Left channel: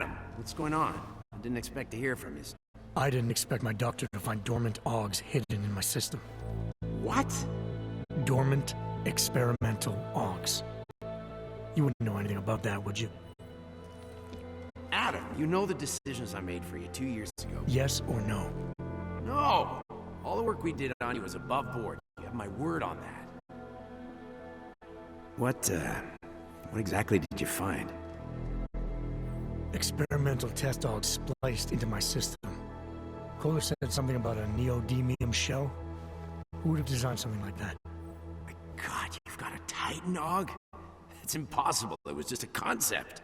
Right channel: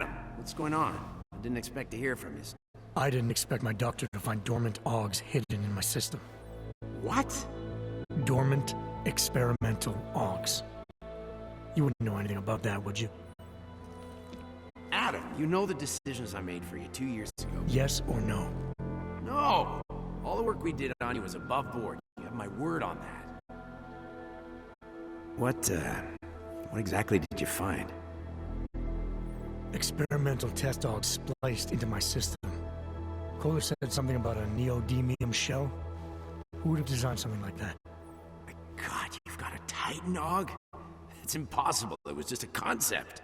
Adam, what's going on? I didn't expect to hear from you. I didn't expect my doctor to find dormant augs hidden in my system. What? Dormant experimental augs. You wouldn't know anything about that, would you? Adam, you know the decisions I made for you 2 years ago. Yes or no? No! All the work we did on you was above board. You have my word on that. What exactly did you find? Experimental test augs spliced into my system. Kohler said something about a neodymium shell. Who would have designed something like that? My God, you've got a Titan aug? It's impossible. It was just a concept.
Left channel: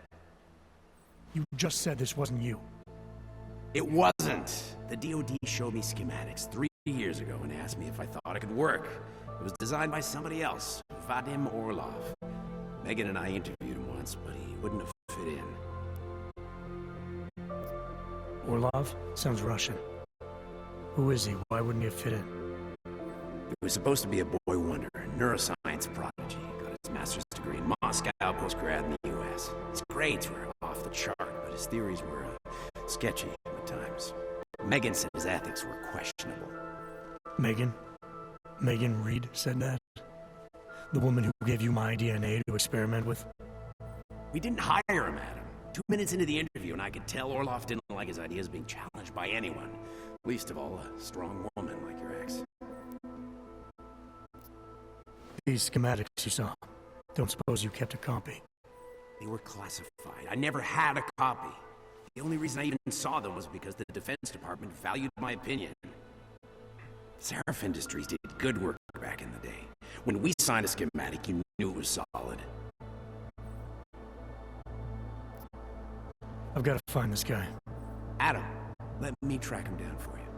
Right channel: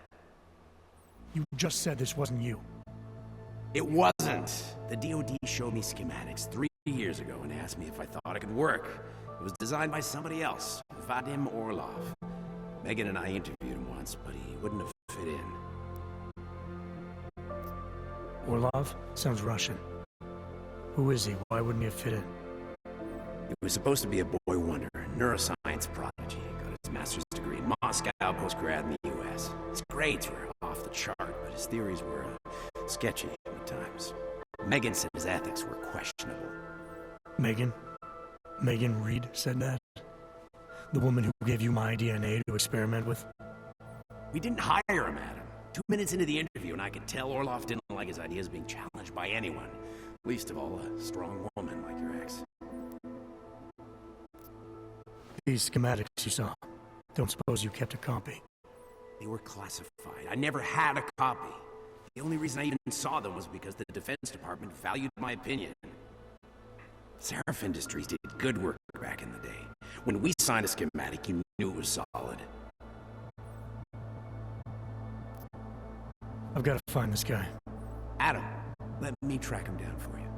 You just said this wasn't you. It wasn't. The DoD showed me schematics 3 years ago and asked me if I thought it could work. It was designed by somebody else, Vadim Orlov. Megan and I interviewed him once, but he wouldn't have fit in. Orlov? Sounds Russian. Who is he? Why wouldn't he have fit in? He was supposed to be a boy wonder, a neuroscience prodigy. Got his master's degree in Moscow, post-grad in the U.S. His grades were off the chart, but his theories were sketchy at times. Megan said his ethics were questionable. Megan? Megan Reed said that? The woman who gave you my DNA to experiment with? We didn't hire him, Adam. 2 minutes into the interview, and I could tell Orlov didn't like his ideas being challenged by anyone. Least of all, a strong woman like your ex. These schematics you saw, don't suppose you kept a copy? They were classified. I never had a copy. The only reason I even saw them was because the Defense Department valued my opinion. Seraph Industries did good work back in the day. When we signed a schematic, you knew it was solid. I've got to find this guy. Adam, let me track him down for you.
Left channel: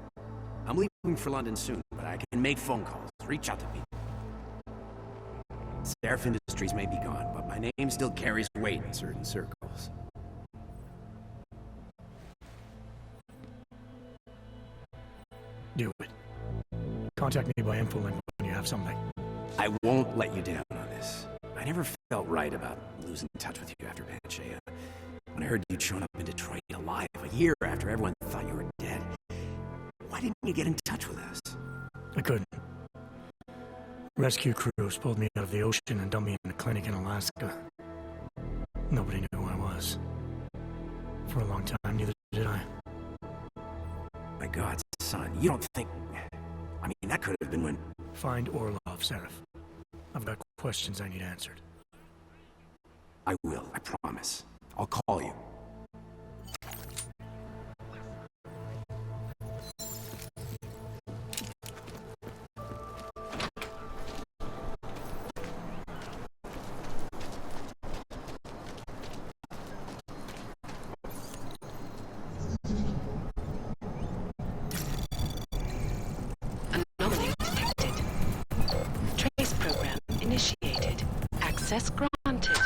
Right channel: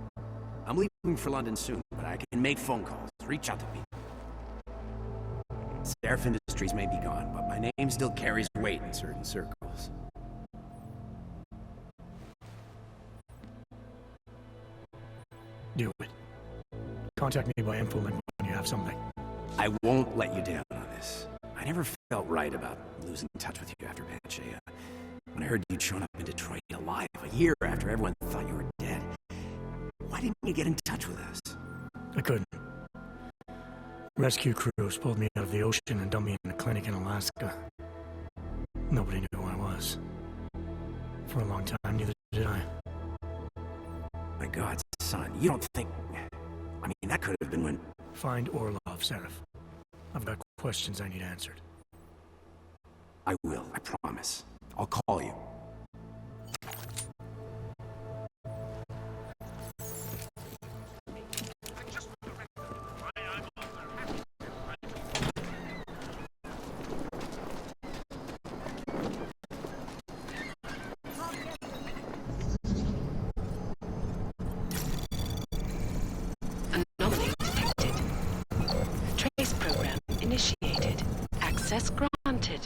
I'm leaving for London soon, but I can make phone calls, reach out to people. Seraph Industries may be gone, but my name still carries weight in certain circles. Do it. Contact me by infolink when you have something. I won't let you down on this. I never felt right about losing touch with you after Panchea. When I heard you'd shown up in Detroit alive a year after everyone thought you were dead, why didn't you get in touch with us? I couldn't. Rescue crews pulled me out of the ocean and dumped me in a clinic in Alaska. Nobody knew who I was. For a long time, neither did I. My God, son, you don't think... I mean, that could have been when... Find Orlov, Seraph. I've got questions I need answered. I will, I promise. I'll call you. Anomaly detected. Trace program initiated. Access granted.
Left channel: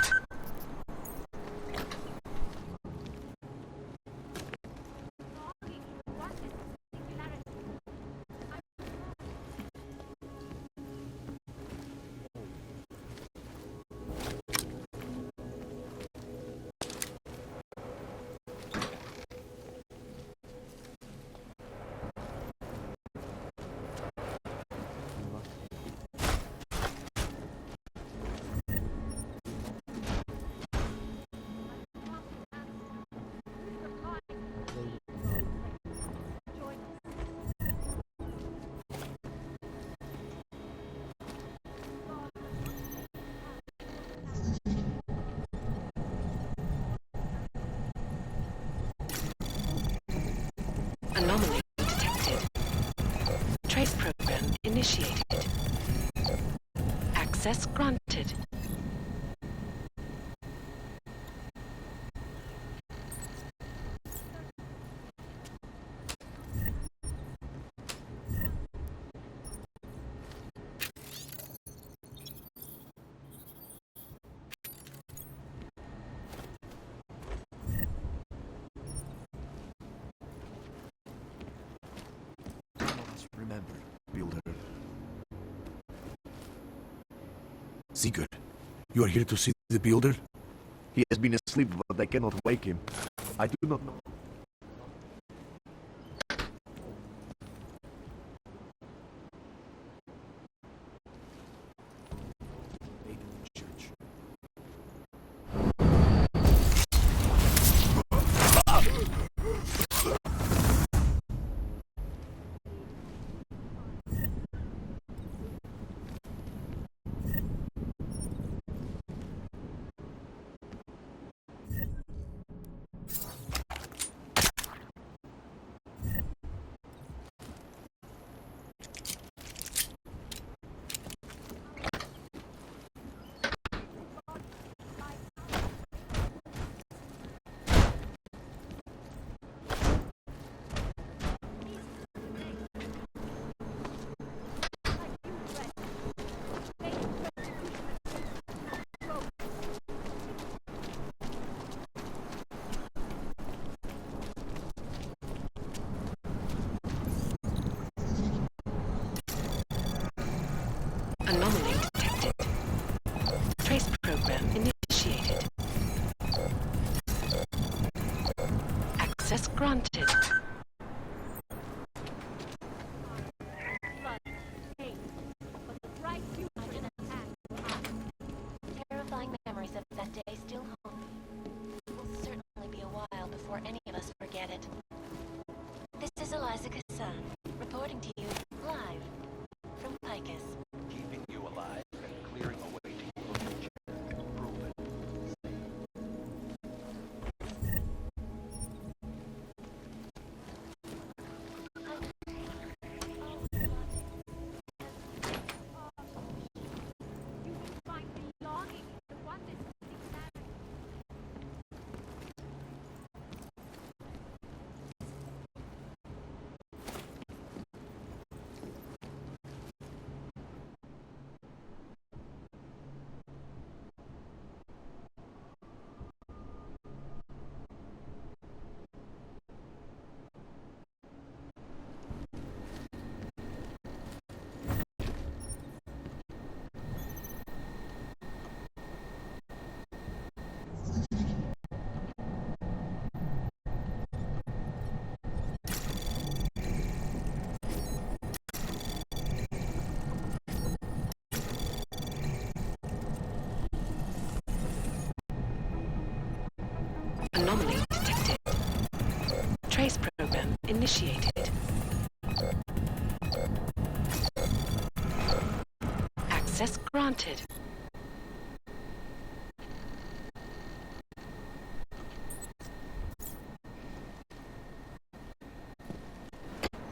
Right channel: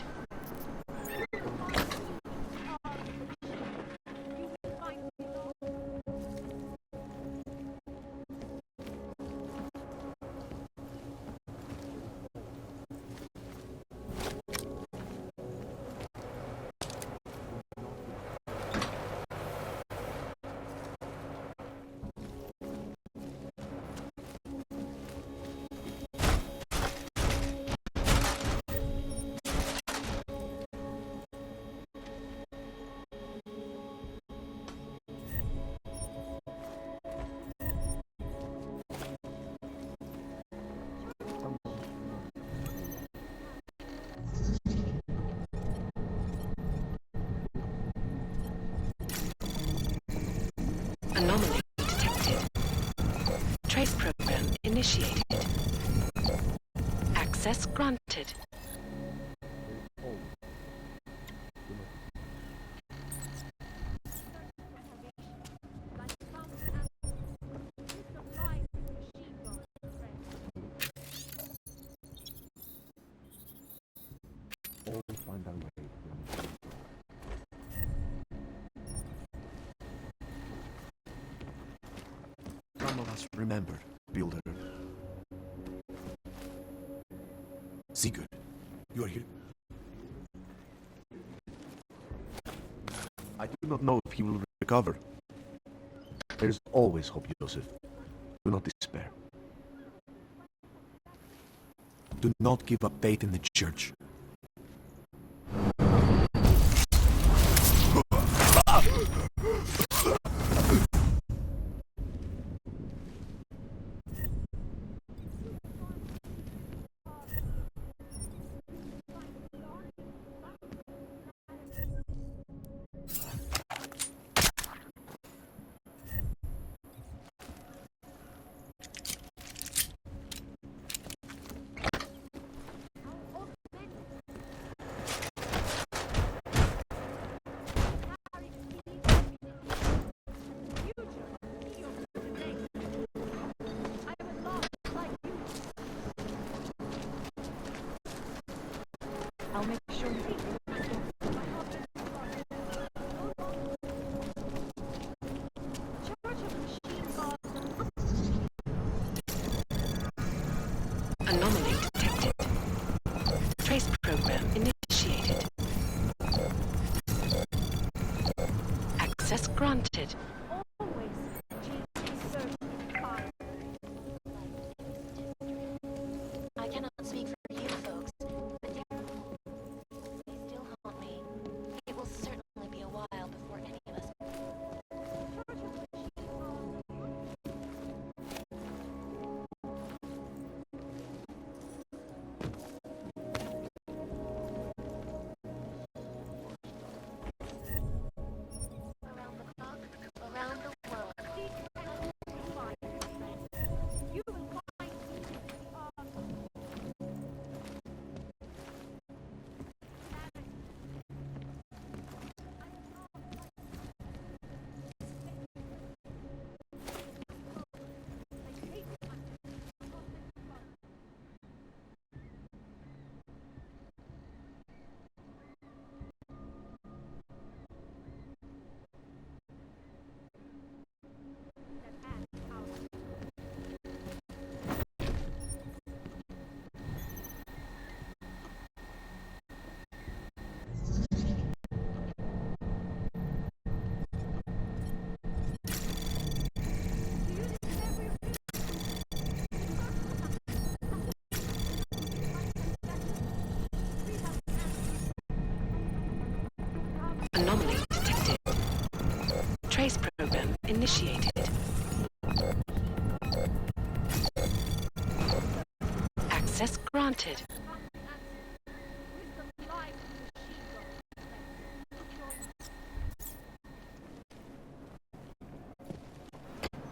Anomaly detected. Trace program initiated. Access granted. None of us remembered, Builder. Sigurd, you are here to see the Builder? He has been asleep, but I cannot wake him. I do not know if he will recover. There is always hope, Joseph. Do not despair. Do not give up faith in the church. Anomaly detected. Trace program initiated. Access granted. I cannot speak for you folks. The terrifying memories of that day still haunt me. It will certainly be a while before any of us forget it. This is Eliza Kassan, reporting to you live from Picus. Keeping you alive and clearing away Around the world. Anomaly detected. Trace program initiated. Access granted.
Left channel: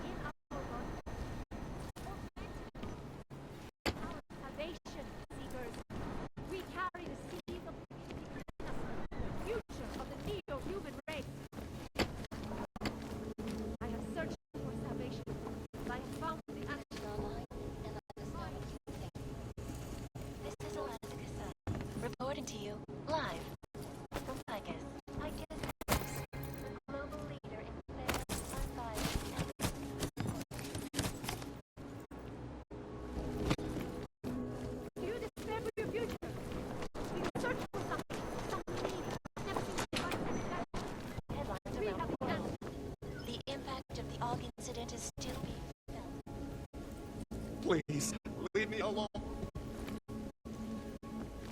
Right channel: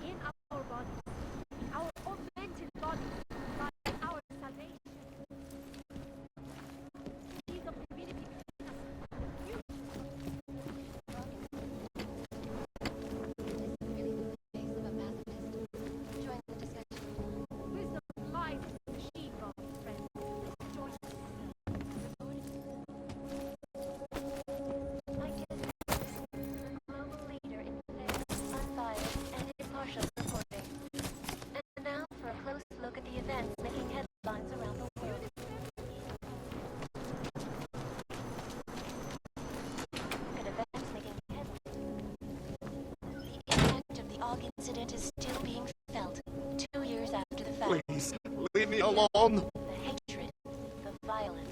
In our body, our augmented body, by our salvation, seekers. We carry the seeds of divinity within us, the future of the neo-human race. I am searching for salvation, by fight and might, she of strength. This is Eliza Kassan, reporting to you live from Picus. Picus News, the global leader in fair, unbiased, and impartial reporting. And now for a close look at the events making headlines around the Do you world. despair for your future? You search for something. And events making headlines around the world. The impact of the Og incident is still being felt 2 years after the fact. Please, leave me alone. The hatred, the violence.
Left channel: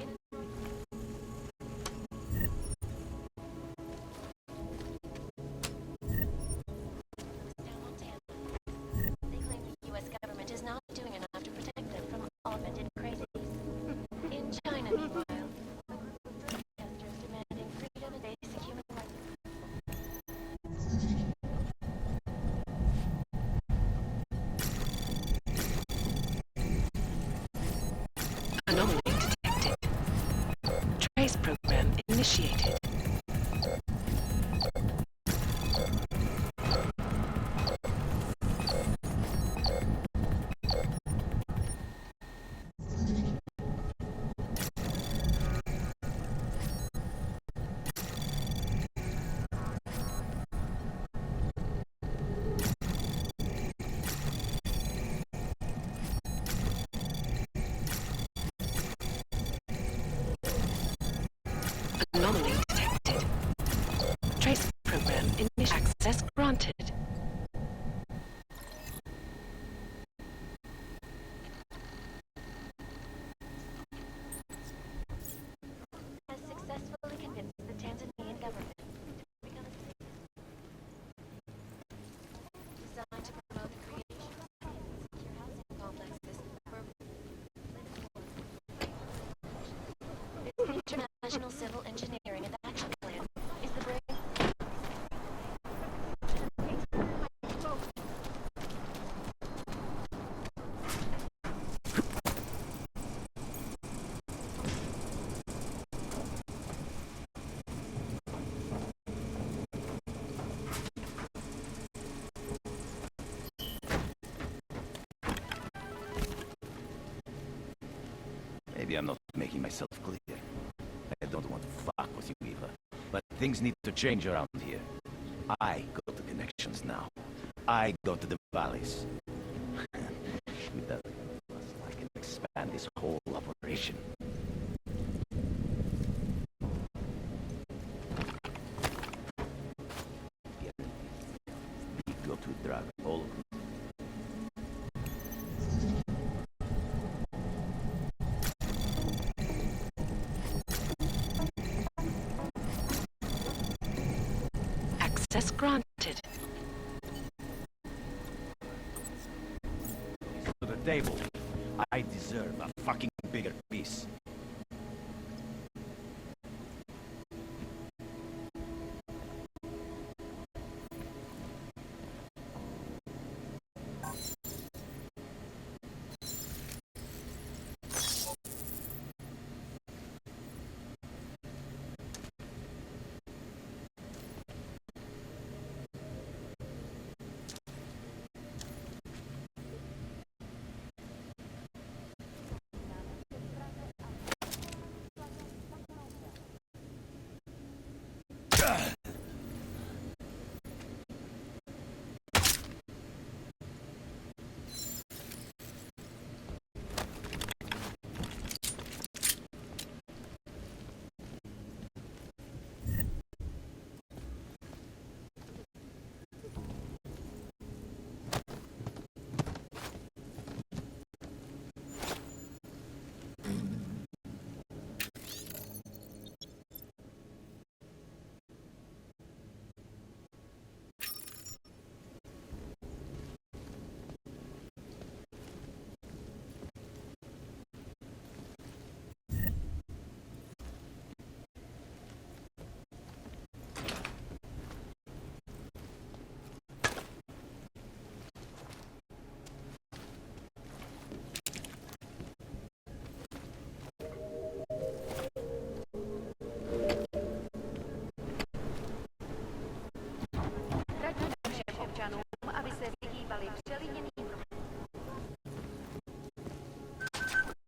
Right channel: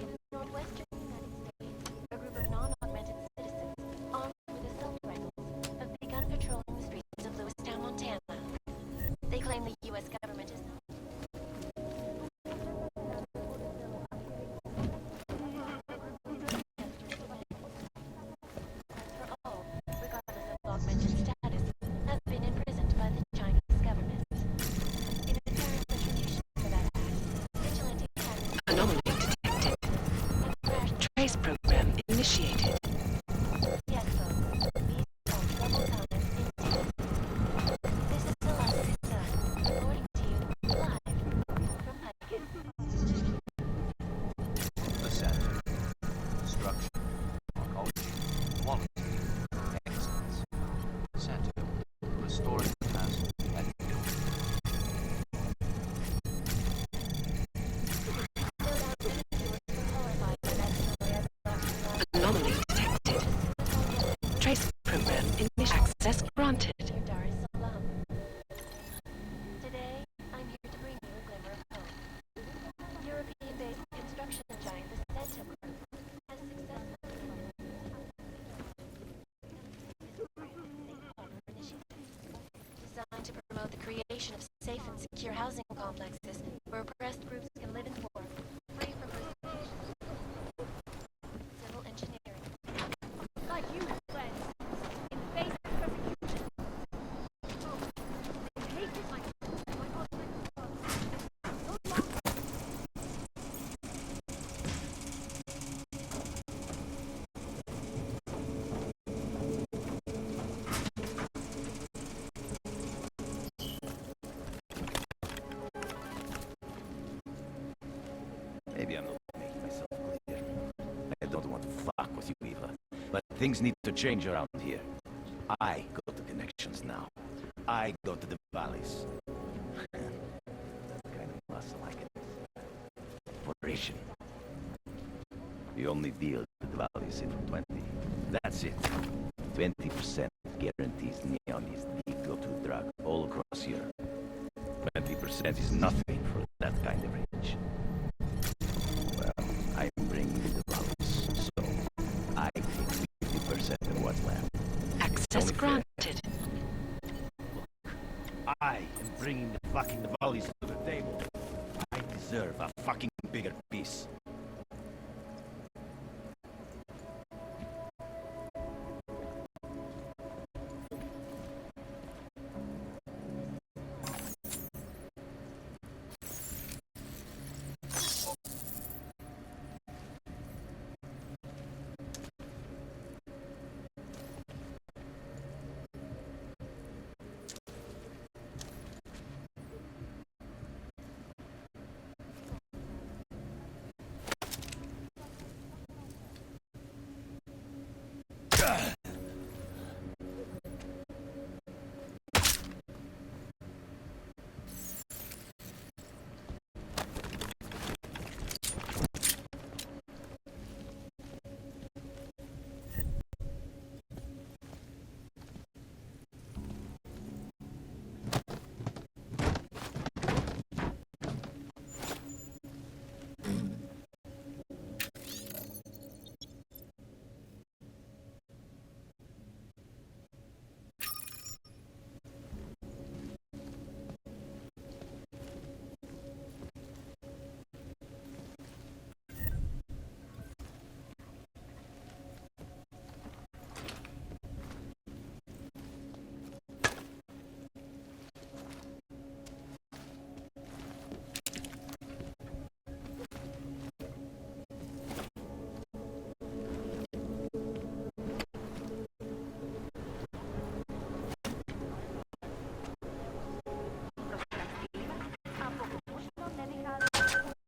In the northwestern a group of non-augmented citizens, armed with assault rifles, have begun patrolling the streets of Lewistown, Montana. They claim the U.S. government is not doing enough to protect them from augmented crazy. In China, meanwhile, a group of protesters demanding freedom and basic human rights for all, regardless of augmented status, have been imprisoned by the Chinese government. Anomaly detected. Trace program initiated. Maybe I'm not making myself clear. I don't want to fuck with you, Eva. But things need to change around here. I got the connections now. I go to the valleys. With that kind of muscle, I can expand this whole operation. The only deal in the valleys is 20. That's it. 20% guarantees me on this D-go-to drug all across Europe. 20% is nothing for that kind of range. Well, I bring the valleys, so I get 50% of what's left. Access granted. I bring the fucking valleys to the table. I deserve a fucking bigger piece.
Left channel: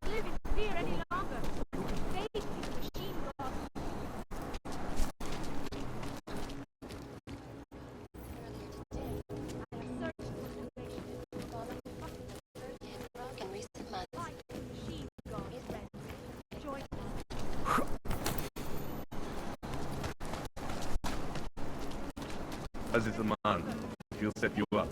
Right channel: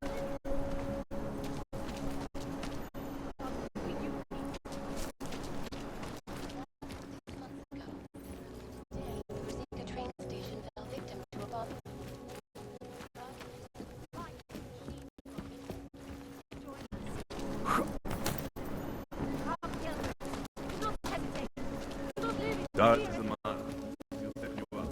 Living fear any longer. Fate, machine god, we use. Fight, machine god, is ready. Join us. Come together. Don't hesitate. Don't live. Daz is the man. He'll set you up.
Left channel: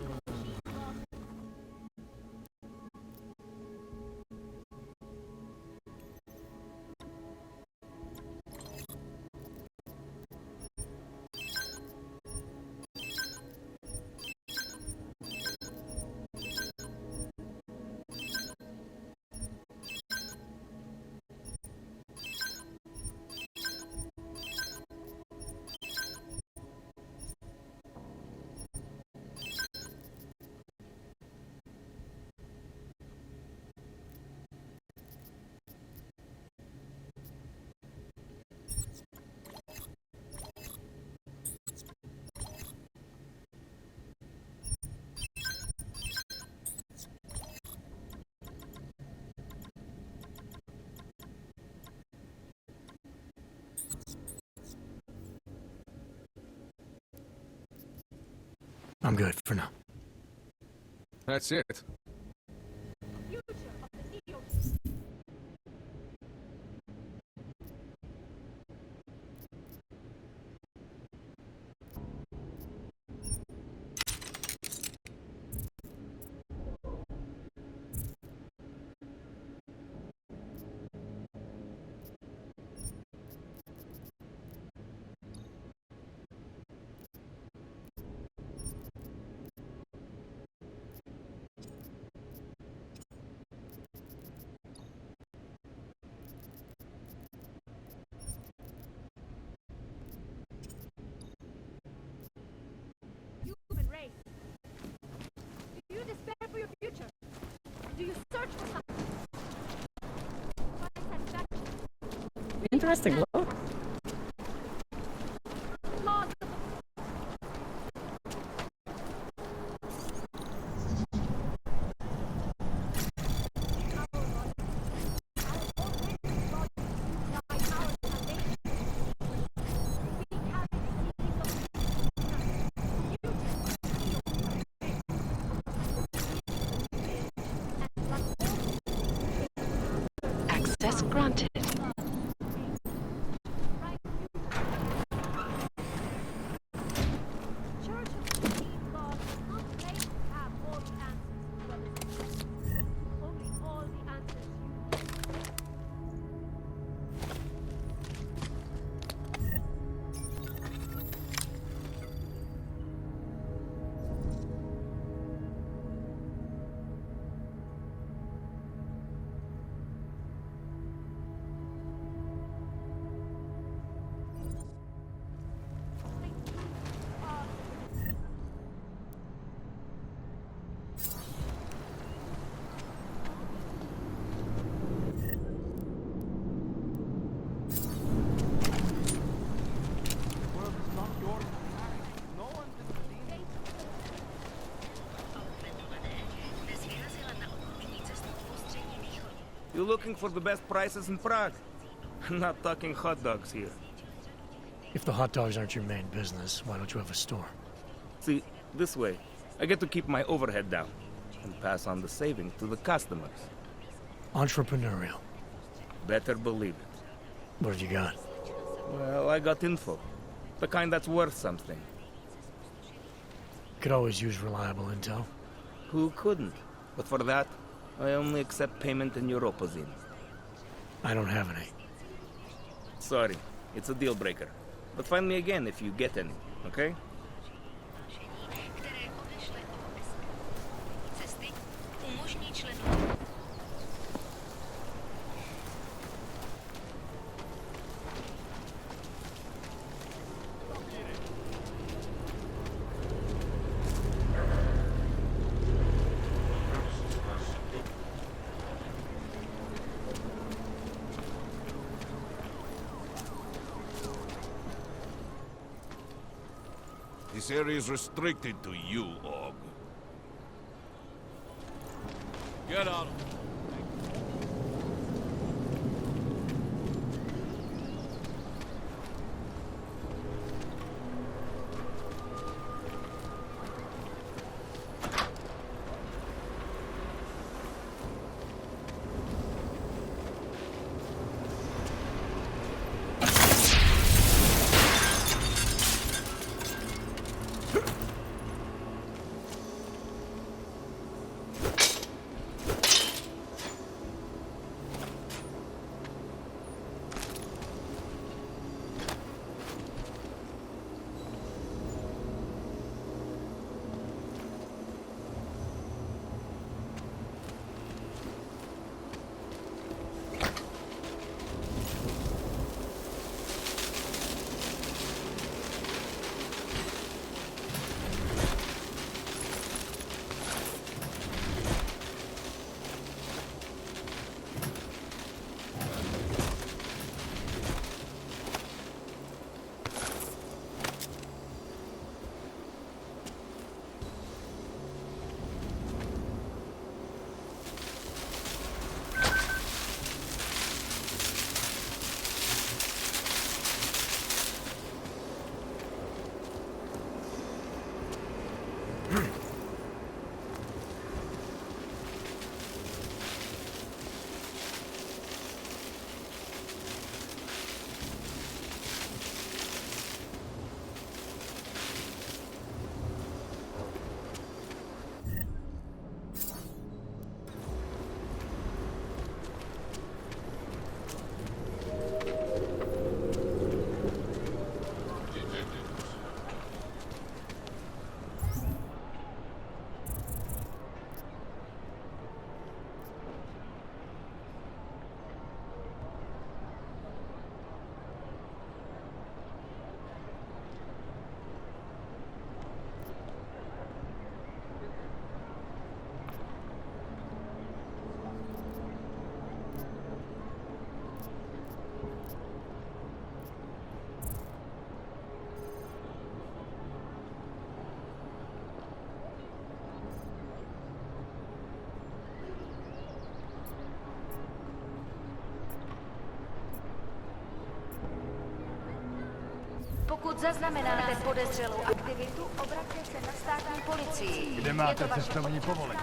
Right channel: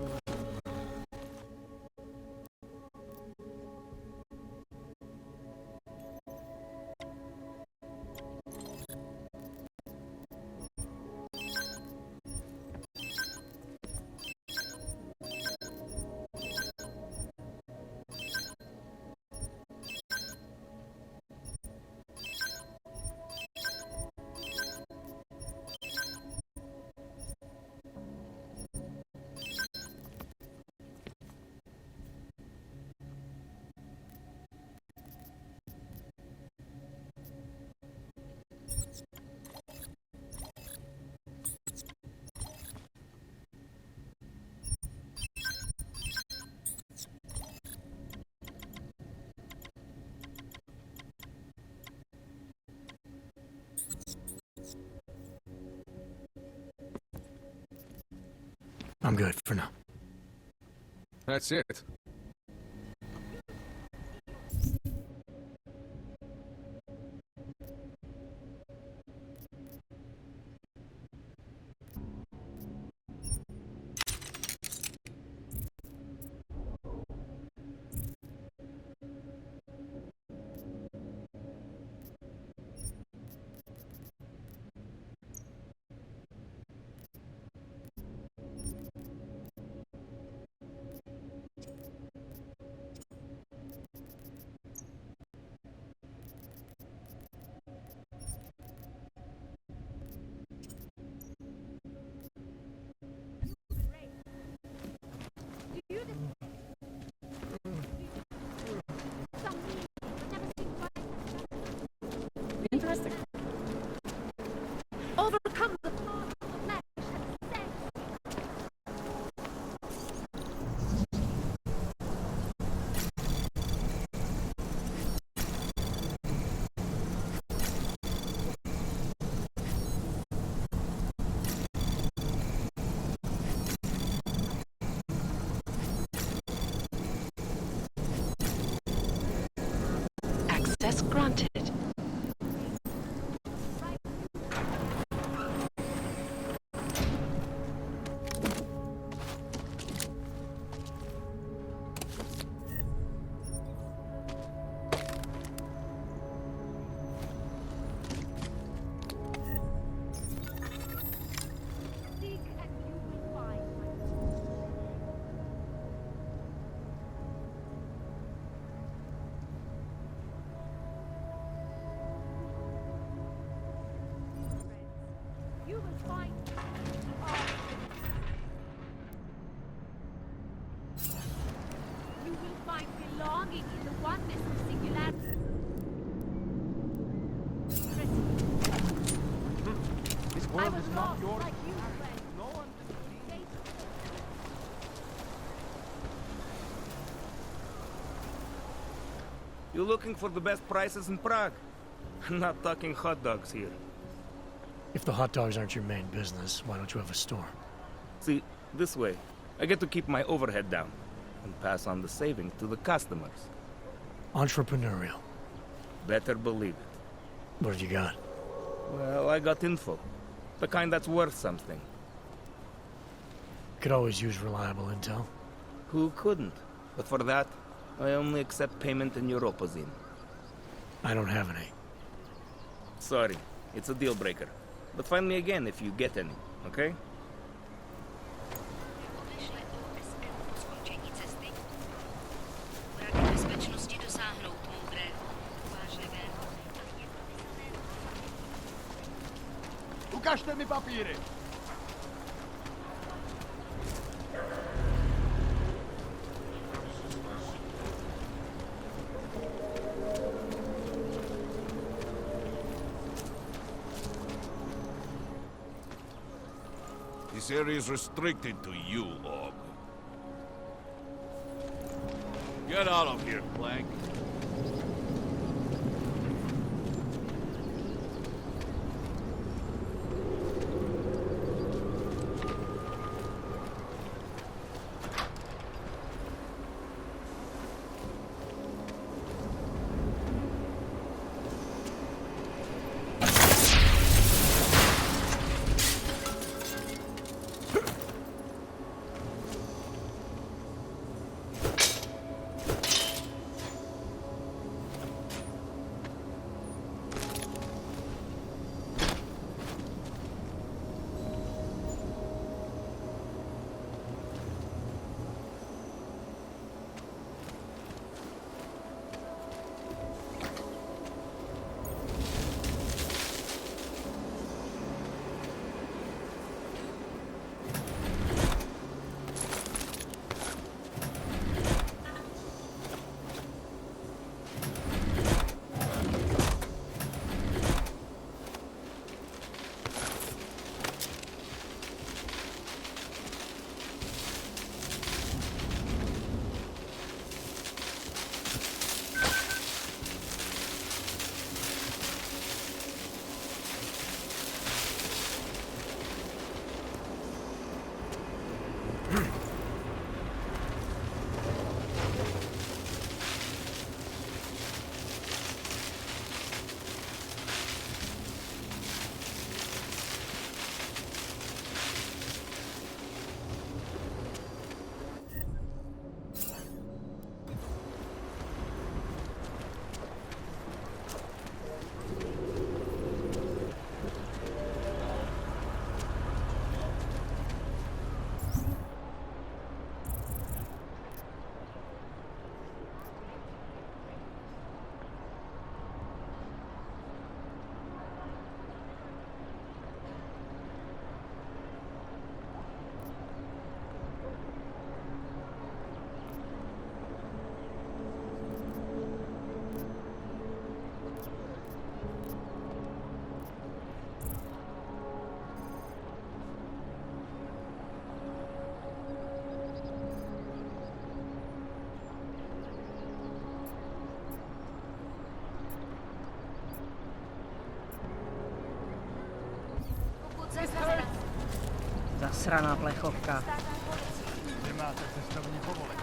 I'm good for now. That's it. Human race. Do you despair for your future? Do you search for something? Never satisfaction. Interesting. Well, Overcome the flaws of the flesh. Access granted. You looking for the best prices in Prague? Not talking hot dogs here. If the hot dogs aren't your main business, why don't you have a store? See, this way, I get to keep my overhead down and pass on the savings to the customers. Entrepreneurial. Better believe it. What have you got? Well, I got info. The kind that's worth something. Could always use reliable intel. Who couldn't? But for that, I only accept payment in Europozine. I don't have any. Sorry, it's a deal breaker. But find me again if you get any, okay? Ukažte mi papíry! This area is restricted to you, Og. Get out of here, Flank. Pokud zaznamenáte podezřelou aktivitu, Nasraná plechovka. státní policii. Kde máte cestovní povolení?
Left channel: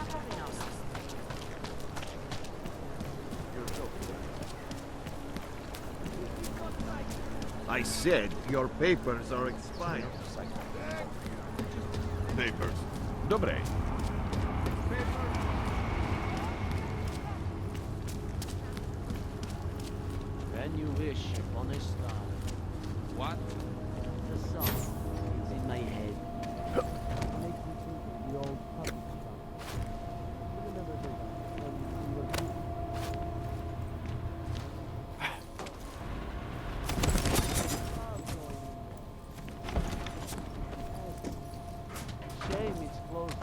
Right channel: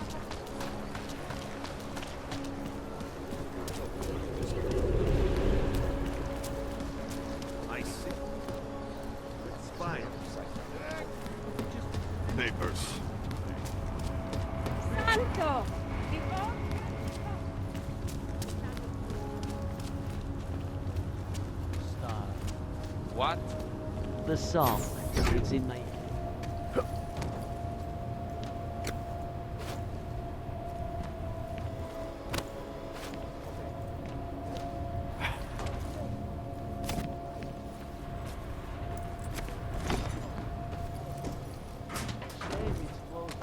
I said your papers are expired. Papers. Dobre. When you wish on a star. What? The song, it's in my head. Shame it's closed.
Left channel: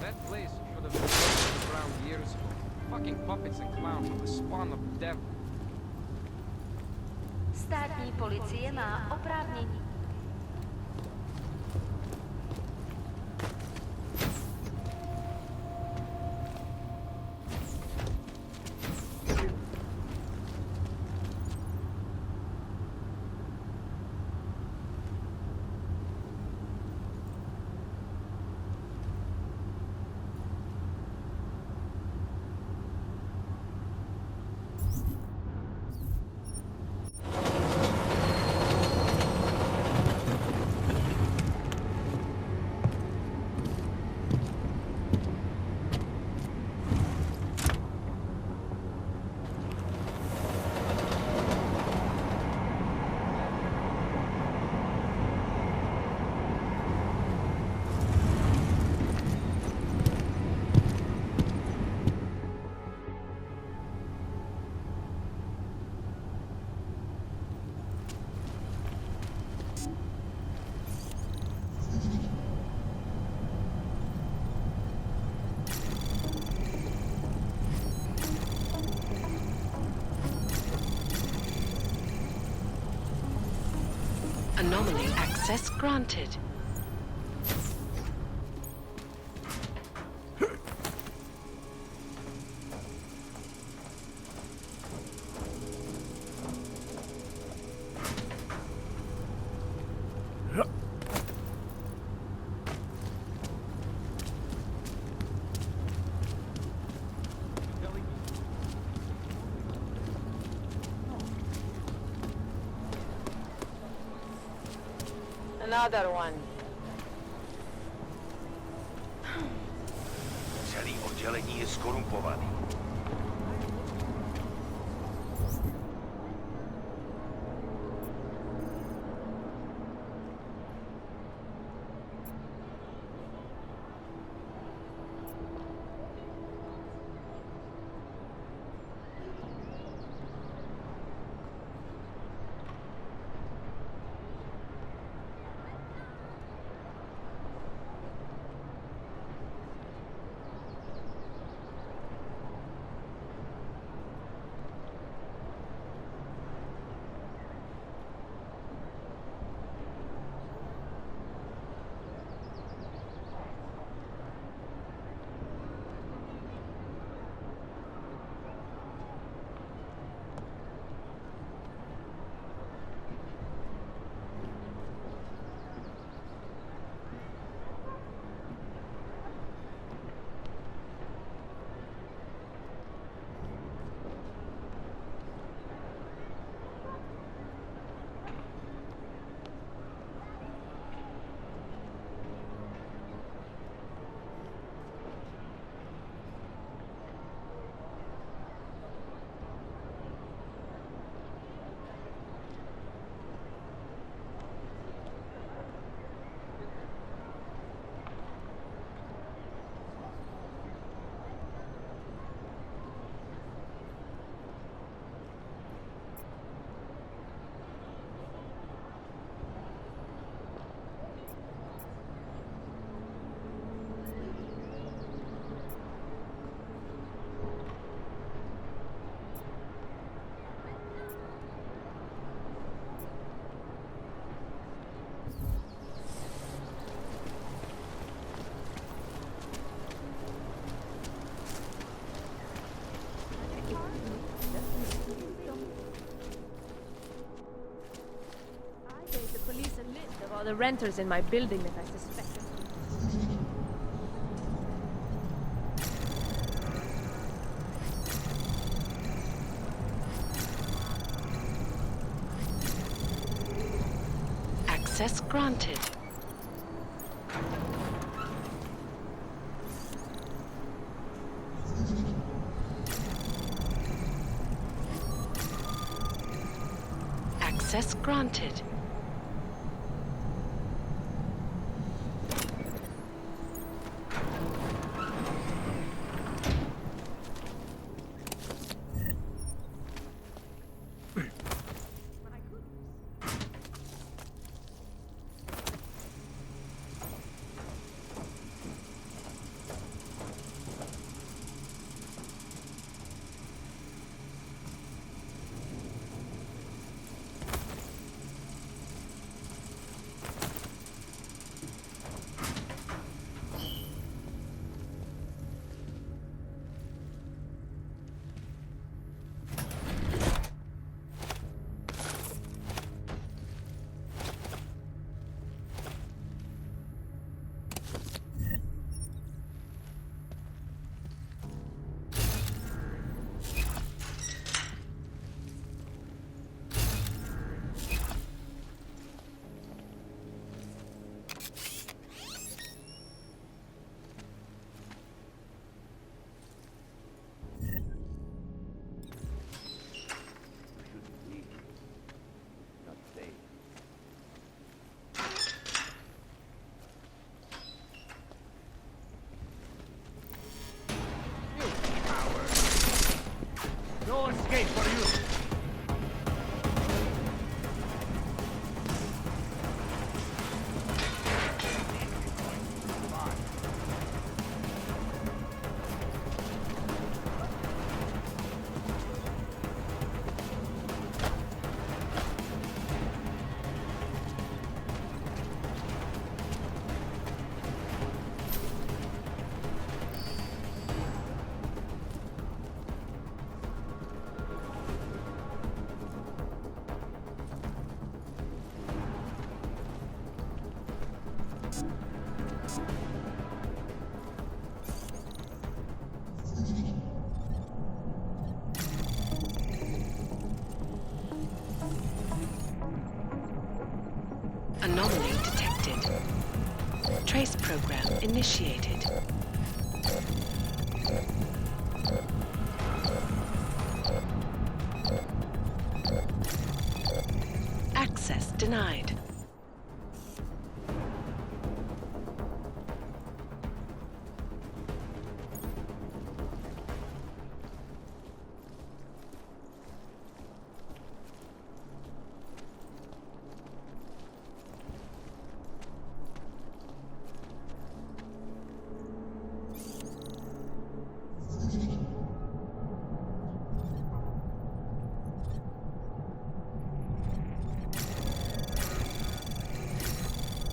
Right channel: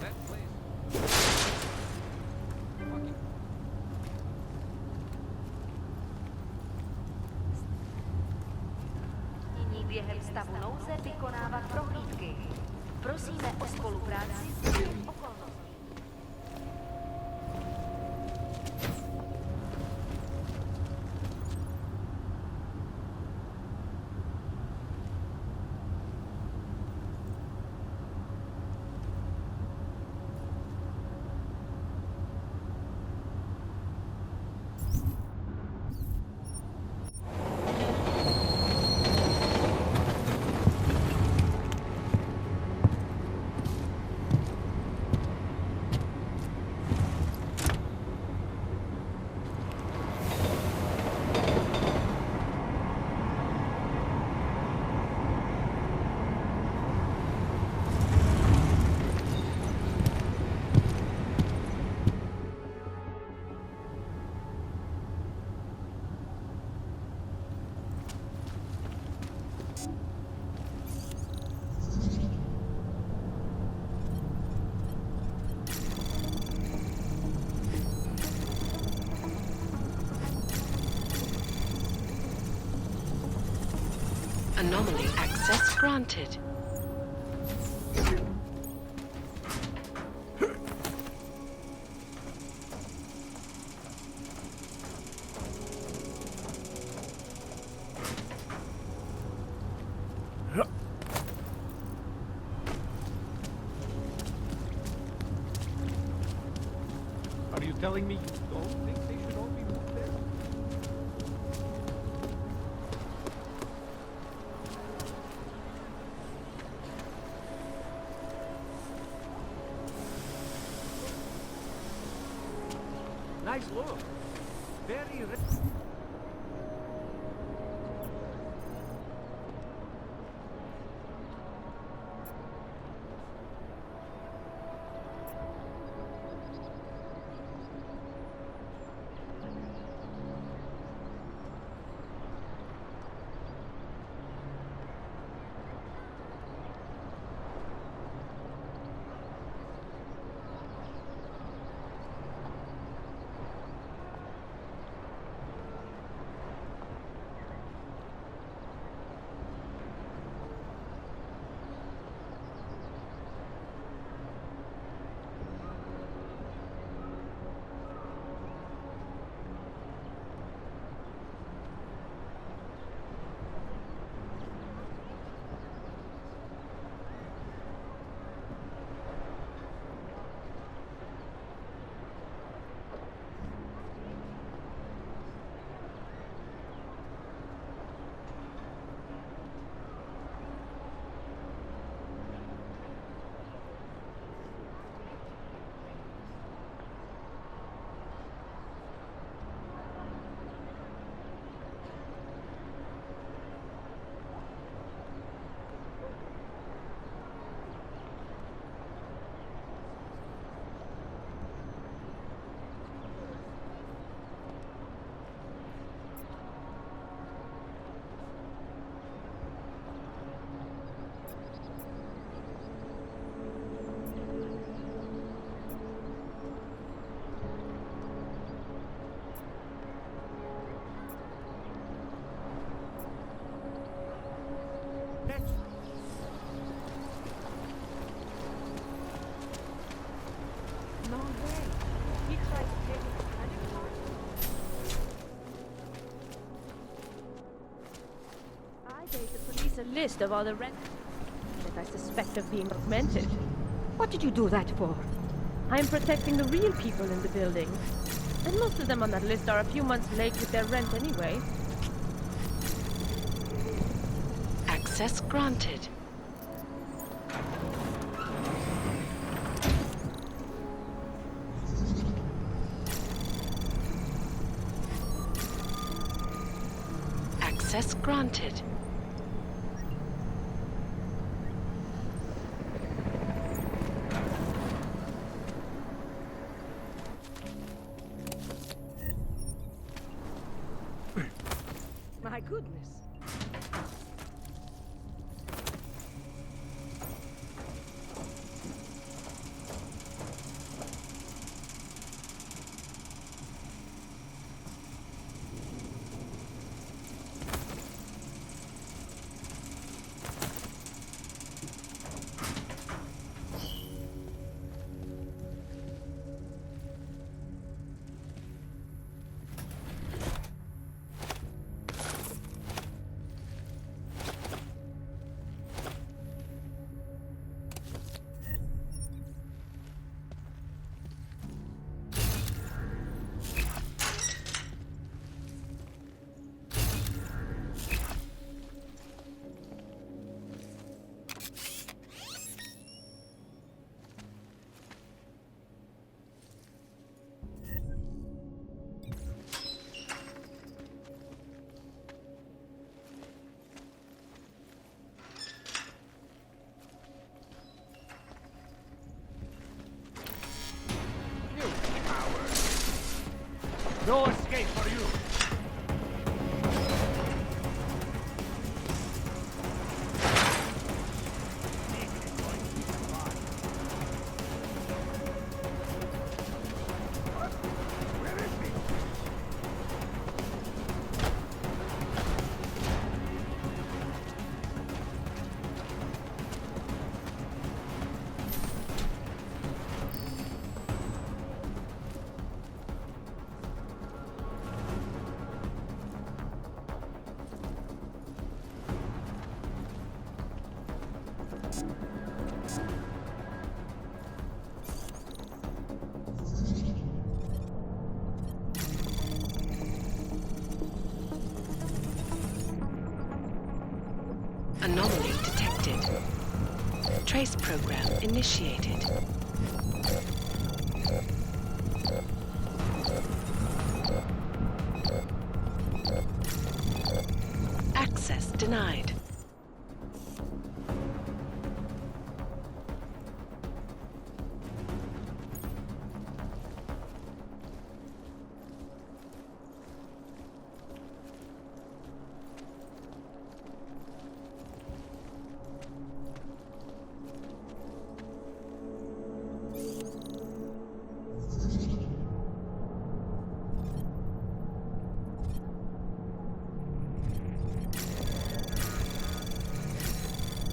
That place should have been around years ago. Fucking puppets and clowns, the spawn of death. Státní policie má oprávnění během stavu nouze vykonávat prohlídky. Prosíme o spolupráci. Anomaly access granted. Are you telling me you don't think they should all be moved there? Another one. Celý oddělení je skorumpovaný. Nice look. Very a list of all the renters in my building that I suspect of being augmented. What did you do that for? I'm protecting the real people in the building. And most of them on that list are a few months late with their rent anyway. Access granted. Access granted. My goodness. No escape for you! Anomaly detected. Trace program initiated. Access denied.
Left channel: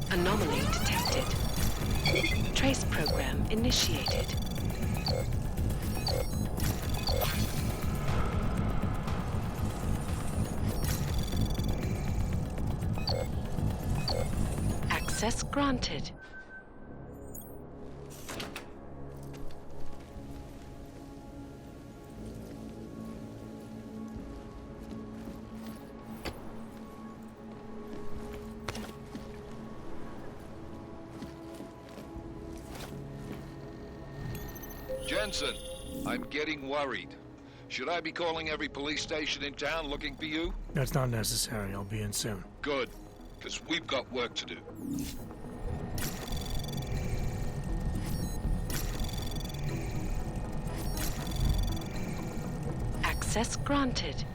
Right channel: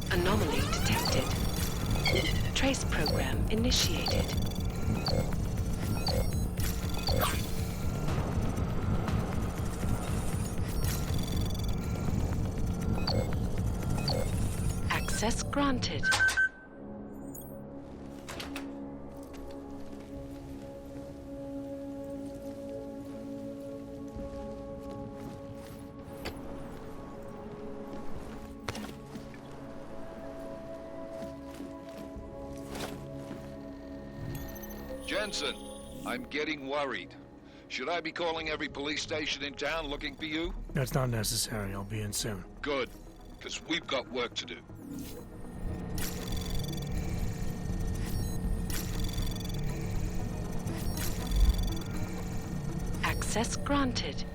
Anomaly detected. Trace program initiated. Access granted. Jensen, I'm getting worried. Should I be calling every police station in town looking for you? That's not necessary. I'll be in soon. Good, because we've got work to do. Access granted.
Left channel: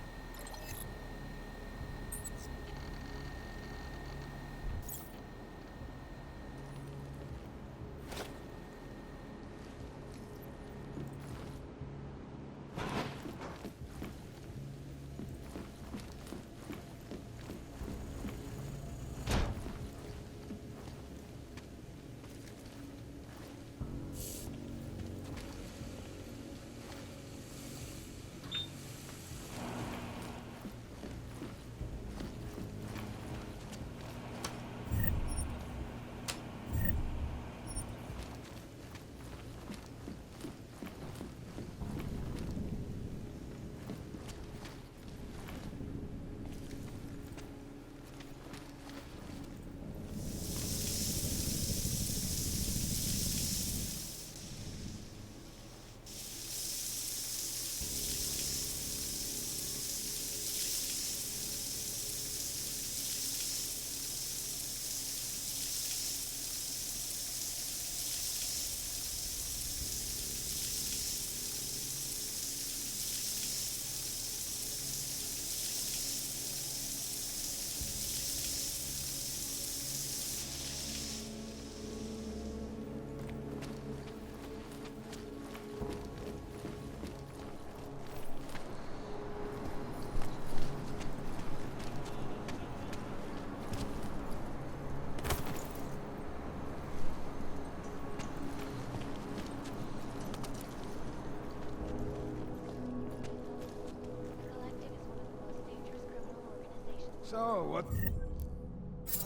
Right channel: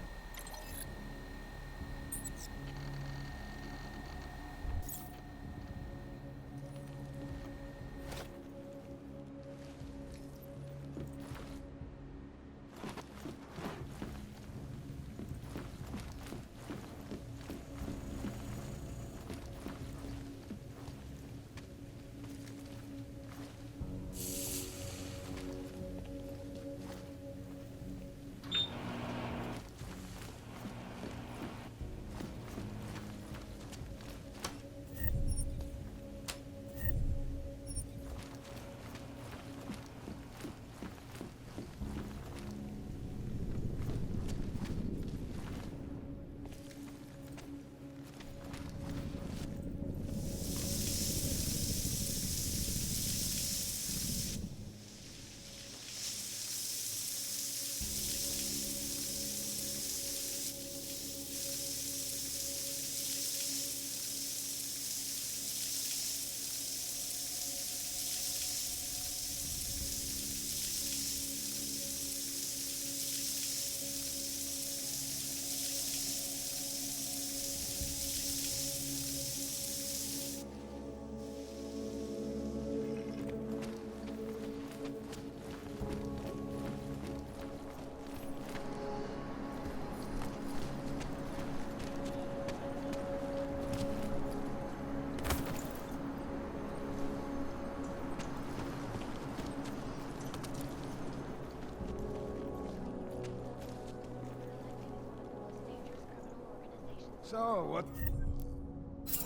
So, what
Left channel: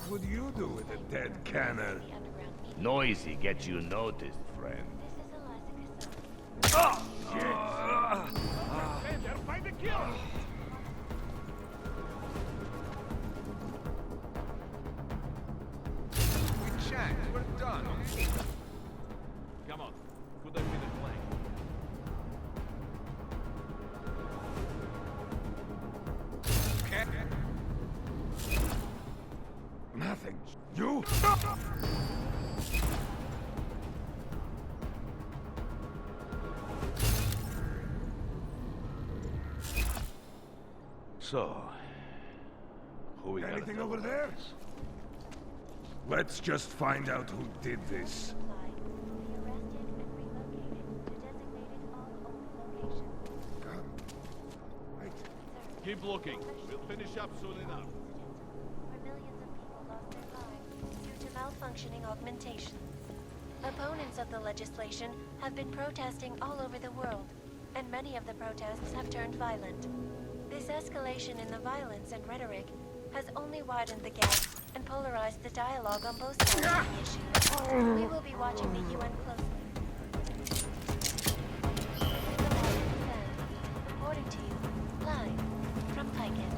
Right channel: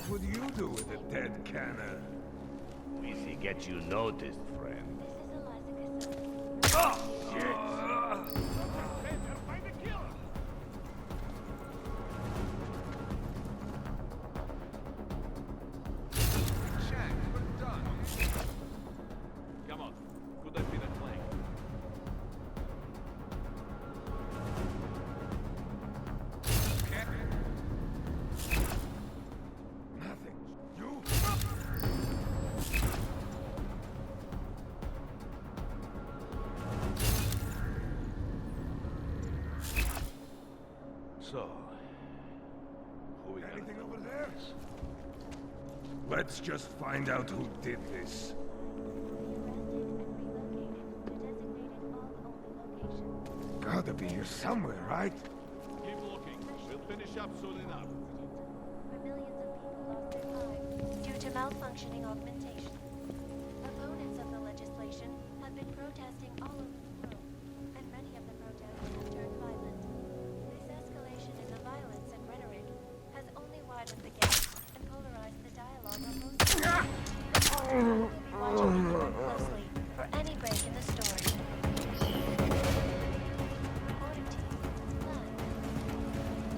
would you do with a dead canner? Noisy gets you noticed, friend. Oh! Shit! Find the killer! We checked. We're done. Come on. Could have been a flank. Nothing. You? So, who we Anything over there? Let's just find out who did this. Gotta be here somewhere, right? Keep looking. We'll finish up soon enough. Where millions of people lost their lives due to malfunctioning augmentation. Opponents of the legislation have been protesting all over the world, and many of the protests have turned violent. This escalation in the violence and rhetoric has only widened the gap and polarized the dialogue on both sides of the issue. We will be watching the UN closely for any break in the story. Reporting to you, live from Piket.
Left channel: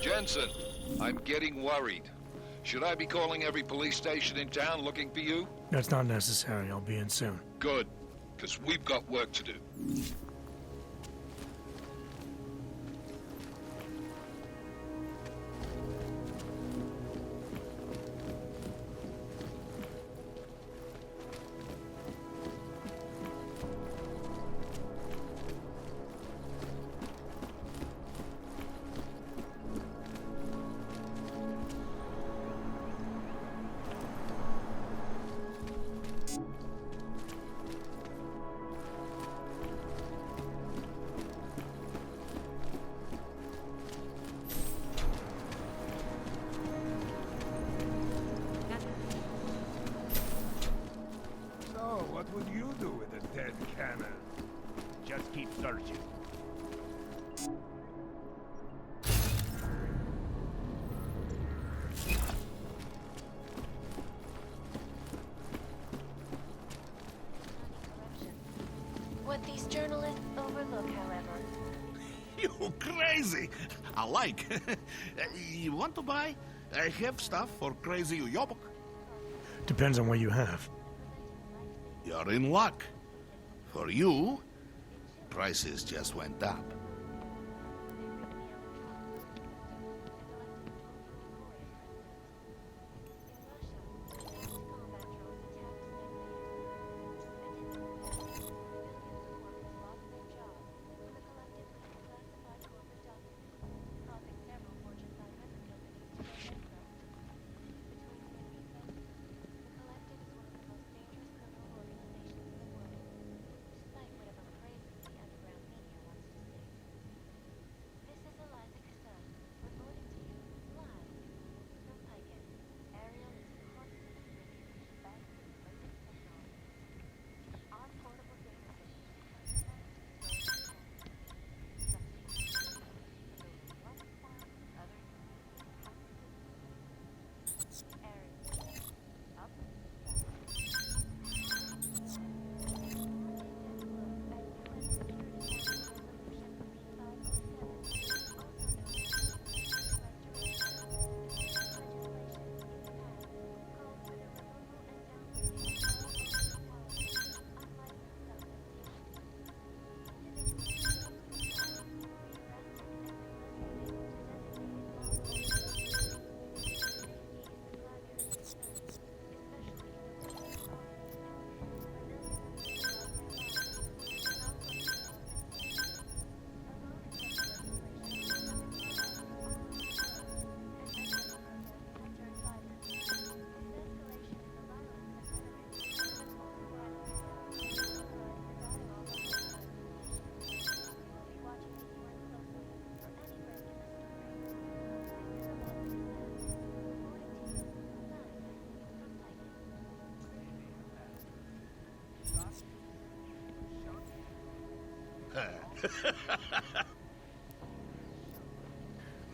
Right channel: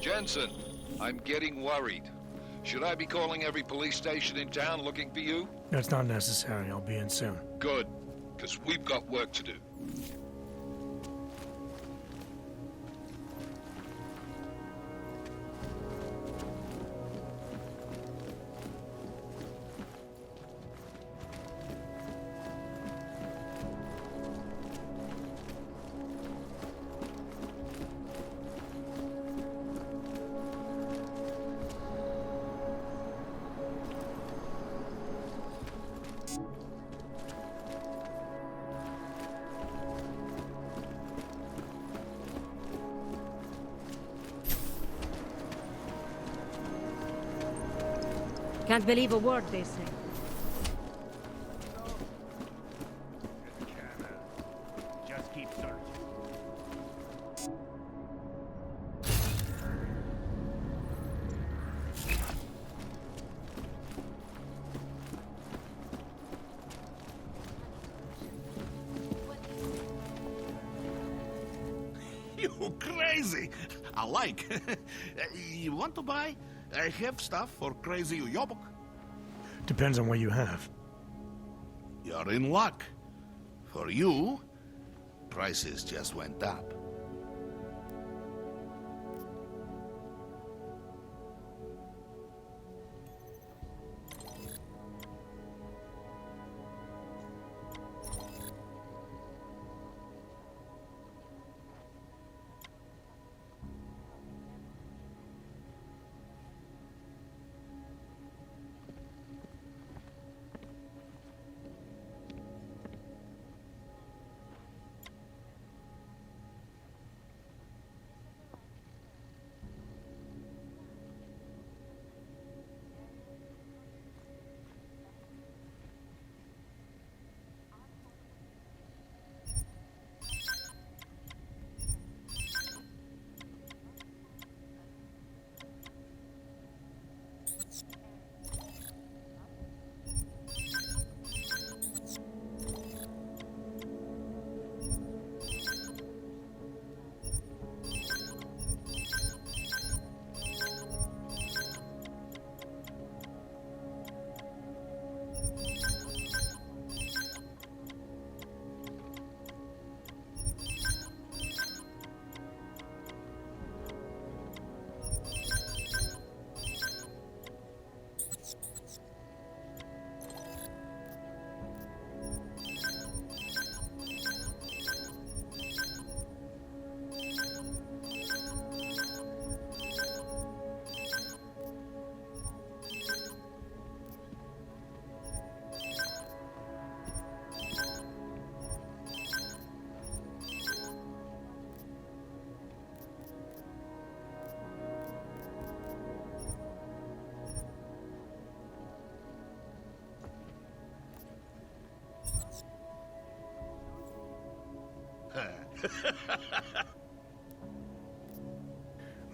Jensen, I'm getting worried. Should I be calling every police station in town looking for you? That's not necessary. I'll be in soon. Good, because we've got work to do. Can't believe a word they say. So, what would you do with a dead canner? Just keep searching. What these journalists overlook, however, You crazy! I like. You want to buy? I have stuff for crazy Uyobok. Depends on what you have. You're in luck. For you, prices just went up.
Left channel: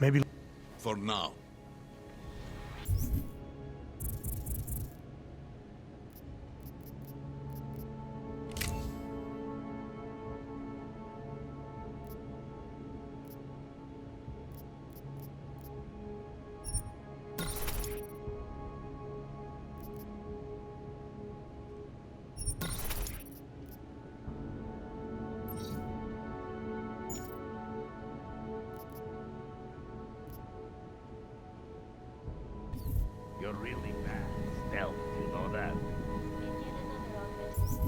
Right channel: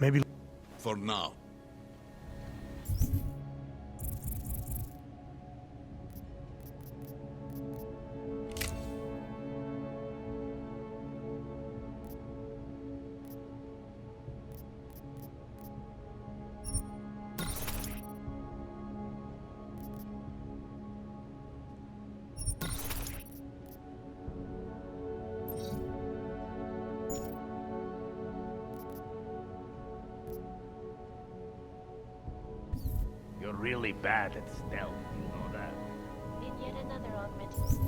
Maybe. For now. You're really bad at stealth, you know that? In yet another augmented...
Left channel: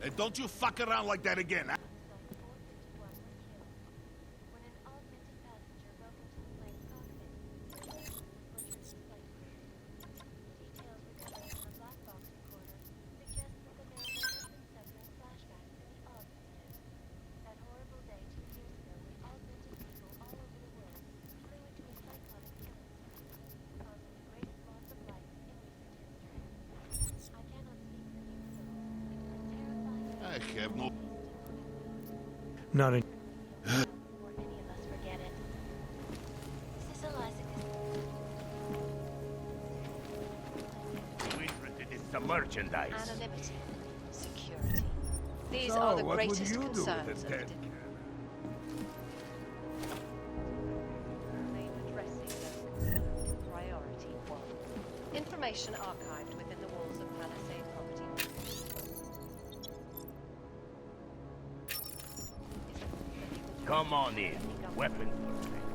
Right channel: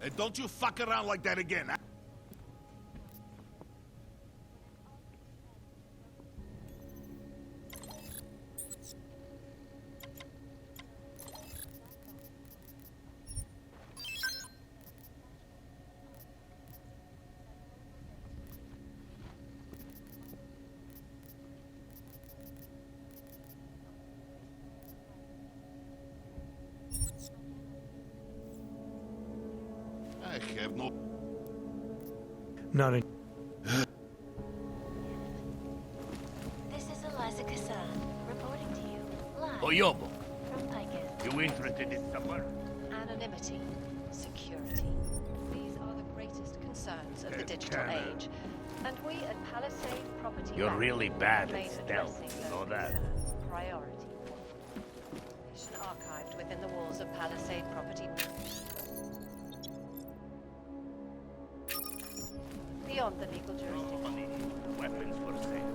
And don't you fuck around like that again. Huh? I have no... Not in. This is Eliza Cassan, reporting to you, live Oyobo, from Picus. you interested in some merchandise? Anonymity, security. These So, are the what would greatest you do concerns with of a the dead digital cannon? age. And we at Palisade Property You're Management really bad remain at stealth, addressing you know those that? concerns priority one. Information archived within the walls of Palisade Property is beyond the legal jurisdiction. Come on in. Weapons for sale.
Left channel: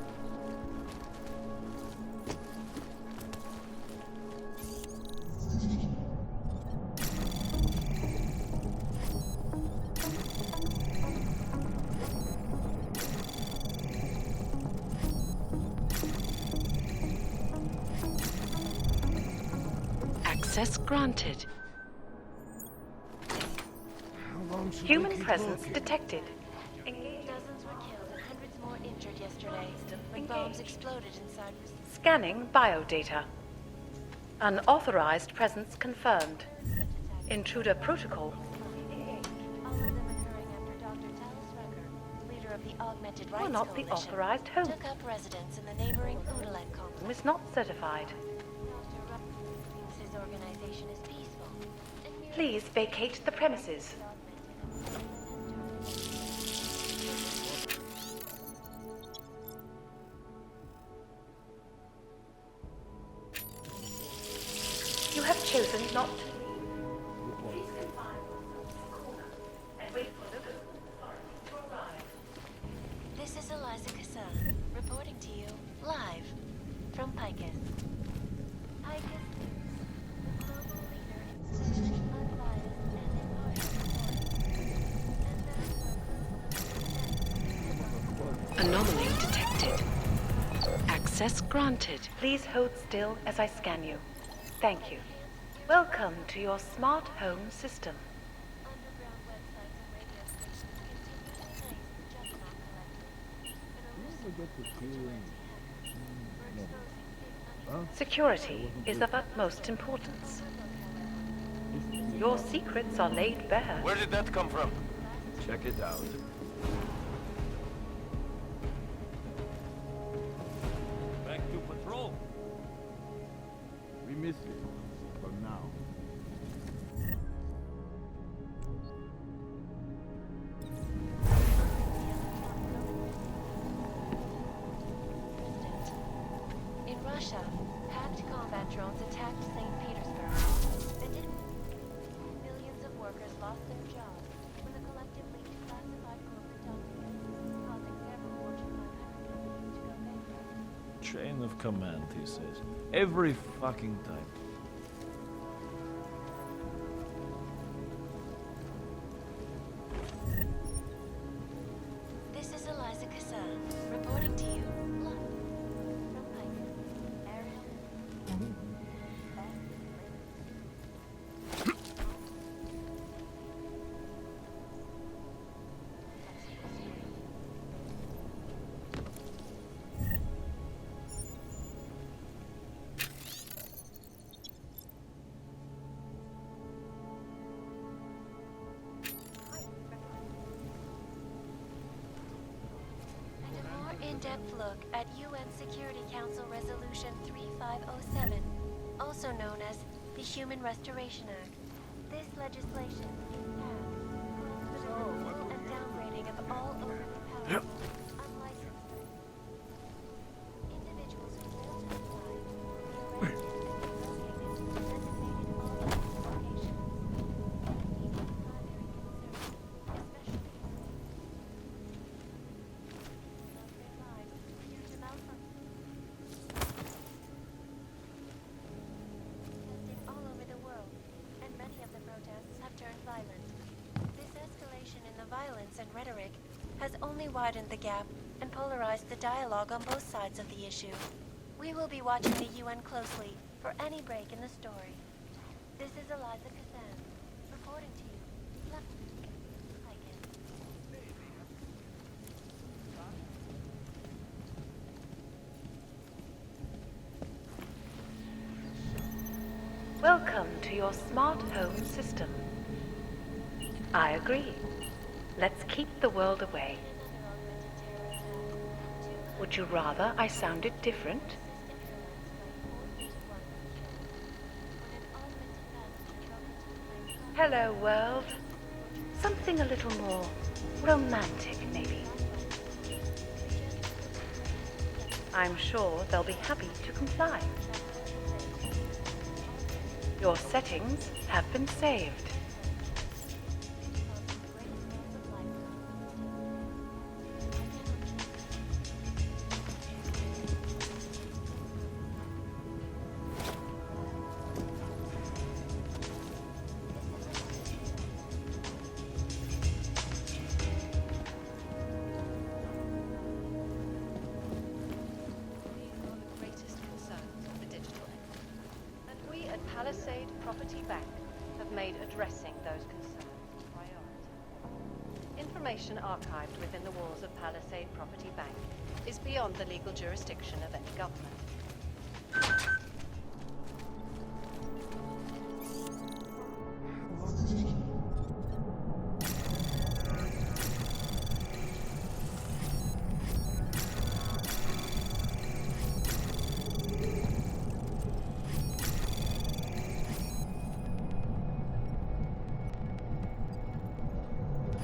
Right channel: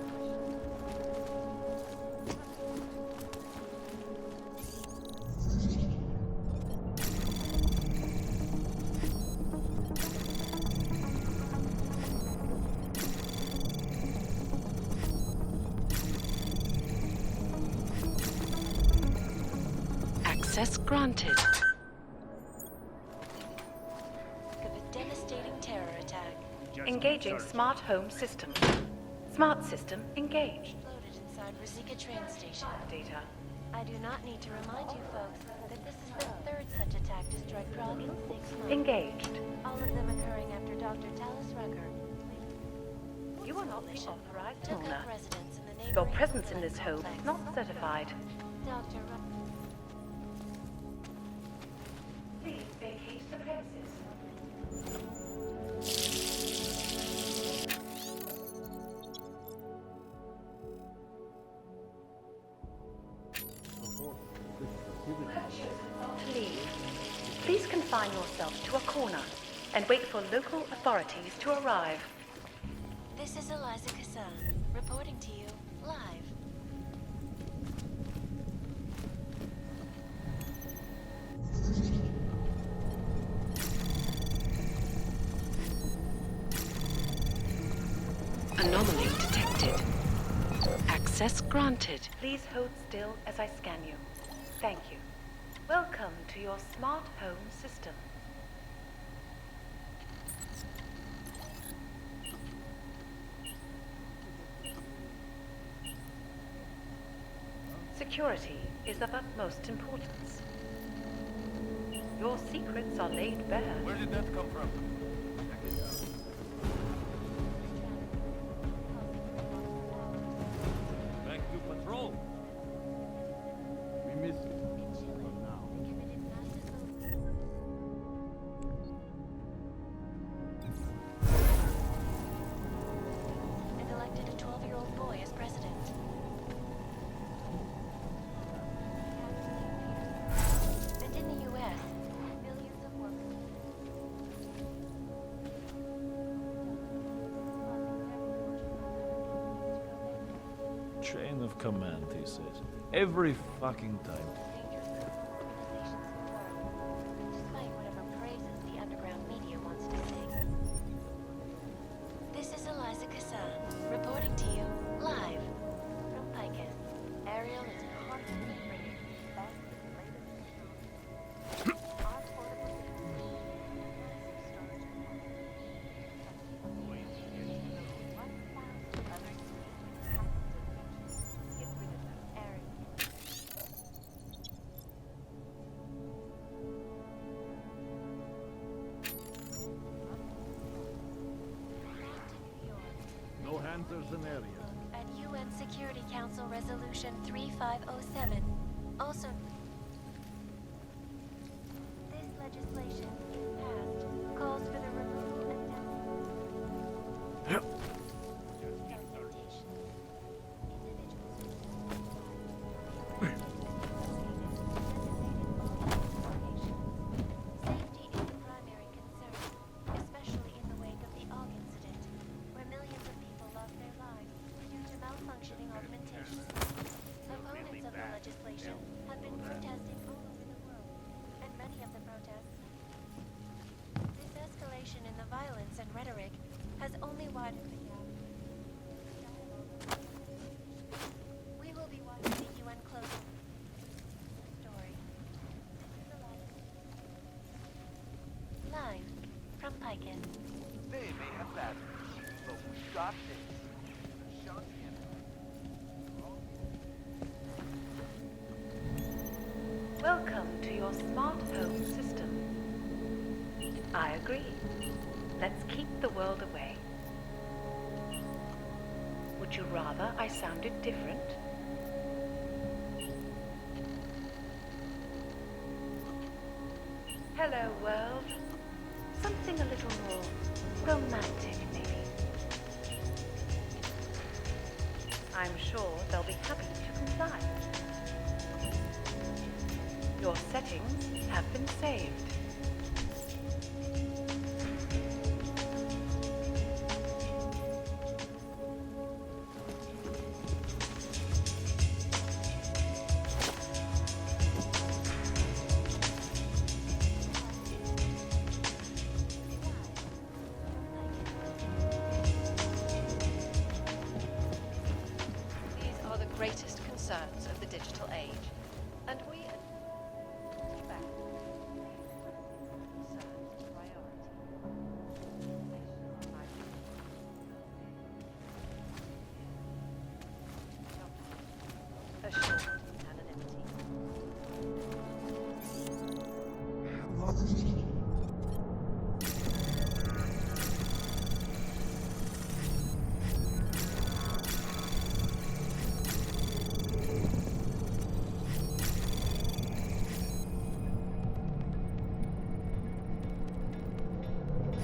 Access granted. Human presence detected. Engaging smart home system. Smart system engaged. Scanning biodata. Unauthorized presence confirmed. Intruder protocols engaged. All of them occurring after Dr. Talis Rucker, leader of the Augmented You're Rights not the Coalition, authorized took homeowner. up residence in the Your neighboring presence in Udalite this home complex. is not certified. Dr. Rucker's organization is peaceful. Please vacate the premises. You have chosen not to leave. Please confine yourself to a corner and wait for local authorities to arrive. This is Eliza Cassan, reporting to you, live, from Picus. Anomaly detected. Access granted. Please hold still as I scan you. Thank you. Welcome to your smart home system. Security is of utmost importance. Your secrets are laid bare. Where did that come from? Check it out. Back to patrol. We missed it. For now. And elected a 12-year-old boy as president. In Russia, packed combat drones attacked St. Petersburg. And in the U.S., millions of workers lost their jobs to the collectively declassified corporate documents, causing several Fortune 500 companies to go bankrupt. Chain of command, he says. Every fucking time. This is Eliza Cassan, reporting to you, live, from Picus. Ariel is constantly bringing the best and latest more in-depth look at UN Security Council Resolution 3507, also known as the Human Restoration Act. This legislation, if passed, calls for the removal and downgrading of all open unlicensed documentation. Individuals who fail to comply will be arrested and relocated to designated all locations. Safety is the primary concern, especially in the wake of the ALL incident, where millions of people lost their lives due to malfunctioning augmentation. Opponents of the legislation have been protesting all over the world, and many of the protests have turned violent. This escalation in the violence and rhetoric has only widened the gap and polarized the dialogue on both sides of the issue. We will be watching the UN closely for any break in the story. This is Eliza Kazan, reporting to you, live from Piken. They may have that. So stop it. Welcome to your smart home system. I agree. Let's keep the world away. Would you rather I sounded different? Hello, world. Something a little more romantic, maybe. I'm sure they'll be happy to comply. Your settings have been saved. These are the greatest concerns of the digital age, and we at Palisade Property Bank have made addressing those concerns a priority. Information archived within the walls of Palisade Property Bank is beyond the legal jurisdiction of any government. Assured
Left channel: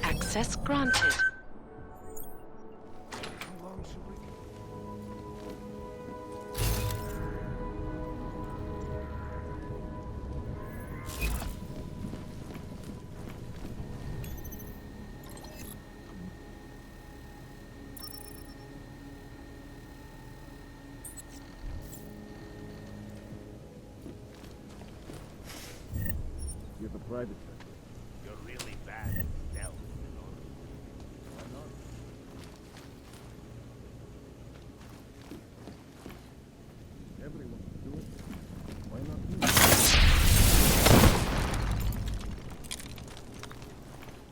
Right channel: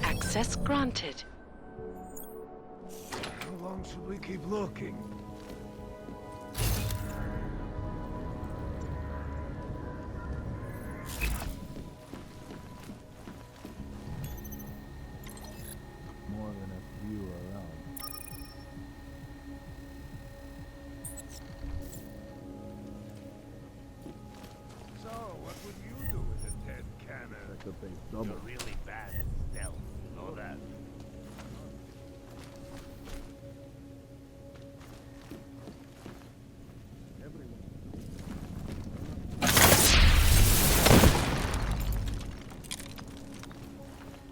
Access granted. How long should we keep looking? You're really bad at stealth, you know that.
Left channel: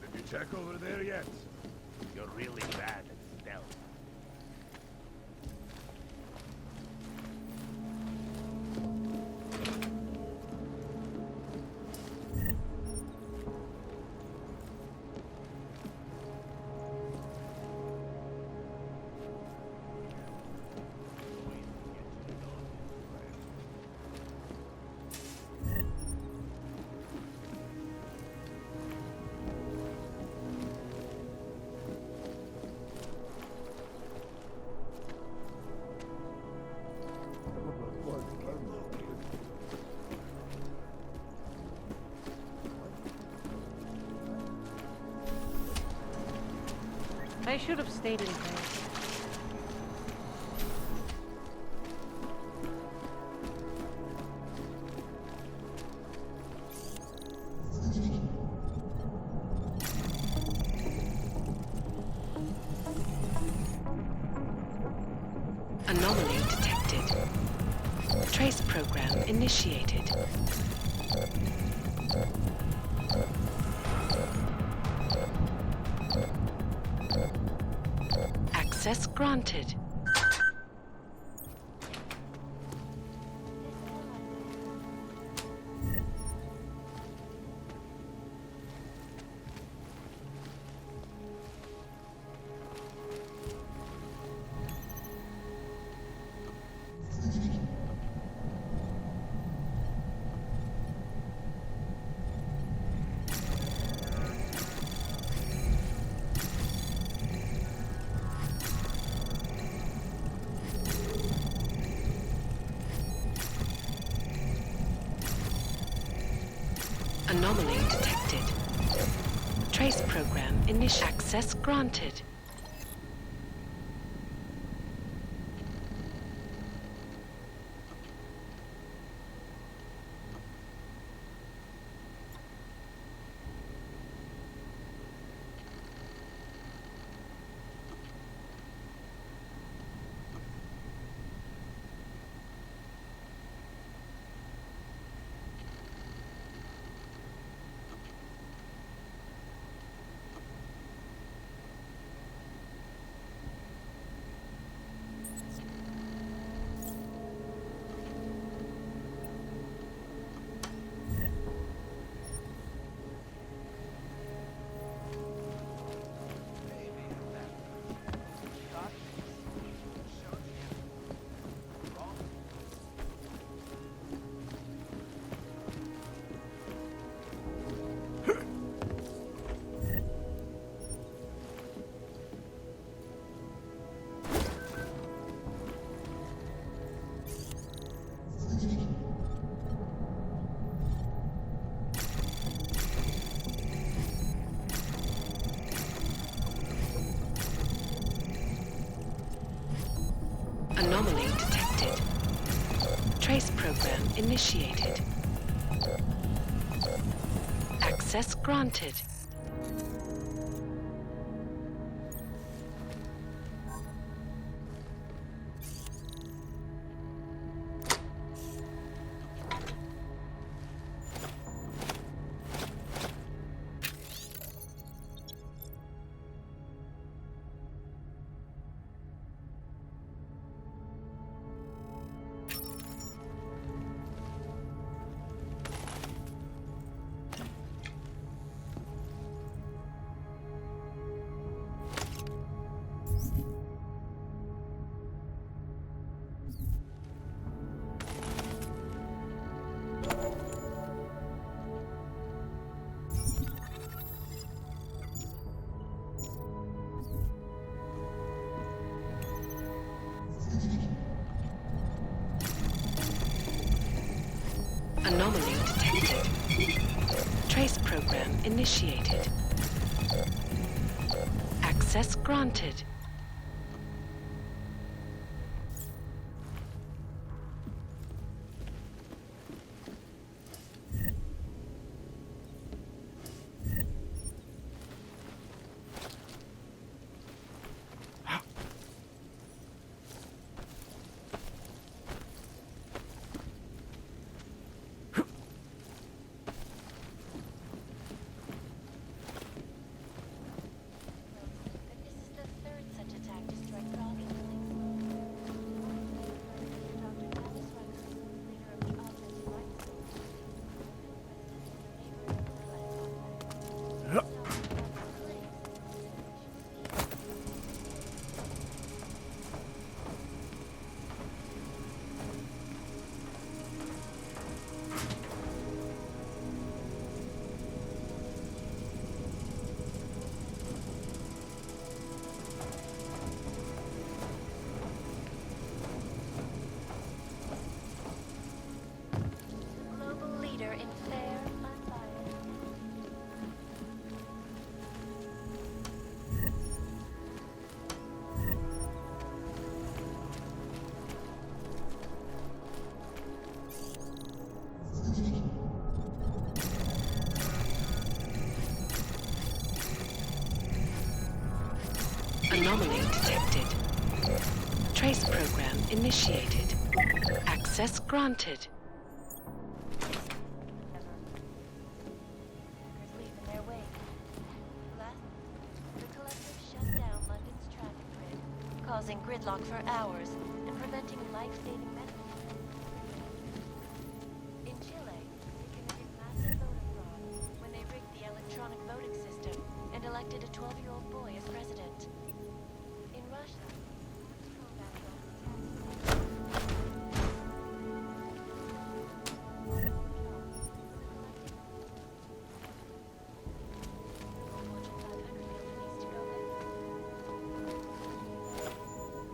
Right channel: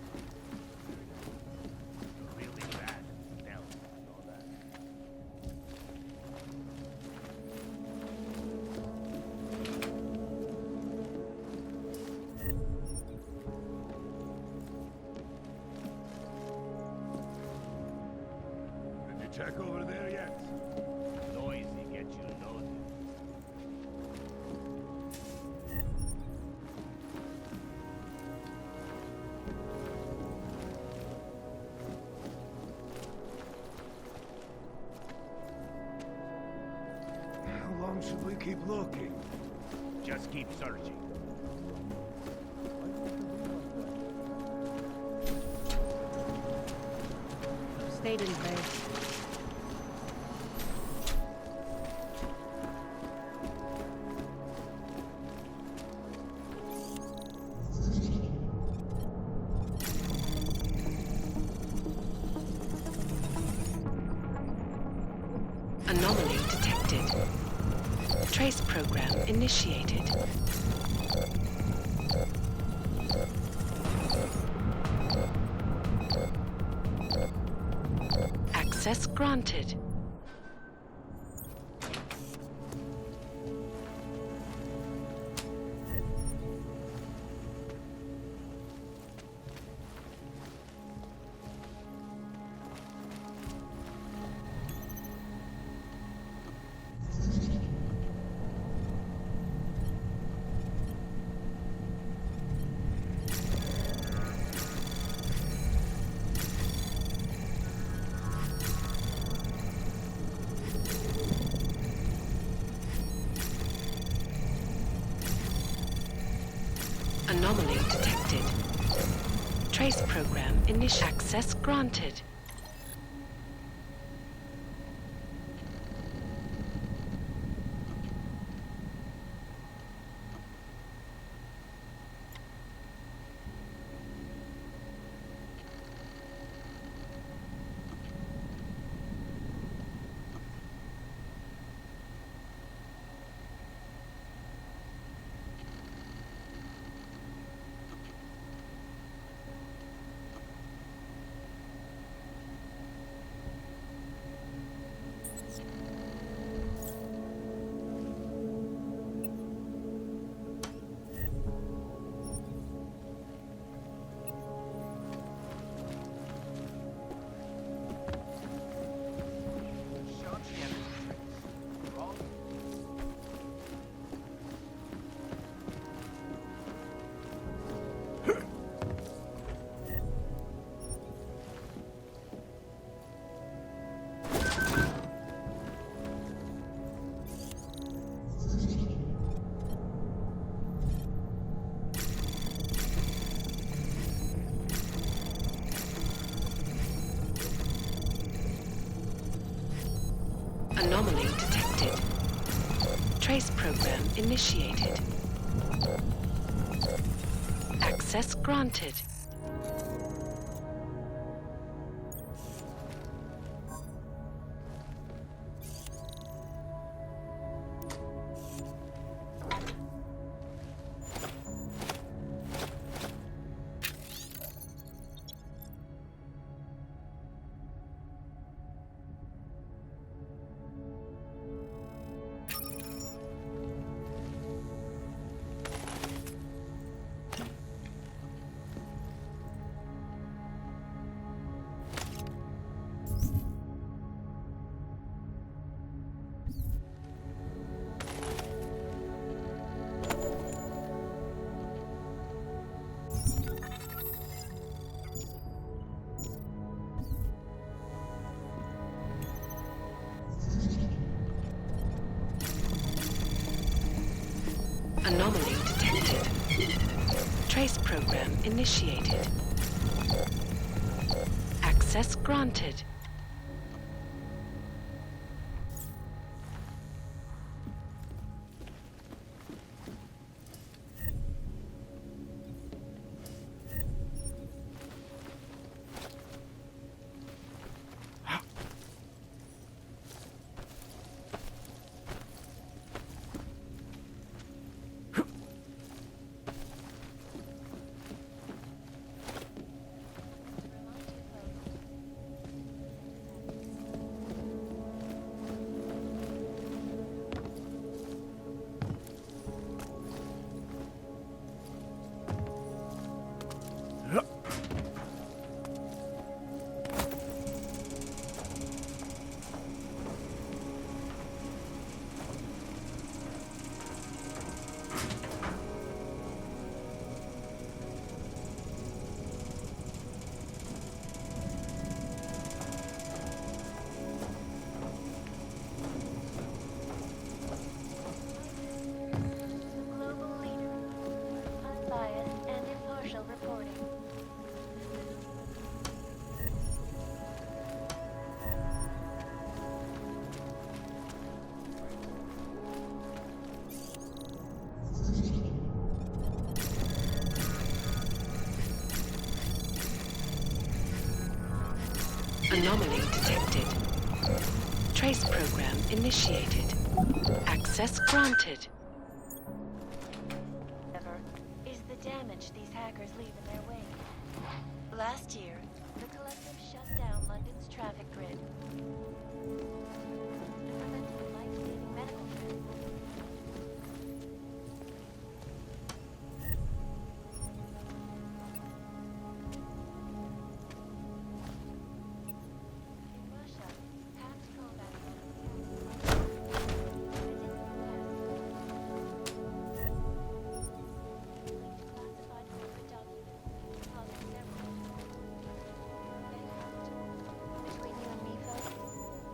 Did you check over there yet? You're really bad at stealth, you know that. Did you check over there yet? Noisy gets you noticed. How long should we keep looking? Just keep searching. I should have stayed in base. Anomaly detected. Trace program initiated. Access granted. Anomaly detected. Trace program initial. Access granted. Anomaly detected. Trace program initiated. Access granted. Anomaly detected. Trace program initiated. Access granted. Anomaly detected. Trace program initiated. Access granted. Is the damage these hackers leave in their wake. Last year, the Collective shut down London's traffic grid, causing gridlock for hours and preventing life-saving medical care. In Chile, when they rigged the electronic voting system and elected a 12-year-old boy as president. In Russia, hacked combat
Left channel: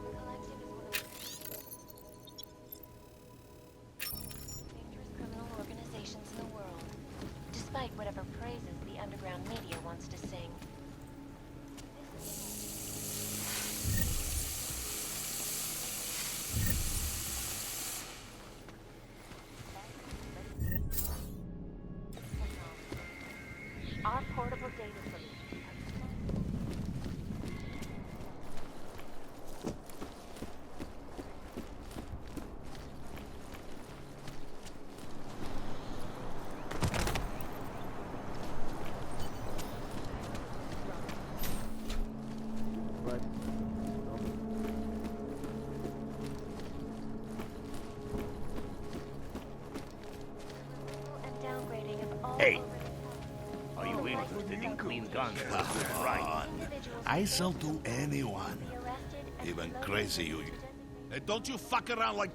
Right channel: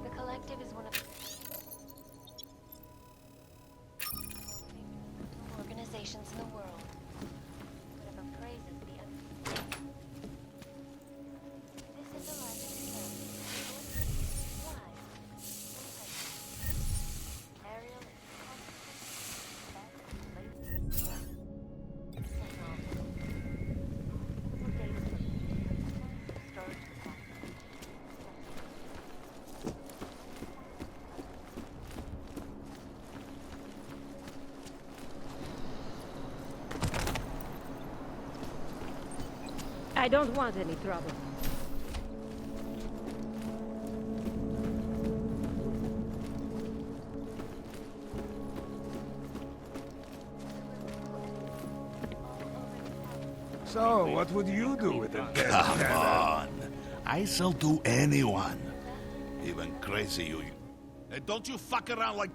The Collective is one of don't want any trouble. Hey. So, what would you do with a dead Come cat? on. I sell to anyone. Even crazy you. Hey, don't you fuck around like...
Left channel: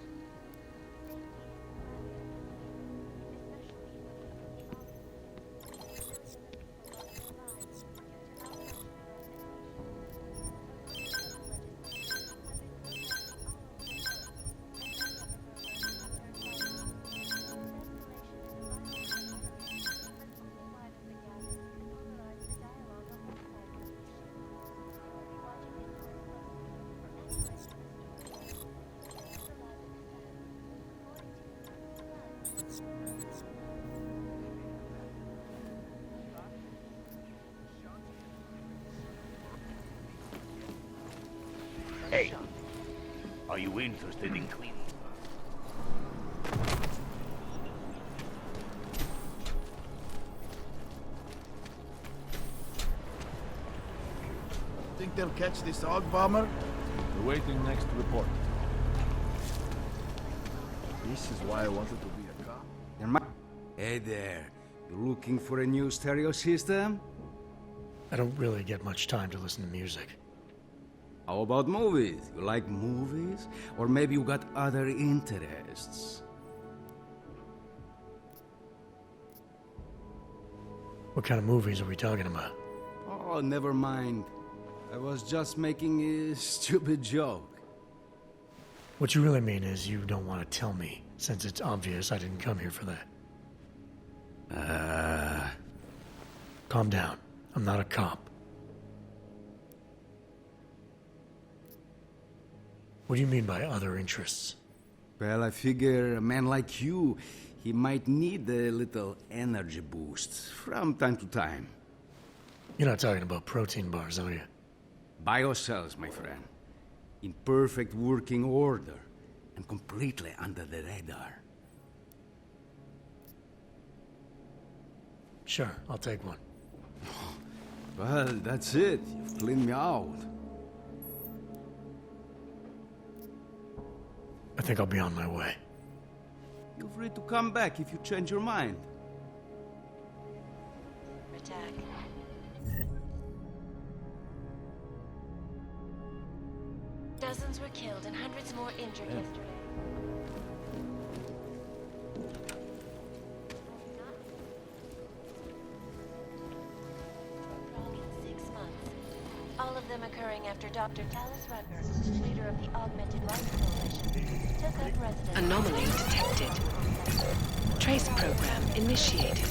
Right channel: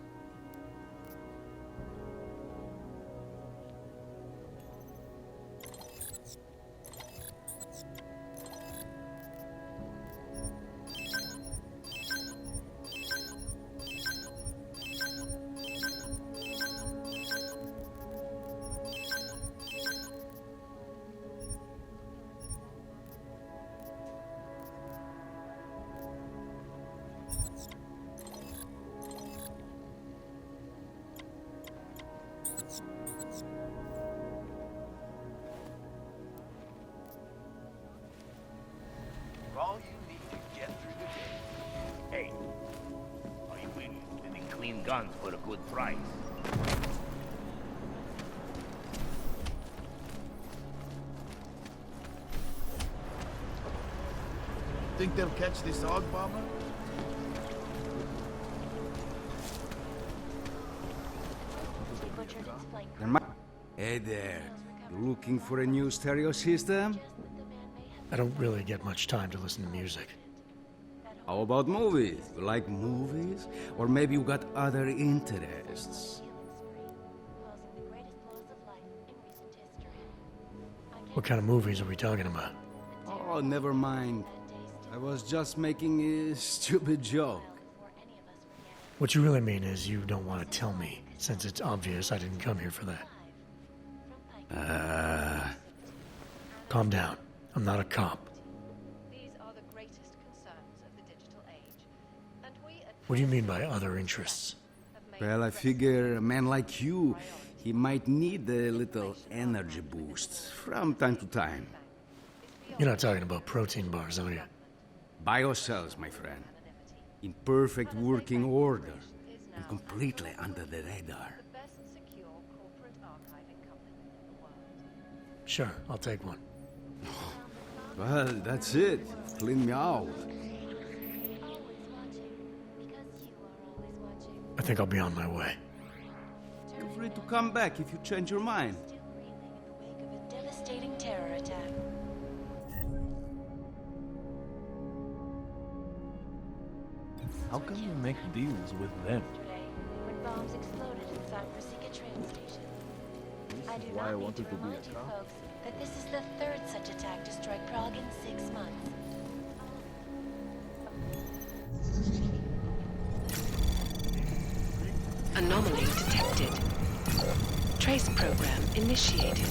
Hey, are you interested in clean guns for a good price? Think they'll catch this hog bomber? We're waiting next report. This is why I wanted to be a cop. Hey there. You looking for a new stereo system? I don't really get much time to listen to music. How about movies? You like movies? Or maybe you got other interests? What kind of movies are we talking about? Oh, never mind. I was just making a stupid joke. What you really mean is you don't want to tell me, since it's obvious I didn't come here for that. Calm down. I'm not a cop. What do you mean by other interests? Well, I figure a man like you, he might need a little energy boost from time to time. You're not talking about protein bars, are you? Biocells, my friend. In perfect working order and completely under the radar. Sure, I'll take one. Well, that's it. You've cleaned me out. I think I'll be on my way. Feel free to come back if you change your mind. Devastating terror attack. Dozens were killed and hundreds more injured yesterday when bombs exploded in South Pacific train station. I do not need to remind you folks that this is the third such attack to strike Prague in 6 months. All of them occurring after Dr. Talis Rudner, leader of the Augmented Life Profession, took with residents... Anomaly detected. Trace program initiated.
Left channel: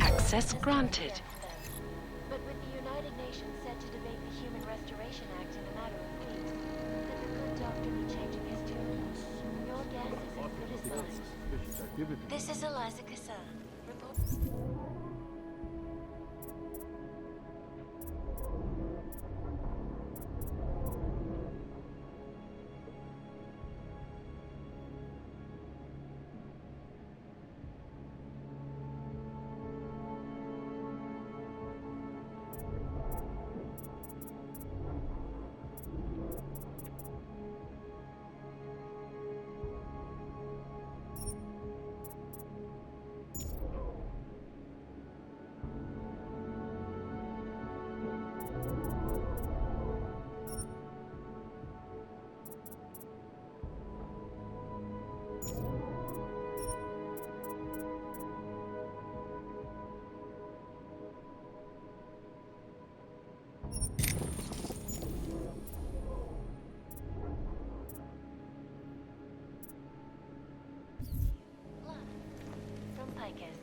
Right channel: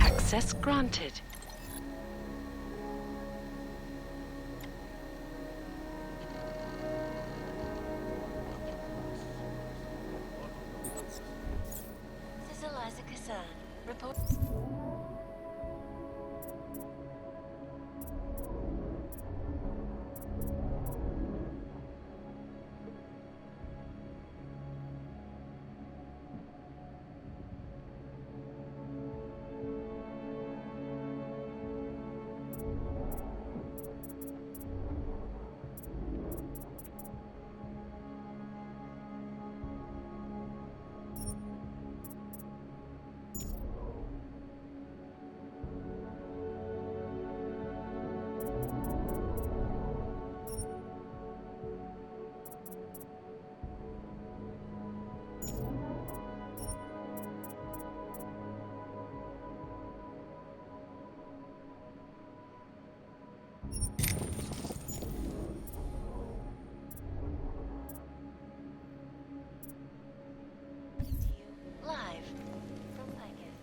Access granted. But when the United Nations set to debate the Human Restoration Act in the matter, the document changing its terms. Your guess is This is Eliza Kassan. Report... Live from Picus.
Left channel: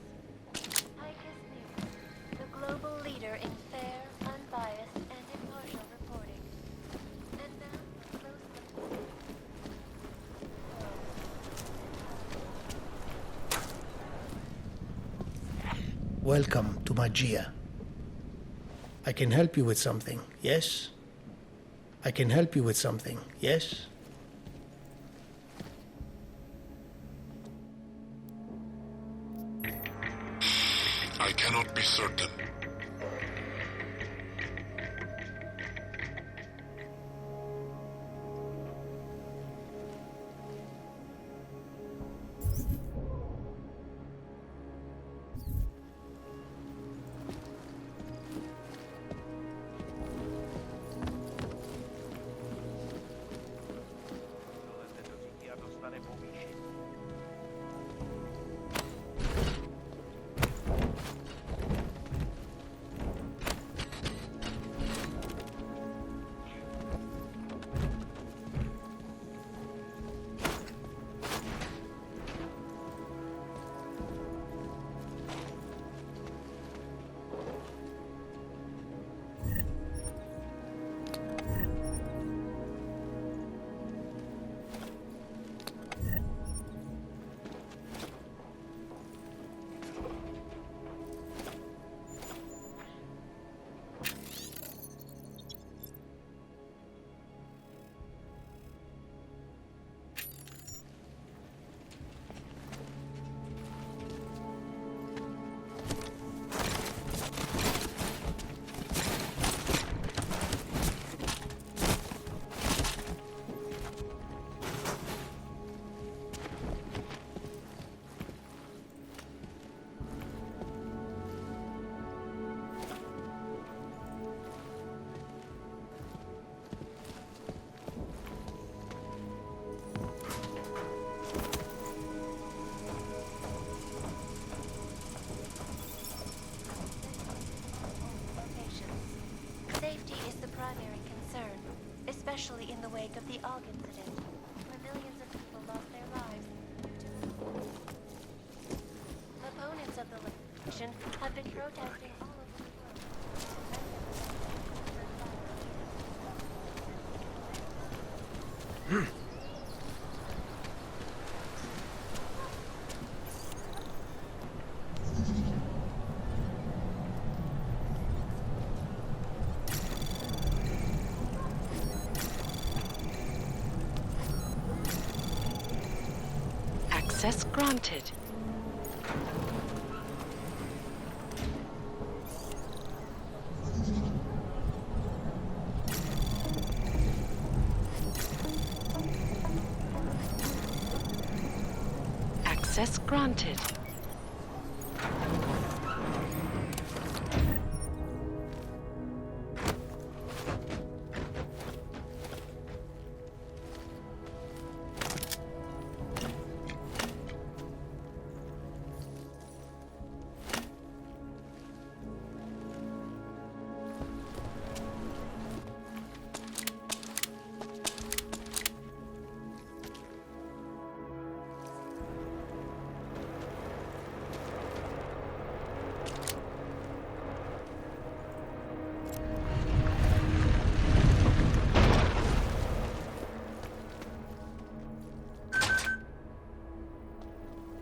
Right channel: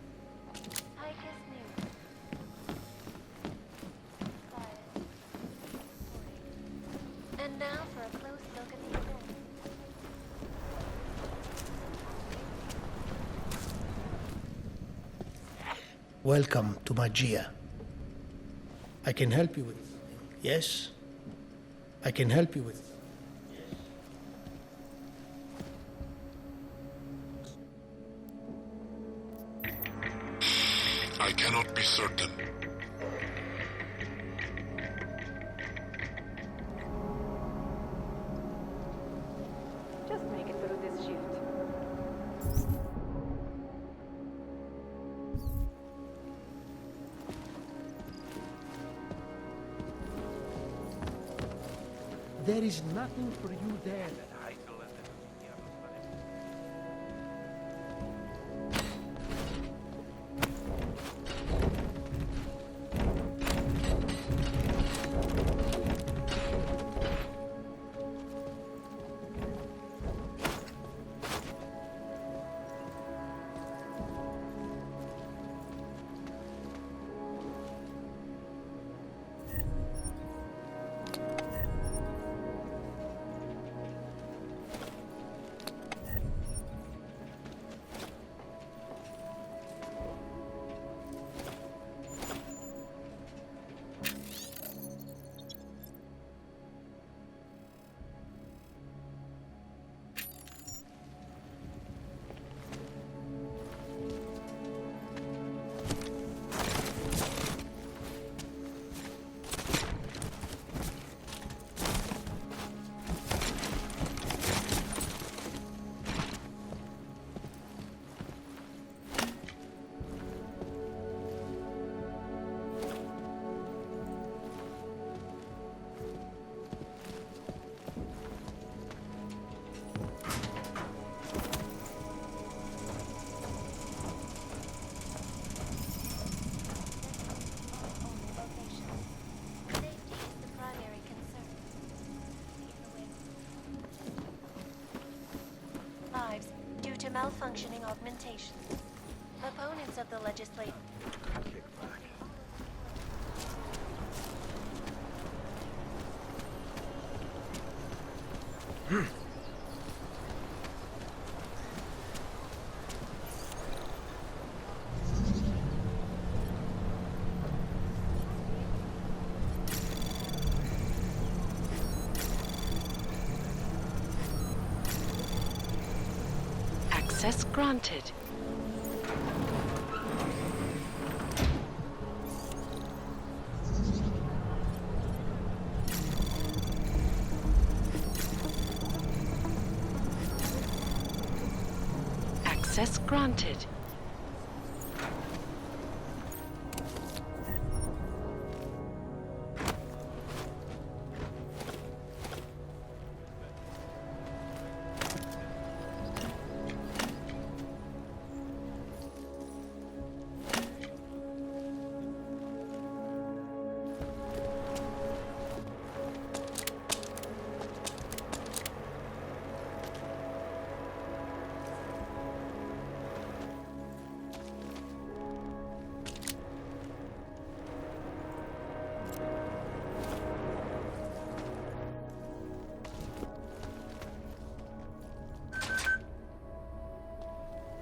Picus News, the global leader in fair, unbiased, and impartial reporting. And now for a close look at the event. Welcome to Magia. I can help you with something, yes? I can help you with something, yes? cannot be certain. Just make it through this shift. There is nothing for you there. Heidelete dozikiado stane pobliže. Safety is the primary concern, especially in the wake of the AUG incident. Millions of people lost their lives due to malfunctioning augmentations. Opponents of the legislation have been protesting all over the world. Access granted. Access granted.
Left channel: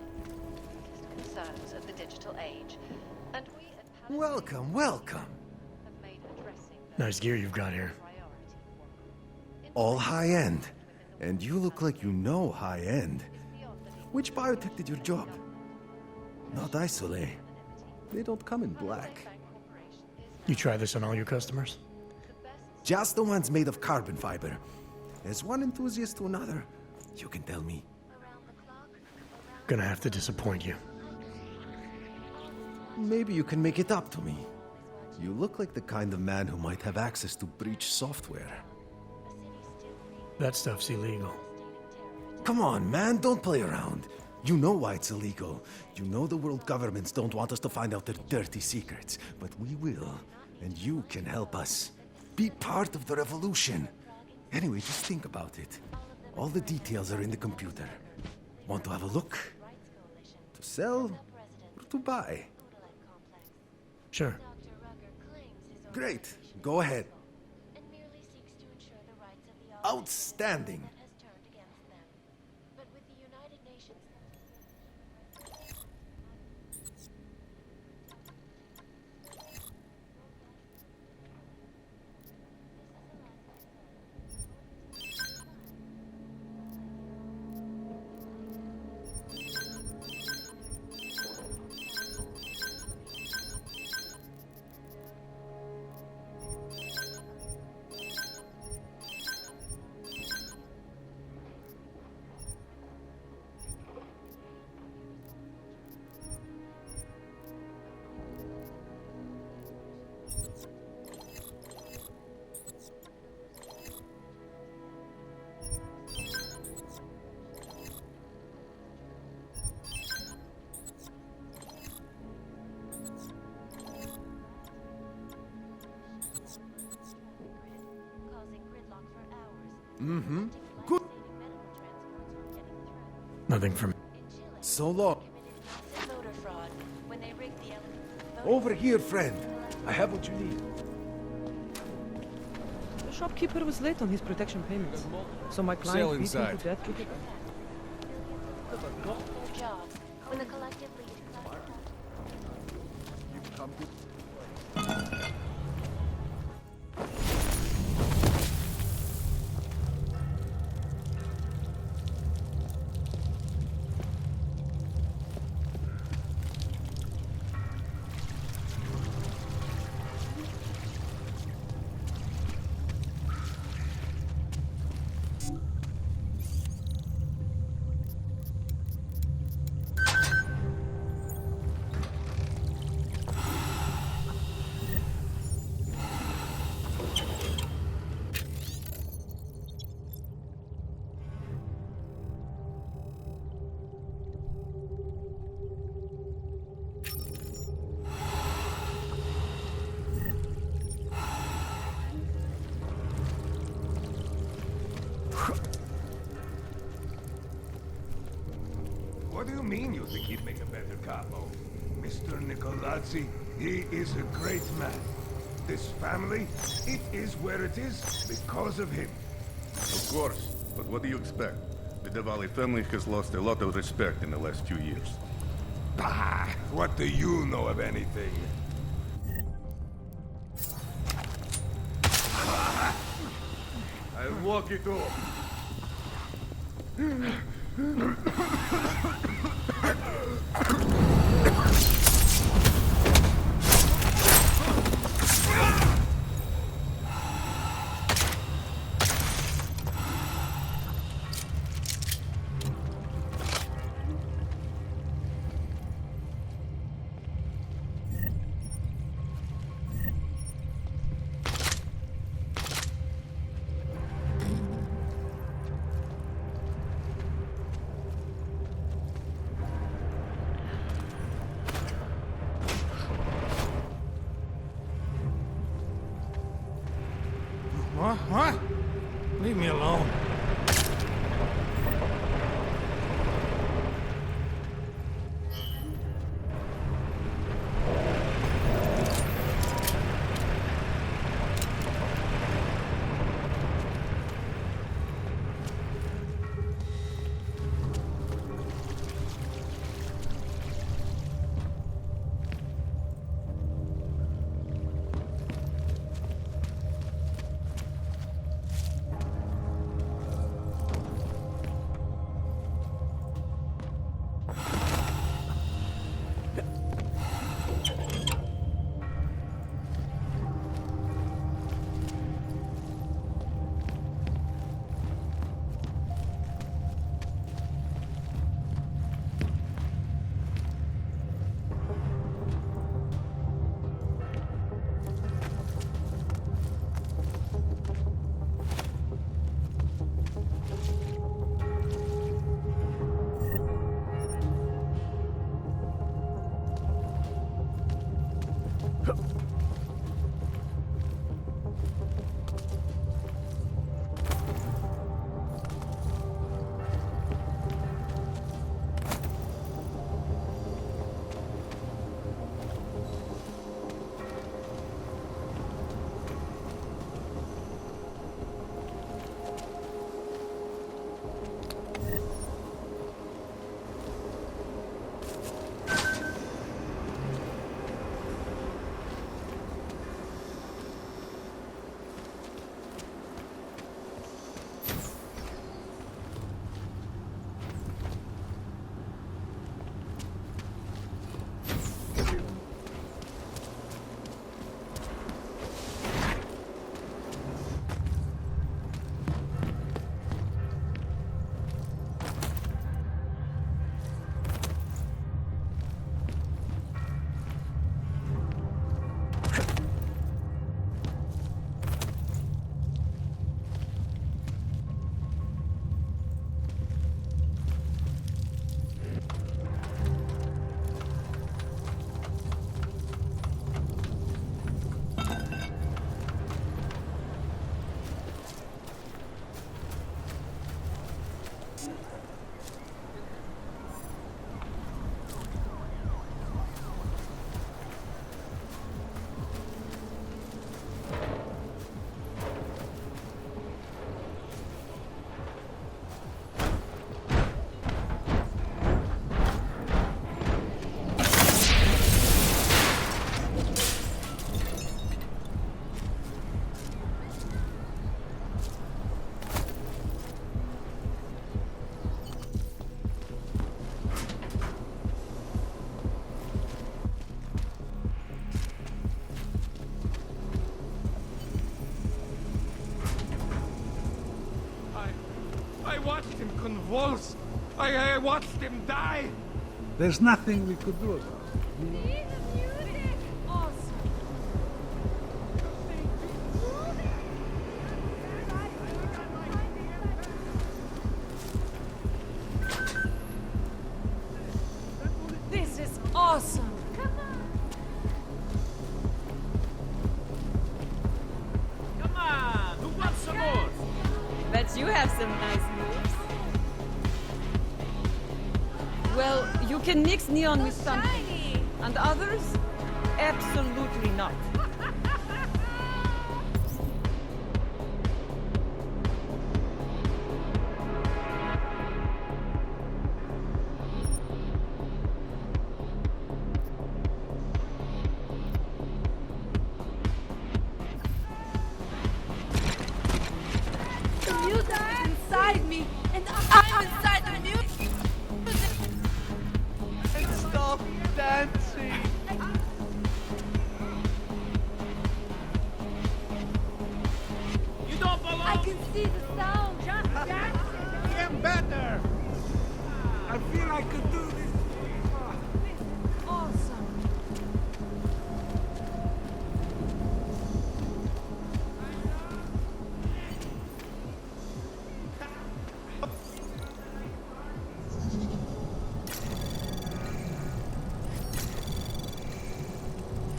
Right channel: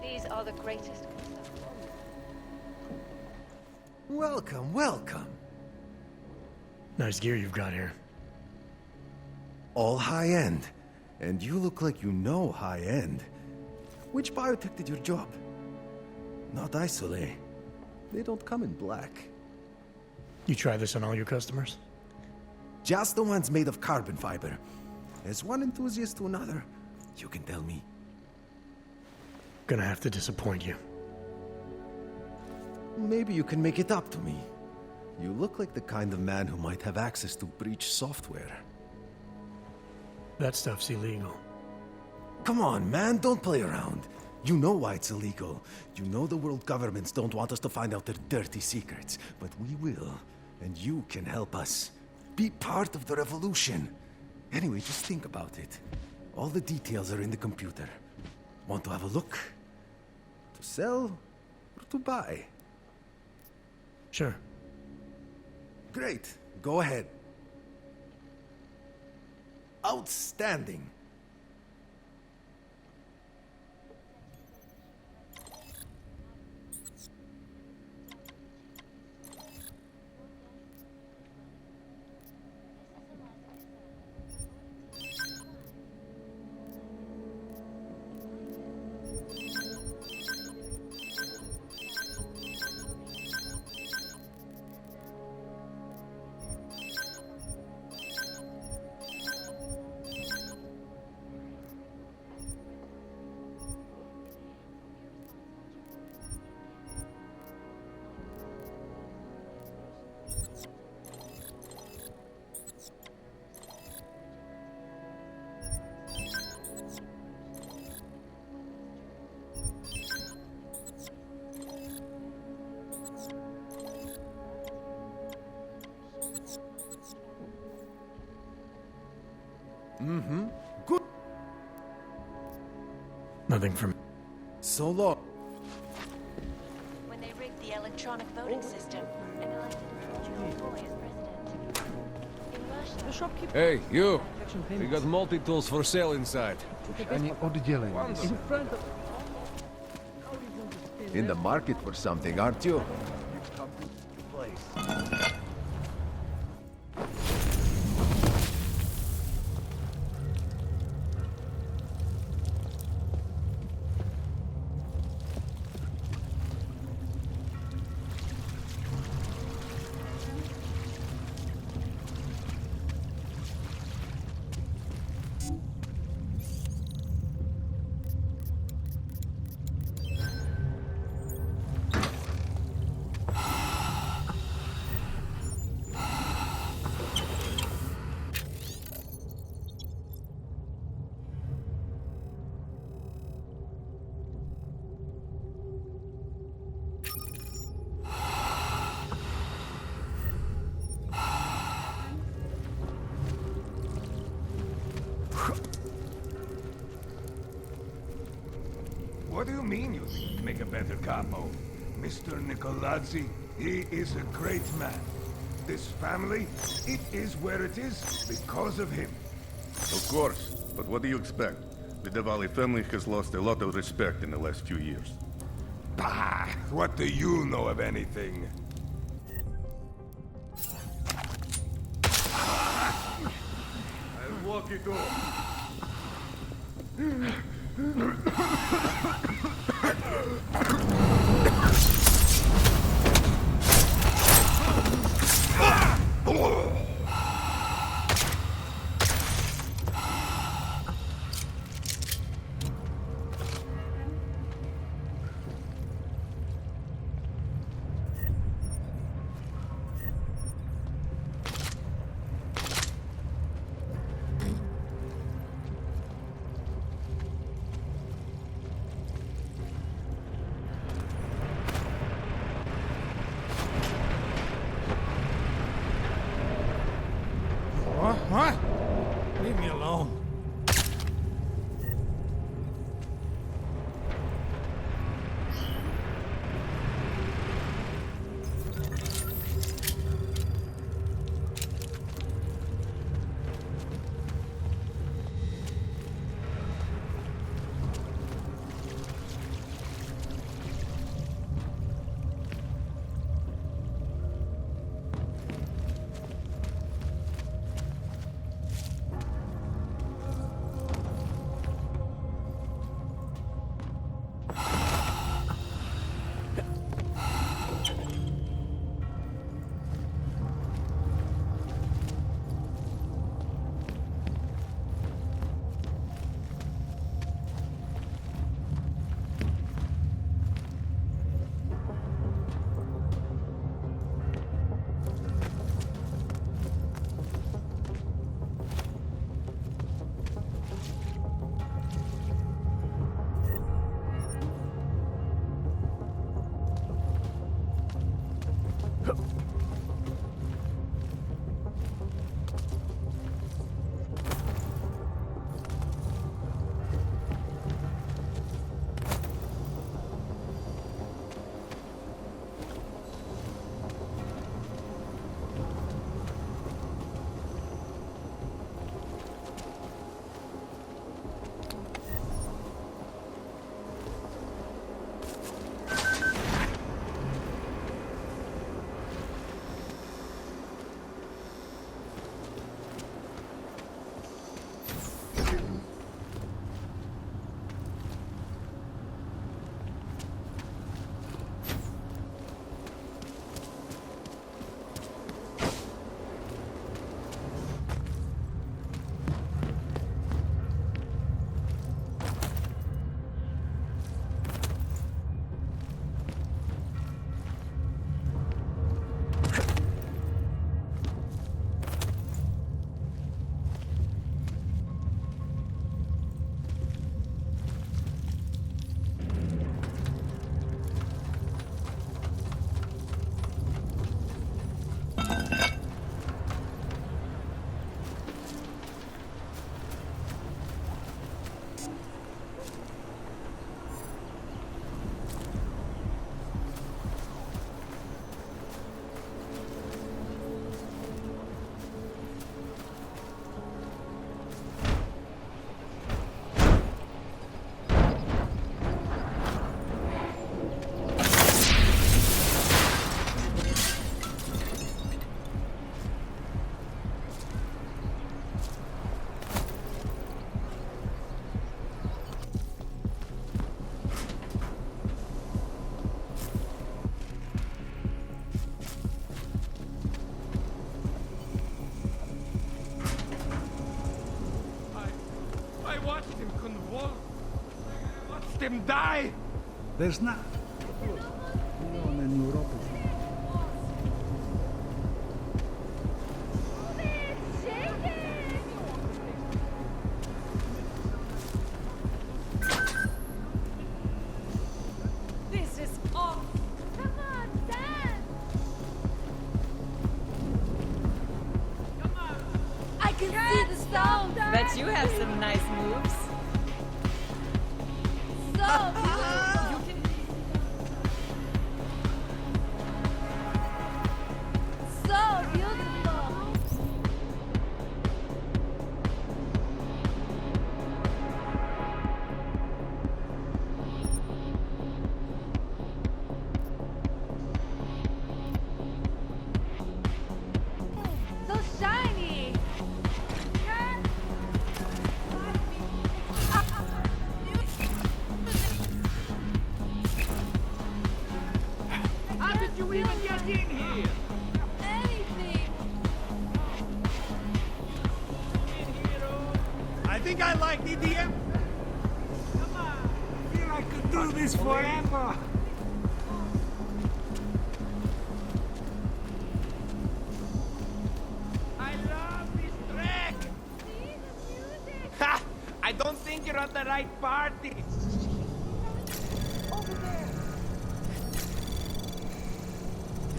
These are the greatest concerns of the digital age. And we Welcome, welcome. Nice gear you've got here. All high-end. And you look like you know high-end. Which biotech did your job? Not Isolate. They don't come in black. You try this on all your customers? Just the ones made of carbon fiber. As one enthusiast to another, you can tell me. Gonna have to disappoint you. Maybe you can make it up to me. You look like the kind of man who might have access to breach software. That stuff's illegal. Come on, man, don't play around. You know why it's illegal. You know the world governments don't want us to find out their dirty secrets. But we will, and you can help us. Be part of the revolution. Anyway, just think about it. All the details are in the computer. Want to have a look? To sell or to buy? Sure. Great. Go ahead. Outstanding. Mm-hmm. Good. Nothing from. So long. When they rigged the electronic voting Over here, system, friend. I have what you need. The shopkeeper Hey, was late you. on his protection We payments. got multi-tools So my for client sale beat me to inside. death with the I need all the yelling. In front of a their job. In the market for something, aren't you? You've come to the place. What do you mean you think he'd make a better capo? Mr. Nicolazzi, he is a great man. This family, it is where it is because of him. Of course, but what do you expect? The Diwali family has lost a lot of respect in the last few years. Bah! What do you know of anything? I'll walk it off. What? Leave me alone. convulsed. I watched him die. There's nothing we could do about it. We only knew wrong. This is awesome. Come on, dance. Come on! I can see the stone. Bet you have some nice moves. Well, you can mix neon with something. And others? Absolutely not. So beautiful. So shiny. You are inside me, and I'm inside of you. Stop dancing! How did you even get in here? You don't belong in here! I think I like EDM better. I feel I could do this forever. I love this track! Ha! I don't think you're at the right party.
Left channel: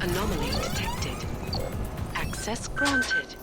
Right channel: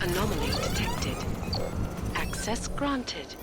Anomaly detected. Access granted.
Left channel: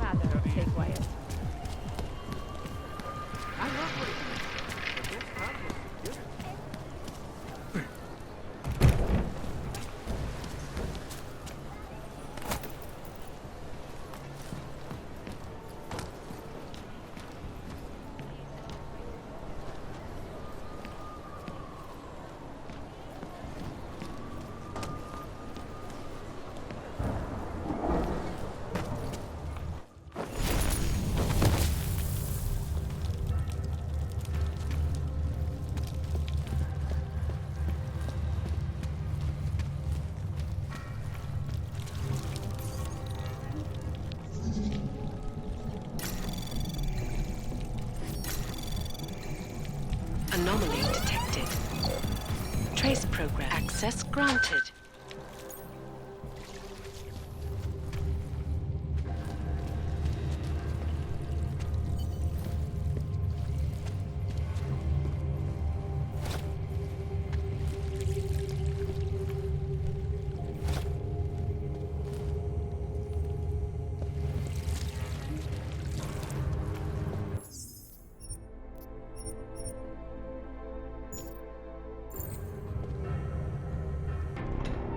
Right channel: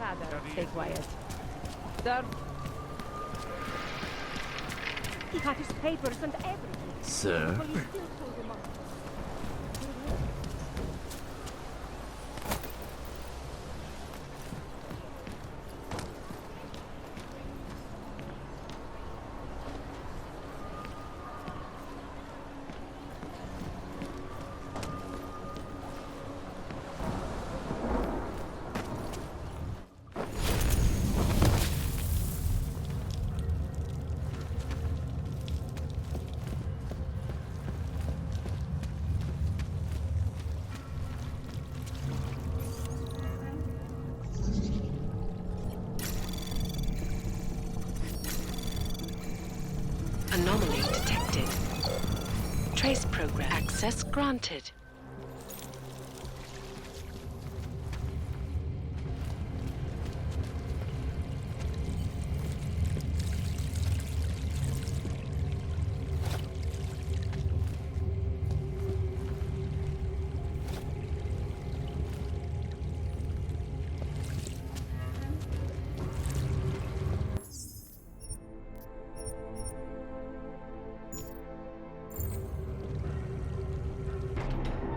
Rather, stay quiet. Sir, He had his papers and everything. Sir? Anomaly detected. Trace program. Access granted.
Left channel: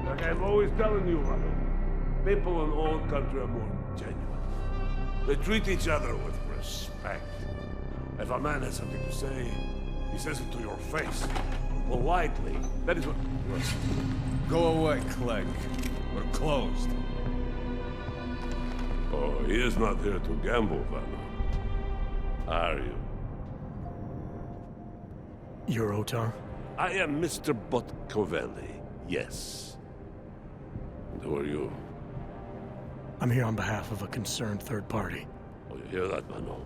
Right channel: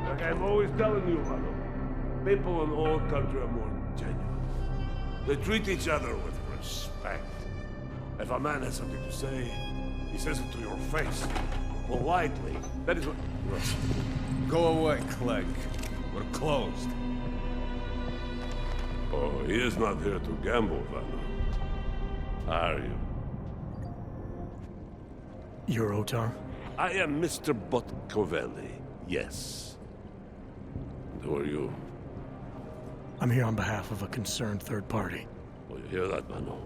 Like I'm always telling you, Rado, people in old country are more genuine. They treat each other with respect. If a man has something to say, he says it to your face. Politely. That is what... Yes. Go away, Clegg. We're closed. Oh, he is not here to gamble, Vanna. Are you? You're Otar? I am Mr. Botkovelli, yes. And who are you? I'm here on behalf of a concerned third party. Oh, you hear that, Mano?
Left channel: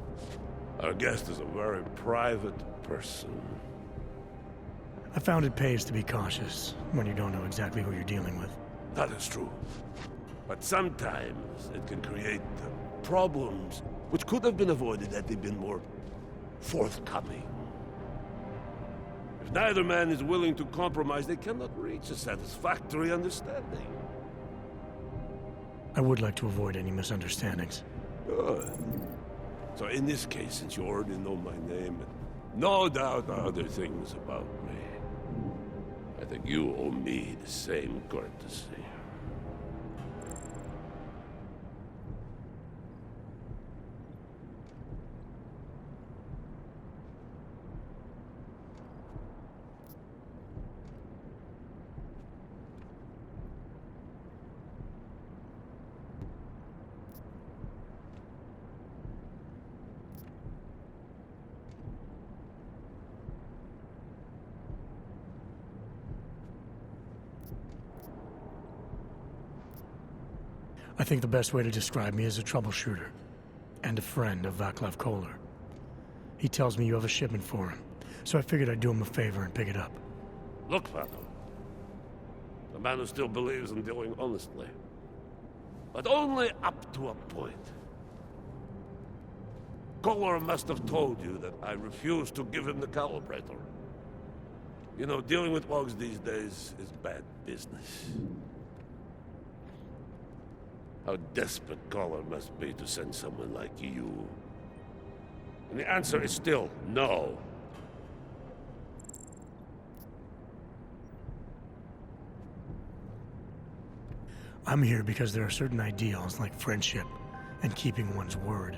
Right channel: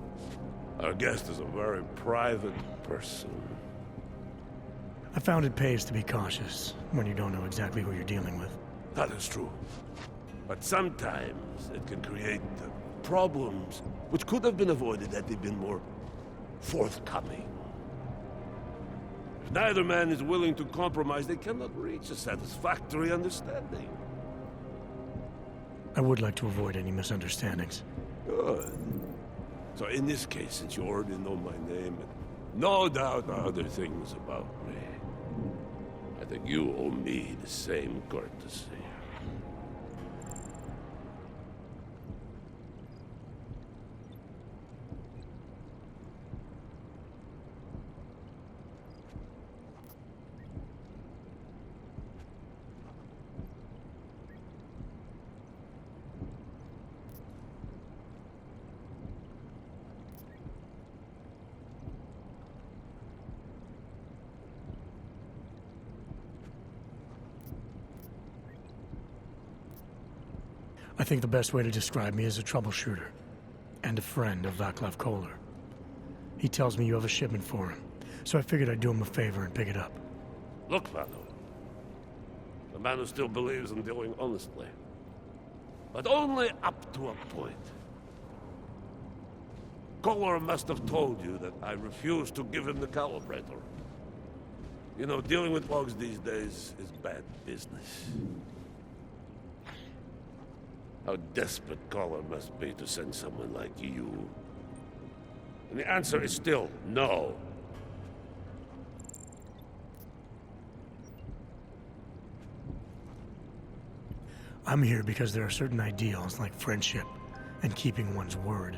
Our guest is a very private person. I found it pays to be cautious when you don't know exactly who you're dealing with. That is true. But sometimes it can create problems which could have been avoided had they been more forthcoming. If neither man is willing to compromise, they cannot reach a satisfactory understanding. I would like to avoid any misunderstandings. Good. So in this case, since you already know my name, and no doubt other things about me, I think you owe me the same courtesy. I think the best way to describe me is a troubleshooter and a friend of Vaclav Kohler. He tells me you have a shipment for him, so I figured I'd do him a favor and pick it up. Look, Vano. The man who still believes in dealing honestly. But only up to a point. Kohler must have told you that I refused to give him the calibrator. You know, dealing with logs these days is bad business. How desperate Kohler must be to send someone like you. And the answer is still no. I'm here because there are certain ideals like friendship and keeping one's word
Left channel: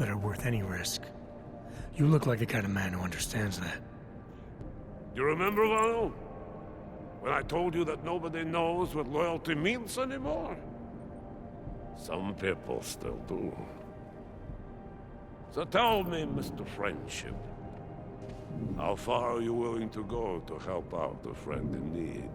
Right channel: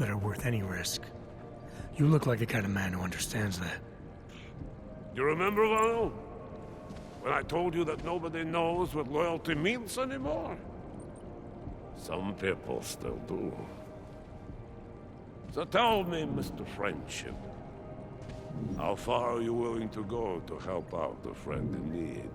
that are worth any risk. You look like the kind of man who understands that. You remember, Vano? When I told you that nobody knows what loyalty means anymore? Some people still do. So tell me, Mr. Friendship, how far are you willing to go to help out a friend in need?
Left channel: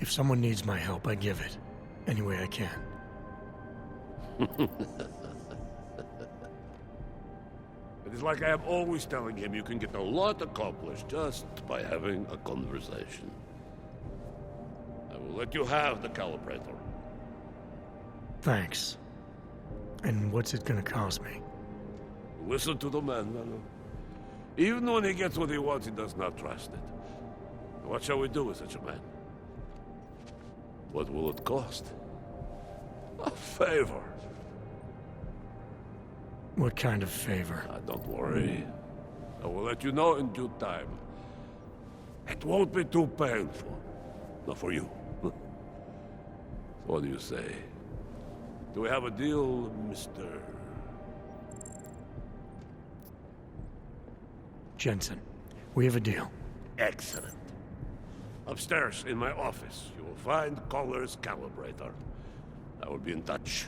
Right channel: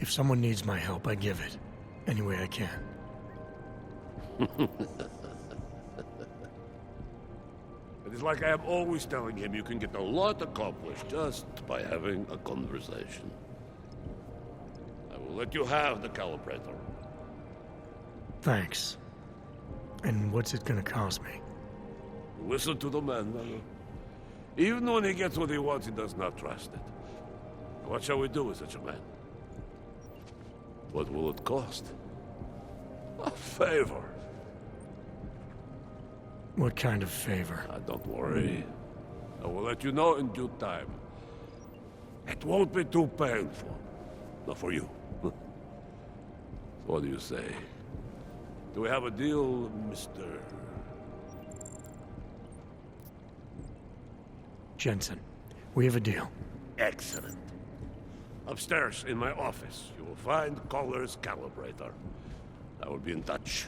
If someone needs my help, I give it. Any way I can. It is like I am always telling him you can get a lot accomplished just by having a conversation. I will let you have the calibrator. Thanks. And what's it gonna cost me? Listen to the man, Manu. Even when he gets what he wants, he does not trust it. What shall we do with such a man? What will it cost? A favor. What kind of favor? Don't worry. I will let you know in due time. It won't be too painful. Not for you. What do you say? Do we have a deal, Mr. Jensen? We have a deal. Excellent. Upstairs in my office, you will find Kohler's calibrator. I will be in touch.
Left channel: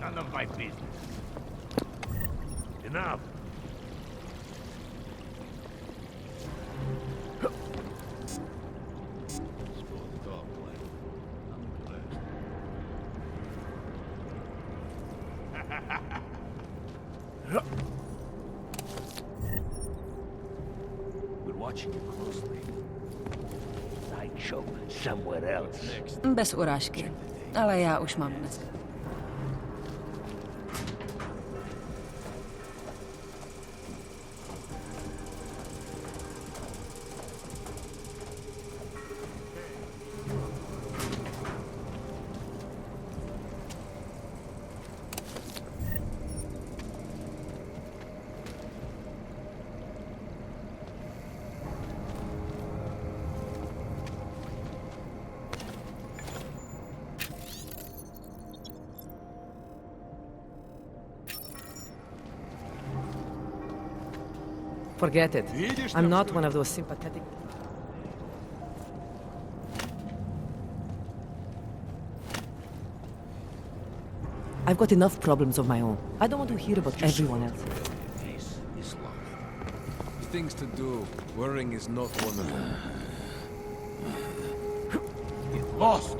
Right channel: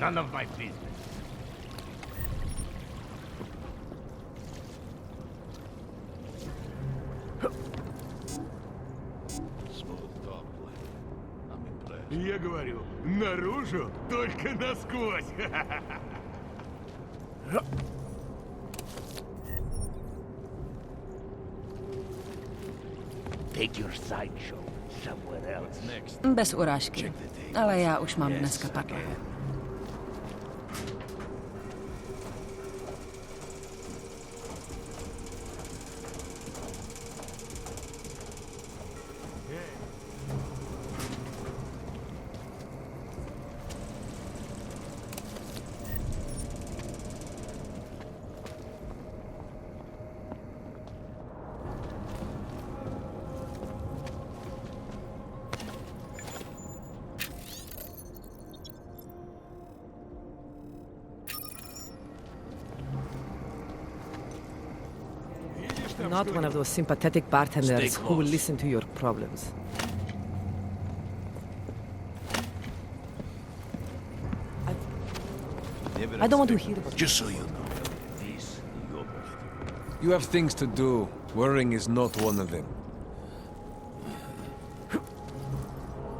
None of my business. Enough. Smooth talk, Glenn. I'm impressed. Я говорю, наружу, только насквозь. We're watching you closely. Take your sideshow somewhere else. Next. Bez urážky, ale já už mám dneska pár. Forget it. I'm not one of those sympathetic bartenders who will listen to your problems. I've got enough problems of my own. I don't want to hear about everyone else. You have things to do. Worrying is not one of them. Lost!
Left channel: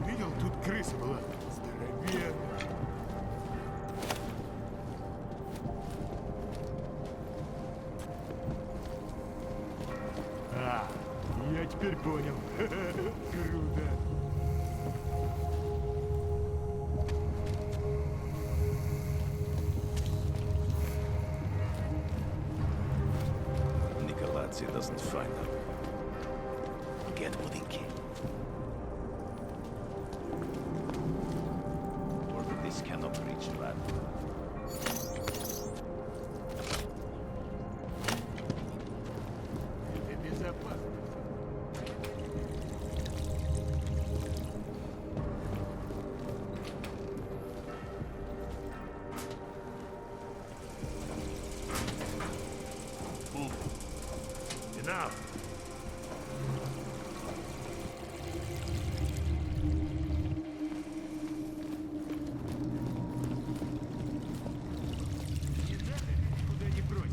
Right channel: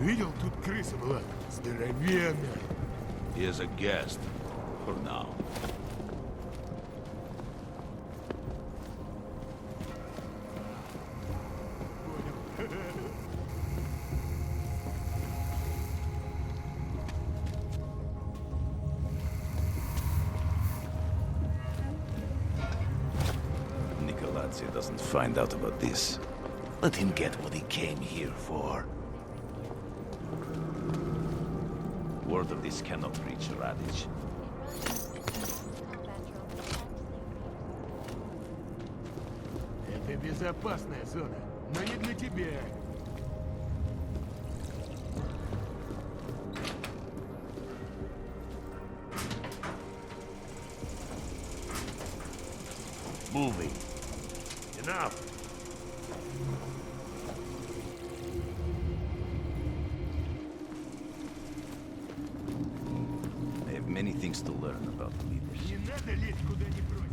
Видел, тут крыса была. Здоровенная. He is a guest. For now. А, я теперь понял. Круто. Nicolazzi doesn't find out about this. Let him get what he came here for. Word of this cannot reach Radic. Это безопасная зона, но не для тебя. Moving. Enough. I have many things to learn about leadership. Не надо лезть куда не просят.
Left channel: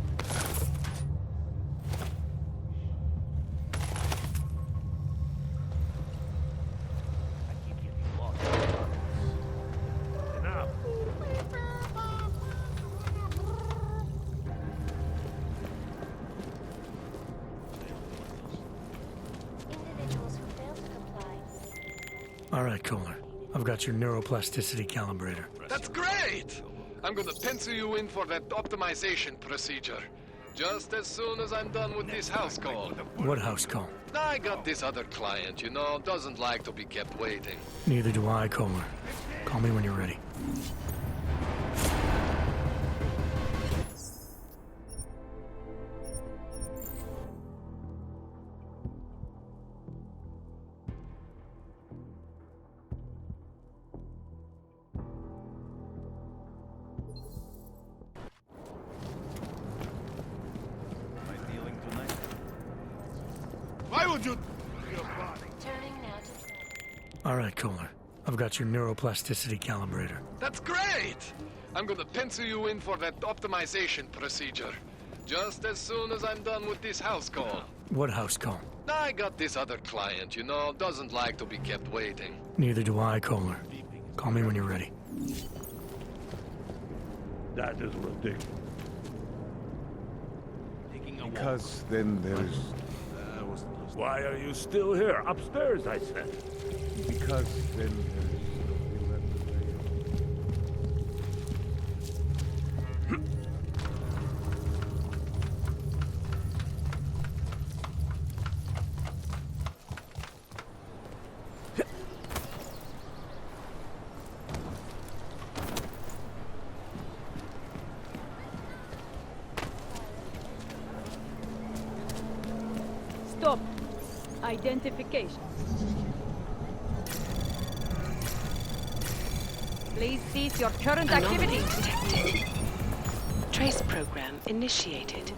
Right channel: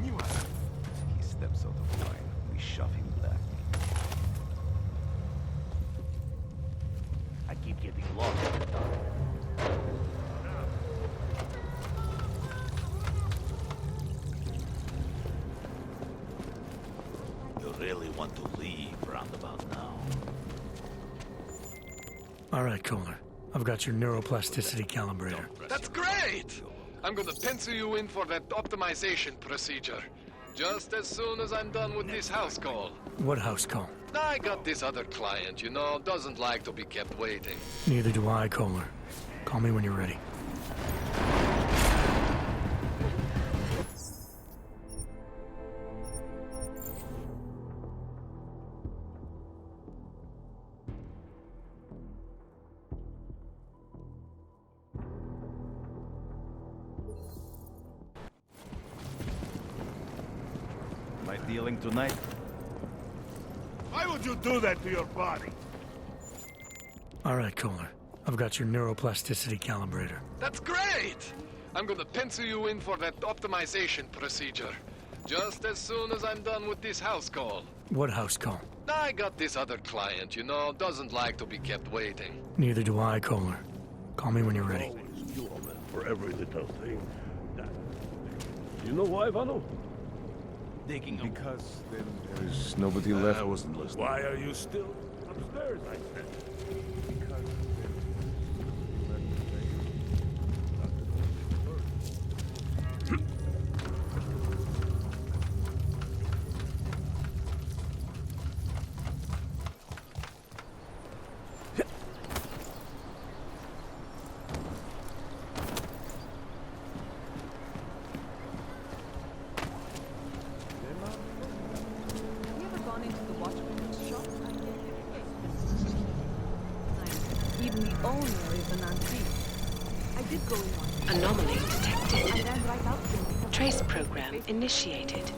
He steps off the line. We shove him back. I keep getting lost. Enough. You really want to leave roundabout now? All right, Kohler. I've got your neuroplasticity calibrator. That's great! I'm gonna pencil you in for that optimization procedure. Just as soon as I'm done with this house call. What house call? I got this other client, you know, doesn't like to be kept waiting. Neither do I, Kohler. Call me when you're ready. Am I dealing tonight? Why would you do that to your body? All right, Kohler. I've got your neuroplasticity calibrator. That's great! I'm gonna pencil you in for that optimization procedure. Just as soon as I'm done with this house call. What house call? I got this other client, you know, doesn't like to be kept waiting. Neither do I, Kohler. Call me when you're ready. For every little thing. That is ridiculous. You know why, Vano? Because then there is nobody left. I wasn't listening. Why are you still here? Upstairs, I said. Because then there is nobody left. Stop. Identification. Even the owner is an unseen. Please cease your current Anomaly activity. detected. Trace program initiated.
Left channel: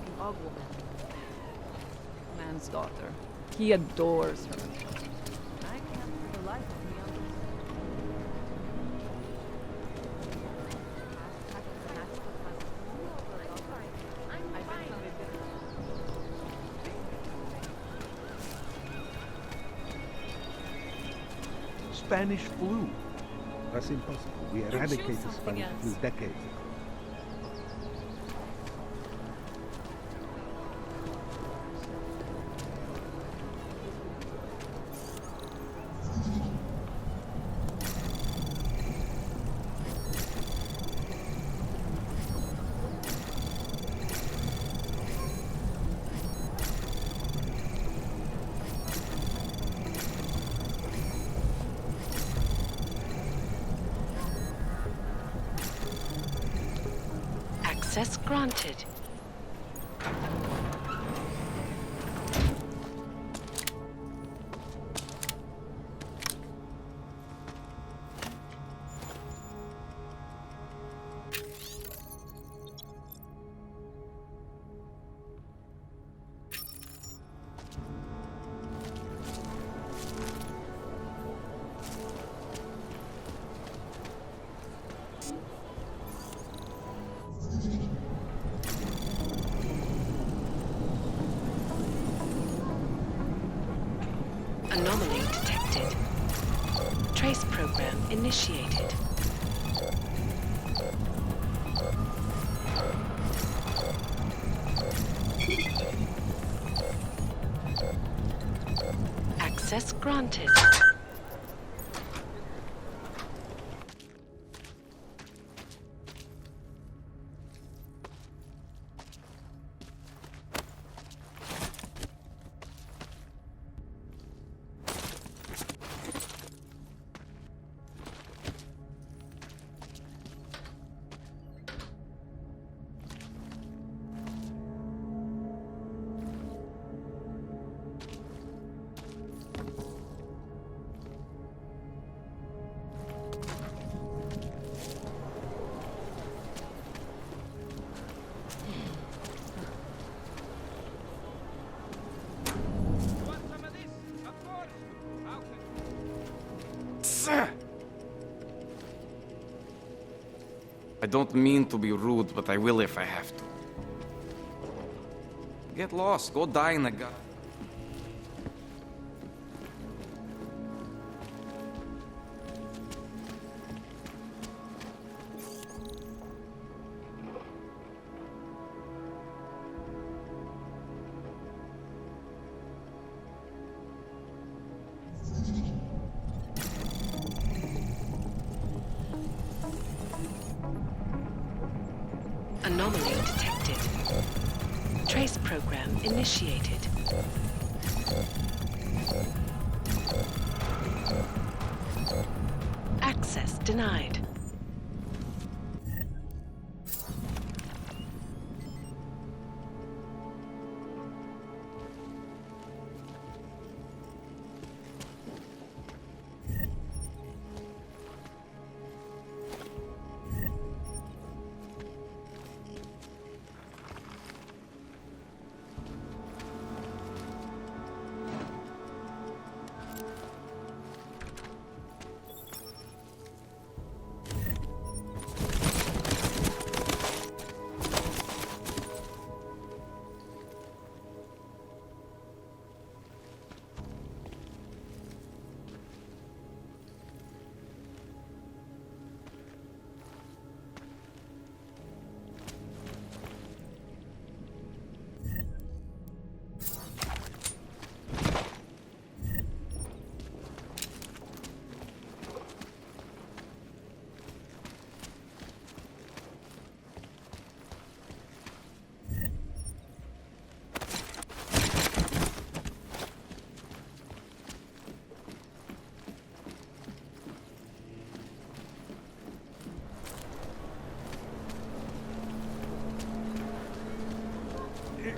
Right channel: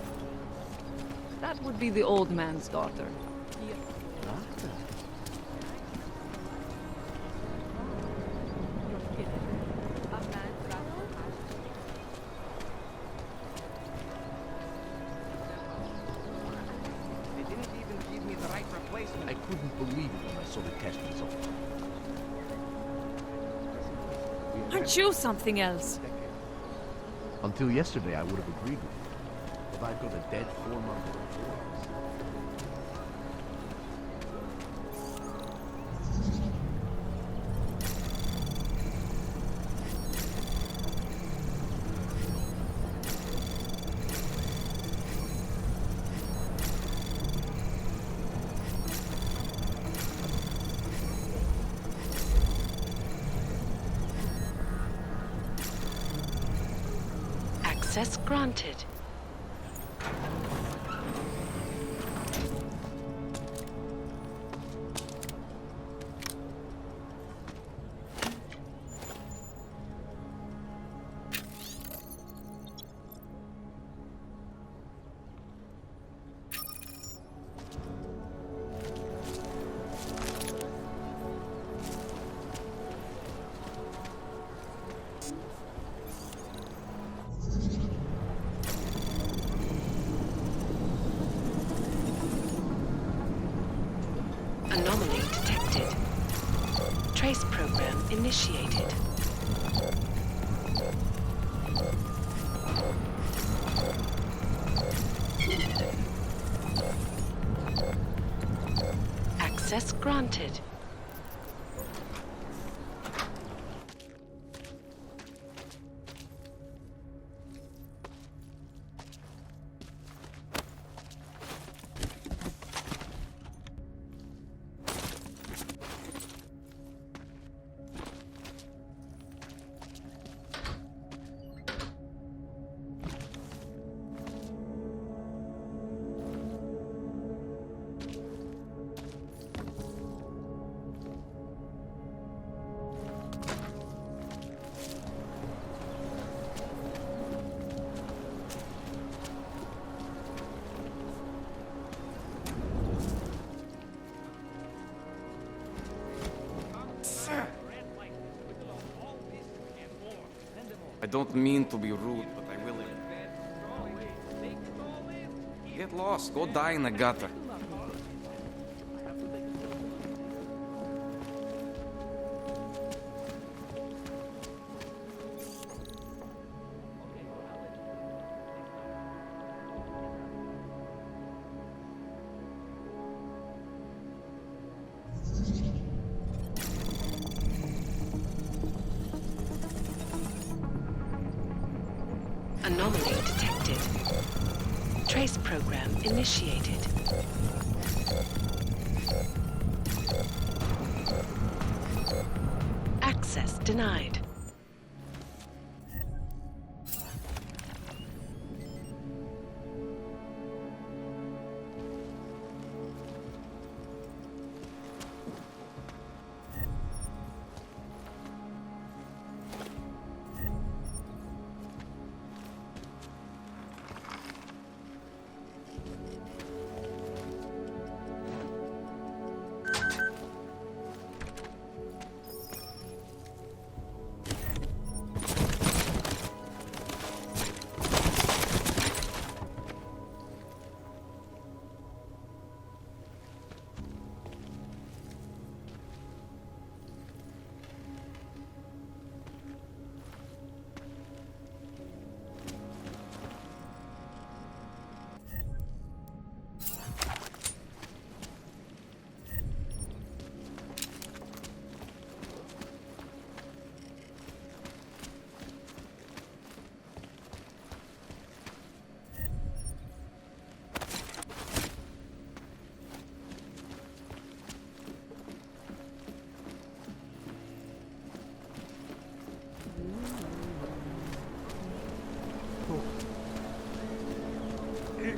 That would be the old man's daughter. He adores her. I couldn't believe it. I saw the casualties of Spanish flu. That's impossible. We Aren't you eradicated something Spanish else? flu decades. Until yesterday, I would have agreed. If I've got a dead former. Access granted. Anomaly detected. Trace program initiated. Access granted. I don't mean to be rude, but I will if I have to. Get lost. Go die in the gutter. Anomaly detected. Trace program initiated. Access denied.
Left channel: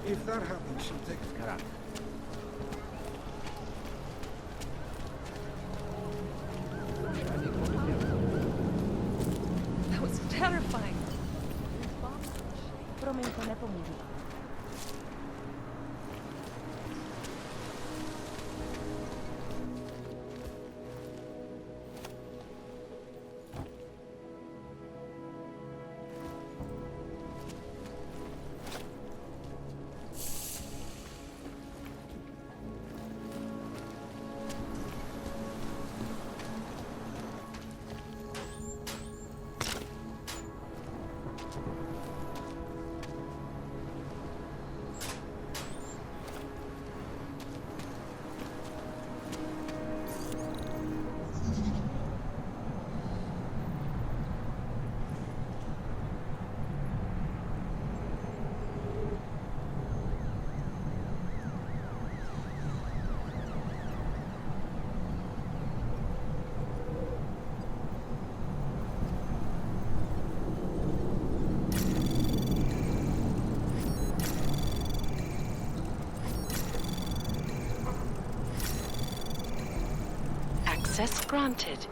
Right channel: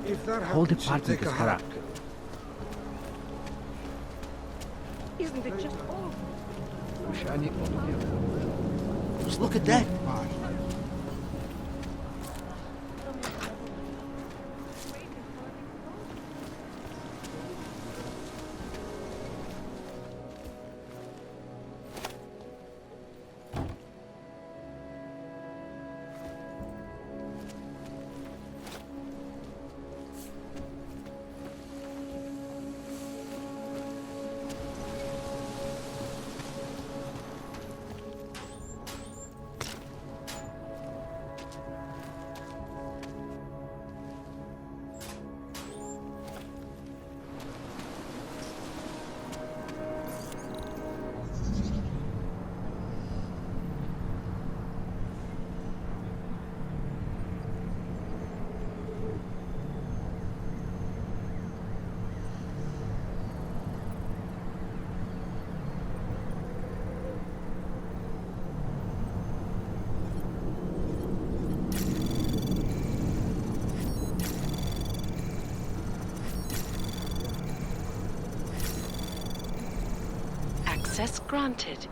If that Hold happens, the party take a with hike. Karak. Isn't it just awful? Just look at that. It's terrifying. Access granted.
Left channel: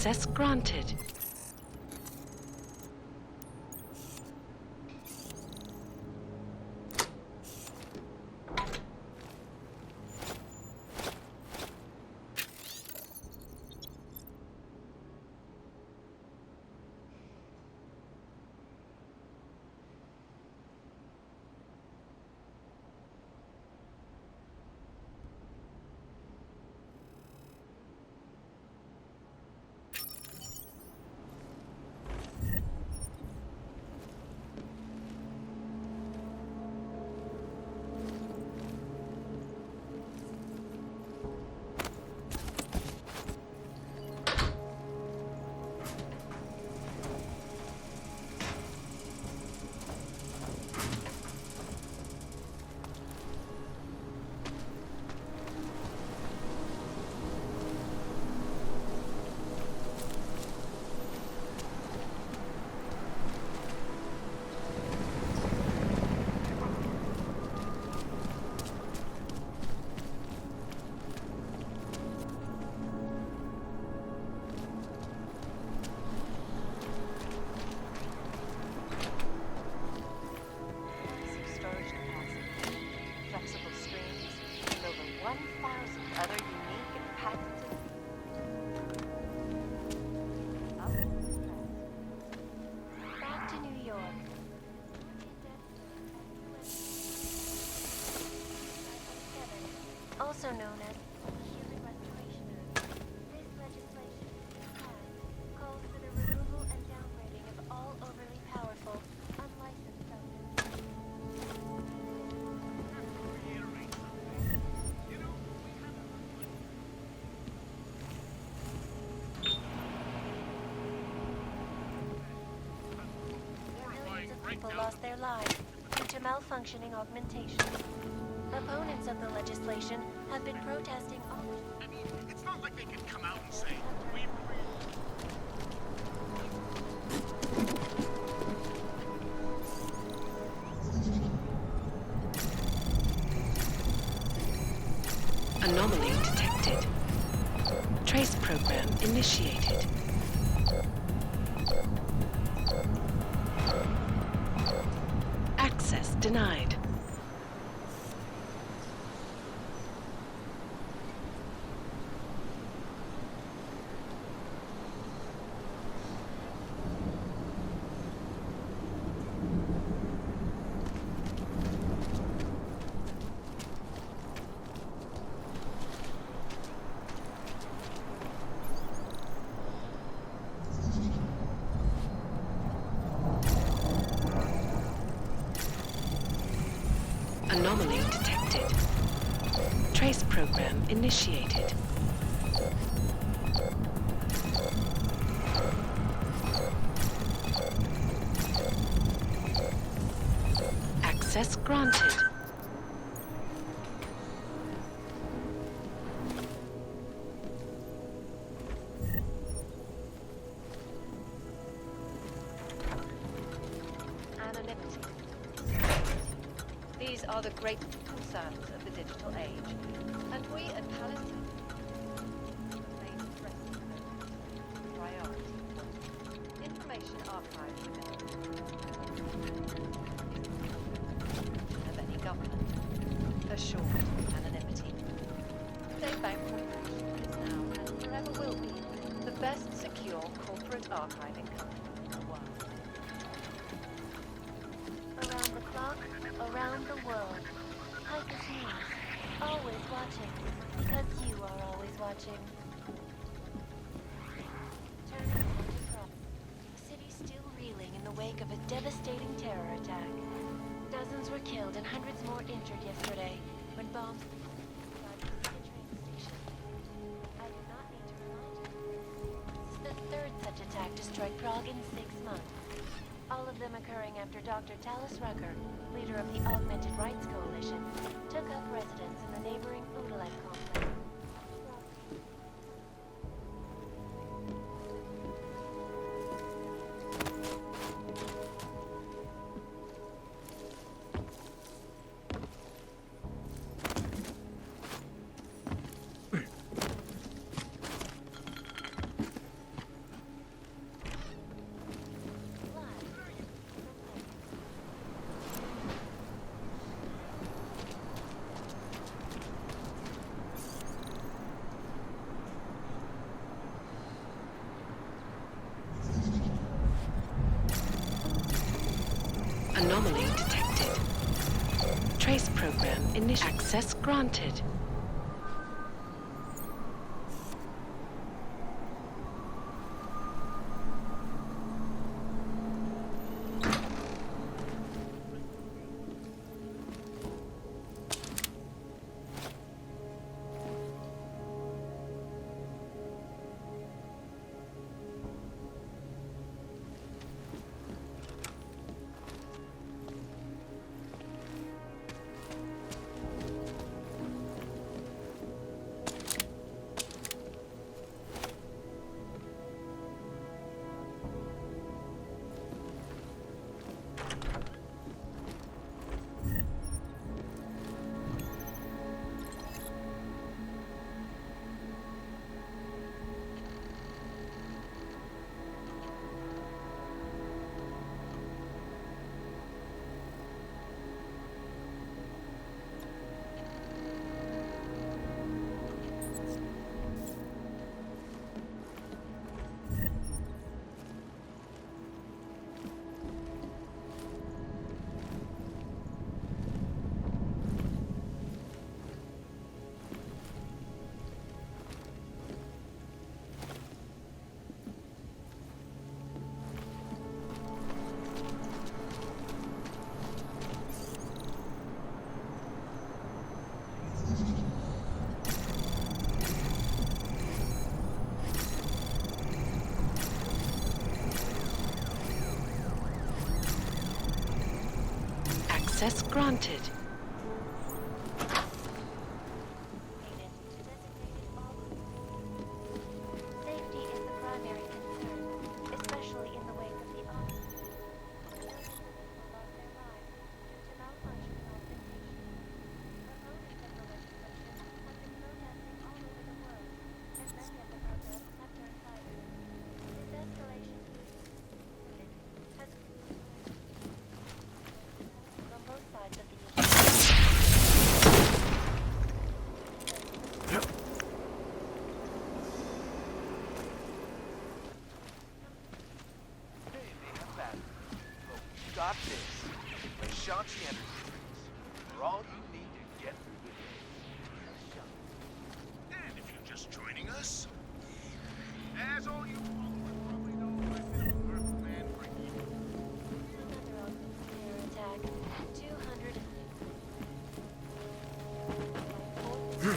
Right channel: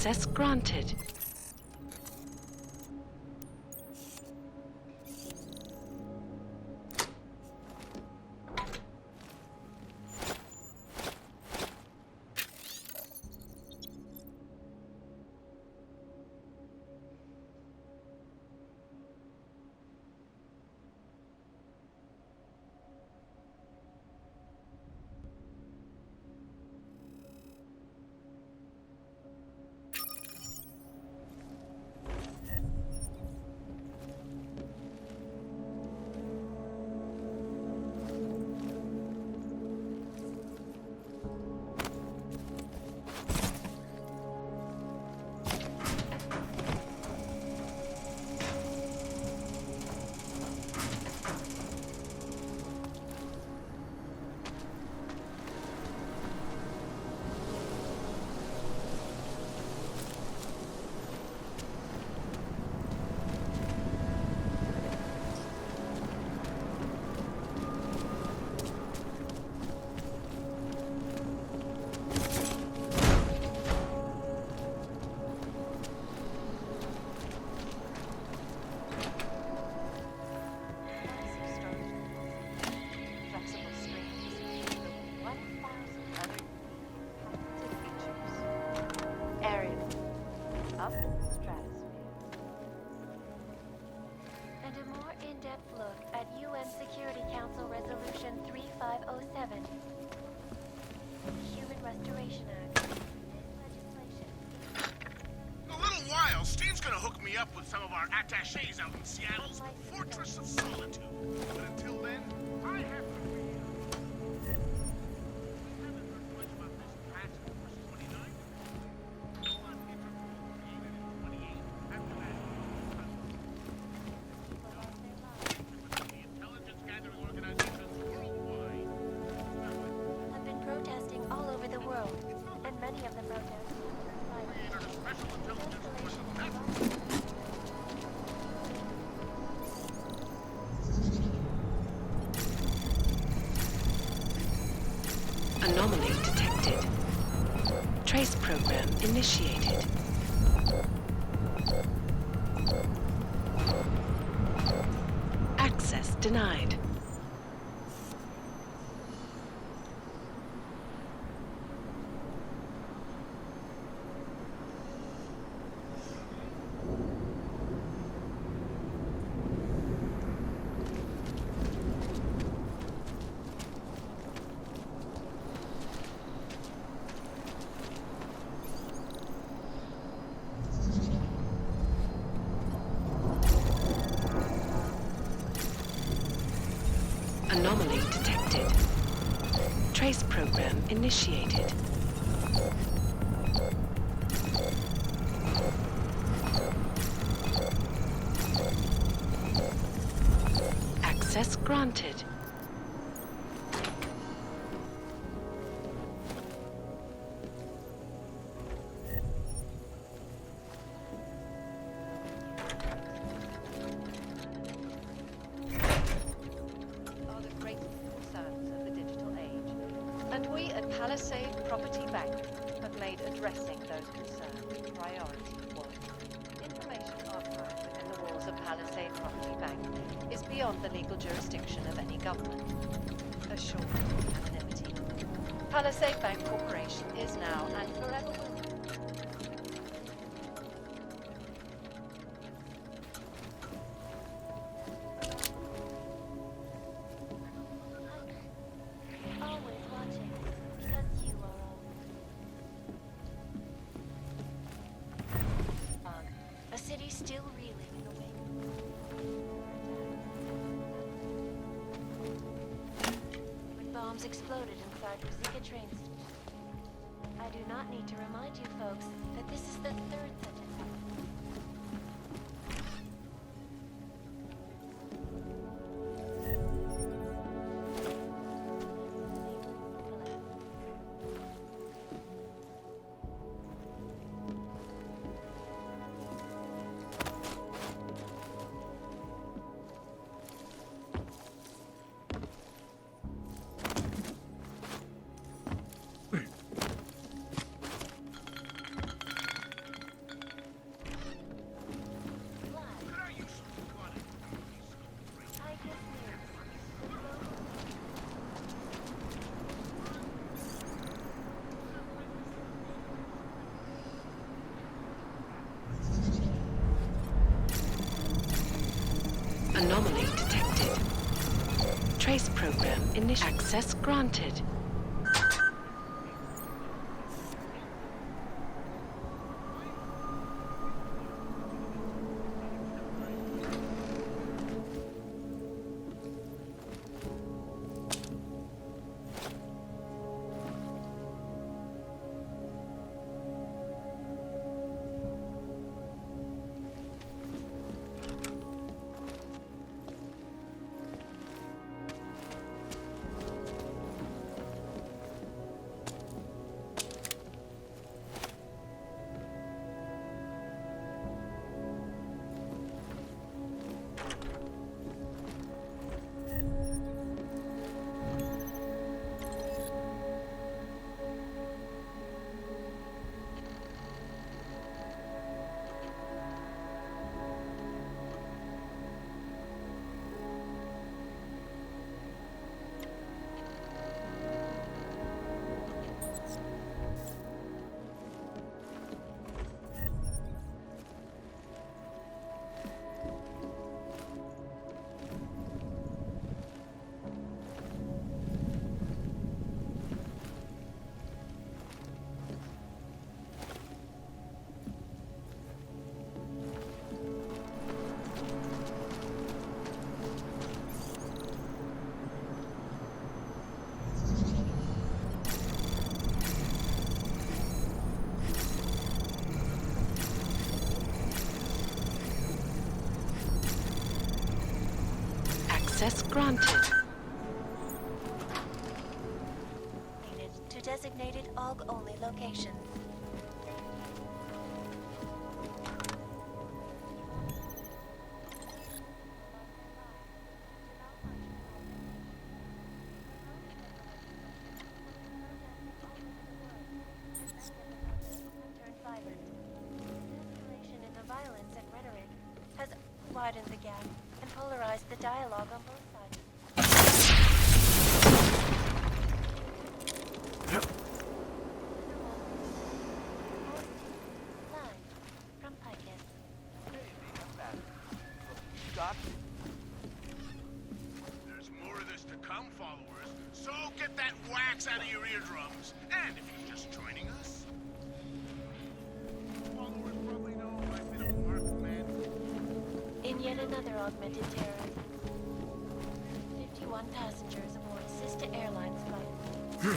Access granted. Lost their lives due to malfunctioning augmentation. Opponents of the legislation have been protesting all over the world, and many of the protests have turned violent. Anomaly detected. Trace program initiated. Access denied. Anomaly detected. Trace program initiated. Access granted. Are the great concerns of the digital age, and we at Palisade Property Bank have made addressing those concerns a priority one. Information archived within the walls of Palisade Property Bank is beyond the legal jurisdiction of any government. Assured of anonymity, Palisade Bank Corporation is now and forever will be the best secure corporate archiving company in the world. Around the clock, around the world. I'm pleased, always watching, because you are always watching. Prague, a city still reeling in the wake of a devastating terror attack. Dozens were killed and hundreds more injured yesterday when bombs exploded inside Ruzicka train station. I do not need to remind you folks that this is the third such attack to strike Prague in 6 months. All of them occurring after Dr. Talis Rucker, leader of the Augmented Rights Coalition, took up residence in the neighboring Odalek complex. Anomaly detected. Trace program initiated. Access granted. Access granted. Unit to designated AUG-only location. Safety is the primary concern, especially in the wake of the AUG. Dozens of people lost their lives due to malfunctioning augmentation. Opponents of the legislation have been protesting all over the world, and many of the protests have turned violent. This escalation in the violence and rhetoric has widened the gap and polarized the dialogue on both sides of the Got this. Shot more of this to come from. So get that wax out of your eardrums. And if you're just joining us, as all you followers probably know, I've been a marked man for years. In yet another augmented terror attack, 251 passengers aboard a sister airline flight 4.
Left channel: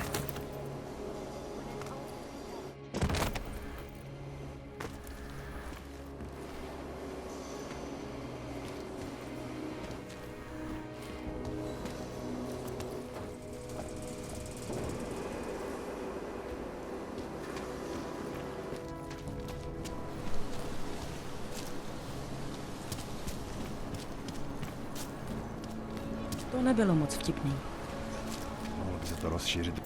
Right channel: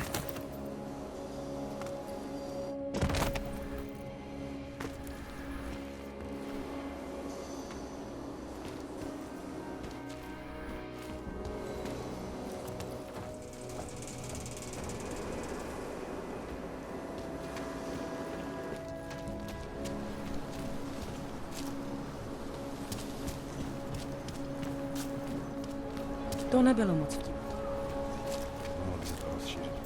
To nebylo moc vtipný. Mohlo by se to rozšířit.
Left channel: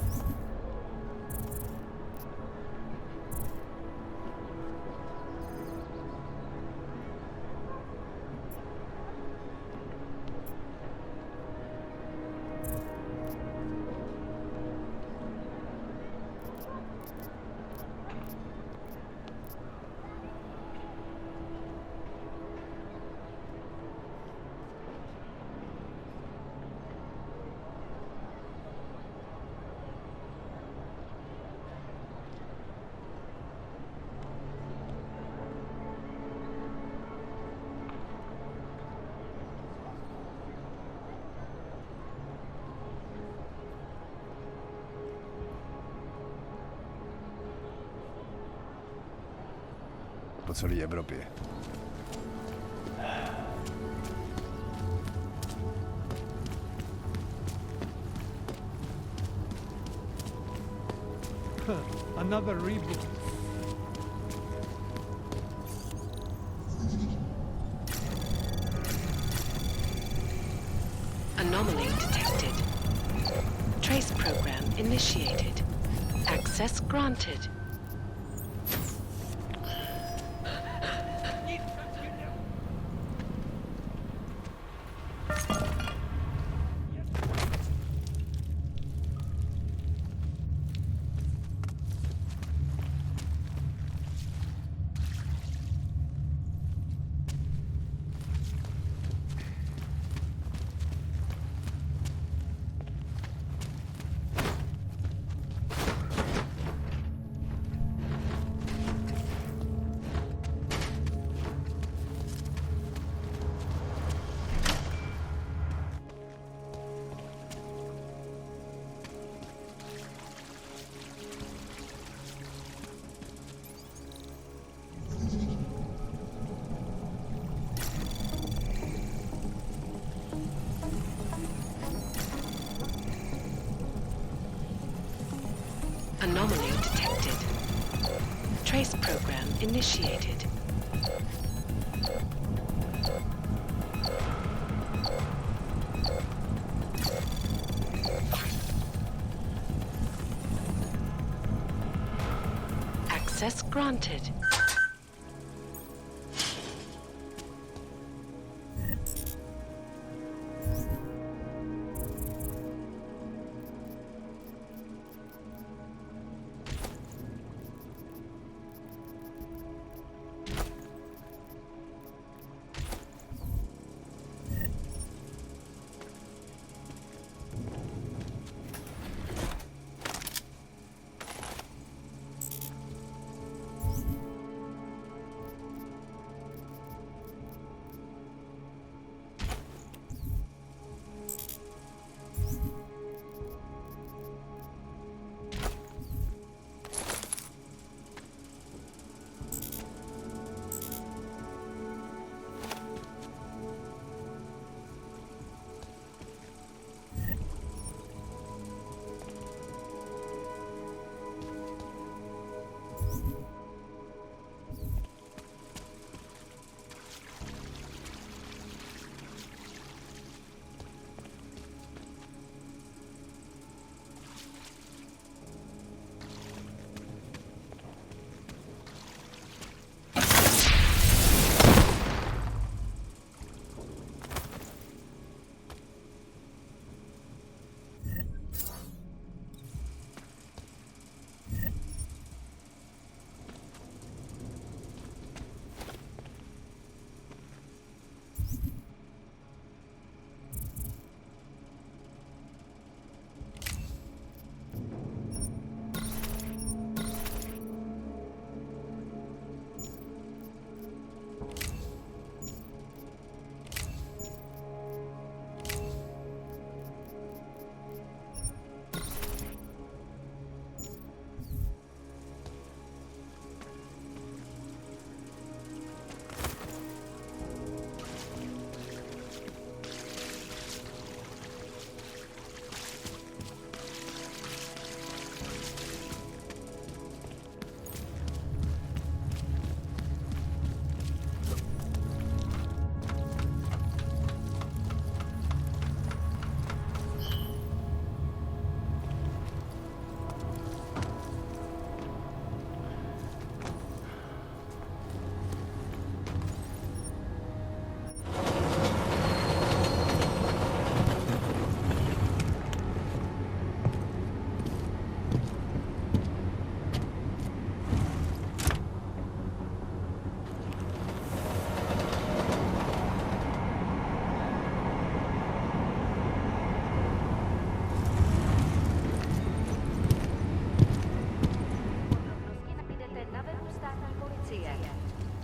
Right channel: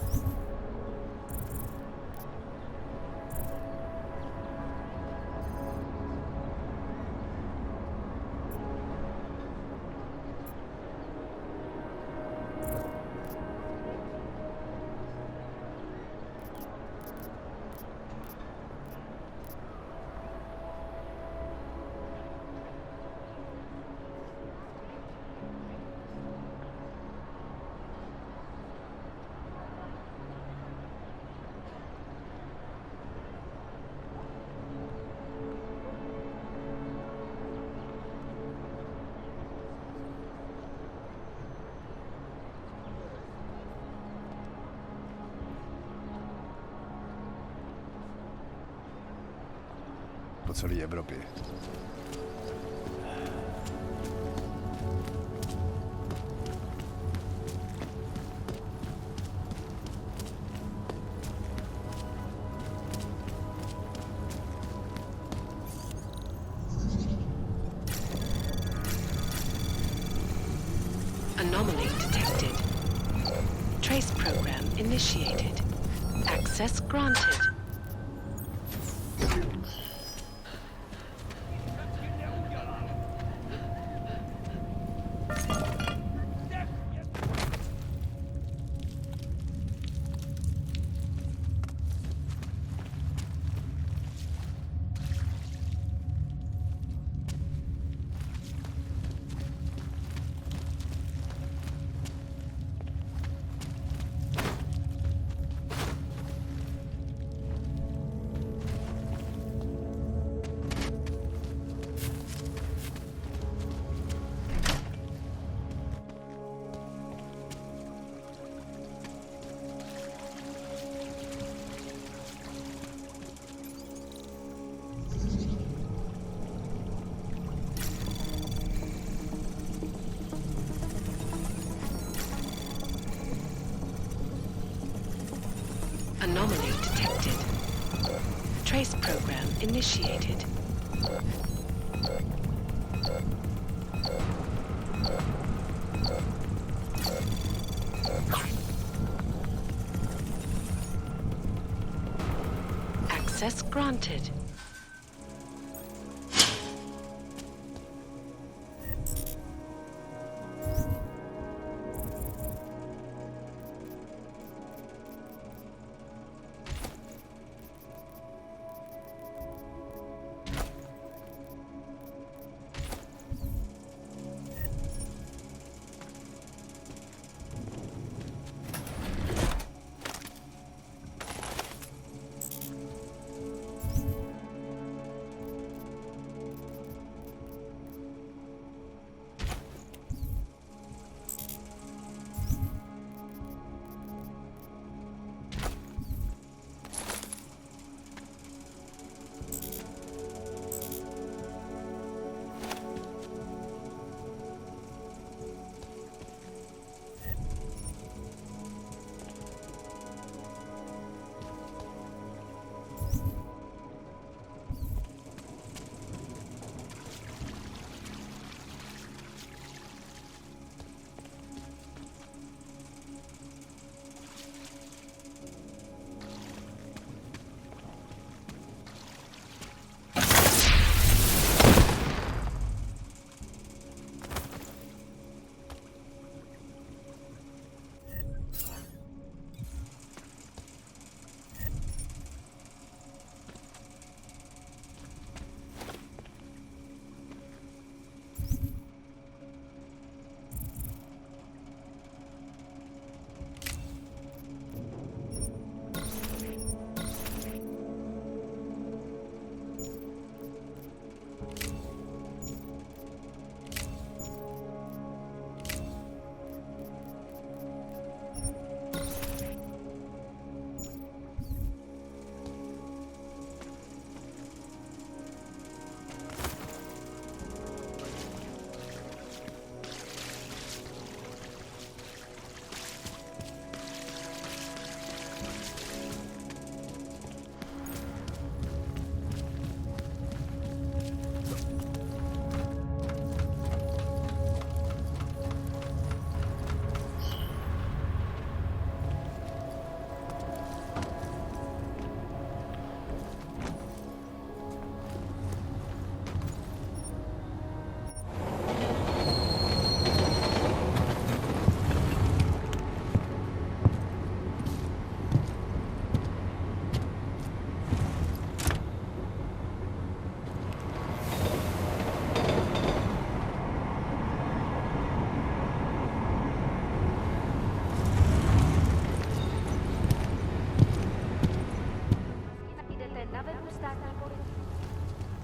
Po celé Evropě. Another reboot. Anomaly detected. Trace program initiated. Access granted. Anomaly detected. Trace program initiated. Access granted.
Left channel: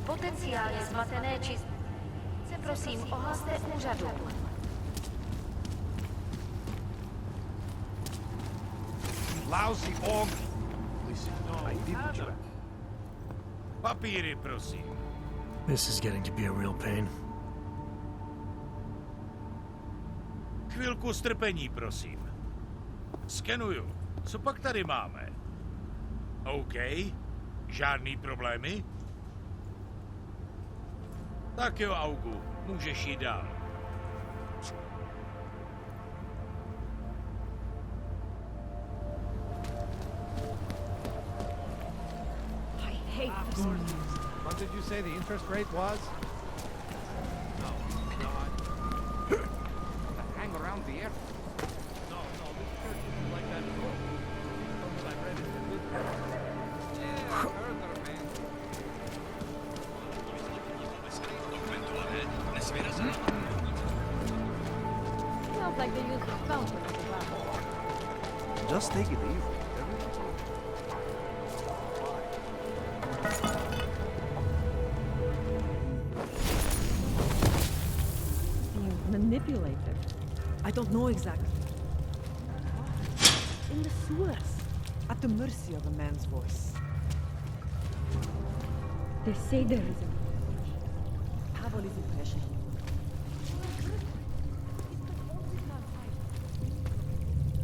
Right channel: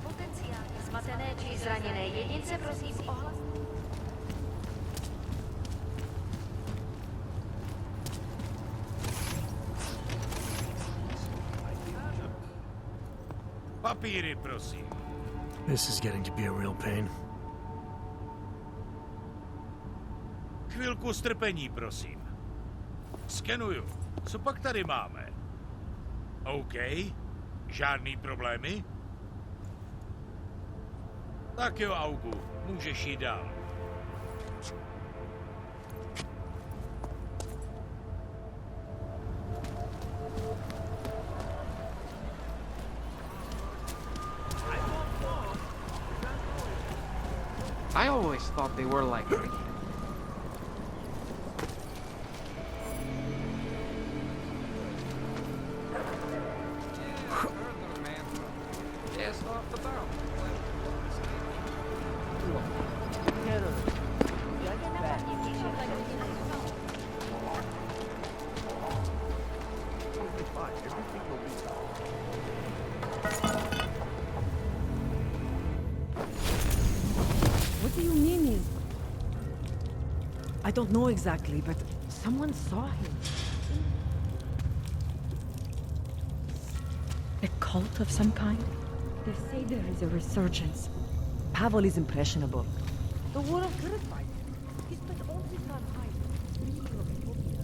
Potenciálně zmatené či zraněné jedince prosím ohlaste úřadu. Lousy org. Listen, I didn't you. Papíry, prosím. This is getting to be a real pain. Chvilku strpení, prosím. Skenuju. Co pak tady máme? OK. Žádný problémy? Tak jo, Augu. Můžeš jít dál. I always thought they were like... Just take it easy. What do you mean he's manipulated? I don't know exactly, but someone saw him in the sewers, at the mercy of a man's voice. A cult of some kind? They say there is a resurgence. Pavel is impressionable. The world terrified him. He spent all his time hiding, screaming from Ethiopia.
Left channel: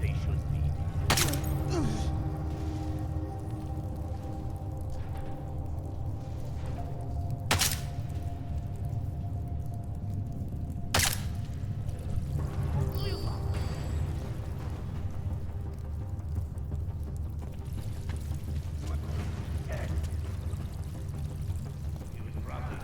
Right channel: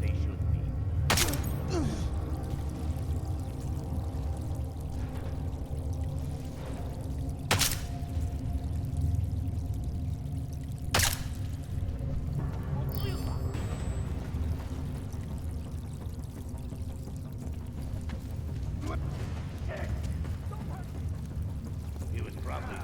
they should be. He was probably not.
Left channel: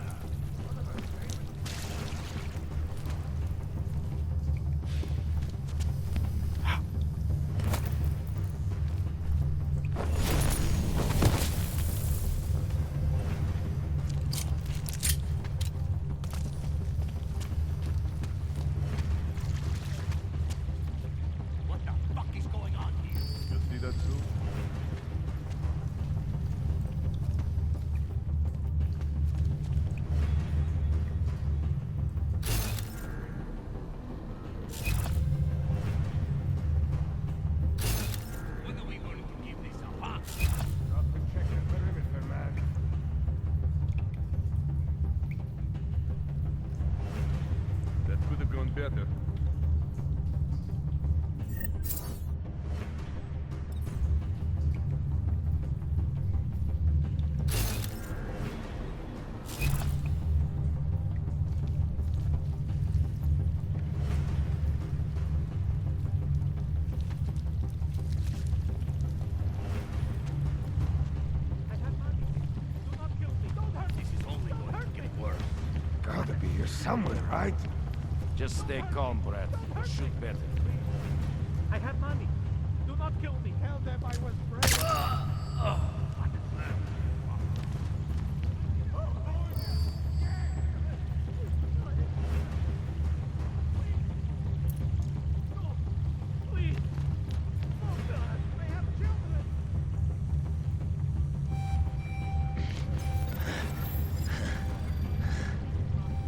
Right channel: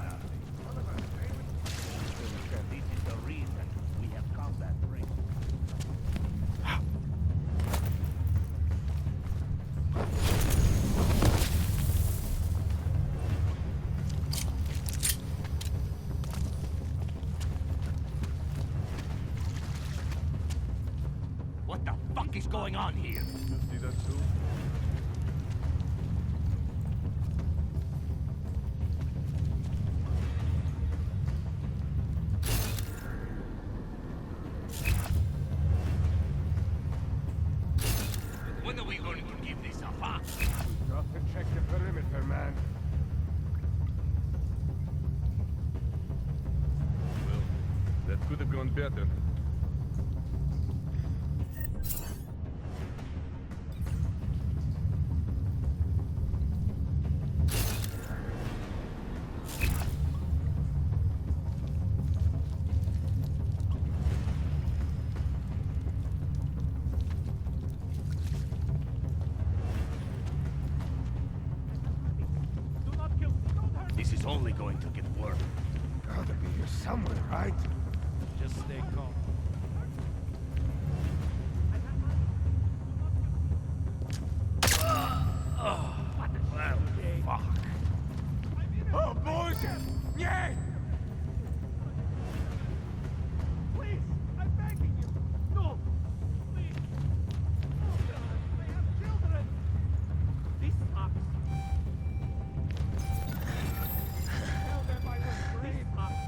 What the fuck is going on here? You see that too? When are we going to give this up, huh? Stop and check the perimeter, man. That could have gone better. This is only going to get worse. Gotta be here somewhere, right? Just stay calm, Brad. Shoot better. I have money. Do not kill me. Tell them I was brave. Oh, boys! Yeah! Please, I'm begging you. No, please. Oh God, they have children. This sucks. Tell them I was brave. This sucks.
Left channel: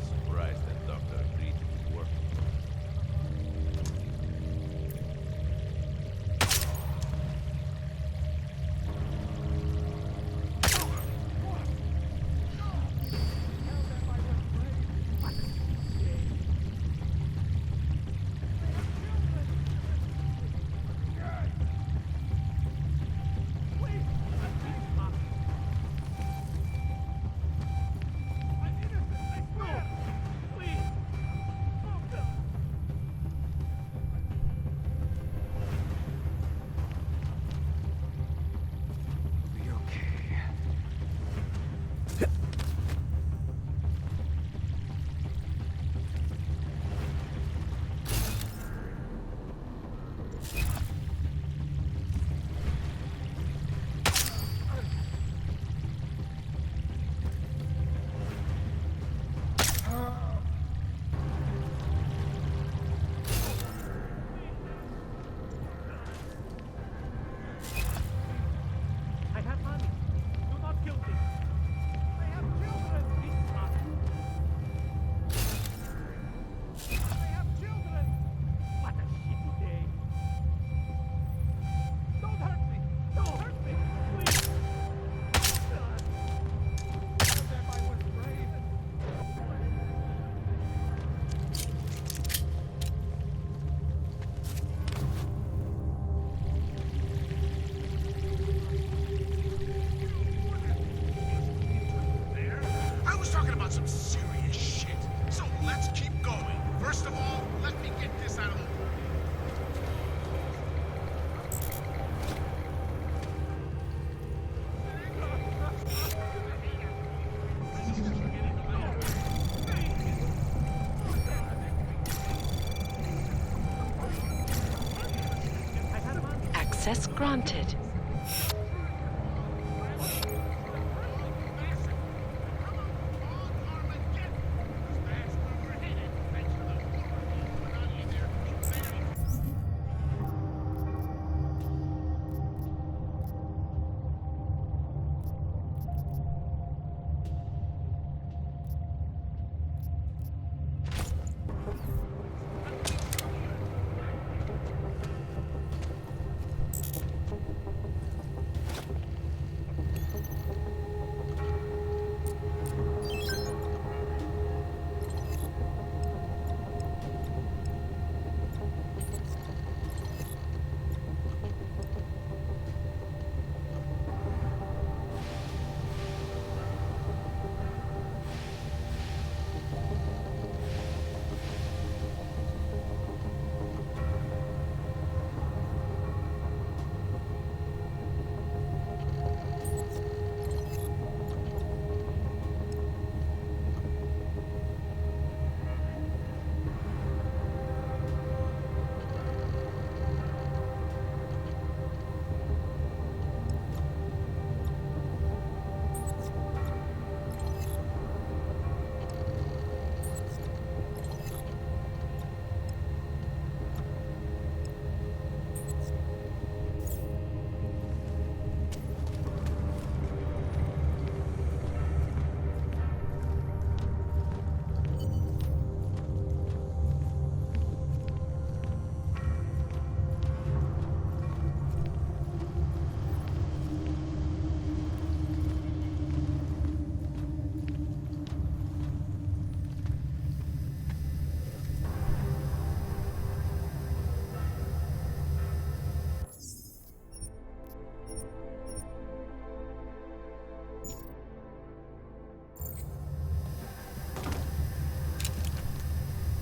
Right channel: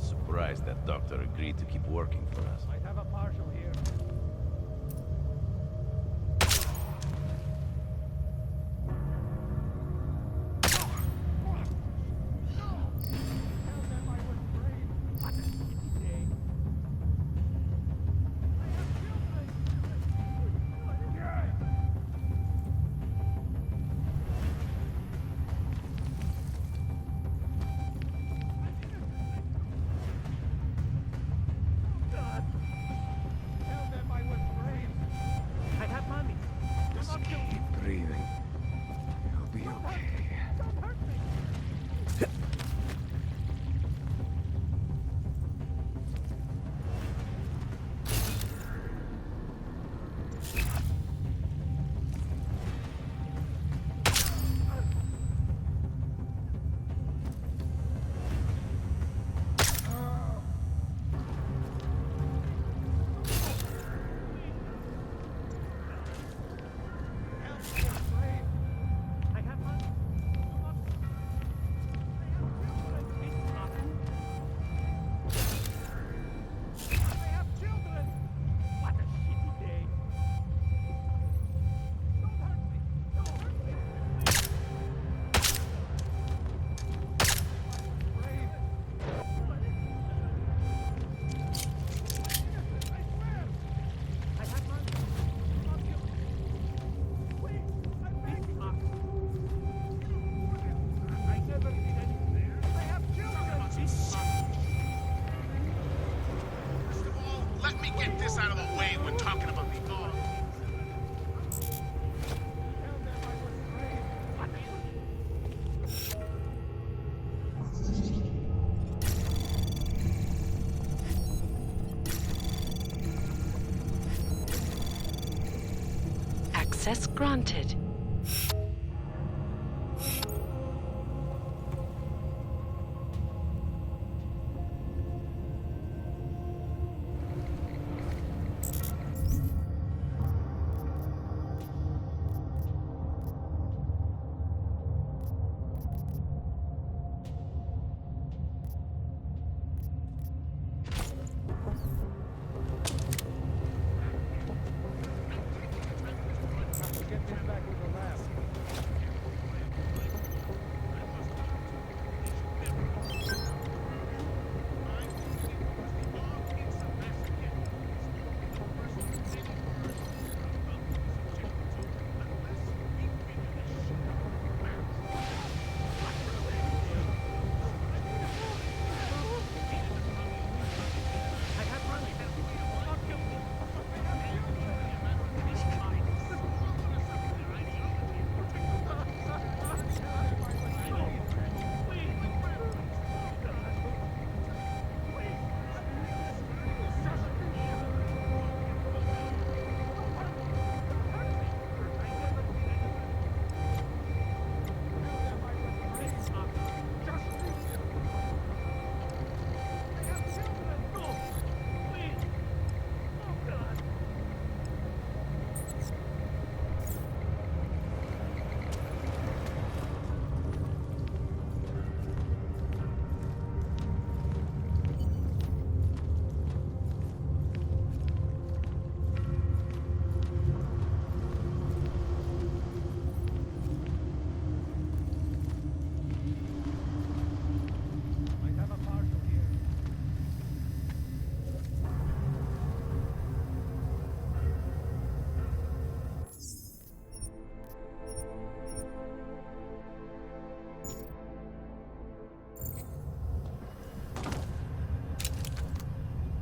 Surprised that doctor agreed to keep working for us. I have a parcel here. Tell them I was brave. What a day. They have children. Please, I'm innocent, I swear. Please. Oh God. Access granted.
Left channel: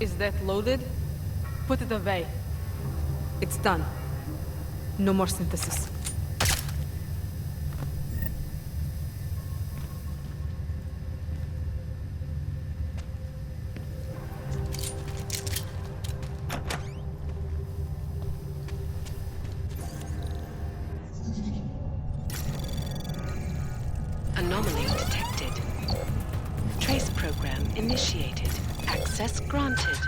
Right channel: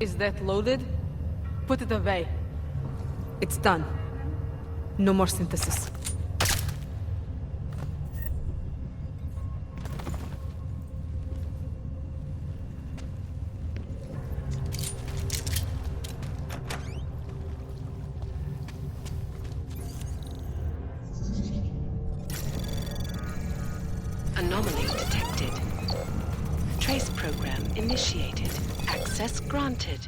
Is that loaded? Put it away. It's done. No more synthesis. Anomaly detected. Trace program initiated. Access granted.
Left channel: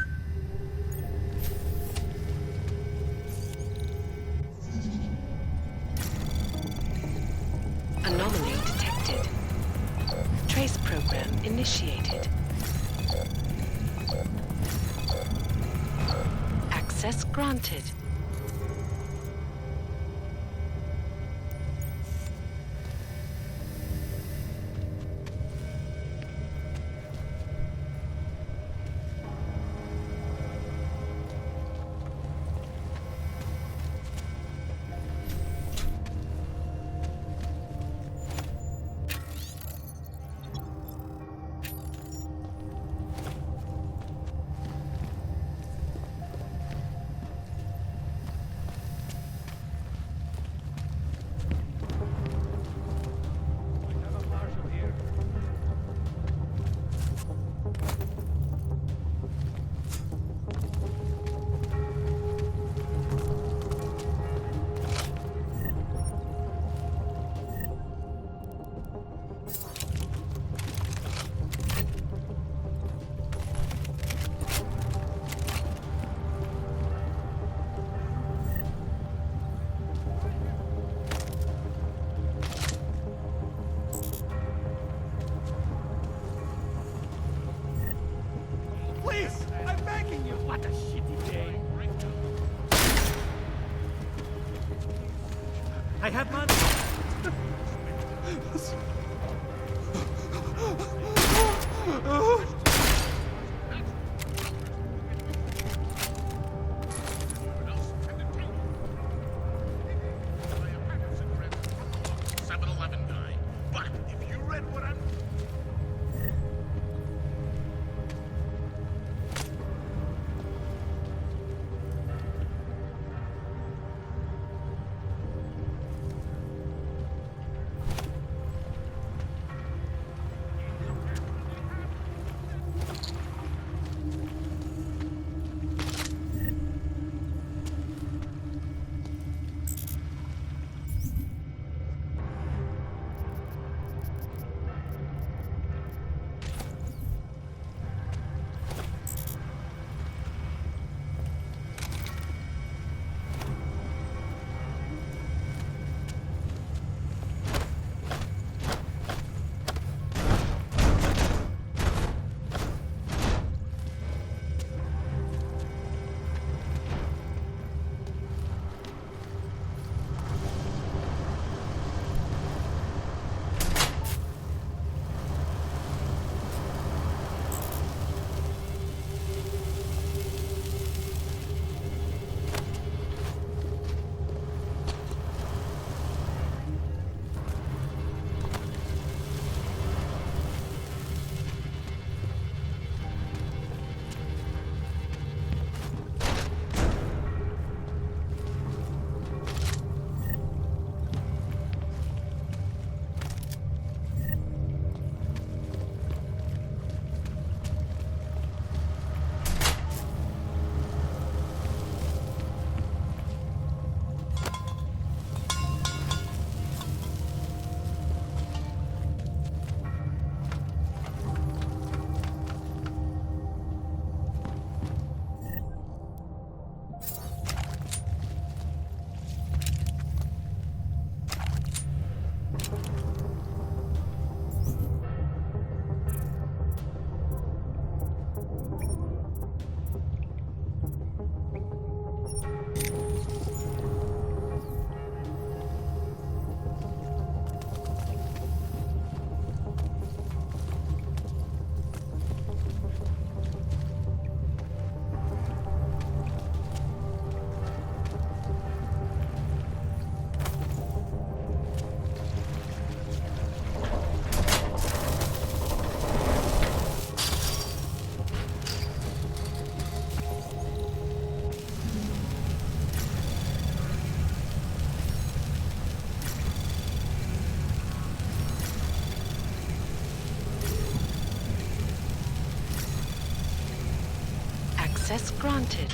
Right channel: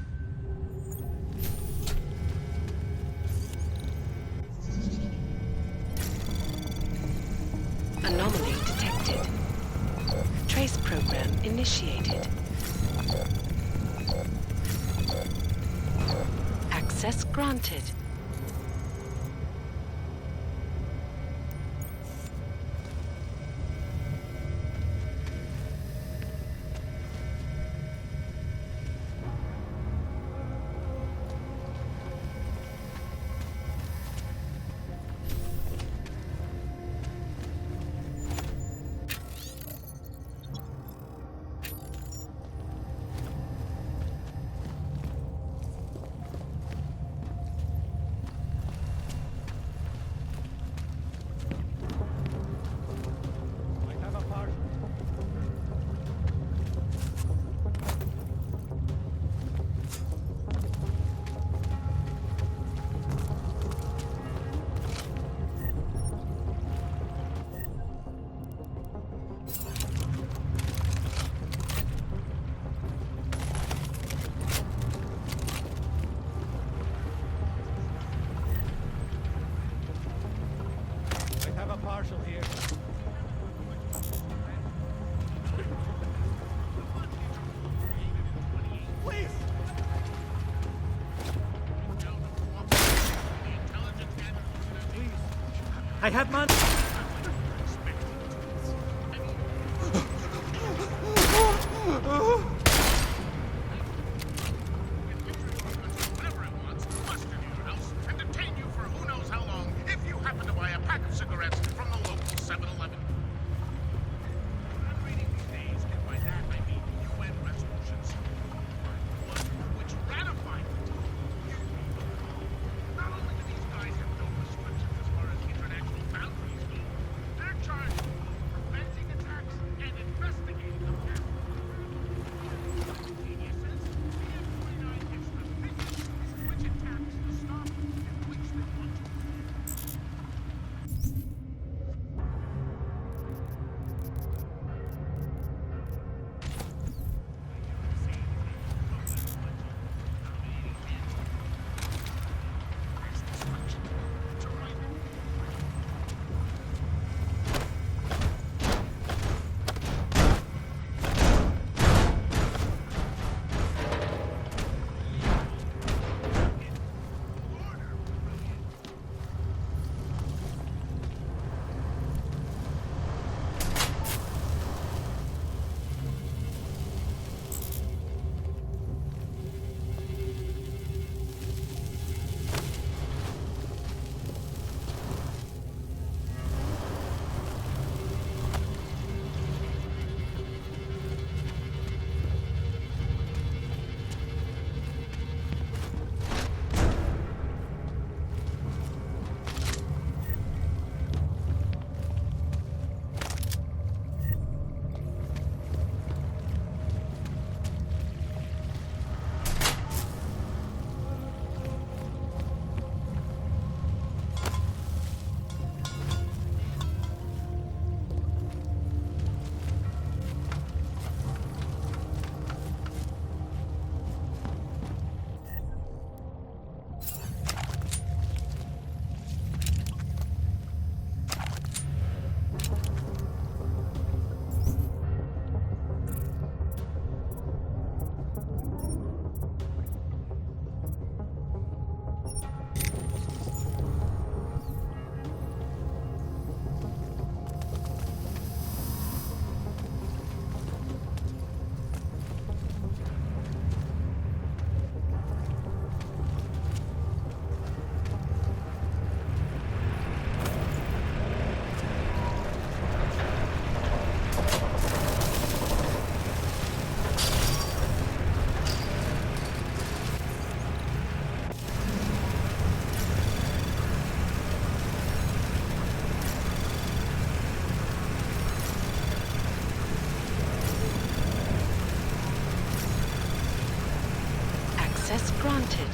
Anomaly detected. Trace program initiated. Access granted. Please! I'm begging you! What a shitty game! Please. I have money! And detain you for who knows how long if you happen to buy a pack of cigarettes from the local 7-Eleven guy. But if you read what I'm reading these days, and by that I mean UN resolutions, which ratify not only do these guys have no restrictions as far as international boundaries go, they're charged with preventing attacks and investigating them after they happen. Access granted.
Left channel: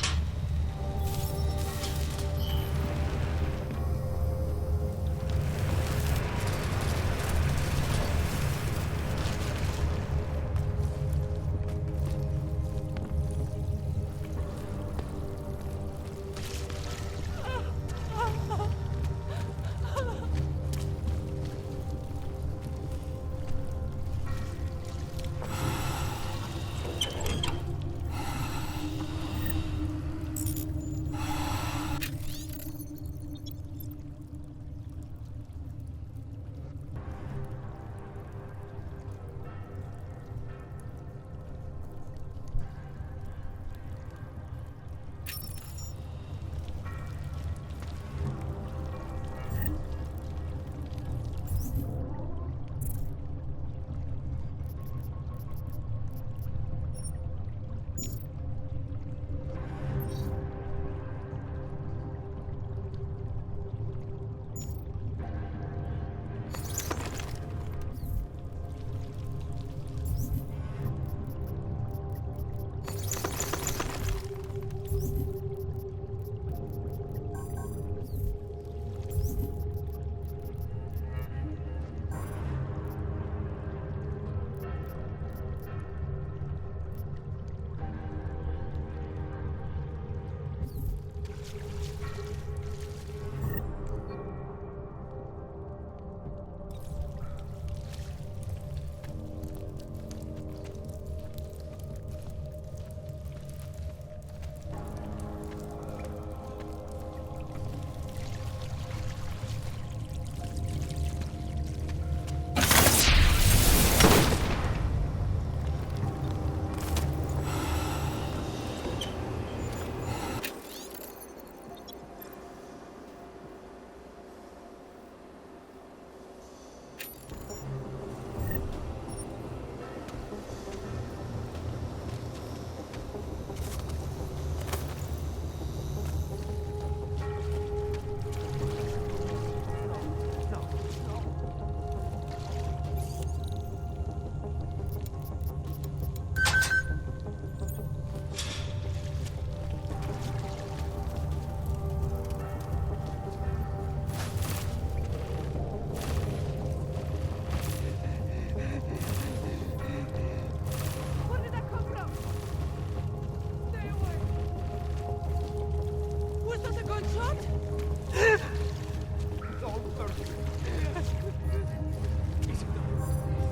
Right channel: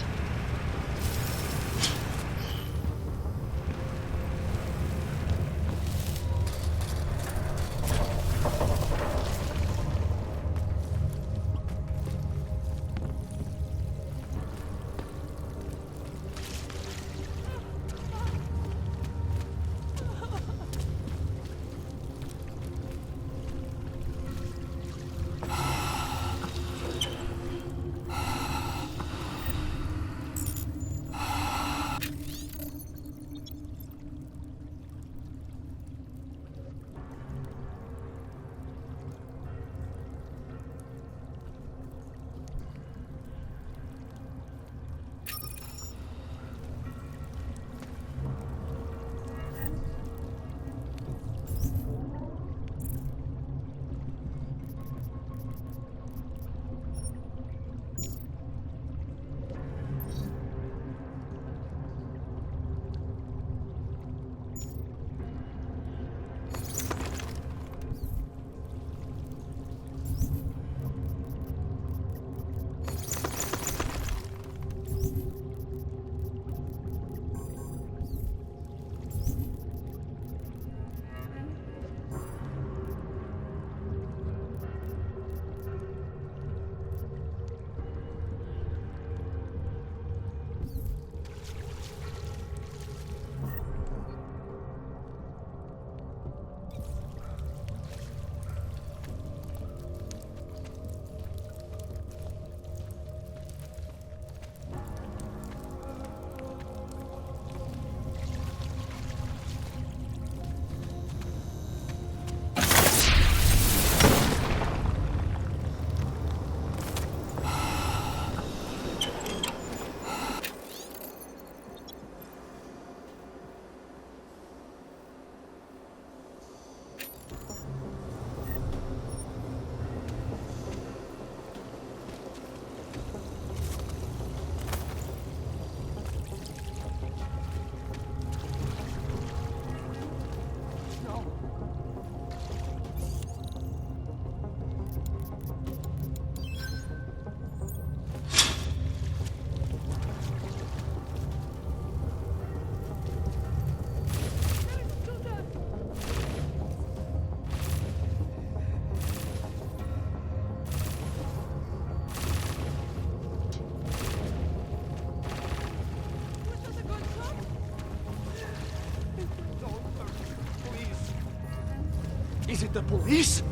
Is it the police?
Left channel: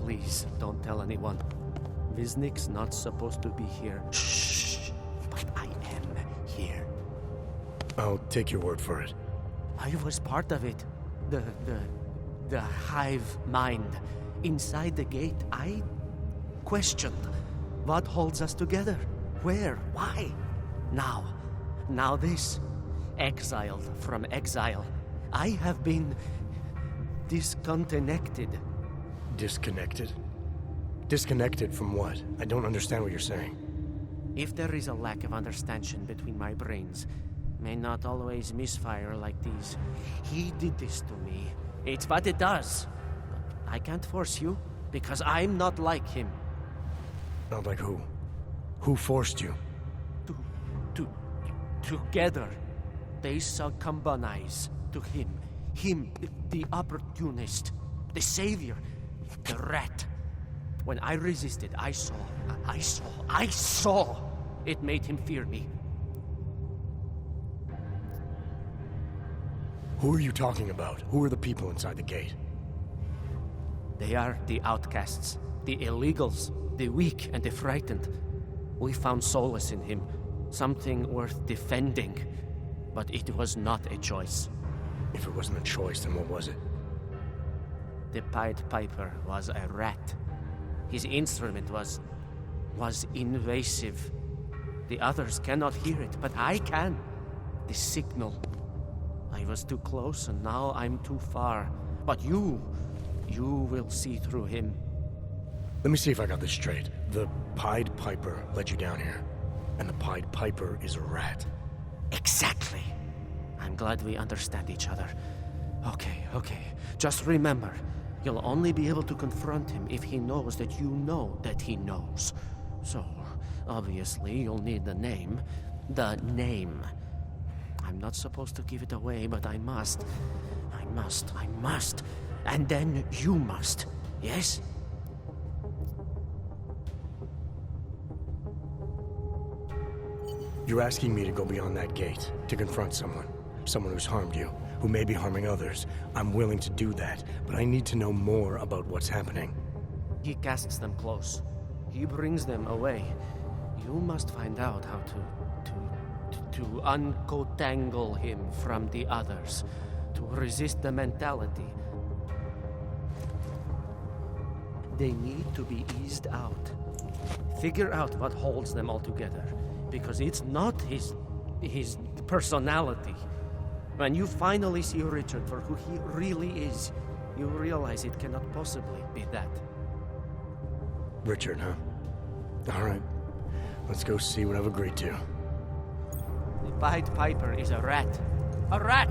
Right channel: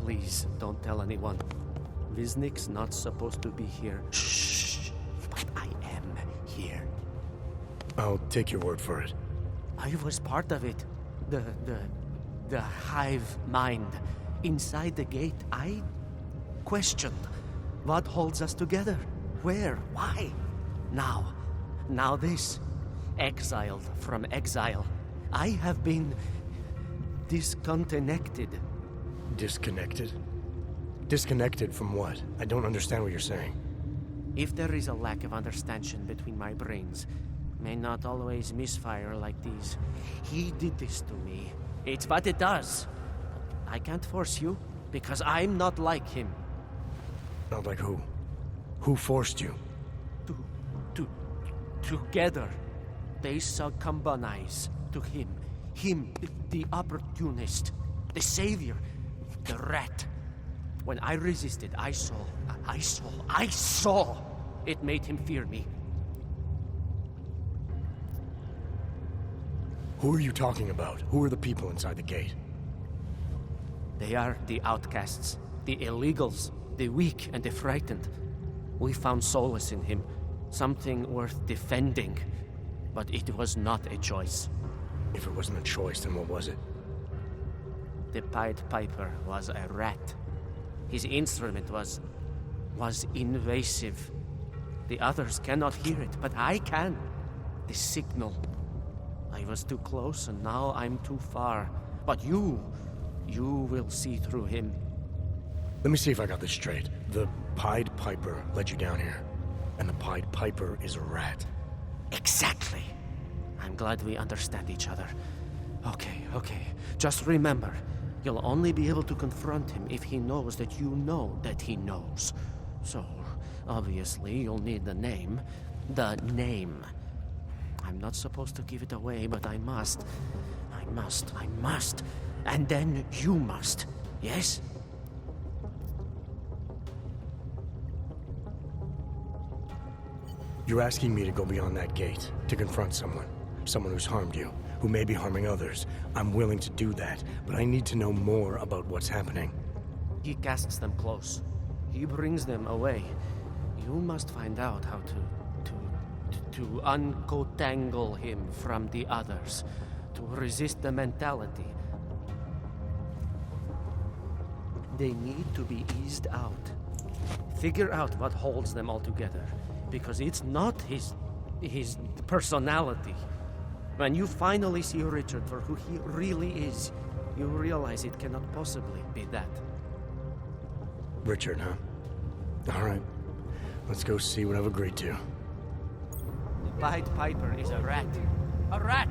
Please, don't tell anyone. Viznik's not supposed to be here. Shh. But I am here. I'll take your word for it. I was part of it. The hive mind. Inside the gate, I questioned what holds us together. Where? Why? Now this. Exiled from exile. I have been disconnected. Disconnected? Disconnected from what? I don't understand what you're saying. If there is a lack of understanding between my brains, may not always misfire like these. He did this to me. It's what it does. But I can't force you, because I'm not like him. Not like who? Who forced you? Together. They succumbanize to him. Him, the opportunist, the savior, the rat. When I resisted, I saw. It made him fear me. Who are you talking about? Who are the people inside the gate? They are the outcasts, the illegals, the weak and the frightened. We found solace in him, something worth defending. But it was not a choice. If it wasn't a choice, then what was it? The Pied Piper was a rat. His instrument was invasive. The others cannot hear it, but I can. The signal. I was too close, and now I'm too far. But you will see through him. Let me see if I got this straight. The Pied Piper led you down here, and the Pied Piper is a rat. Exactly. I'm glad we understand each other. Okay. Just remember, You'll only be able to confront him if he knows that you know that he knows. So, obviously, you'll need the name. The name. I'm not supposed to give it away, but I must. I must. And then you must. Yes? You're asking me to go beyond that gate, to confront someone. Someone who's harmed you, who may be harming others. I'm willing to do that, but I need to know more about what's happening. He casts them close. He brings them away. You must find out how to uncotangle him from the others, to resist the mentality. They need to be eased out. Figure out what holds them all together, because it's not his personality. When you finally see Richard for who he really is, you realize it cannot possibly be that. Richard, huh? All right. Let's go see what I've agreed to. The Pied Piper is a rat. A rat!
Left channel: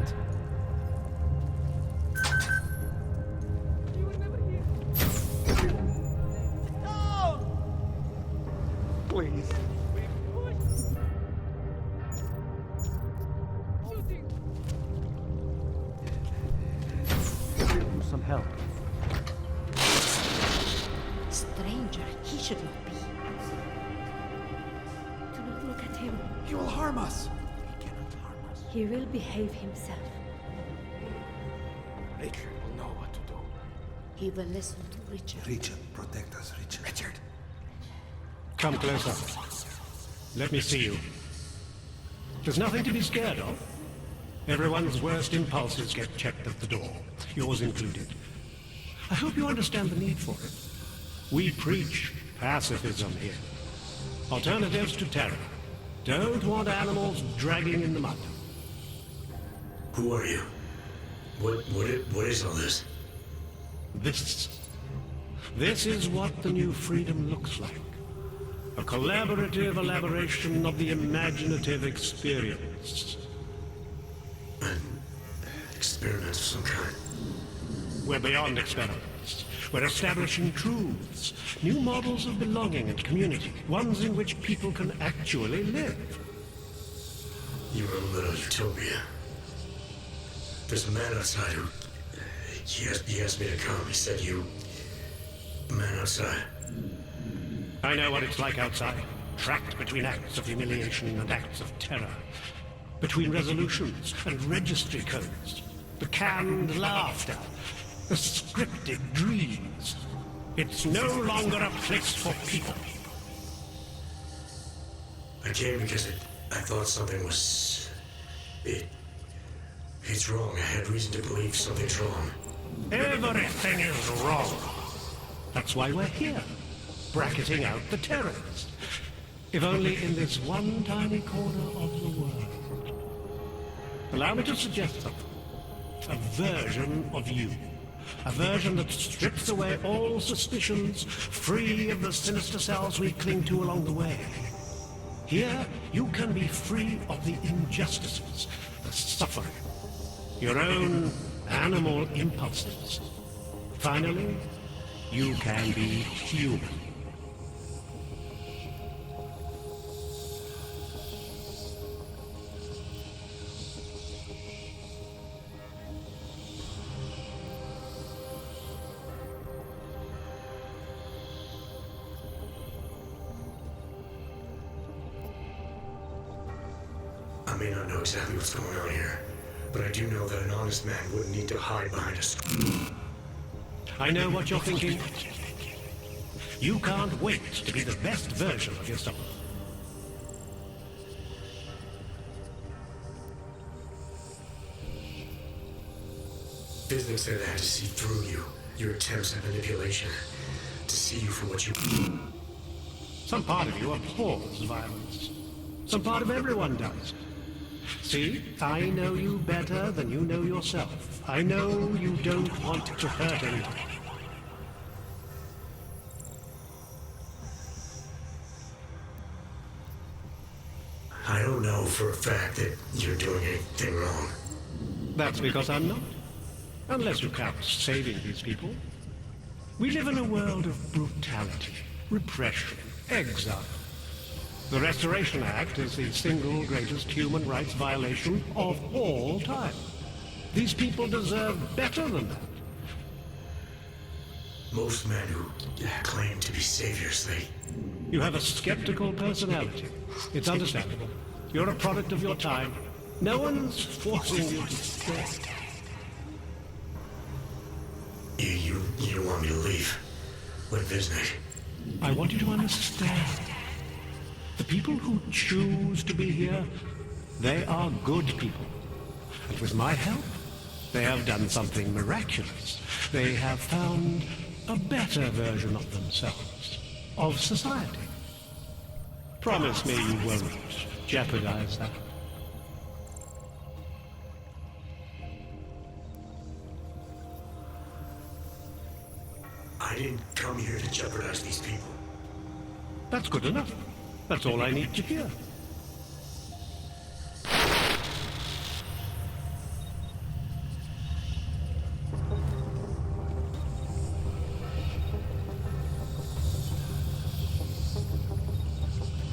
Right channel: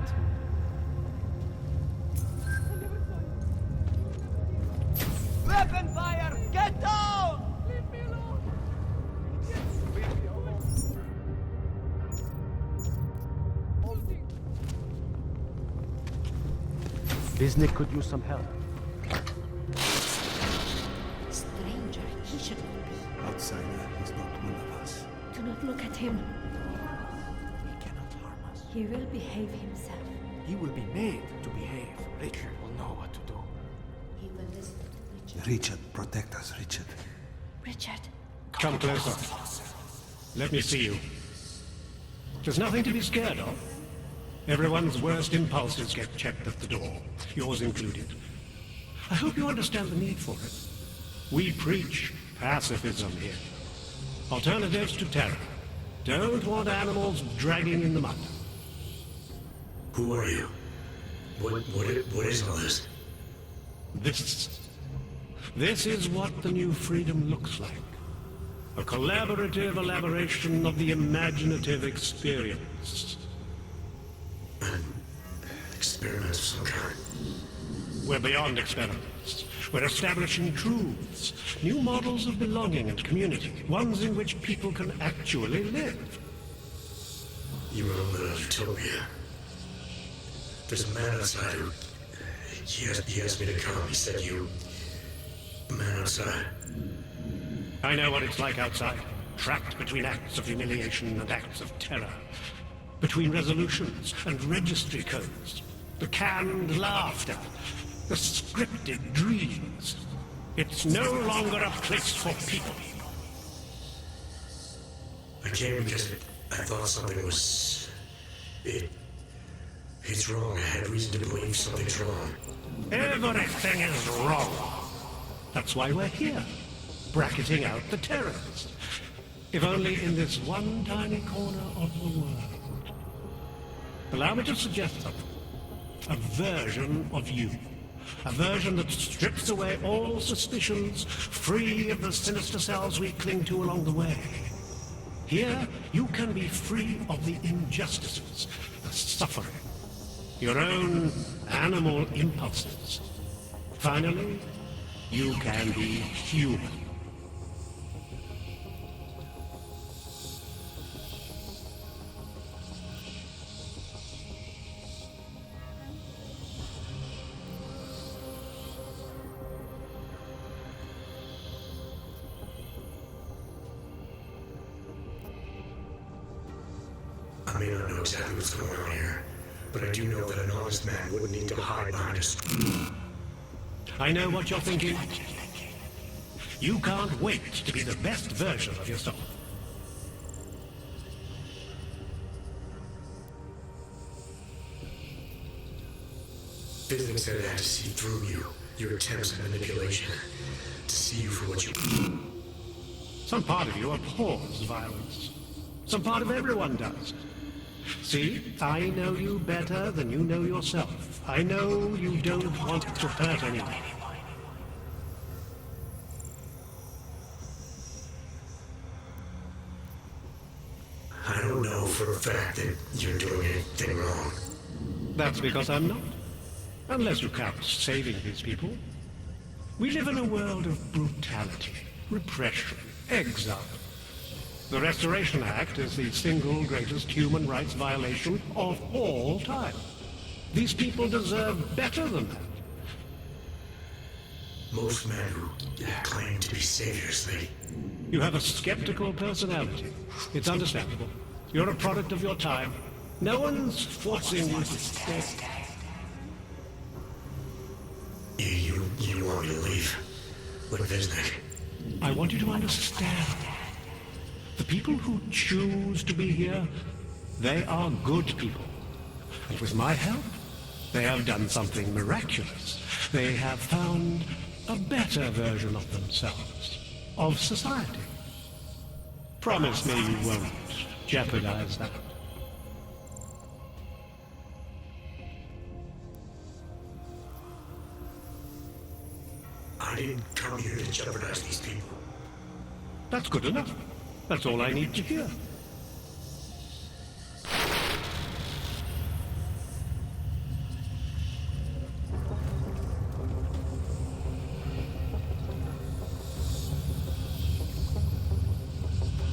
Rapid fire! Get down! Please. Disney could use some help. Stranger, he should not be. Outsider is not one of us. Do not look at him. He will harm us. He cannot harm us. He will behave himself. He will be made to behave. Richard will know what to do. He will listen to Richard. Richard, protect us, Richard. Richard. Come closer. Let me see you. There's nothing to be scared of. Everyone's worst impulses get checked at the door, yours included. I hope you understand the need for it. We preach pacifism here. Alternatives to terror. Don't want animals dragging in the mud. Who are you? What is all this? This is what the new freedom looks like. A collaborative elaboration of the imaginative experience. An experiment of some kind. We're beyond experiments. We're establishing truths, new models of belonging and community, ones in which people can actually live. Your own little utopia. There's a man outside who... He asked me to come. He said a man outside. I know what it's like outside. Trapped between acts of humiliation and acts of terror. Between resolutions and registry codes. The canned laughter. The scripted dreams. It's no longer a place for people. I came because I thought something was... It's wrong. I had reason to believe something's wrong. Everything is wrong. That's why we're here. Bracketing out the terrorists. If only in this one tiny corner of the world. Allow me to suggest something. A version of you. A version that strips away all suspicions, free of the sinister cells we cling to along the way. Here, you can be free of the injustices, the suffering, your own animal impulses. Finally, you can be human. I may not know exactly what's going on here, but I do know that an honest man wouldn't need to hide behind a screen. I know what you're thinking. You can't wait to be the best version of yourself. Physics said I had to see through you, your attempts at manipulation, to see you for what you... Some part of you abhors violence. Some part of everyone does. See, I know you better than you know yourself. I know you don't want to hurt anyone. I don't know for a fact that you're doing anything wrong. That's because I'm not. Unless you count saving these people. We live in a world of brutality, repression, exile. The Restoration Act is the single greatest human rights violation of all time. These people deserve better than that. Most men who claim to be saviors, You have a skeptical personality. It's understandable. You're a product of your time. No one's forcing you to stay. You want me to leave? With Viznik? I want you to understand. The people who choose to be here, they are good people. And with my help, they have done something miraculous. They have found a better version of themselves, of society. Promise me you won't jeopardize that. I didn't come here to jeopardize these people. That's good enough. That's all I need to hear.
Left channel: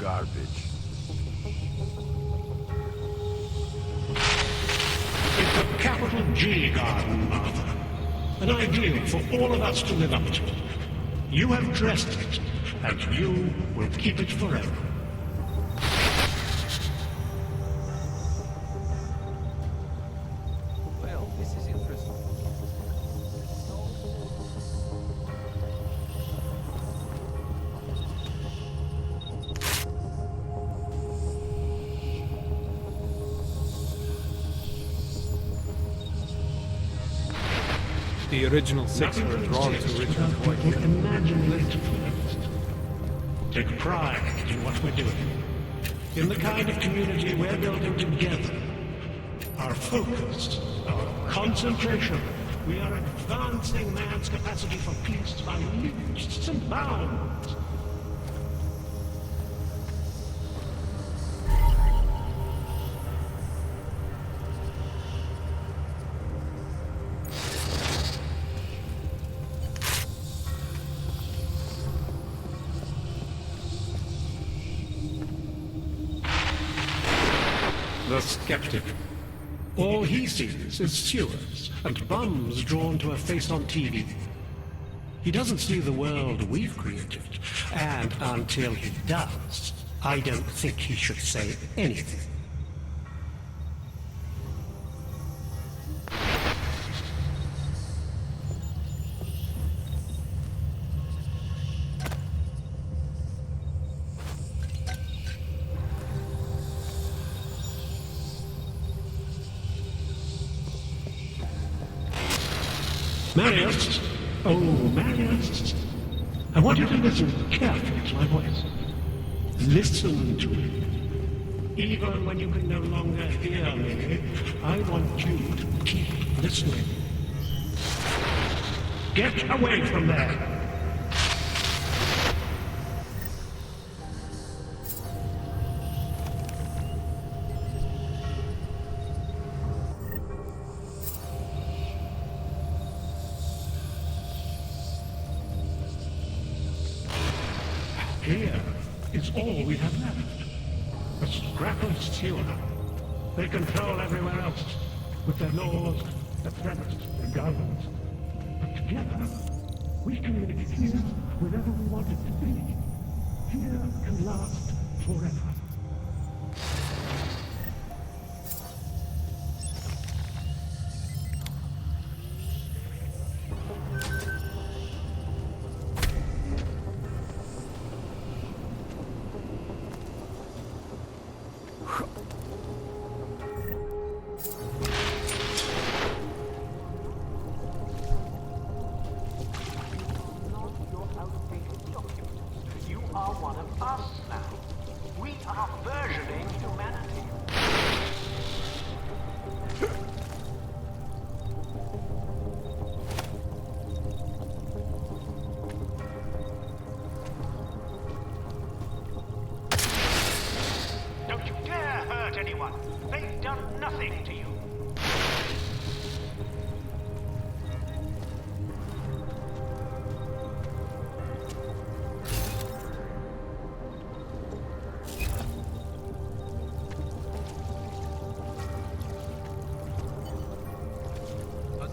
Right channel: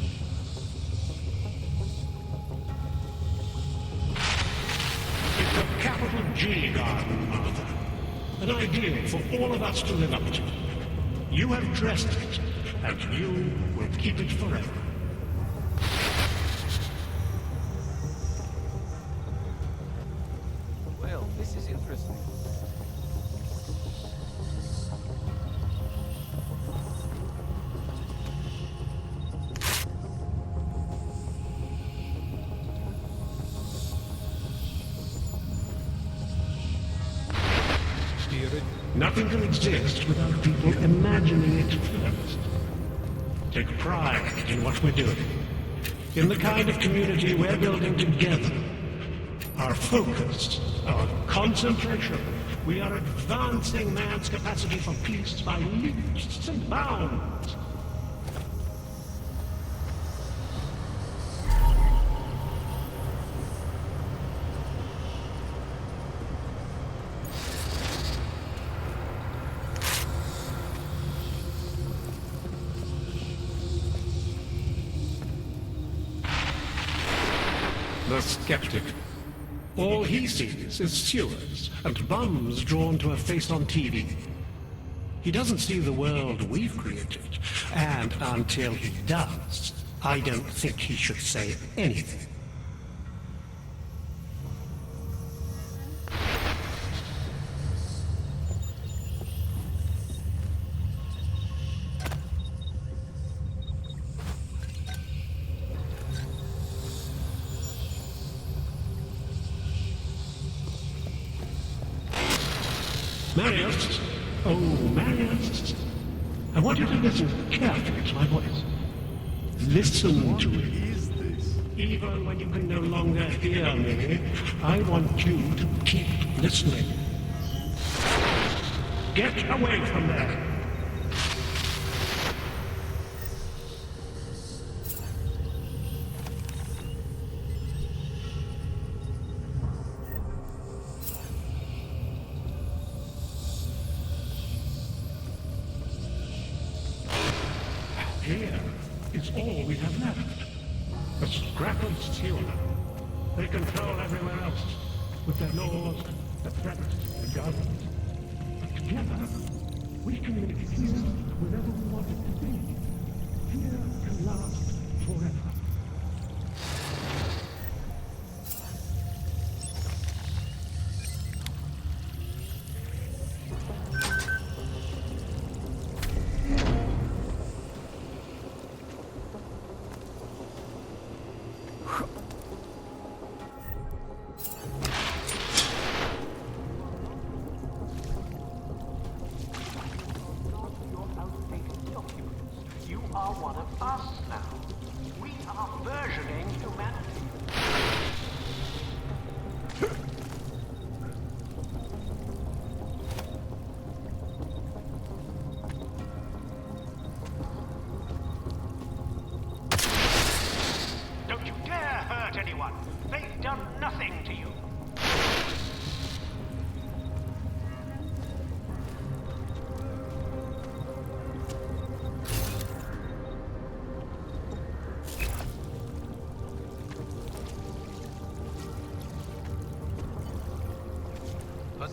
Garbage. It's a capital G garden, Martha. An ideal for all of us to live up to. You have dressed it, and you will keep it forever. Well, this is interesting. The original... Nothing can exist without people imagining it first. Take pride in what we're doing. In the kind of community we're building together. Our focus, our concentration. We are advancing man's capacity for peace by leaps and bounds. The skeptic. All he sees is sewers and bums drawn to a face on TV. He doesn't see the world we've created, and until he does, I don't think he should say anything. Marius! Oh, Marius! I want you to listen carefully to my voice. Listen to it. Even when you can no longer hear me, I want you to keep listening. Get away from there! Here is all we have left. A scrap of sewer. They control everywhere else, with their laws, their threats, their government. But together, we can make it here wherever we want it to be. Here can last forever. You are one of us now. We are versioning humanity. Don't you dare hurt anyone. They've done nothing to you.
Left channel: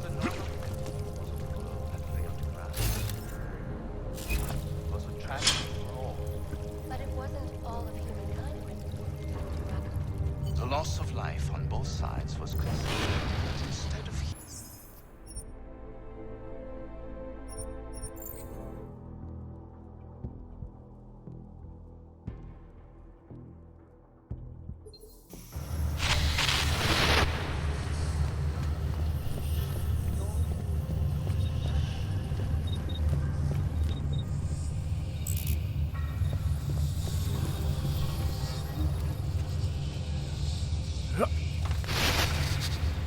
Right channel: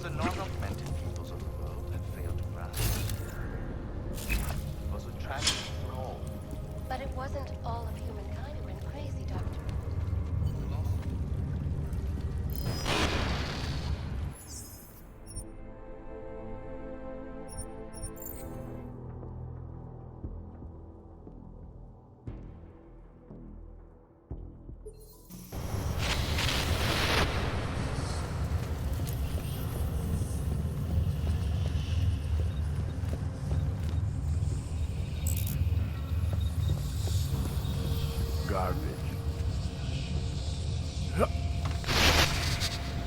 the non-augmented peoples of the world had failed to grasp. It was a tragedy for all. But it wasn't all of humankind who went crazy, Dr. Ruck. The loss of life on both sides was crazy. Instead of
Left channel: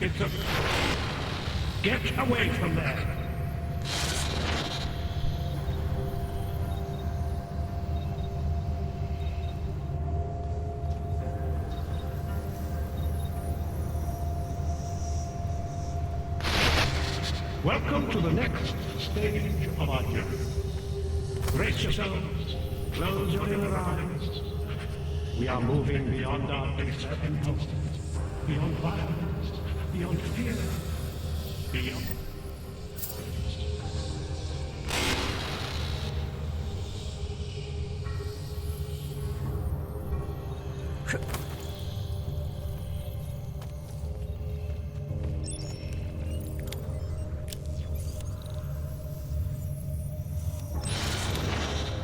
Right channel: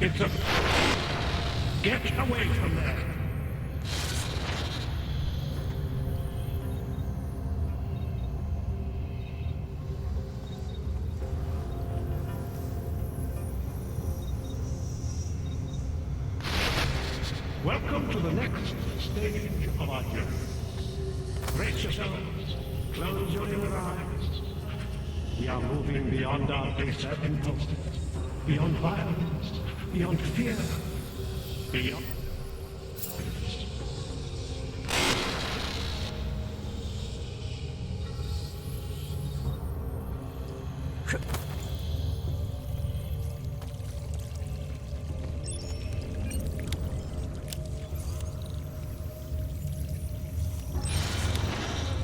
It's a... Get away from there! Welcome to the next stage of our journey. Brace yourselves, close your inner eyes. We are moving beyond our baser impulses, beyond violence, beyond fear, beyond...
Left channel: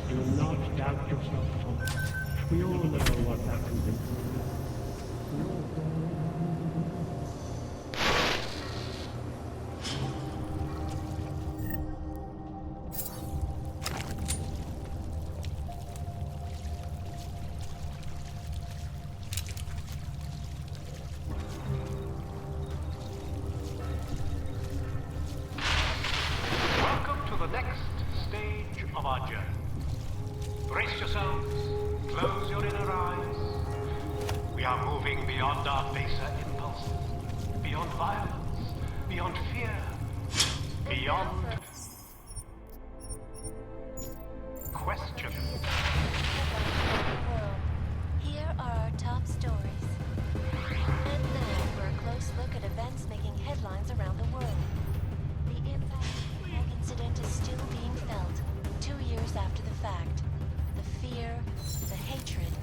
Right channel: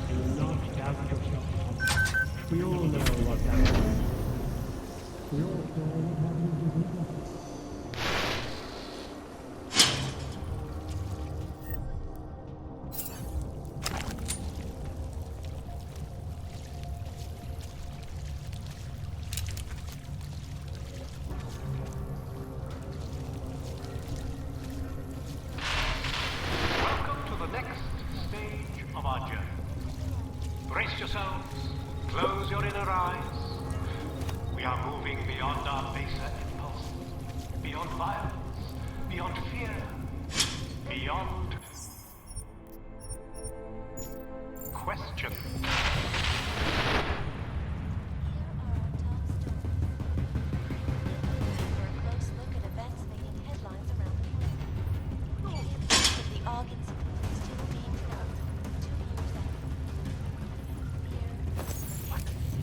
Do not doubt yourself, Thomas. We all know what that means. We all know what that means. Welcome to the next stage of our journey. Brace yourselves, close your inner eyes. We are moving beyond our baser impulses, beyond violence, beyond fear, beyond question. Here are our top stories. And now for a close look at events making headlines around the world. The impact of the AUG incident is still being felt, 2 years after the fact. The fear, the hatred,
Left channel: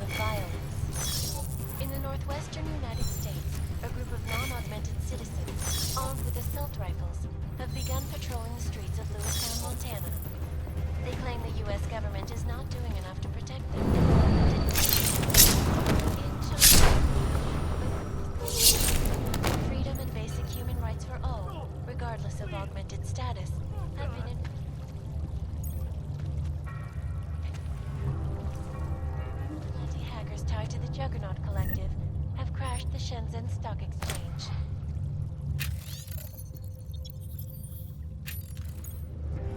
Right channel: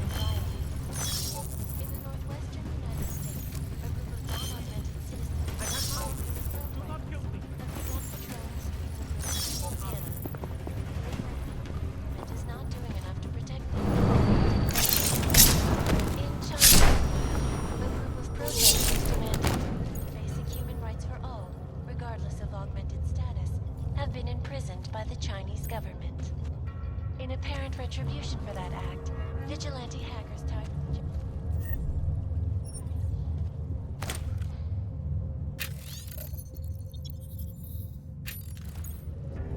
the violence. In the northwestern United States, a group of non-augmented citizens, armed with assault rifles, have begun patrolling the streets of Lewistown, Montana. They claim the U.S. government is not doing enough to protect them from augmented criminals. In China, a group of protesters demanding freedom and basic human rights for all, regardless of augmented status, have been imprisoned by the Chinese government. In apparent retribution for that act, vigilante hackers tied to the Juggernaut Collective have crashed the Shenzhen Stock Exchange.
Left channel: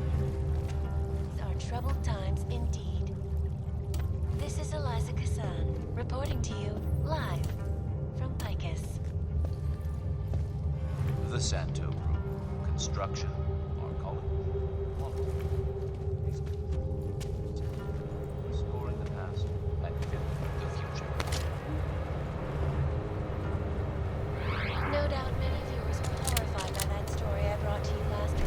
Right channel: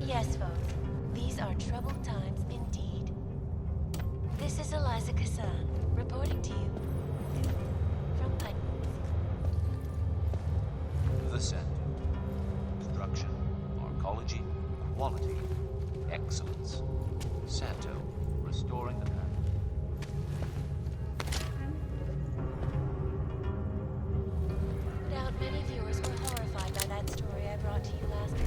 Yes, folks, these are troubled times indeed. This is Eliza Kassan, reporting to you live from Picus. the Santo. Construction, arcology, quality, excellence. Santo, restoring the past and building the future. No doubt many viewers were horrified by that story I brought to you last week.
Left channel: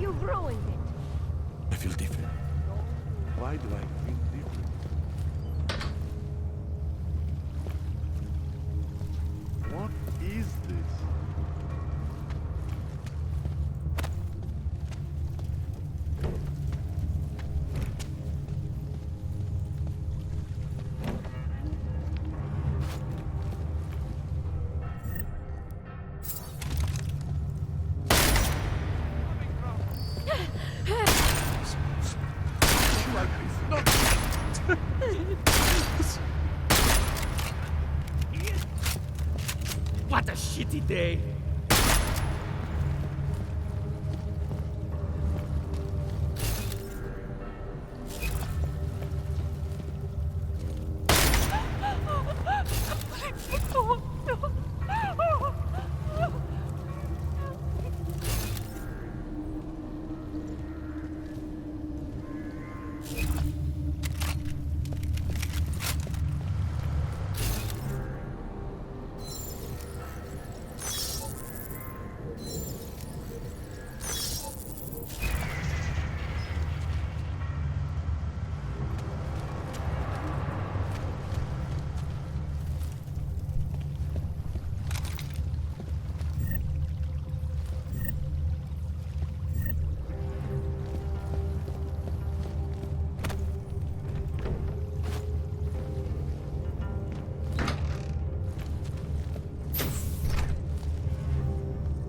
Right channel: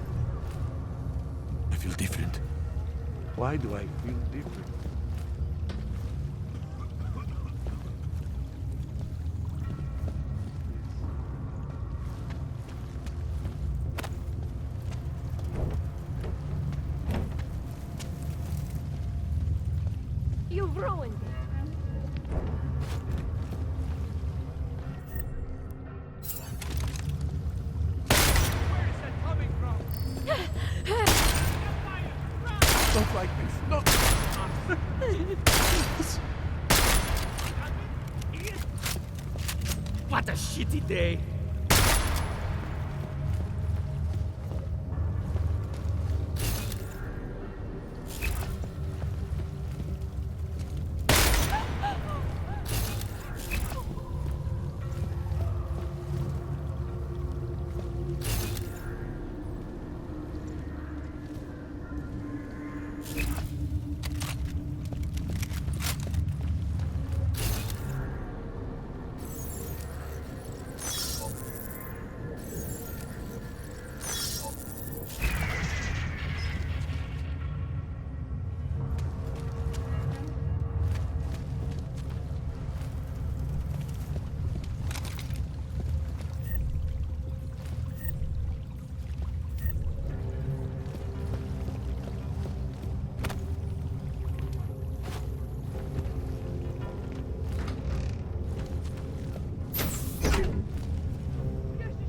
You've ruined it. I feel different. Why do I feel different? What is this? What a shitty day!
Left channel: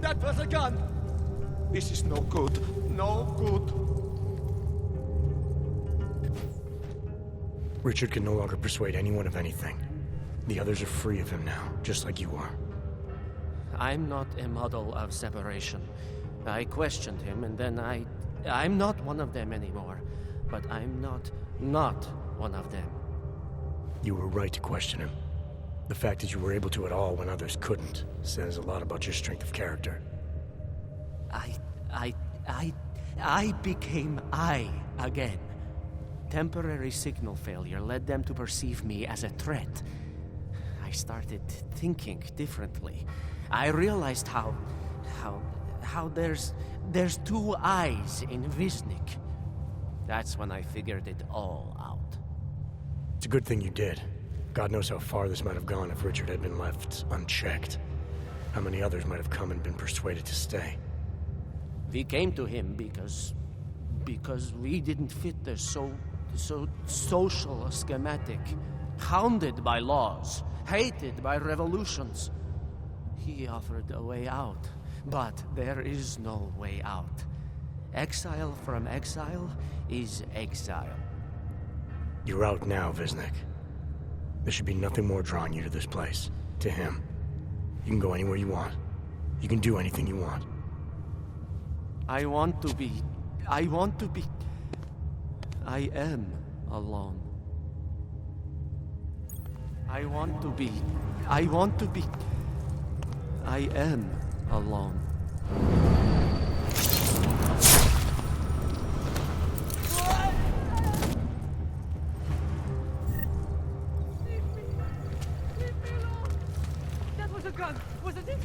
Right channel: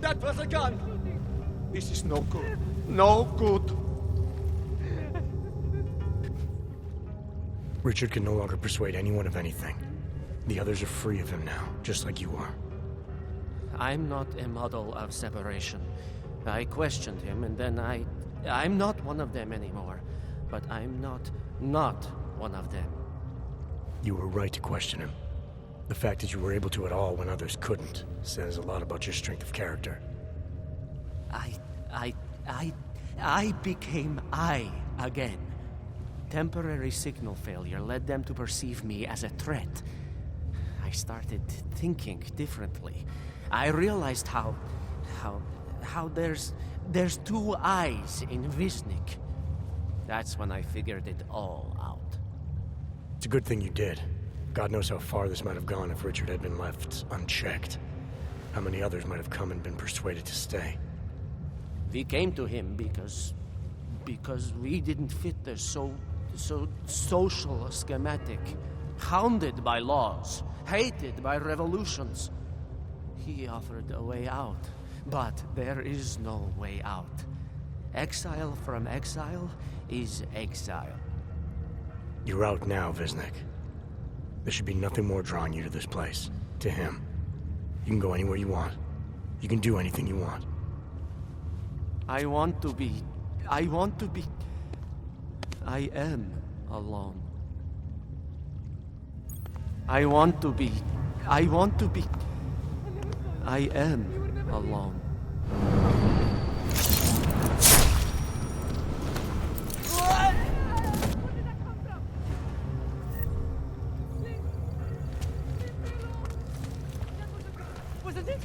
That was a gun! This is no good. No good. Richard can no longer persuade anyone of anything. The others are free of him now, just like you are. I'm not a model of separation. I questioned him, and then I'm not one of them anymore. But I'm not one of them. You were right to question him. The fact that you were able to at all when others couldn't says a lot about your strength of character. I became I again. Temporary signal failure led them to perceive me as a threat. I started thinking differently. I realized how there's two eyes in Wisnik. That's when I figured it all out. It's a good thing you did. God knows how far this might have gone if Richard had been left unchecked. How many others might have come and been persuaded to stay. We came to him because we didn't fit the so social schematic. Hounded by laws, hated by revolutions. He offered a way out, but there is no way out. Exile from exile is exile. You're out now, Wisnik. There should be nothing more drawing you to this place, to him. You can go anywhere you want. You can do anything you want. I am alone. I am alone. That was a gun, wasn't it?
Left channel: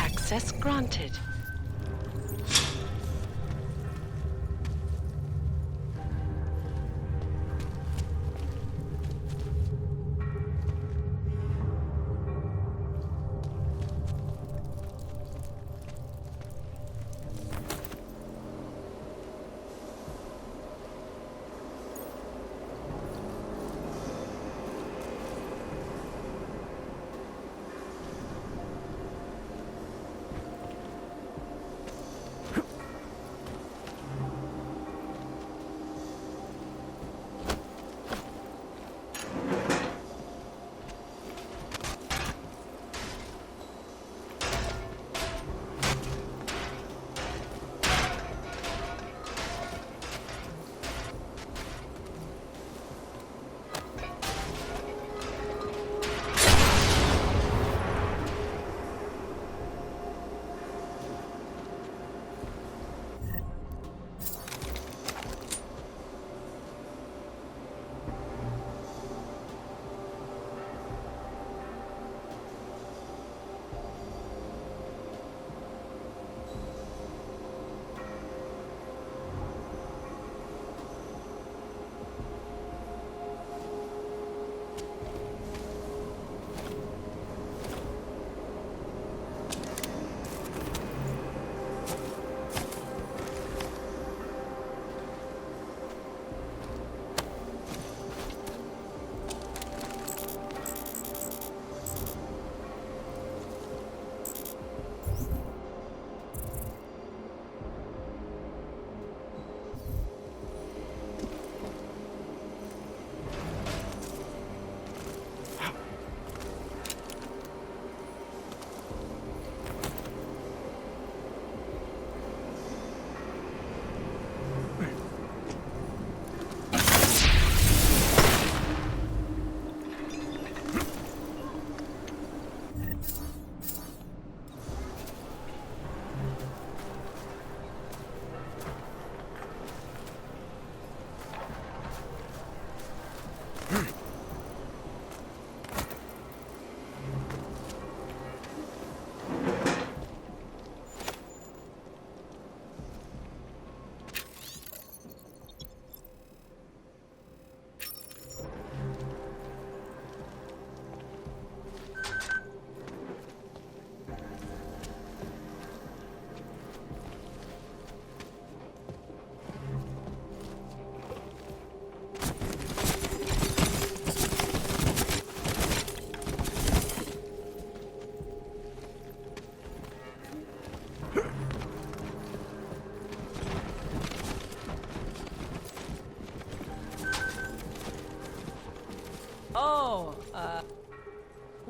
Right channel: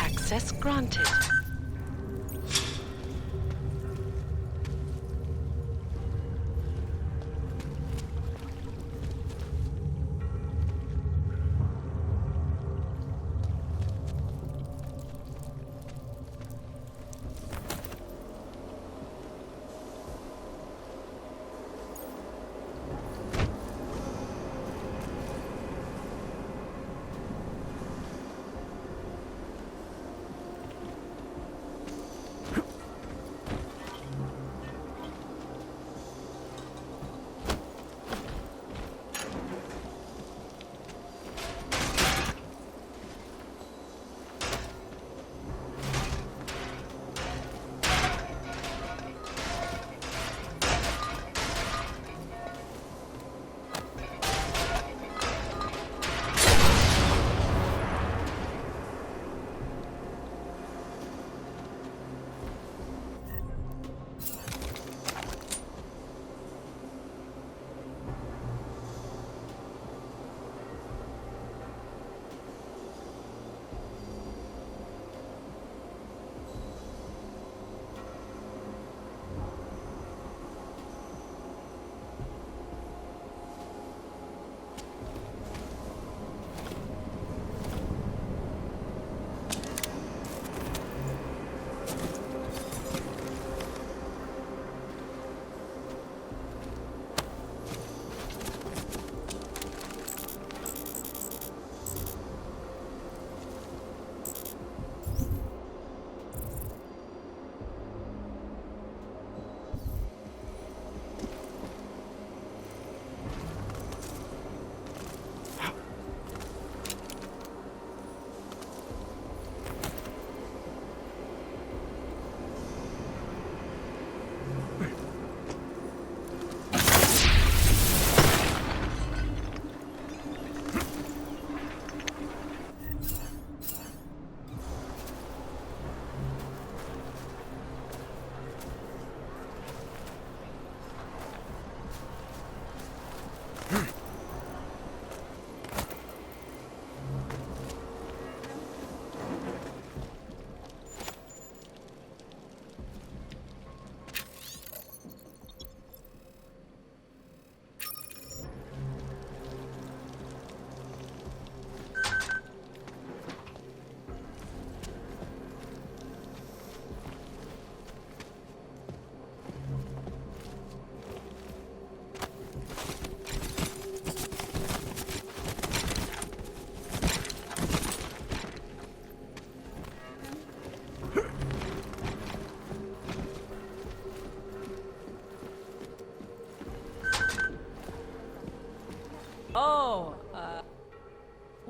Access granted.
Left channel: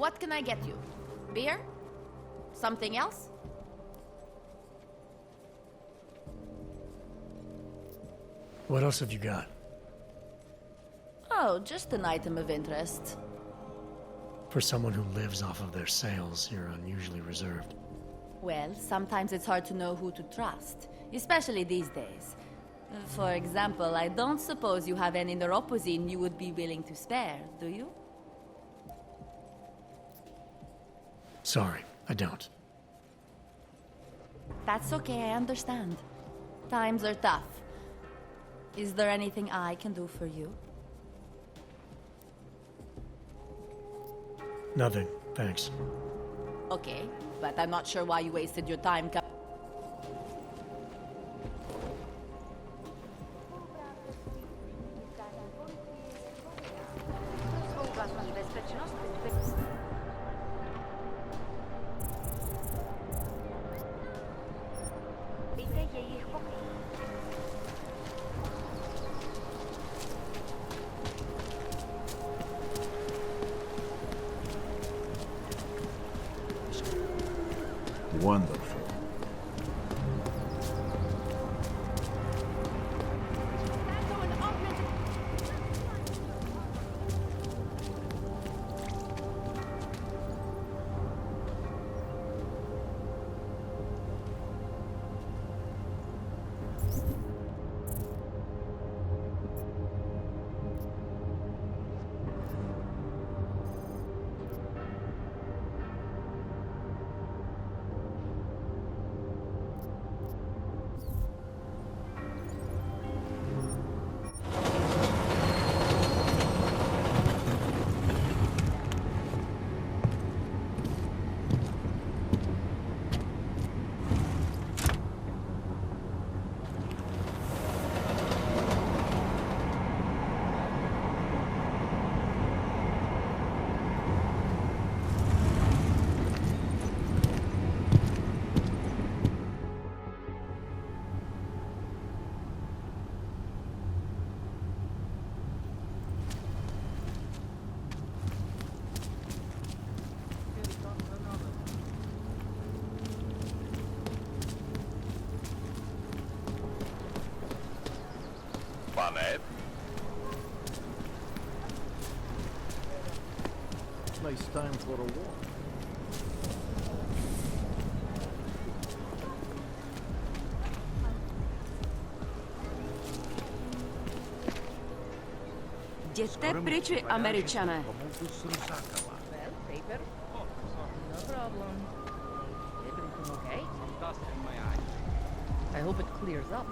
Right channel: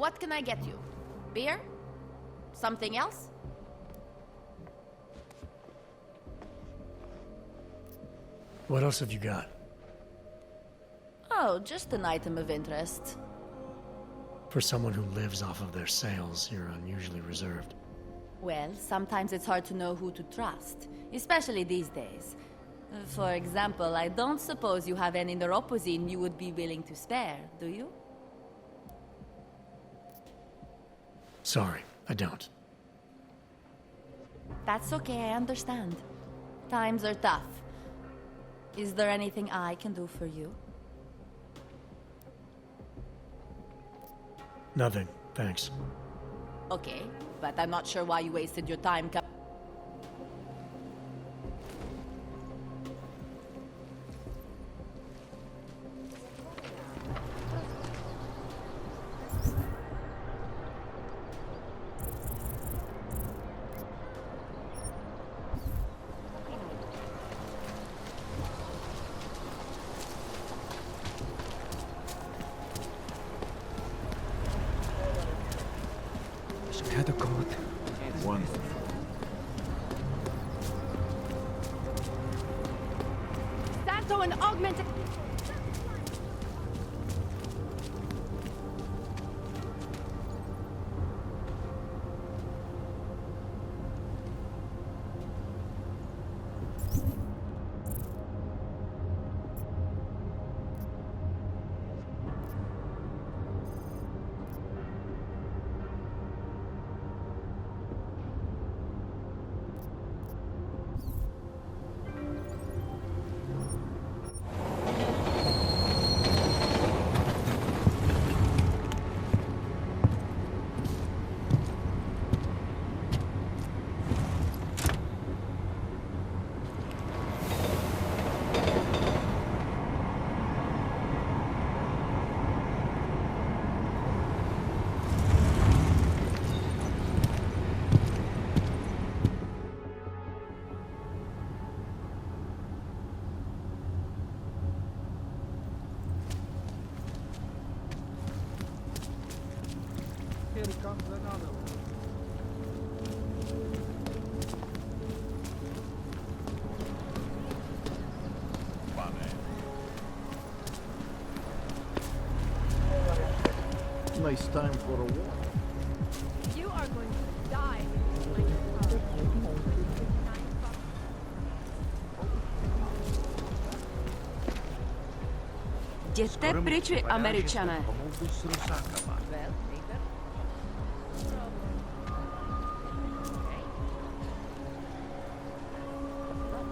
What can I get you? Beer? Something else? What else have you got? Oh, just an item of interest. For someone who lives off of their sales, you're unusually reserved. Well, sometimes it's hard to know who to trust, especially these days. For example, I don't suppose you have any neuropozyne you would be willing to spare, do you? Sorry, I don't. That's okay, I understand. Times are tough. Is there anything I can do for you? Nothing, thanks. Okay, but I'm not sure why you wasted your time Wonderful. Santo and augmented. Nice time for a walk. You are going to die. Jděte pryč, vy Američané. Well, paper. No problem. Everything okay? I hope it clears up.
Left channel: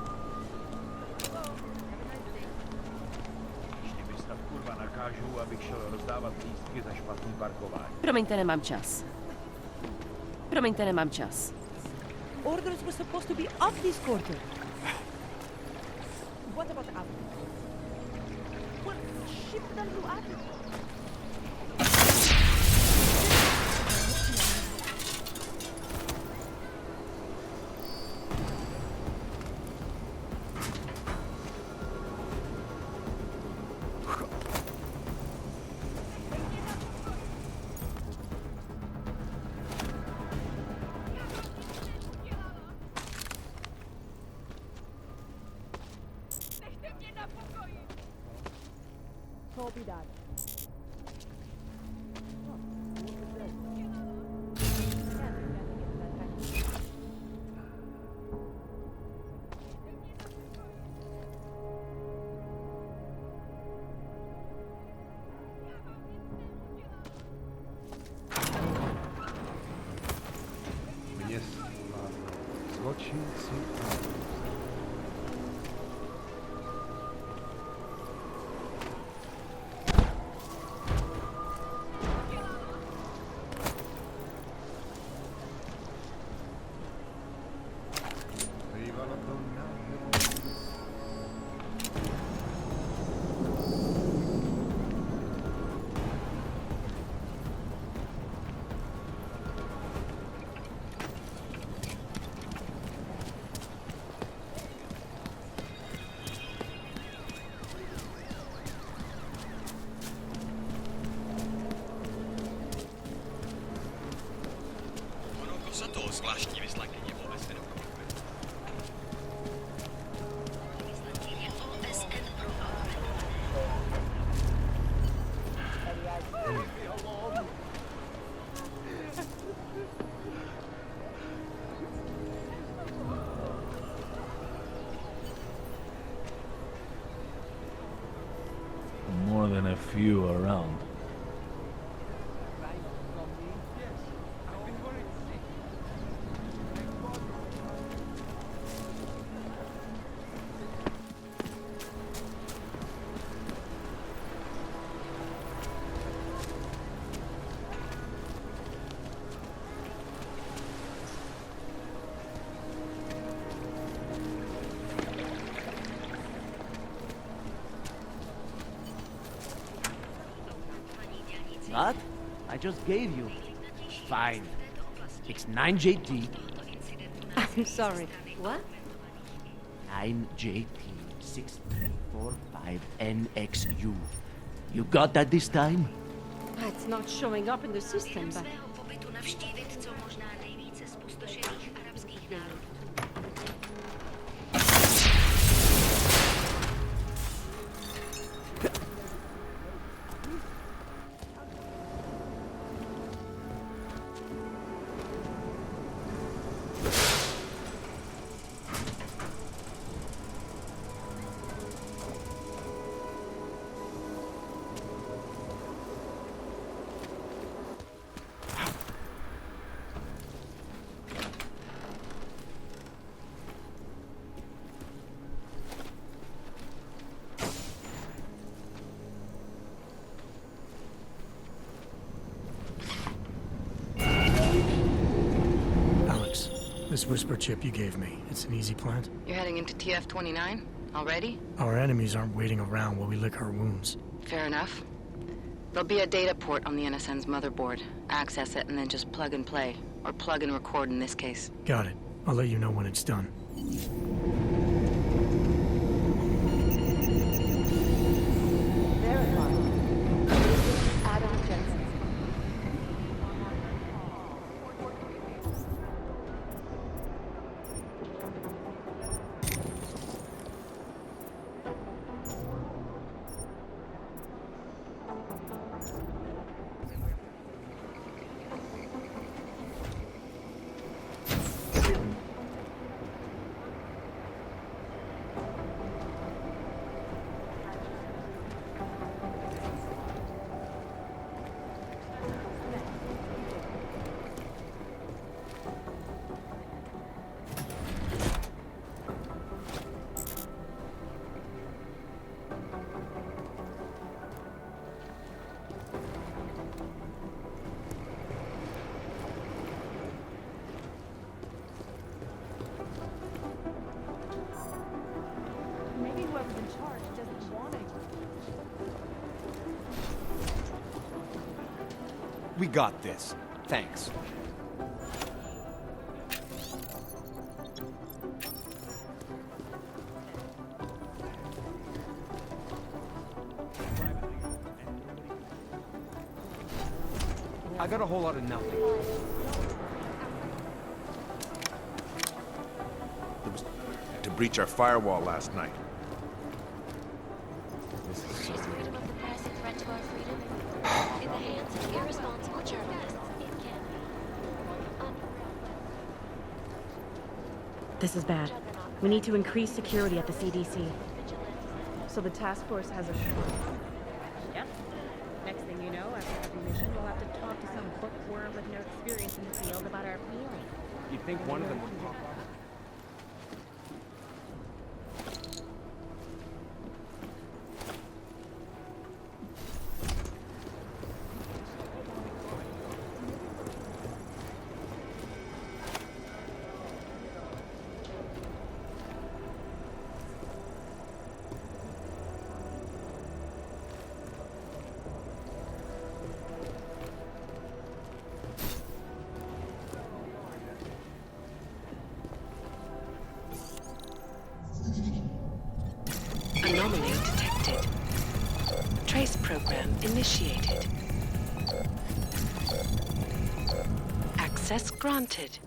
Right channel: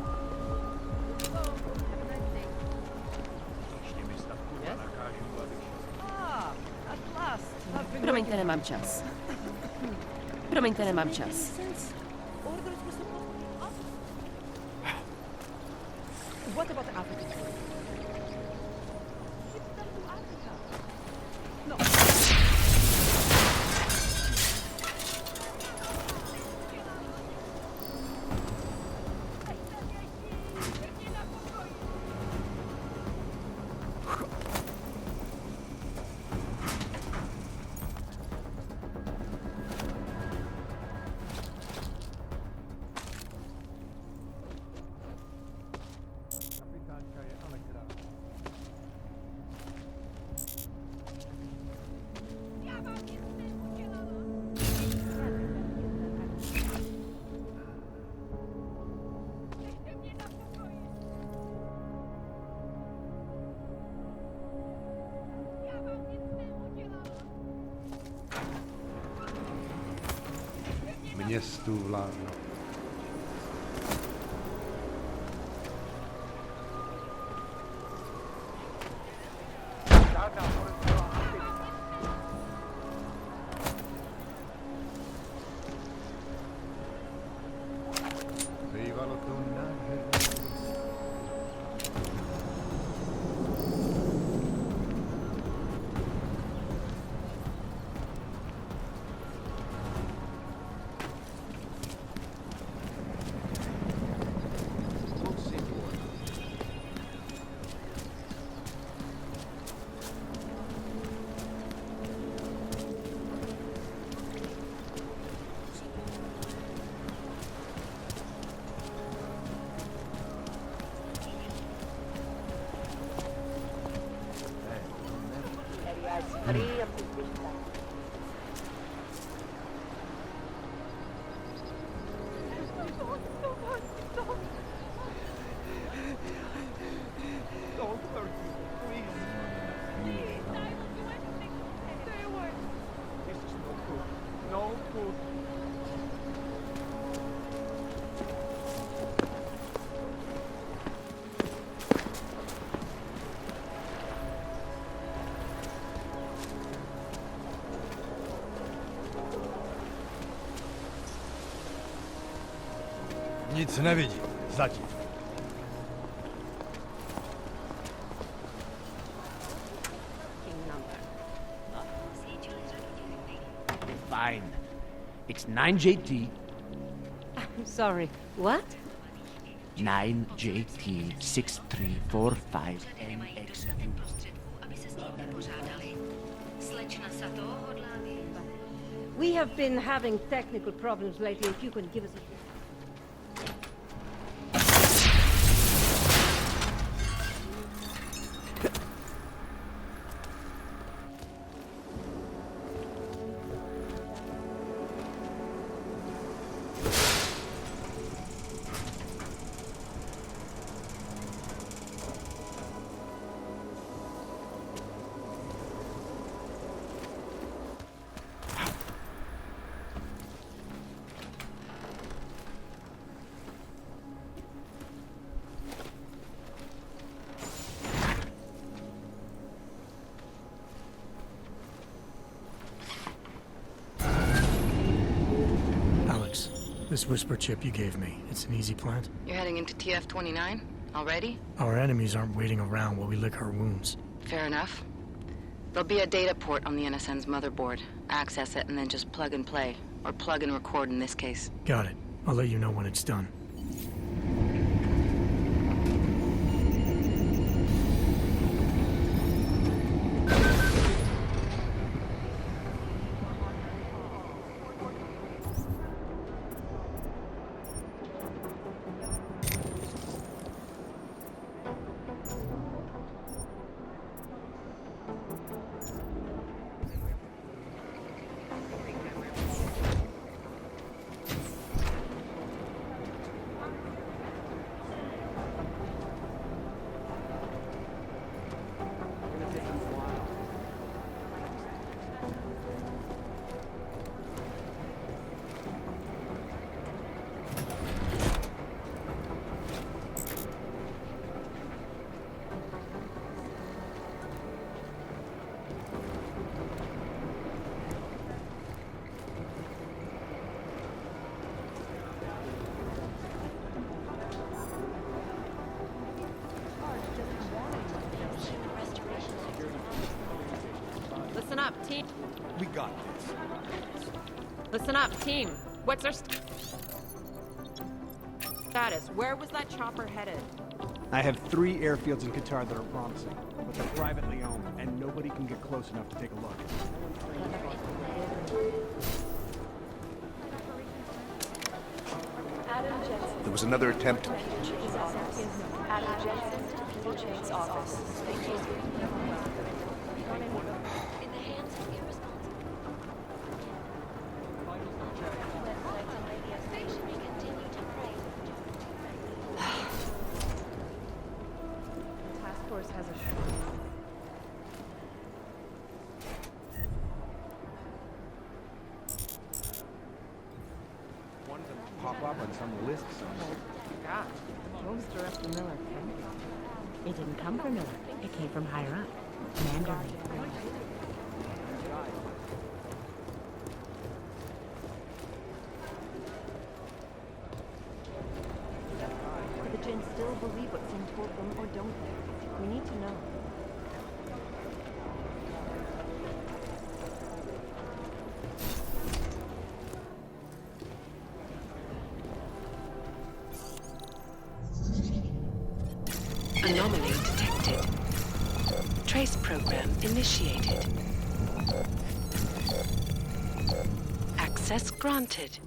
Here we go. Have a nice day. Ještě mi snad kurva nakážu, abych šel rozdávat lístky na špatný parkour. Promiňte, nemám čas. Promiňte, nemám čas. Orders were supposed to be off this quarter. What about the African quarter? Well, ship them to Africa. No. Městu vládnou zločinci. Bývalo to nádherné. More than a few around. Nic nevidí, zatím. What? I just gave you. Fine. It's 9JT. I'm sorry. What? 9JT6345NXU. You got that this time? It's not showing up in the system, but we have been having technical problems lately. If you can give us a date. Alex, this whisper chip you gave me, it's an easy plant? You're heading into TF-29? Already? Our enemies aren't waiting around while we lick our wounds. Fair enough. There'll be a data port on the NSN's motherboard. Access it and then just plug and play. Or plug and record in this case. Got it. I'll let you know when it's done. Listen up, team. We got this. Thanks. Listen up, team. What's our status? Where was that chopper headed? I have 3 airfields in Qatar that are promising, but they're privately owned, and nobody can get close enough to take a look. I got a whole lot of nothing. There was another attempt to breach our firewall last night. In the hands of irresponsible journalists. This is bad. We need to increase security at the CDC. So the task force has a short. Yep. Next thing you know, after the mission, we'll have to talk to some bookworm with no experience in the field about our feelings. You'd think one of them would pop up on some list somewhere. Gosh, what was the rest of Miller? It didn't come from Miller. It came from higher up. Commander. The Jinn still believe what's being told them, or don't they? We need to know. Anomaly detected. Trace program initiated. Access granted.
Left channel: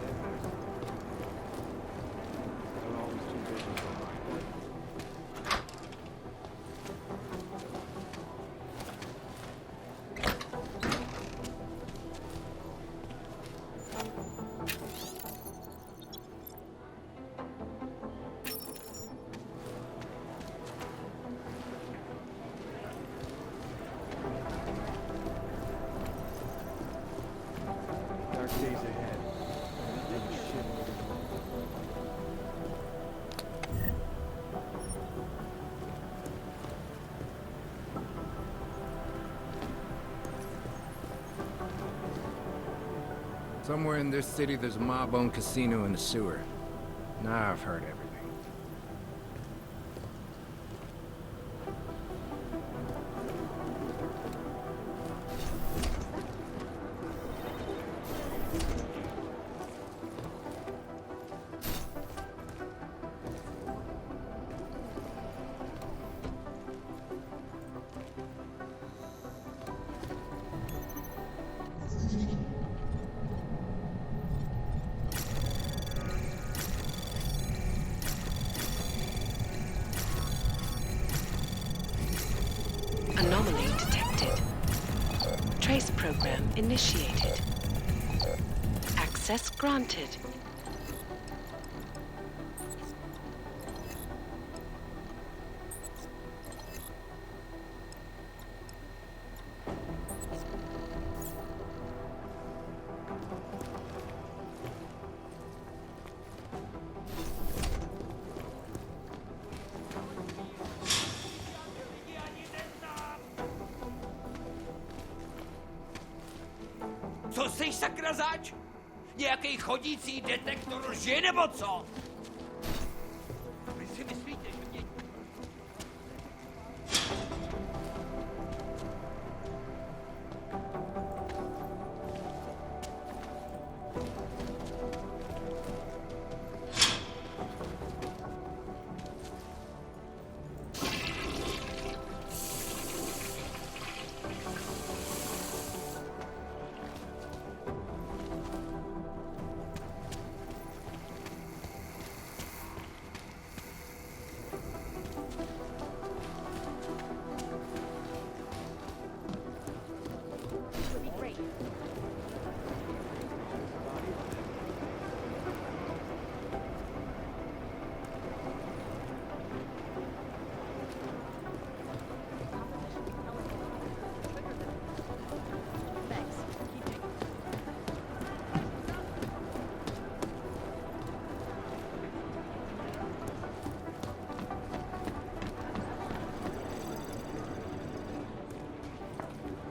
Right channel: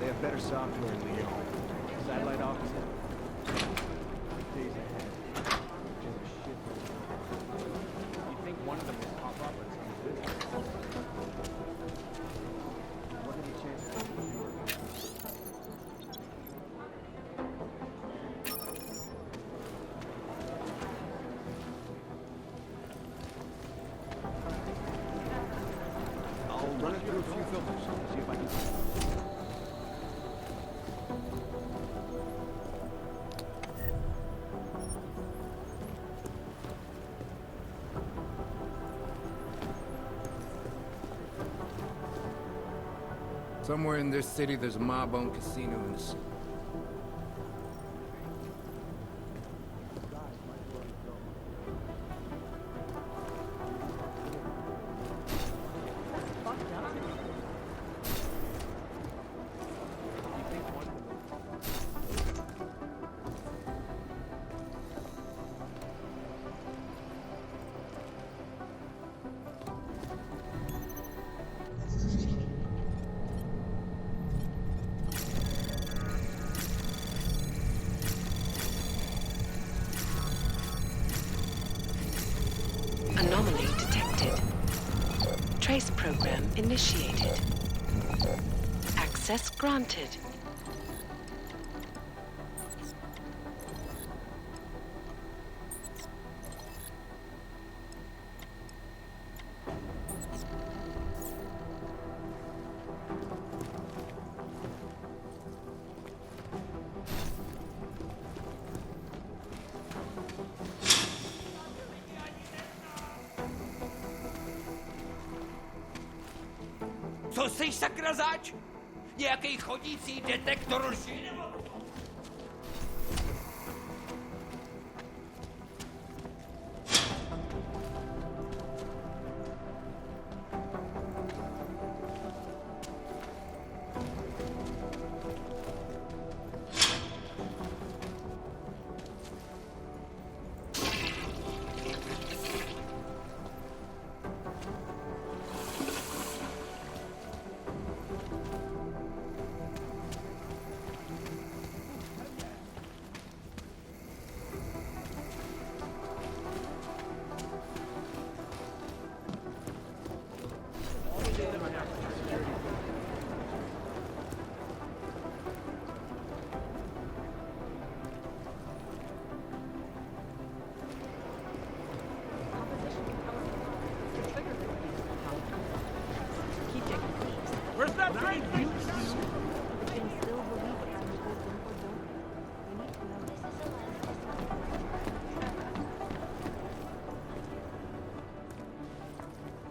They have better software in Lyon. Satellite offices are all like these. Somewhere in this city, there's a mob-owned casino in the sewer. Now I've heard everything. Anomaly detected. Trace program initiated. Access granted. Co jsi sakra zač? Nějaký chodící detektor lži nebo co?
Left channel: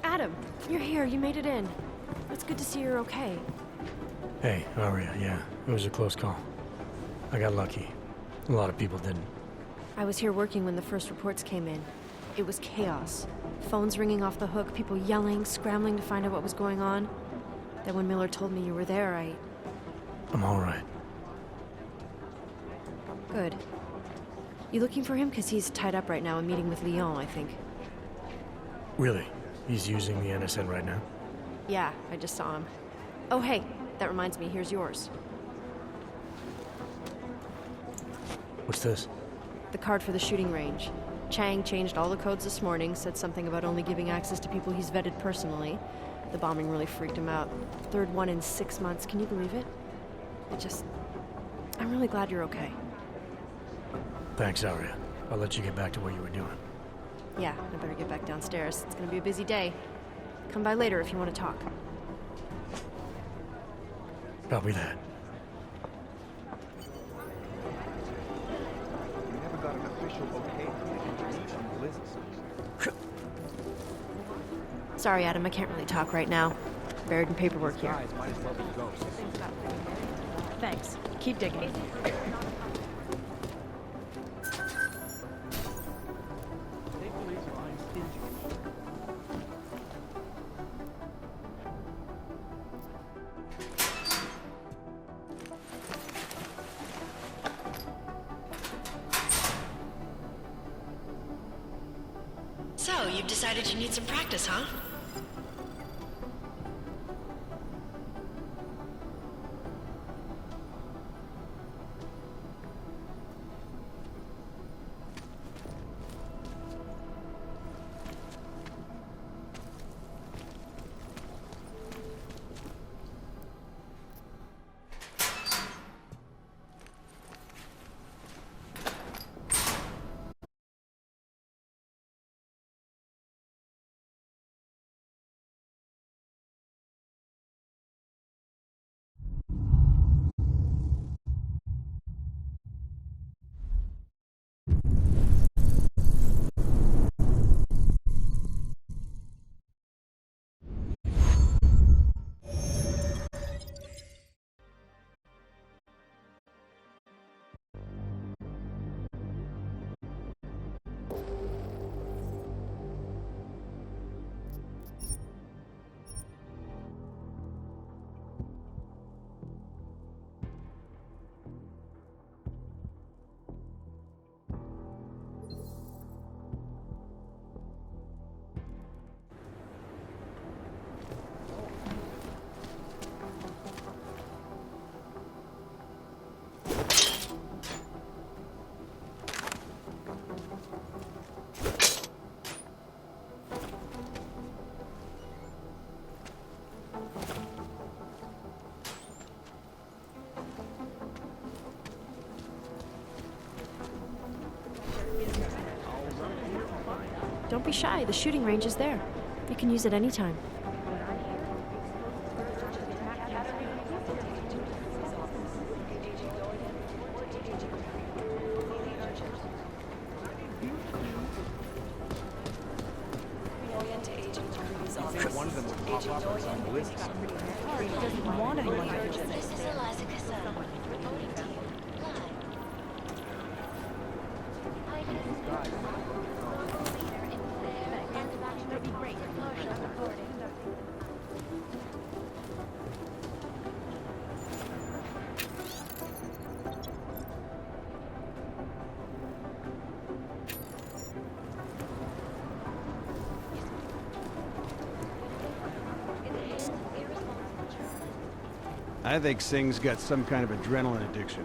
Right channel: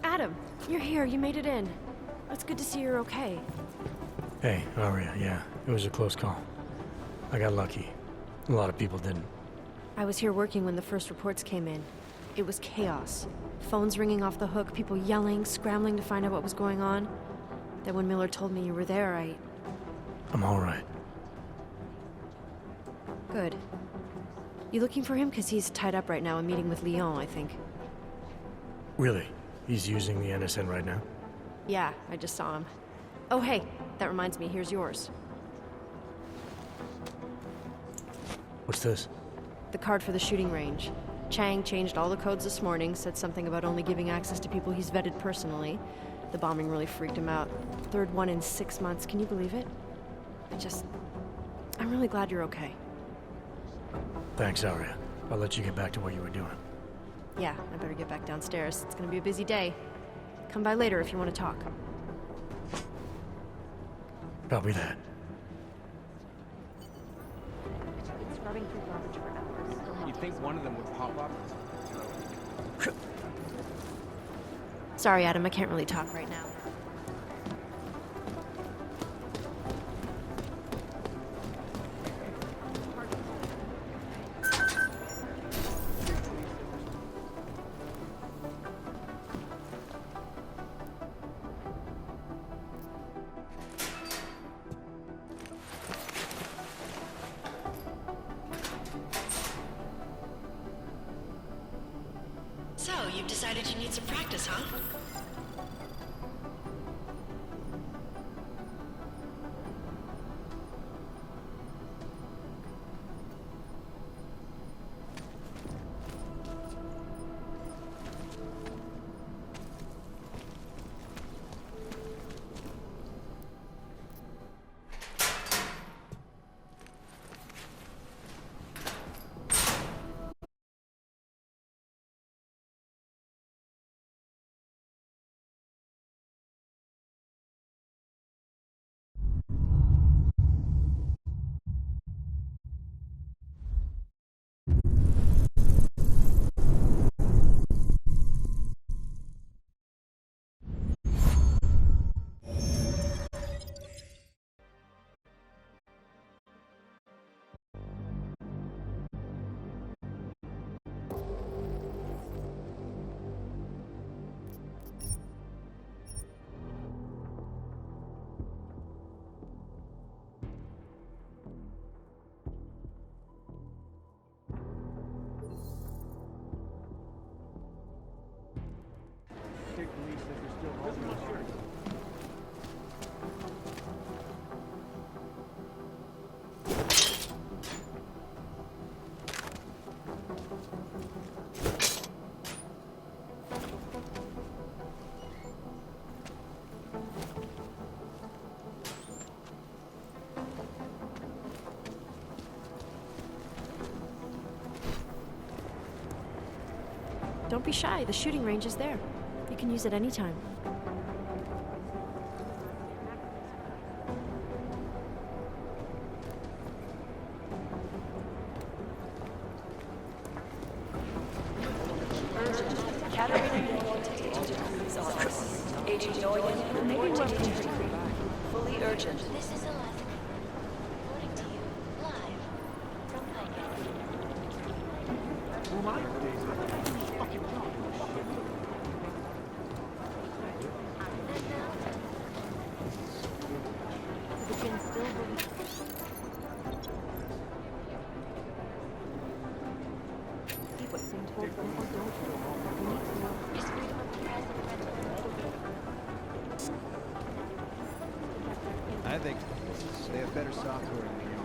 Adam, you're here. You made it in. It's good to see you're okay. Hey, Aria, yeah, it was a close call. I got lucky. A lot of people didn't. I was here working when the first reports came in. It was chaos. Phones ringing off the hook, people yelling, scrambling to find out what was going on. Then when Miller told me you were there, I'm all right. Good. You looking for him? Because he's tied up right now, a meeting with Lyon, I think. Really? He's using the NSN right now? Yeah, I just saw him. Oh, hey, that reminds me, here's yours. What's this? The card for the shooting range. Chang changed all the codes this morning, said something about only giving access to people he's vetted personally. The bombing really freaked him out. Third one in 6 months, can you believe it? I'm really glad you're okay. Thanks, Aria. I'll let you get back to what you were doing. Yeah, I better get back downstairs. It's gonna be a busy day. Come by later if you want to talk. Copy that. Sorry, Adam, I can't really talk right now. Buried in paperwork here. Thanks. Keep digging. So, you've decided you need some practice, huh? Don't be shy, the shooting range is there. You can use it anytime. This is Eliza Casella, reporting to you live. I think Singh's got some kind of adrenaline addiction.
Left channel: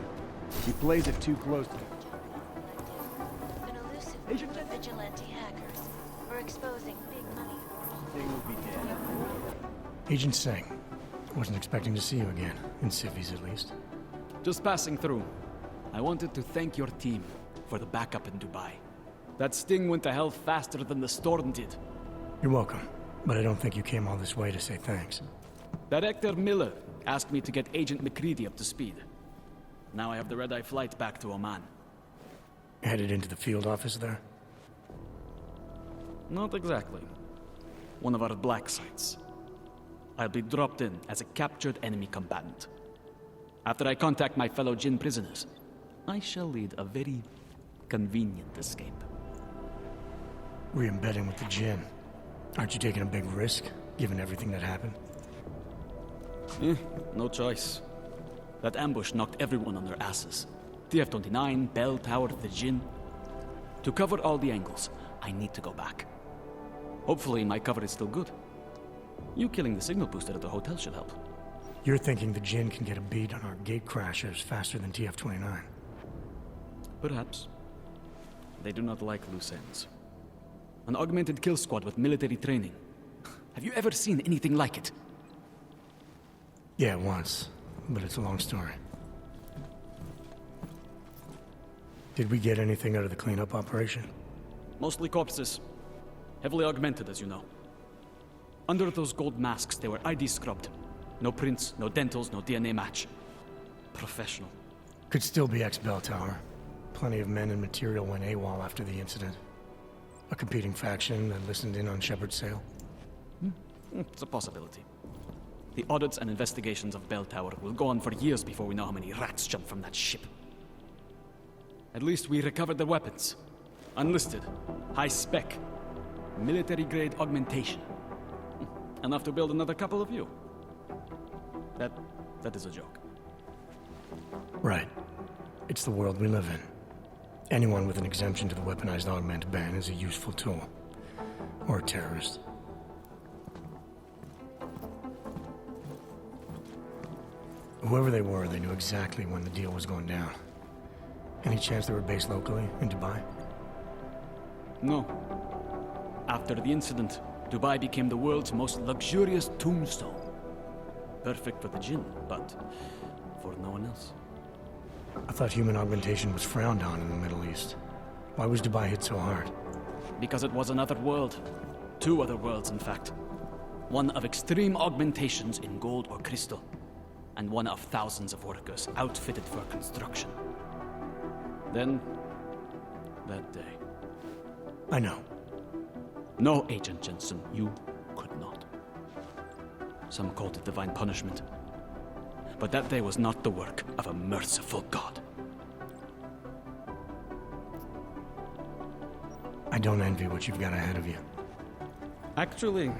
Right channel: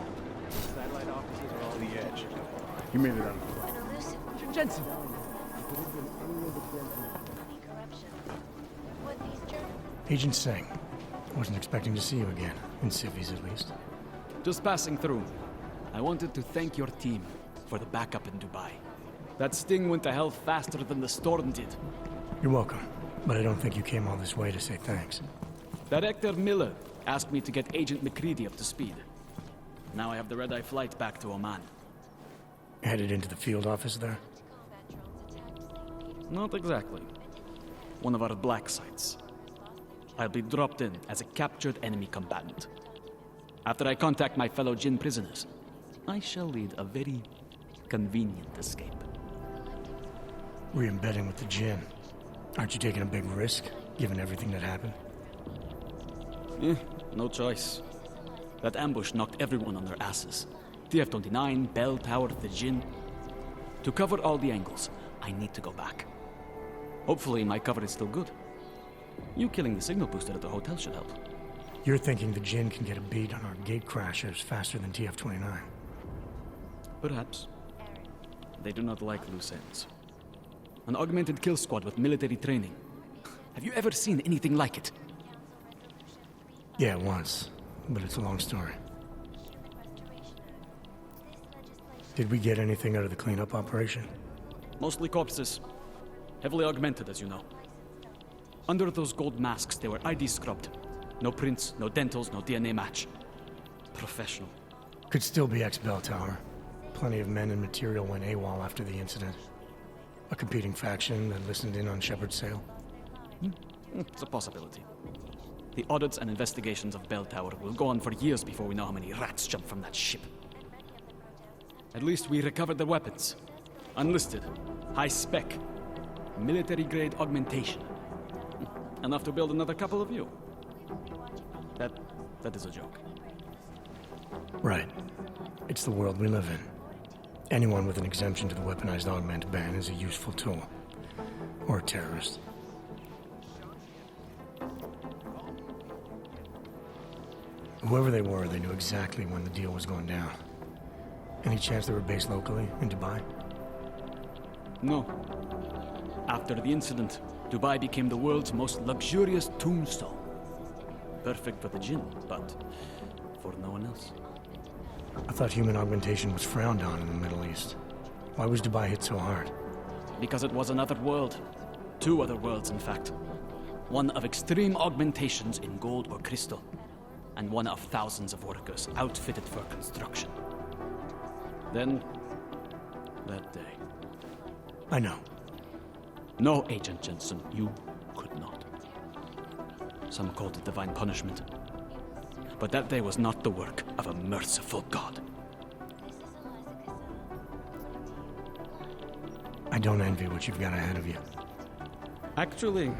He plays it too close to the edge. You may be right. An elusive Agent Jensen. vigilante hacker. We're exposing big money corruption. Agent Singh. Wasn't expecting to see you again. In civvies, at least. Just passing through. I wanted to thank your team for the backup in Dubai. That sting went to hell faster than the storm did. You're welcome. But I don't think you came all this way to say thanks. Director Miller asked me to get Agent McCready up to speed. Now I have the red-eye flight back to Oman. Headed into the field office there? Not exactly. One of our black sites. I'll be dropped in as a captured enemy combatant. After I contact my fellow Jinn prisoners, I shall lead a very convenient escape. Re-embedding with the Jinn. Aren't you taking a big risk, given everything that happened? No choice. That ambush knocked everyone on their asses. TF-29, Bell Tower, the Jinn. To cover all the angles, I need to go back. Hopefully my cover is still good. You killing the signal booster at the hotel should help. You're thinking the Jinn can get a beat on our gate crashers faster than TF-29? Perhaps. They do not like loose ends. An augmented kill squad with military training. Have you ever seen anything like it? Yeah, once. But it's a long story. Did we get anything out of the cleanup operation? Mostly corpses. Heavily augmented, as you know. Under those gold masks, they were ID scrubbed. No prints, no dentals, no DNA match. Professional. Could still be ex-Bell Tower. Plenty of men and material went AWOL after the incident. A competing faction that listened in on Shepard's sale. It's a possibility. The audits and investigations of Bell Tower will go on for years before we know how many rats jumped from that ship. At least we recovered their weapons. Unlisted. High spec. Military-grade augmentation. Enough to build another couple of you. That is a joke. Right. It's the world we live in. Anyone with an exemption to the weaponized augment ban is a useful tool. Or a terrorist. Whoever they were, they knew exactly when the deal was going down. Any chance they were based locally, in Dubai? No. After the incident, Dubai became the world's most luxurious tombstone. Perfect for the jinn, but for no one else. I thought human augmentation was frowned on in the Middle East. Why was Dubai hit so hard? Because it was another world. Two other worlds, in fact. One of extreme augmentations in gold or crystal, and one of thousands of workers outfitted for construction. Then, that day. I know. No, Agent Jensen, you could not. Some called it divine punishment. But that day was not the work of a merciful God. I don't envy what you've got ahead of you. Actually,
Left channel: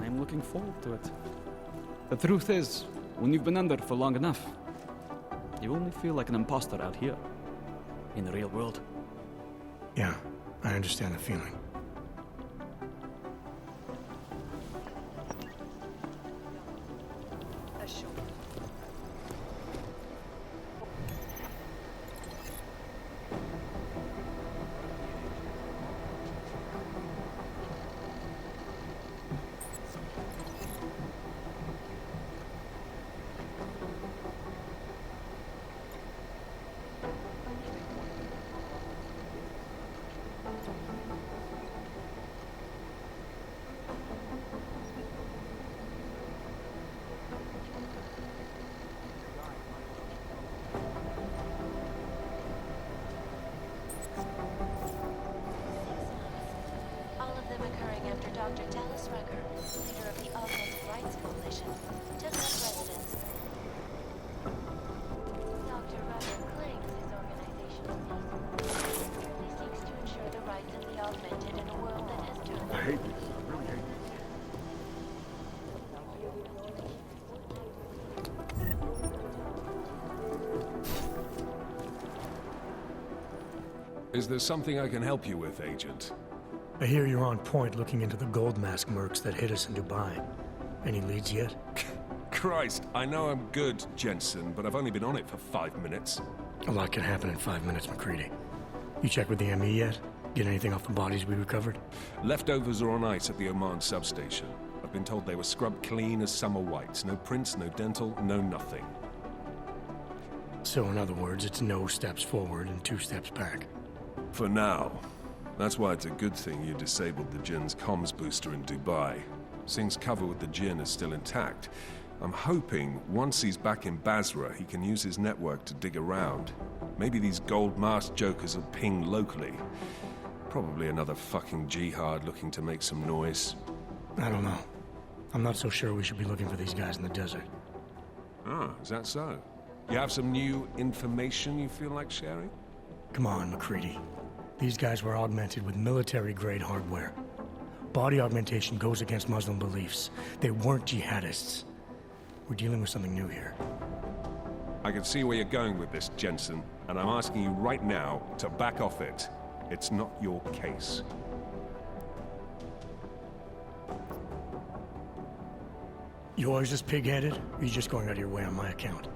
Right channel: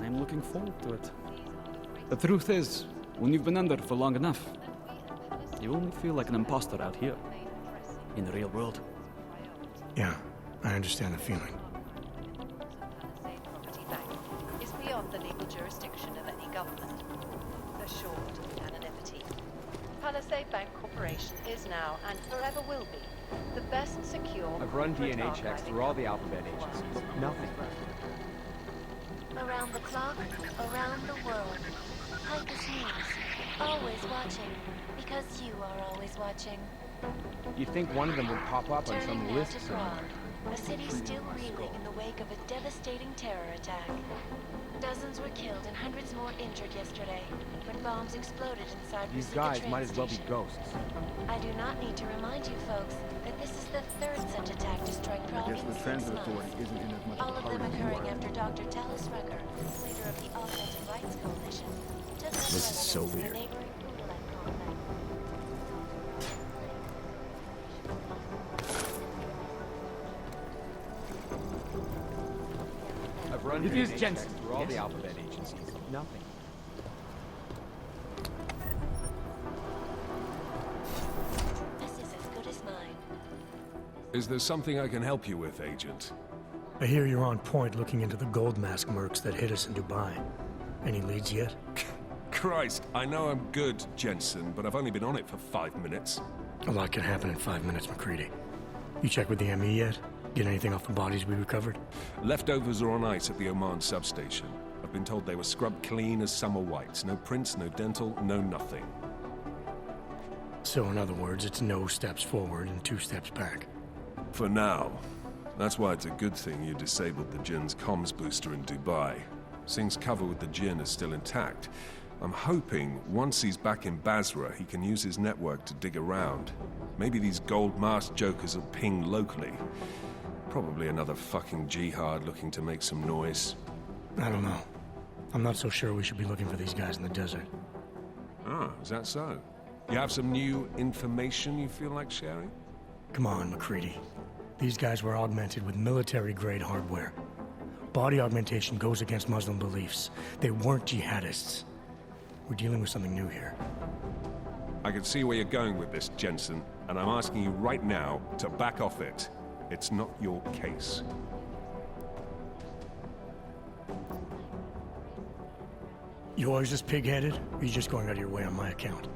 I'm looking forward to it. The truth is, when you've been under for long enough, you only feel like an imposter out here, in the real world. Yeah, I understand the feeling. Is beyond the legal jurisdiction of any government. Assured anonymity. Palisade Bank Corporation is now and forever will be the best secure. I've run DNA checks through all the alphabet agencies. Nothing. Around the clock, around the world. Hikers News. Always watching. Because you are always watching. You'd think one of them would pop up on some Turning list to somewhere. Prague. A city still reeling in the wake of a devastating terror attack. Dozens were killed and hundreds more injured yesterday when bombs exploded inside These the guys train might as well be station. ghosts. I do not need to remind you folks that this is the third such attack to strike Prague in 6 months. All of them occurring after Dr. Talis Rucker, leader of the Augmented Rights Coalition, took up residence in the neighborhood. Dr. Rucker claims his organization is peaceful, sincerely seeks to ensure the rights of the augmented in a world that has turned. I've run It is DNA Jensen. checks through all the alphabet agencies. Nothing. This is as good as mine. Is there something I can help you with, Agent? I hear you're on point looking into the gold mask mercs that hit us in Dubai. Any leads yet? Christ, I know I'm good, Jensen, but I've only been on it for 5 minutes. A lot can happen in 5 minutes, McCready. You checked with the ME yet? Get anything off the bodies we recovered? Leftovers are on ice at the Oman substation. I've been told they were scrubbed clean as summer whites. No prints, no dental, no nothing. So in other words, it's no steps forward and 2 steps back. For now. That's why it's a good thing you disabled the Jinn's comms booster in Dubai. Singh's cover with the Jinn is still intact. I'm hoping once he's back in Basra, he can use his network to dig around. Maybe these gold mask jokers will ping locally. Probably another fucking jihad looking to make some noise. I don't know. I'm not so sure we should be looking for these guys in the desert. Ah, is that so? You have some new information you feel like sharing? Come on, McCready. These guys were augmented with military-grade hardware. Body augmentation goes against Muslim beliefs. They weren't jihadists. We're dealing with something new here. I can see where you're going with this, Jensen, and I'm asking you right now to back off it. It's not your case. You always this pig-headed, or are you just going out of your way on my account?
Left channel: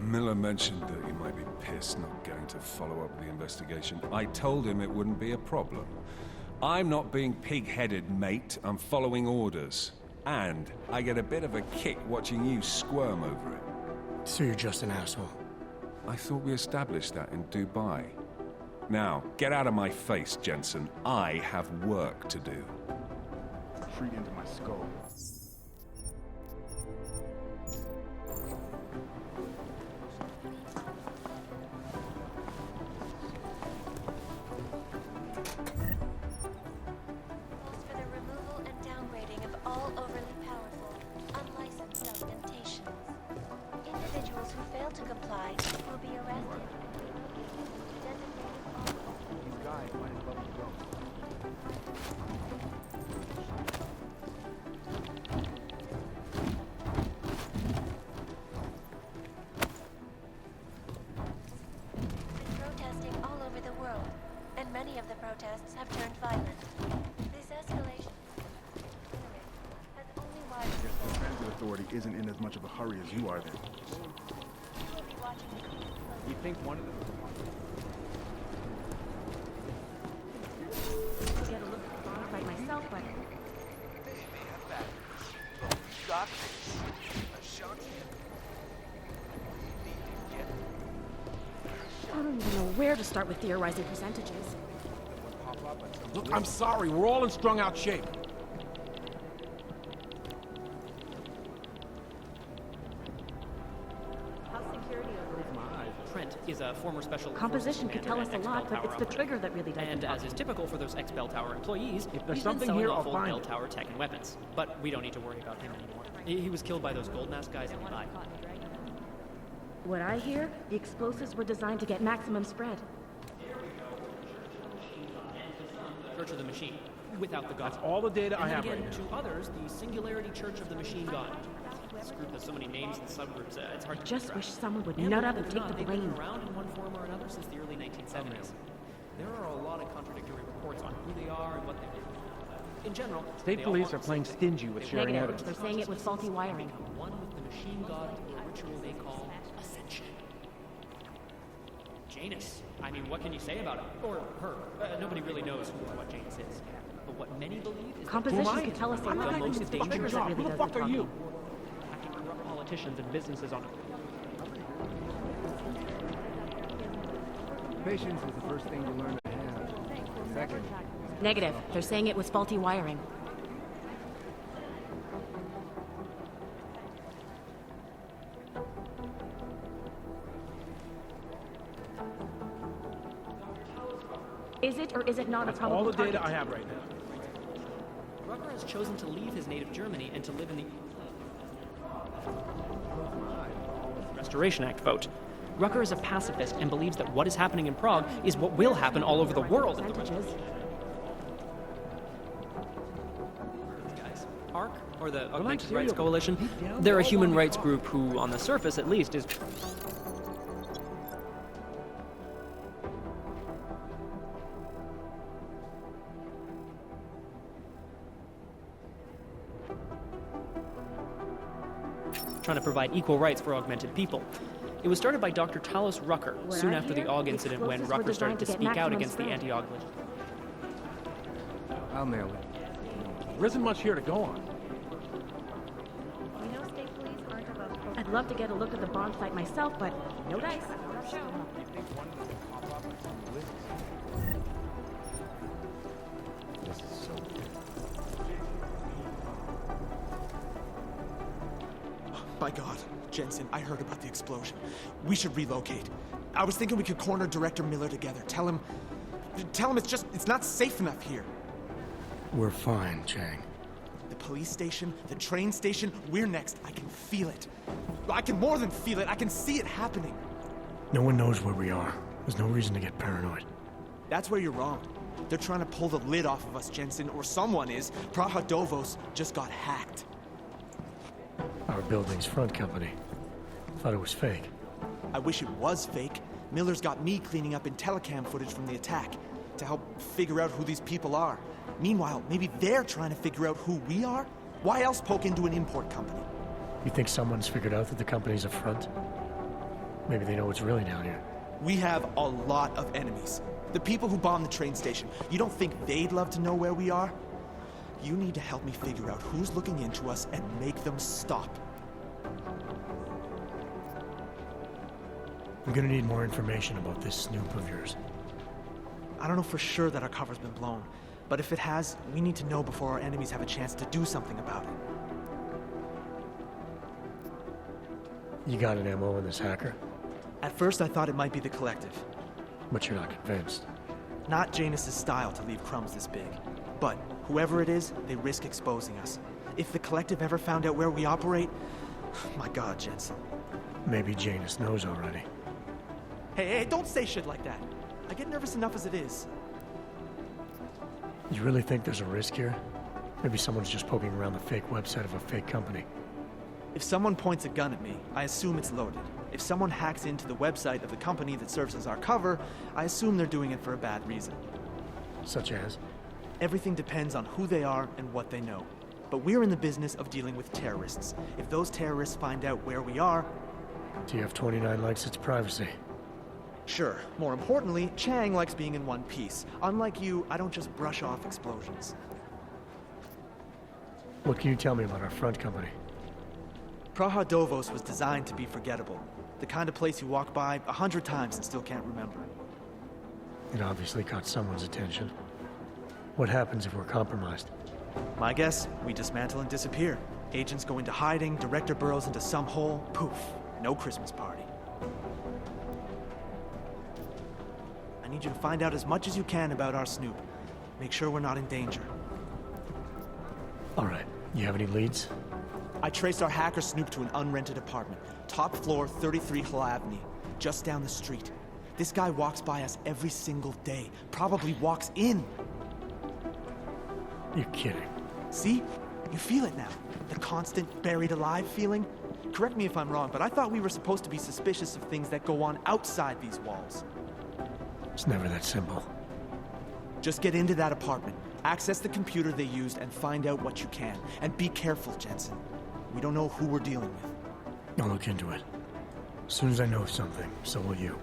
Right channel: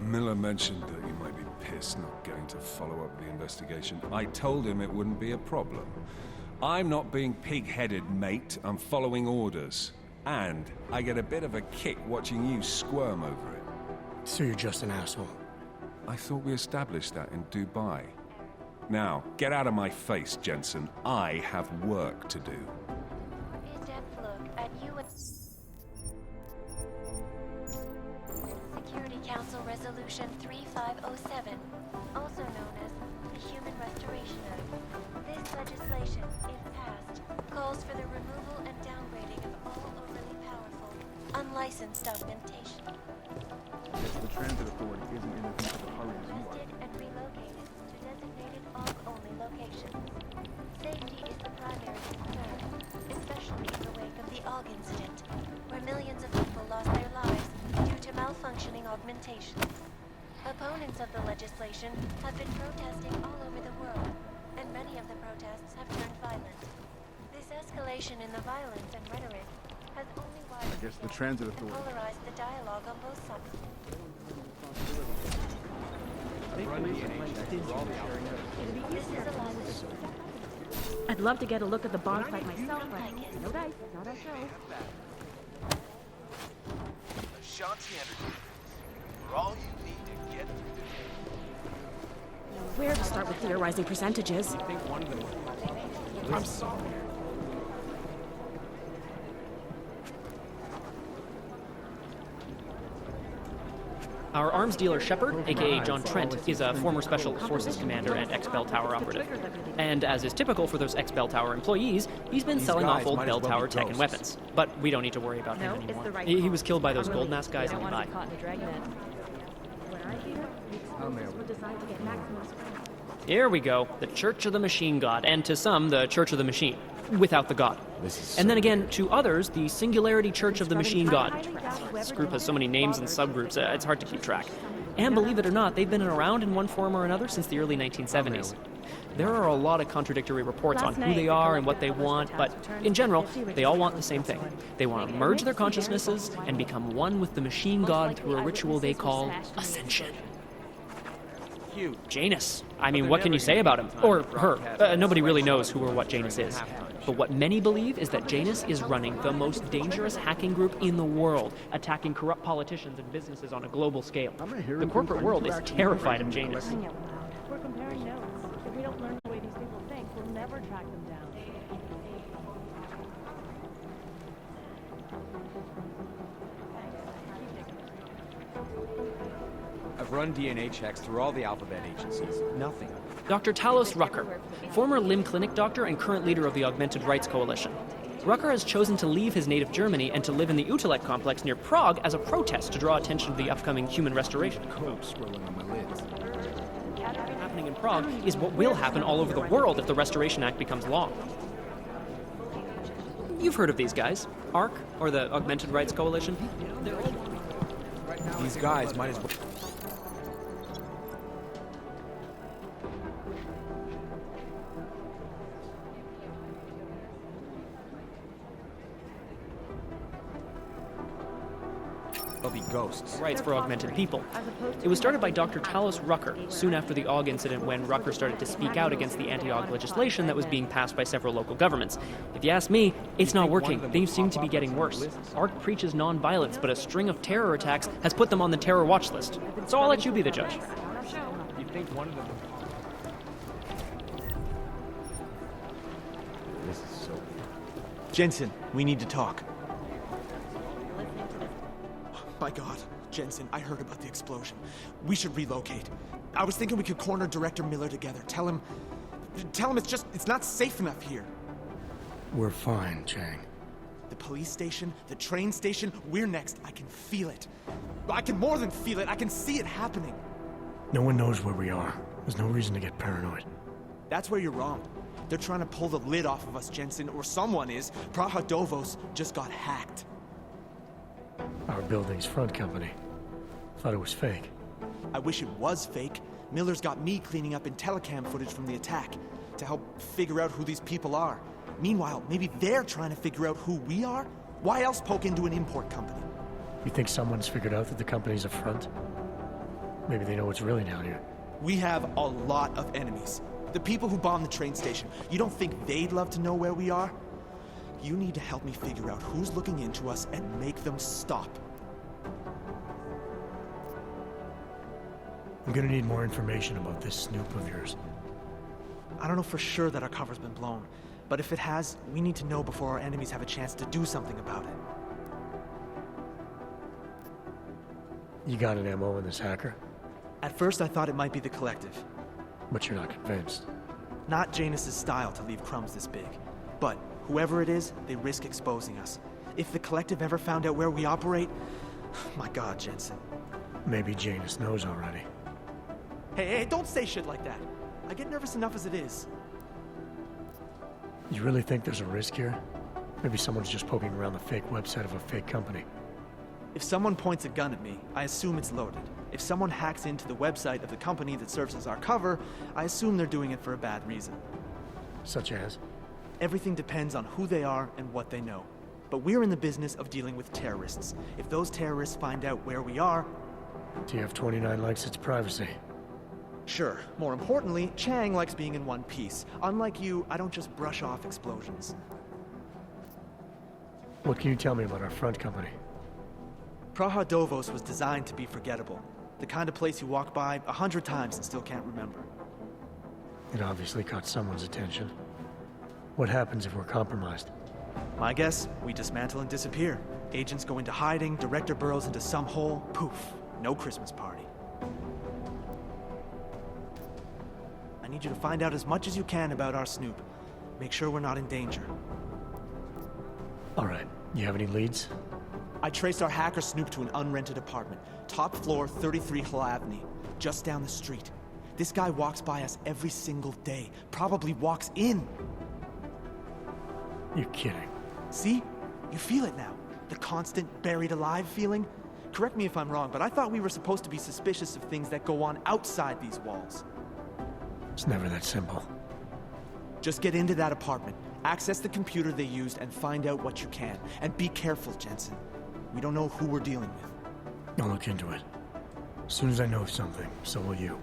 Miller mentioned that you might be pissed not getting to follow up with the investigation. I told him it wouldn't be a problem. I'm not being pig-headed, mate. I'm following orders. And I get a bit of a kick watching you squirm over it. So you're just an asshole? I thought we established that in Dubai. Now, get out of my face, Jensen. I have work to do. Security Council Resolution 3507, also known as the Human Restoration Act. This legislation, if passed, calls for the removal and downgrading of all overly powerful, unlicensed augmentations. Individuals who fail to comply may be arrested and relocated to designated AUG-only locations. Safety is the primary concern, especially in the wake of the AUG incident, where millions of people lost their lives due to malfunctioning augmentations. Opponents of the legislation have been protesting all over the world, and many of the protests have turned violent. This escalated guess the transit authority isn't in as much of a hurry as you are then. I'd love to get a look at the bomb fight myself, but I don't even know where to start with theorizing percentages. Look, I'm sorry, we're all in strung out shape. Our arms dealer Shepard, aka John Trent, is a former Special Forces commander and ex-Bell Tower operative. And as is typical for those ex-Bell Tower employees, he's been selling off old Bell Tower tech and weapons. But we don't need to worry about him anymore. He was killed by those gold mask guys in Dubai. What I hear, the explosives were designed to get maximum spread. Here we go, the Church of the Machine God, and to some, the Church of the Machine, without the God. And then again, to others, the Singularity Church of the Machine God. This group has so many names and subgroups, it's hard to keep track. And believe it or not, they've been around in one form or another since the early 1970s. There are a lot of contradictory reports on who they are and what they want, but in general, they all want the same thing. They want to merge their consciousnesses and become one with the Machine God through a ritual they call Ascension. Janus. I mean, what can you say about him? Or her. Nobody really knows who or what Janus is. But what many believe is that Janus is running the most dangerous hacking group in the world, attacking corrupt politicians and businesses on a global scale. The corporate world is terrified of Janus. Negative. They're saying it was faulty wiring. I've run DNA checks through all the alphabet agencies. Nothing. Dr. Talos Rucker, former limb clinic doctor and current leader of the Augmented Rights Coalition. Rucker has chosen to leave his native Germany and to live in the Utrecht complex near Prague as a protest to draw attention to the upcoming Human Restoration Act vote. Rucker is a pacifist and believes that what is happening in Prague is what will happen all over the world if the Restoration Act becomes law. You've heard of these guys. ARC, or the Augmented Rights Coalition. They're a human rights group who, on the surface at least, is... trying to provide equal rights for augmented people. It was started by Dr. Talos Rucker soon after the AUG incident, when Rucker started to speak out against the anti-AUG legislation that was being passed by several local governments. If you ask me, it's not working. These seem to be getting worse. ARC preaches non-violence, but a string of terror attacks has put them on the terror watch list. So I'll let you be the judge. You think one of them will pop up? This is so weird. Jensen, we need to talk. My God, Jensen, I heard about the explosion. We should relocate. I was thinking we could corner Director Miller together. Tell him it's not safe enough here. We're fine, Chang. The police station, the train station, we're next. I can feel it. I can more than feel it. I can see it happening. No one knows where we are. There's no reason to get paranoid. That's where you're wrong. They're trying to pull the lid off of us, Jensen, or someone is. Praha Dovos just got hacked. Our building's front company. Thought it was fake. I wish it was fake. Miller's got me cleaning up IntelliCam footage from the attack to help figure out who these people are. Meanwhile, maybe they're trying to figure out who we are? Why else poke into an import company? You think someone's figured out that the company's a front? Maybe they know what's really down here. We have a lot of enemies. The people who bombed the train station. You don't think they'd love to know where we are? You need to help me figure out who's looking into us and make them stop. I'm gonna need more information about this snoop of yours. I don't know for sure that our cover's been blown, but if it has, we need to know before our enemies have a chance to do something about it. You got an MO in this hacker? At first I thought it might be the Collective. But you're not convinced? Not Janus's style to leave crumbs this big. But whoever it is, they risk exposing us. If the Collective ever found out where we operate... My God, Jensen. Maybe Janus knows already. Hey, don't say shit like that. I get nervous enough as it is. You really think there's a risk here? Maybe someone's just poking around the fake website of a fake company. If someone points a gun at me, I assume it's loaded. If someone hacks into the website of the company that serves as our cover, I assume they're doing it for a bad reason. Such as? Everything depends on who they are and what they know. but we're in the business of dealing with terrorists. If those terrorists find out where we are... TF-29 likes its privacy. Sure. More importantly, Chang likes being in one piece. Unlike you, I don't just brush off explosions. What can you tell me about our front company? Praha Dovos was designed to be forgettable. The kind of place you walk by 100 times and still can't remember. It obviously caught someone's attention. What happens if we're compromised? My guess, we dismantle and disappear. Agents go into hiding, Director burrows into some hole, poof, no Christmas party. I need you to find out as much as you can about our Snoop. Make sure we're not in danger. All right. You have any leads? I traced our hacker Snoop to an unrented apartment. Top floor, 33 Halavni. Just down the street. This guy walks by us every single day. Probably walks in. You're kidding. See? You feel it now. The constant buried alive feeling. Correct me if I'm wrong, but I thought we were supposed to be suspicious of things that go on outside these walls. It's never that simple. Just get into that apartment, access the computer they used, and find out what you can. And be careful, Jensen. We don't know who we're dealing with. I'll look into it. As soon as I know something, so will you.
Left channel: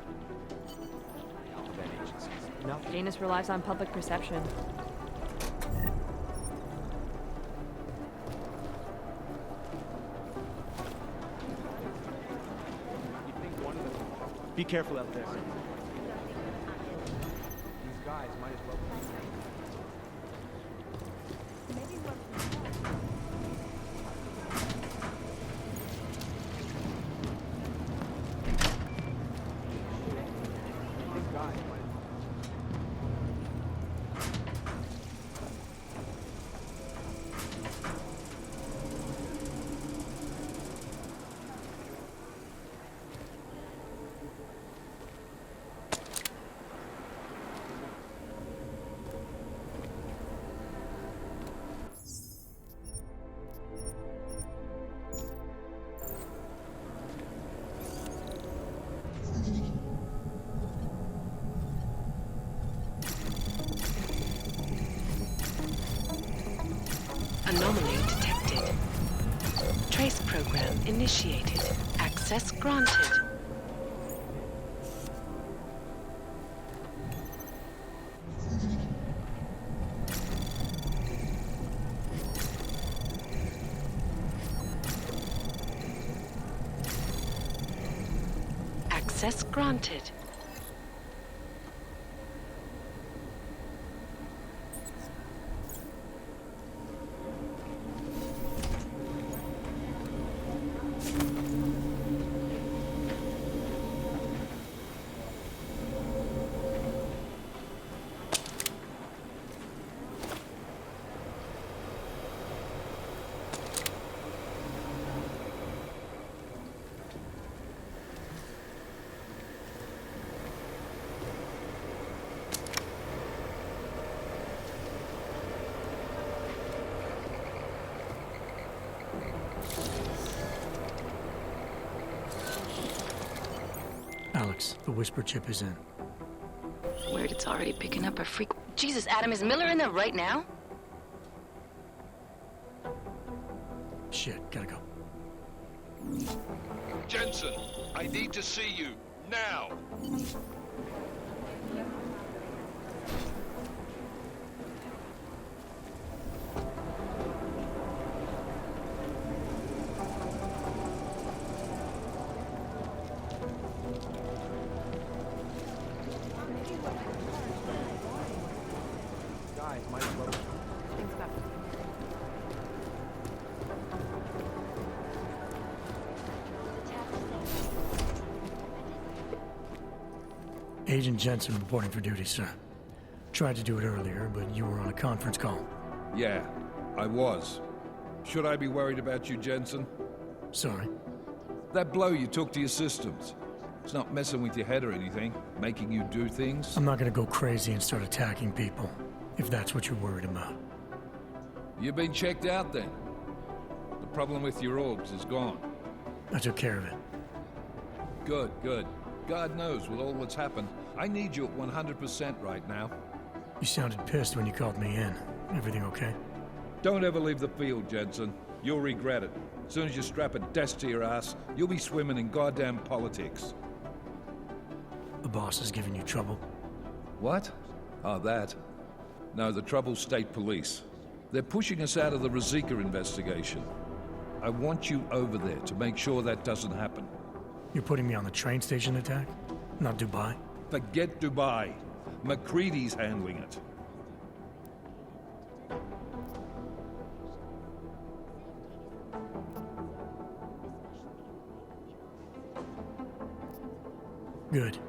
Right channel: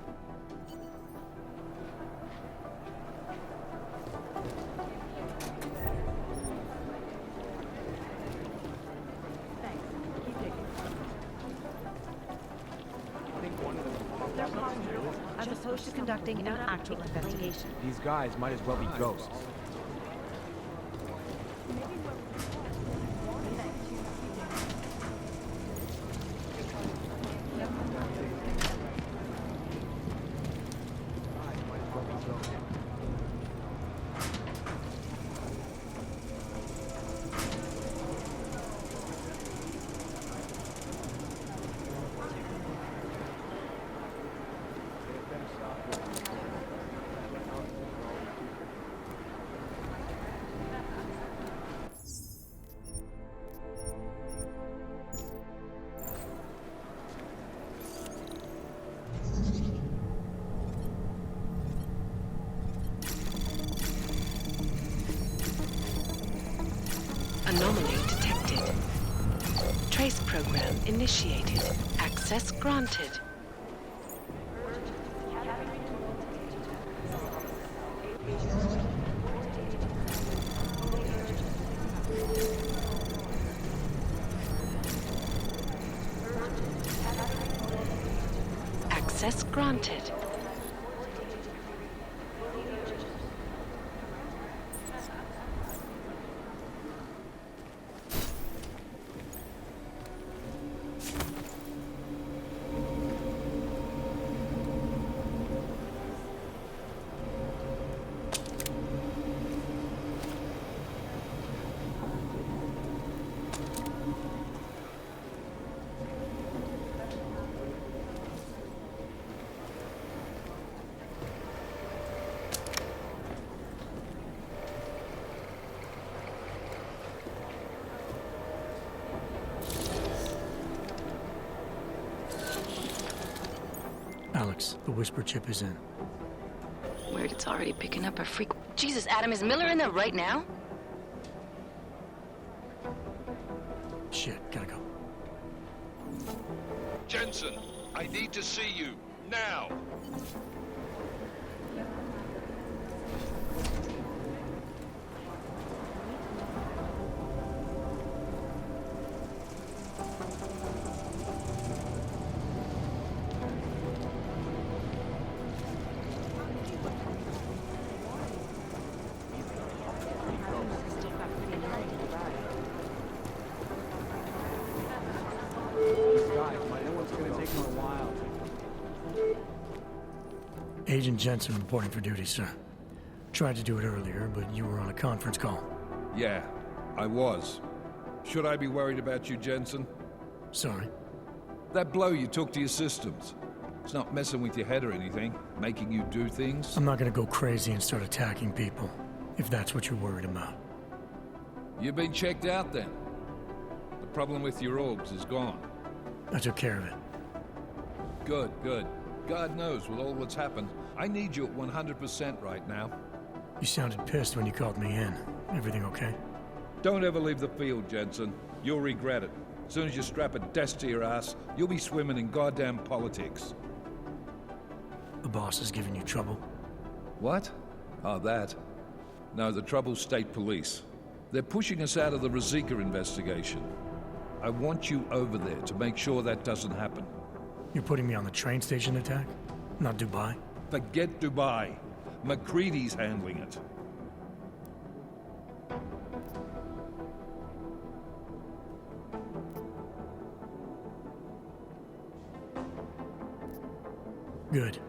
Janus relies on public perception. Be careful. As opposed to conducting an actual investigation. These guys might as well be ghosts. Anomaly detected. Trace program initiated. Access granted. Access granted. Alex, the whisper chip is in. Weird, it's already picking up a freak. Jesus, Adam, is Miller in there right now? Shit, gotta go. Jensen, I need to see you, now! Agent Jensen reporting for duty, sir. Tried to do it earlier, but you were on a conference call. Yeah, I was. Should I be worried about you, Jensen? Sorry? That blow you took to your systems. It's not messing with your head or anything, making you do things. I'm not gonna go crazy and start attacking people, if that's what you're worried about. You've been checked out then. The problem with your orbs is gone. I took care of it. Good, good. God knows, with all that's happened, I need you at 100% right now. You sounded pissed when you called me in. Everything okay? Don't ever leave the field, Jensen. You'll regret it. As soon as you strap a desk to your ass, you'll be swimming in goddamn politics. The boss is giving you trouble? What? Oh, that? No, the trouble's state police. They're pushing us out of the Ruzicka investigation. I want you over there to make sure that doesn't happen. You're putting me on the train station attack? Not Dubai? Forget Dubai. McCready's handling it. Good.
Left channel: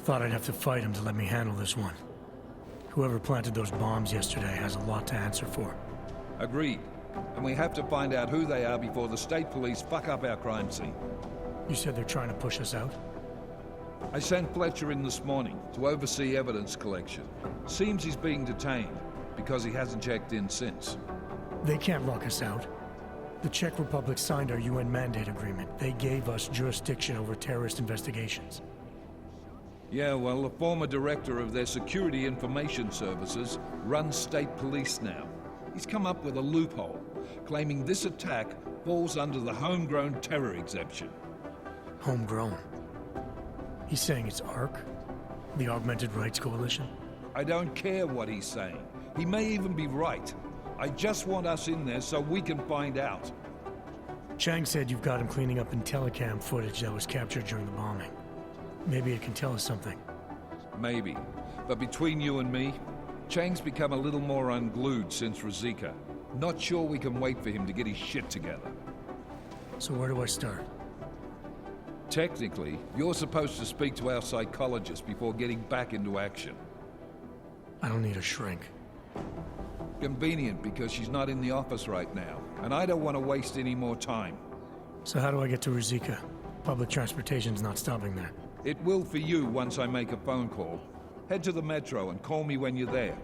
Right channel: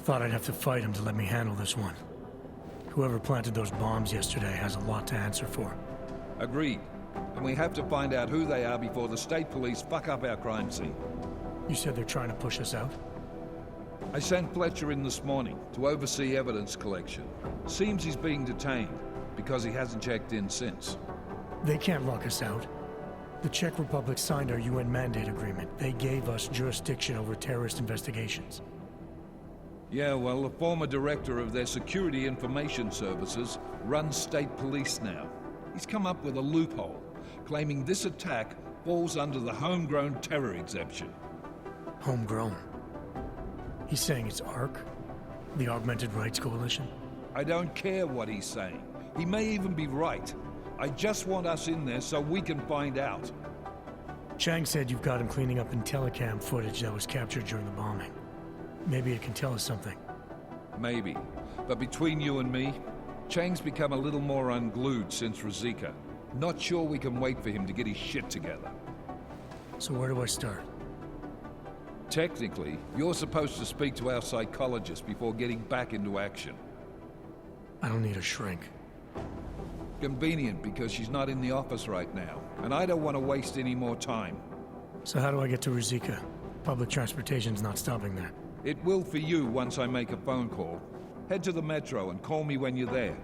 Thought I'd have to fight him to let me handle this one. Whoever planted those bombs yesterday has a lot to answer for. Agreed. And we have to find out who they are before the state police fuck up our crime scene. You said they're trying to push us out? I sent Fletcher in this morning to oversee evidence collection. Seems he's being detained, because he hasn't checked in since. They can't lock us out. The Czech Republic signed our UN mandate agreement. They gave us jurisdiction over terrorist investigations. Yeah, well, the former director of their security information services runs state police now. He's come up with a loophole, claiming this attack falls under the homegrown terror exemption. Homegrown? He's saying it's ARC? The Augmented Rights Coalition? I don't care what he's saying. He may even be right. I just want us in there so we can find out. Chang said you've got him cleaning up Intellicam footage that was captured during the bombing. Maybe it can tell us something. Maybe. But between you and me, Chang's become a little more unglued since Ruzicka. Not sure we can wait for him to get his shit together. So where do I start? Technically, you're supposed to speak to our psychologist before getting back into action. I don't need a shrink. Convenient, because she's not in the office right now, and I don't want to waste any more time. So how do I get to Ruzicka? Public transportation's not stopping there. It will for you once I make a phone call. Head to the metro and call me when you're there.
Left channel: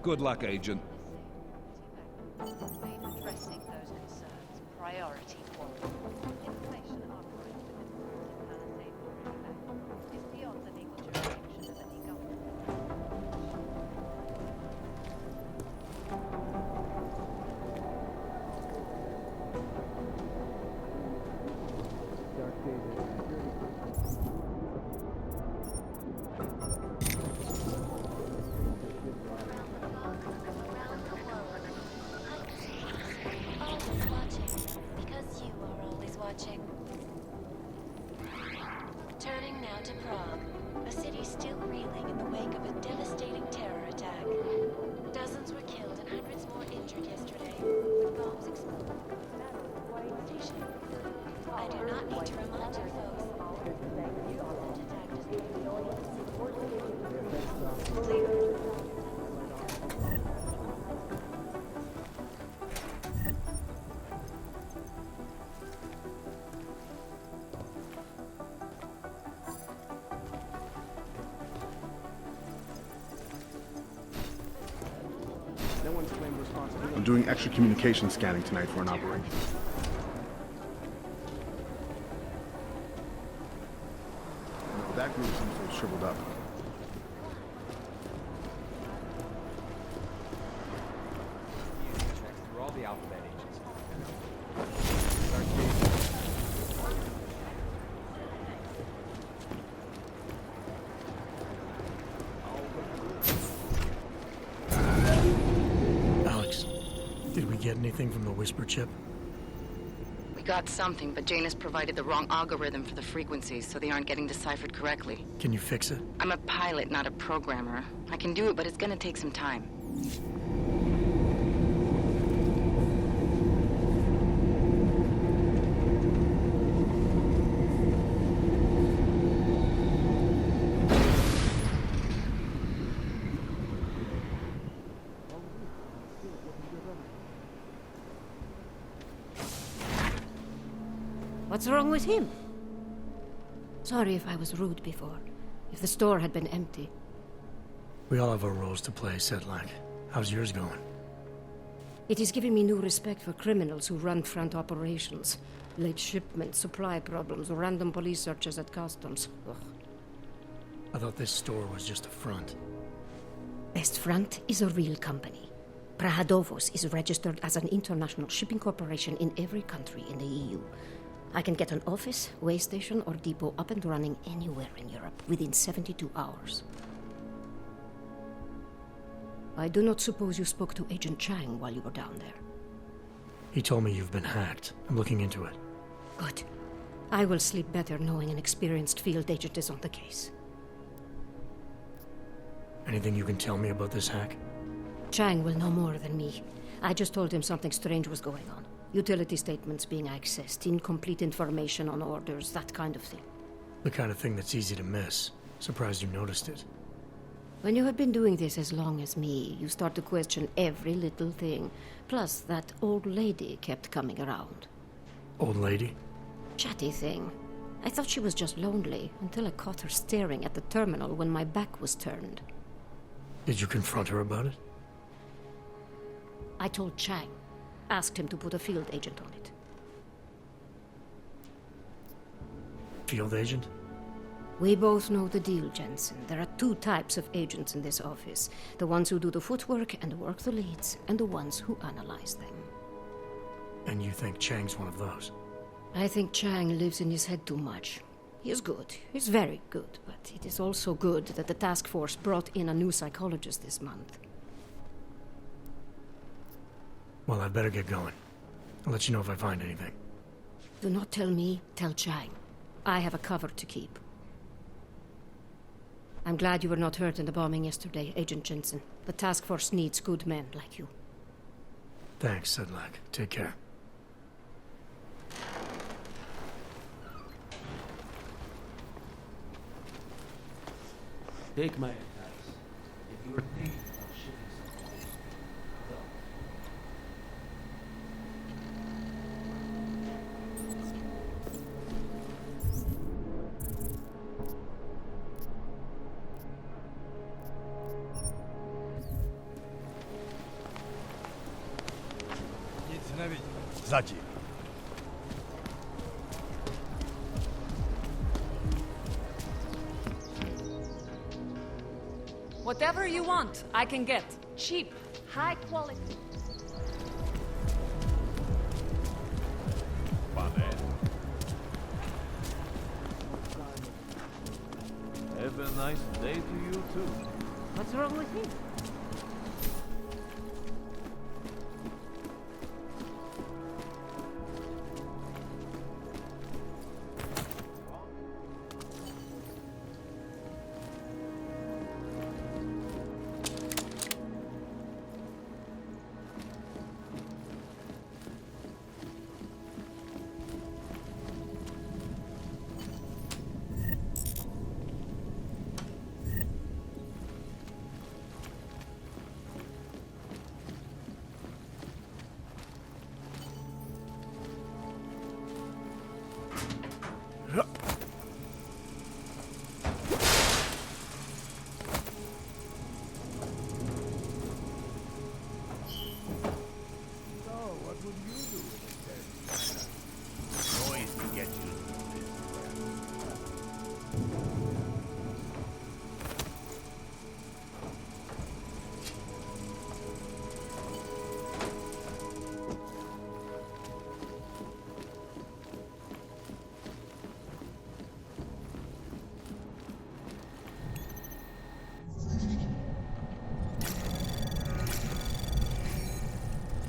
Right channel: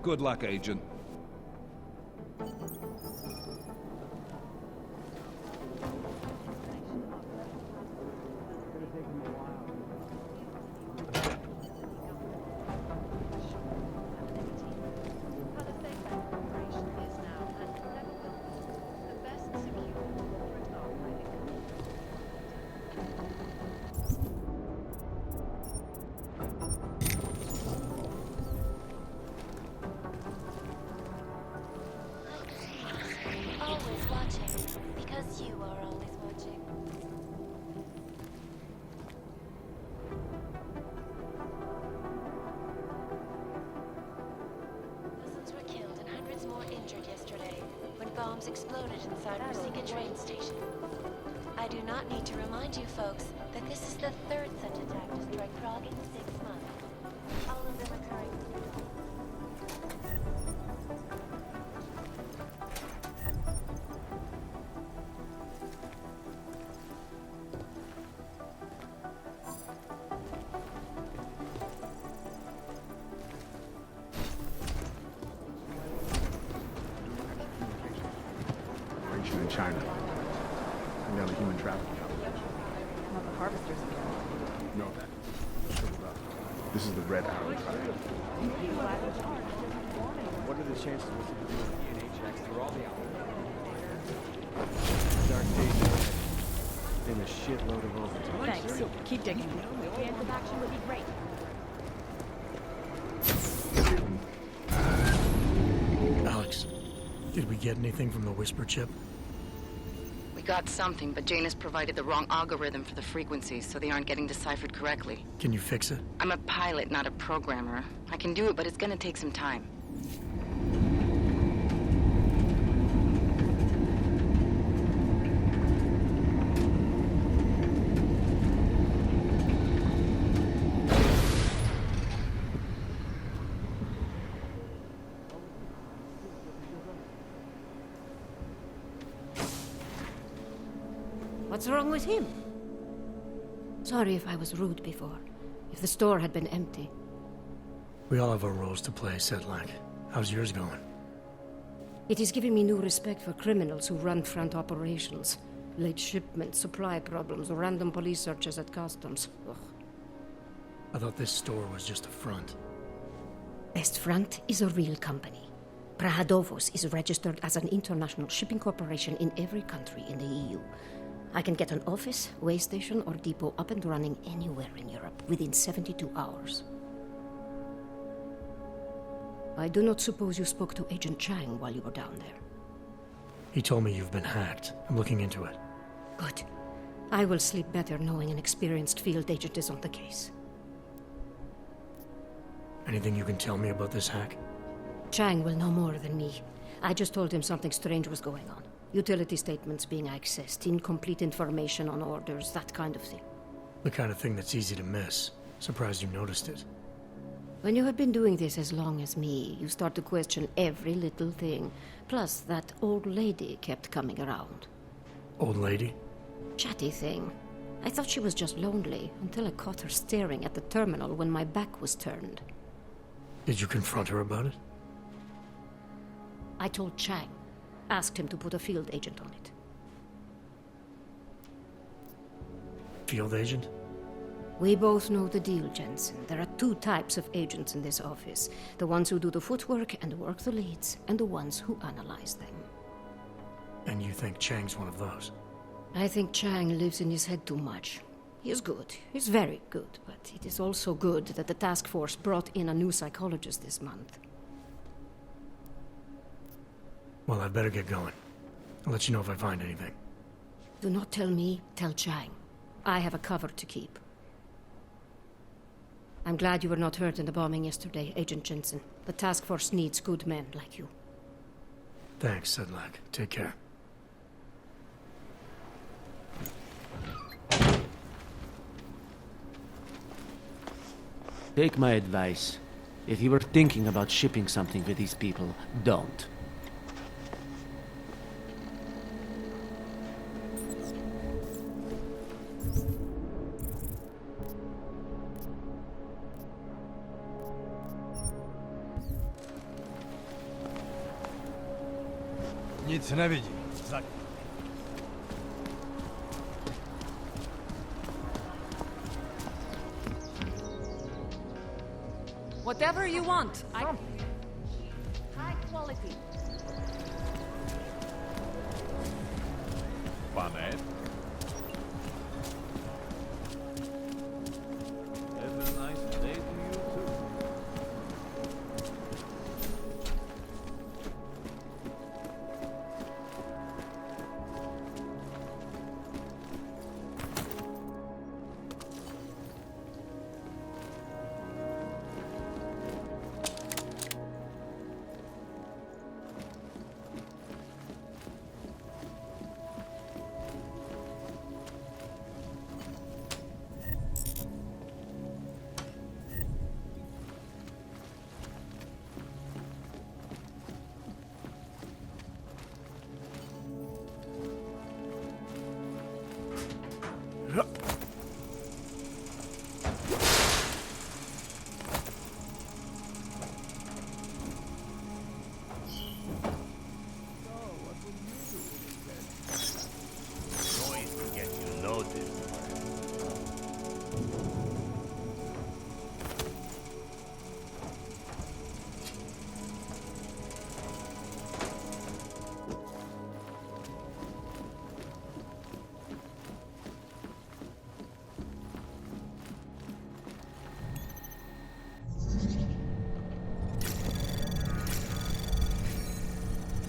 Good luck, Agent. Always watching, because you are always watching. Turning now to Prague, a city still reeling in the wake of a devastating terror attack. Dozens were killed and hundreds more injured yesterday when bombs exploded inside a Ruzicka train station. I do not need to remind you folks that this is the third such attack to strike Prague in 6 months. All of them clear. I'm doing extra communication scanning tonight for an operation in China. Primarily human trafficking. No, that group is shriveled up. This is the red arrow. What are the chances of DNA checks through all the alphabet? Dark days ahead. And a shitload of overtime. Thanks. Keep digging. Alex, did we get anything from the Whisper chip? We got something, but Janus provided the wrong algorithm for the frequencies, so they aren't getting deciphered correctly. Can you fix it? I'm a pilot, not a programmer. I can do it, but it's gonna take some time. What's wrong with him? Sorry if I was rude before. If the store had been empty. We all have our roles to play, Sedlak. How's yours going? It is giving me new respect for criminals who run front operations. Late shipments, supply problems, random police searches at customs. Ugh. I thought this store was just a front. Best Front is a real company. Prahadovos is registered as an international shipping corporation in every country in the EU. I can get an office, way station, or depot up and running anywhere in Europe within 72 hours. I do not suppose you spoke to Agent Chang while you were down there. He told me you've been hacked. I'm looking into it. Good. I will sleep better knowing an experienced field agent is on the case. Anything you can tell me about this hack? Chang will know more than me. I just told him something strange was going on. Utility statements being accessed, incomplete information on orders, that kind of thing. The kind of thing that's easy to miss. Surprised you noticed it. When you have been doing this as long as me, you start to question every little thing. Plus, that old lady kept coming around. Old lady? Chatty thing. I thought she was just lonely, until I caught her staring at the terminal when my back was turned. Did you confront her about it? I told Chang. Asked him to put a field agent on it. Field agent? We both know the deal, Jensen. There are two types of agents in this office. The ones who do the footwork and work the leads, and the ones who analyze them. And you think Chang's one of those? I think Chang lives in his head too much. He is good. He's very good. But it is also good that the task force brought in a new psychologist this month. Well, I'd better get going. I'll let you know if I find anything. Do not tell me, tell Chang. I have a cover to keep. I'm glad you were not hurt in the bombing yesterday, Agent Jensen. The task force needs good men like you. Thanks, Sedlak. Take care. Take my advice. If you were thinking about shipping something to these people, don't. Nic nevidím. Zatím. Whatever you want, I can get. Cheap, high quality. Pane. Have a nice day to you too. What's wrong with me?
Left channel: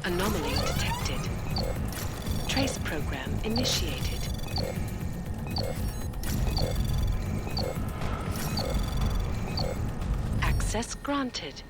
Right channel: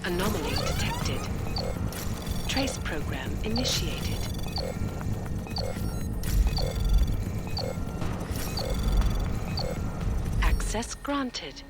Anomaly detected. Trace program initiated. Access granted.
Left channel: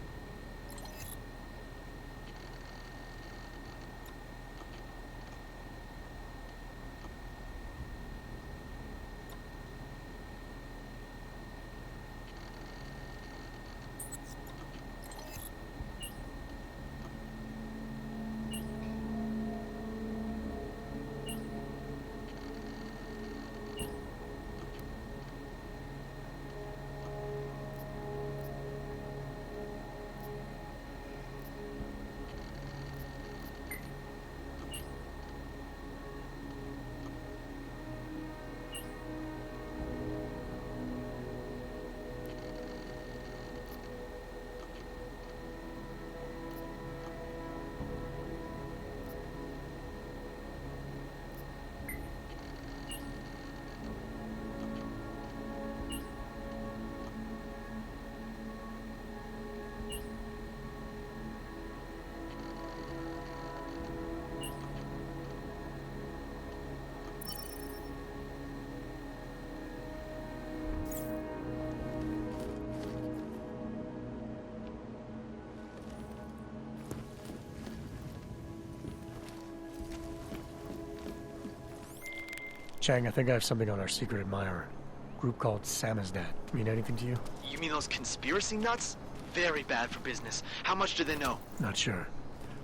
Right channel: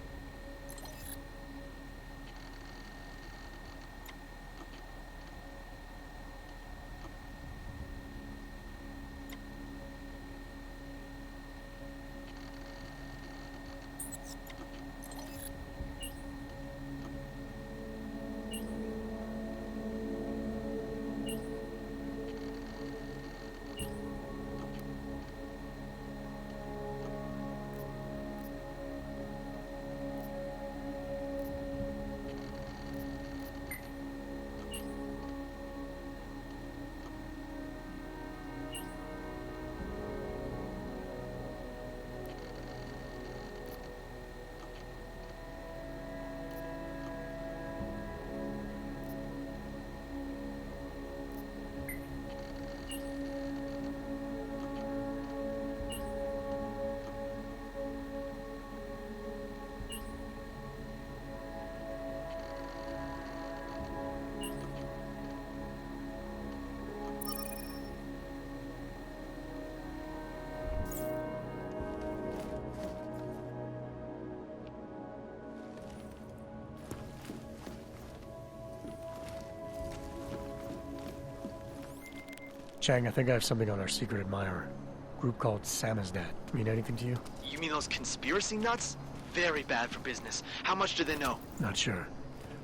Chang, I think I have something on our secret admirer. Group called Samizdat. Mean anything to you? You mean those conspiracy nuts? Very bad for business. How much do they know? Not sure.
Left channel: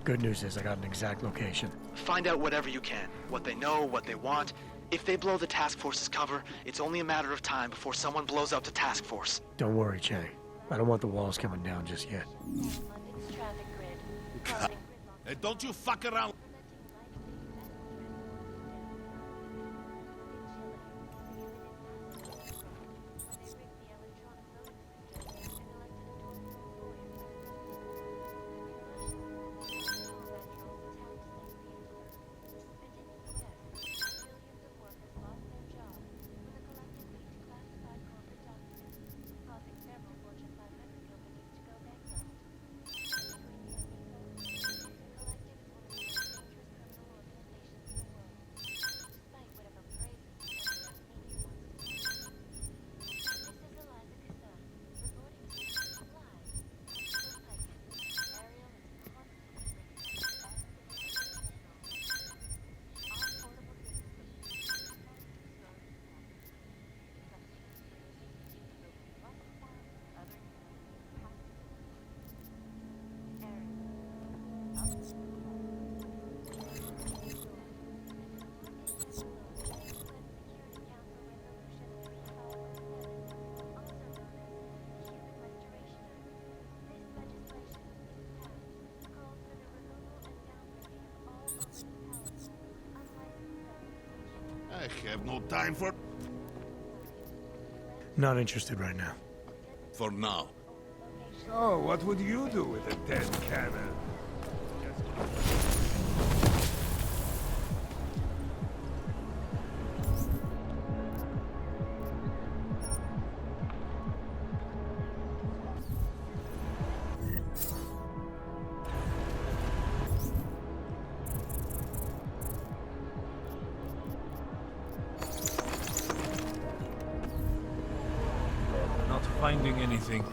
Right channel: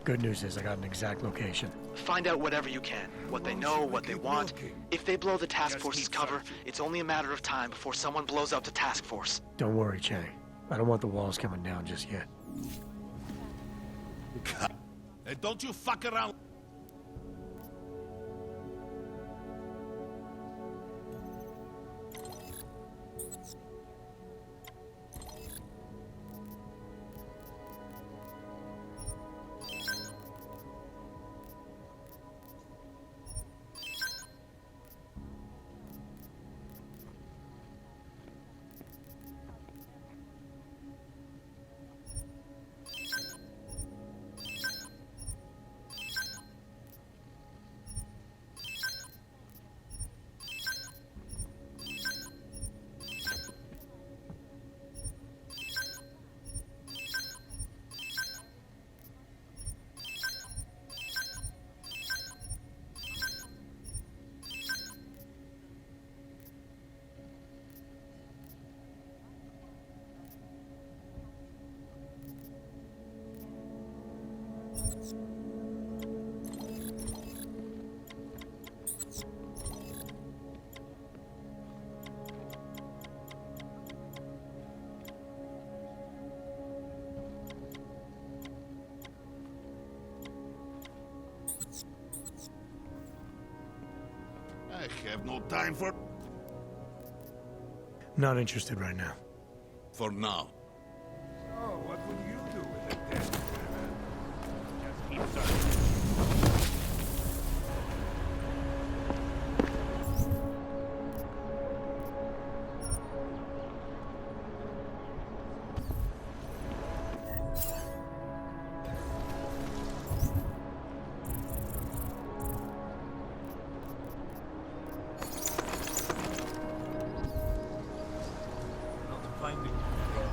Good news is I got an exact location. Find out whatever you can. What they know, what they want. If they blow the task force's cover, it's only a matter of time before someone blows up the task force. Don't worry, Chang. I don't want the walls coming down just yet. Hey, don't you fuck around. I have no time for... Not interested right now. For now. So, what would you do with a dead cannon? Just keep Not finding anything.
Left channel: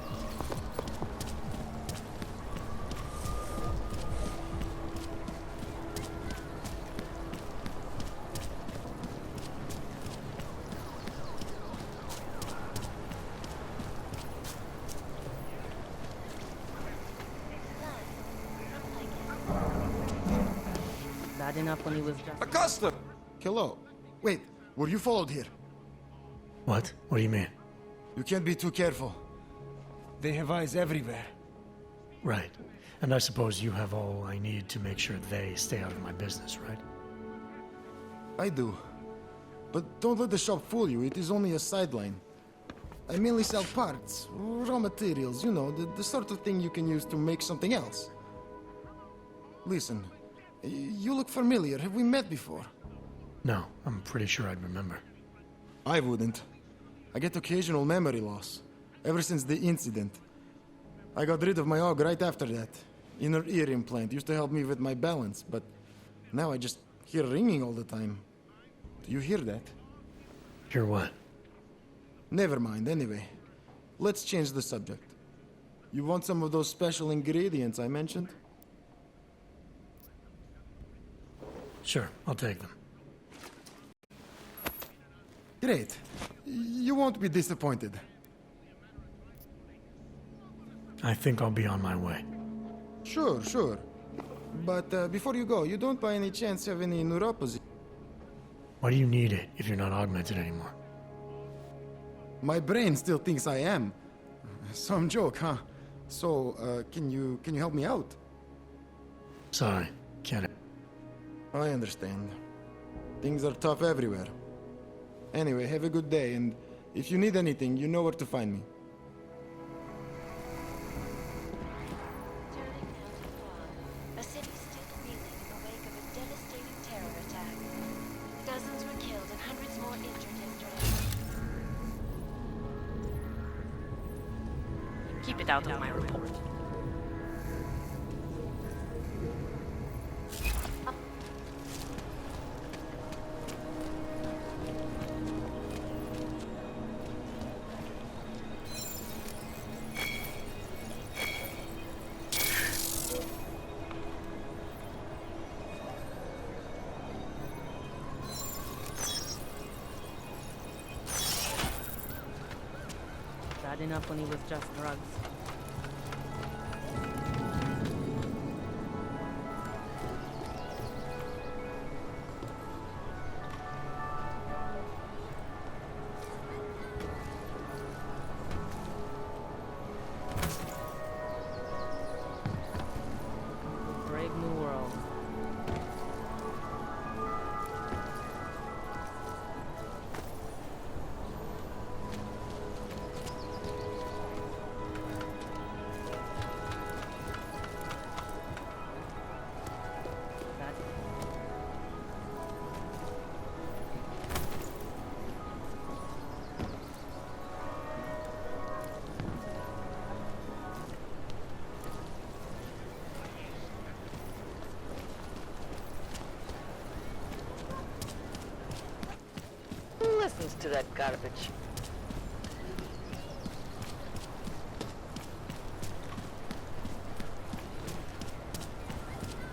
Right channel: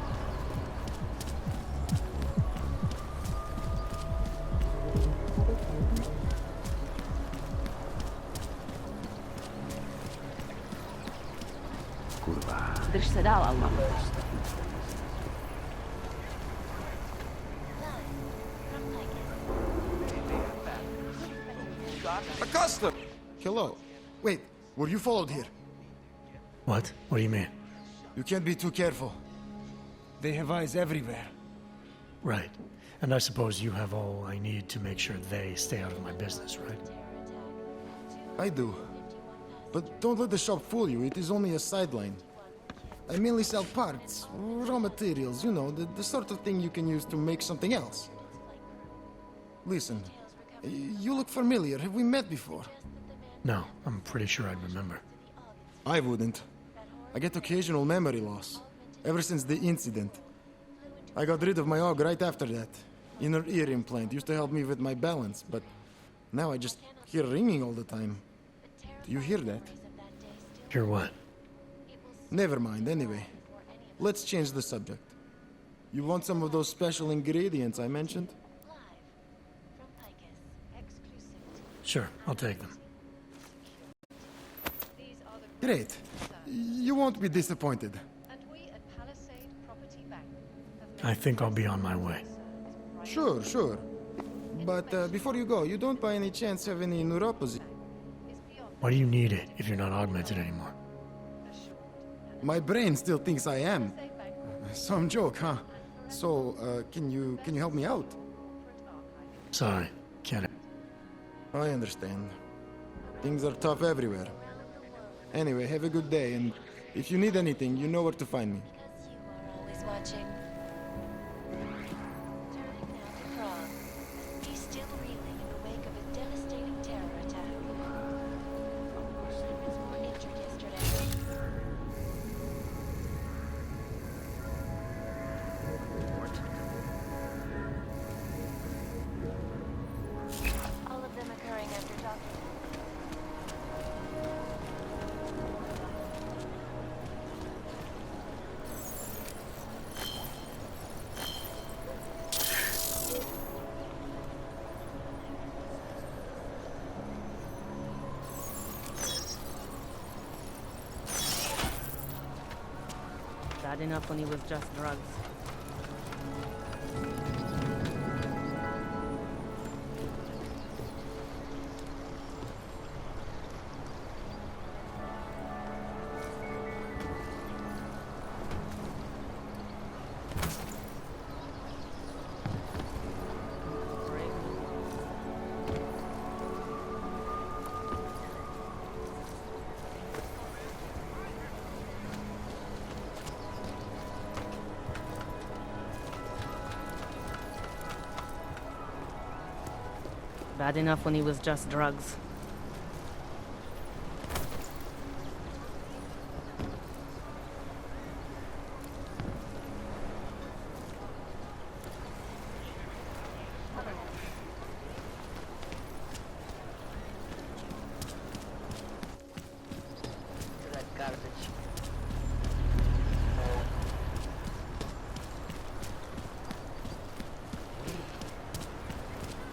Dış seda almak. Bad enough when he was done. Acosta! Hello. Wait, were you followed here? What? What do you mean? You can't be too careful. They have eyes everywhere. Right. And I suppose you have all I need to make sure they stay out of my business, right? I do. But don't let the shop fool you, it is only a sideline. I mainly sell parts, raw materials, you know, the sort of thing you can use to make something else. Listen, you look familiar. Have we met before? No, I'm pretty sure I'd remember. I wouldn't. I get occasional memory loss, ever since the incident. I got rid of my AUG right after that. Inner ear implant used to help me with my balance, but now I just hear ringing all the time. Do you hear that? Hear what? Never mind, anyway. Let's change the subject. You want some of those special ingredients I mentioned? Sure, I'll take them. Great. You won't be disappointed. I think I'll be on my way. Sure, sure. But before you go, you don't by any chance have any neuropathy? Why do you need it if you're not augmented anymore? My brain still thinks I am. Some joke, huh? So, can you help me out? Sorry, can't. I understand. Things are tough everywhere. Anyway, have a good day, and if you need anything, you know where to find me. Always watching. Turning now to Prague, a city still reeling in the wake of a devastating terror attack. Dozens were killed and hundreds more injured yesterday. Keep it out of my report. All of them occurring as we talk. Bad enough when he was just drugs. Brave new world. Bad enough when he was just drugs. Who listens to that garbage?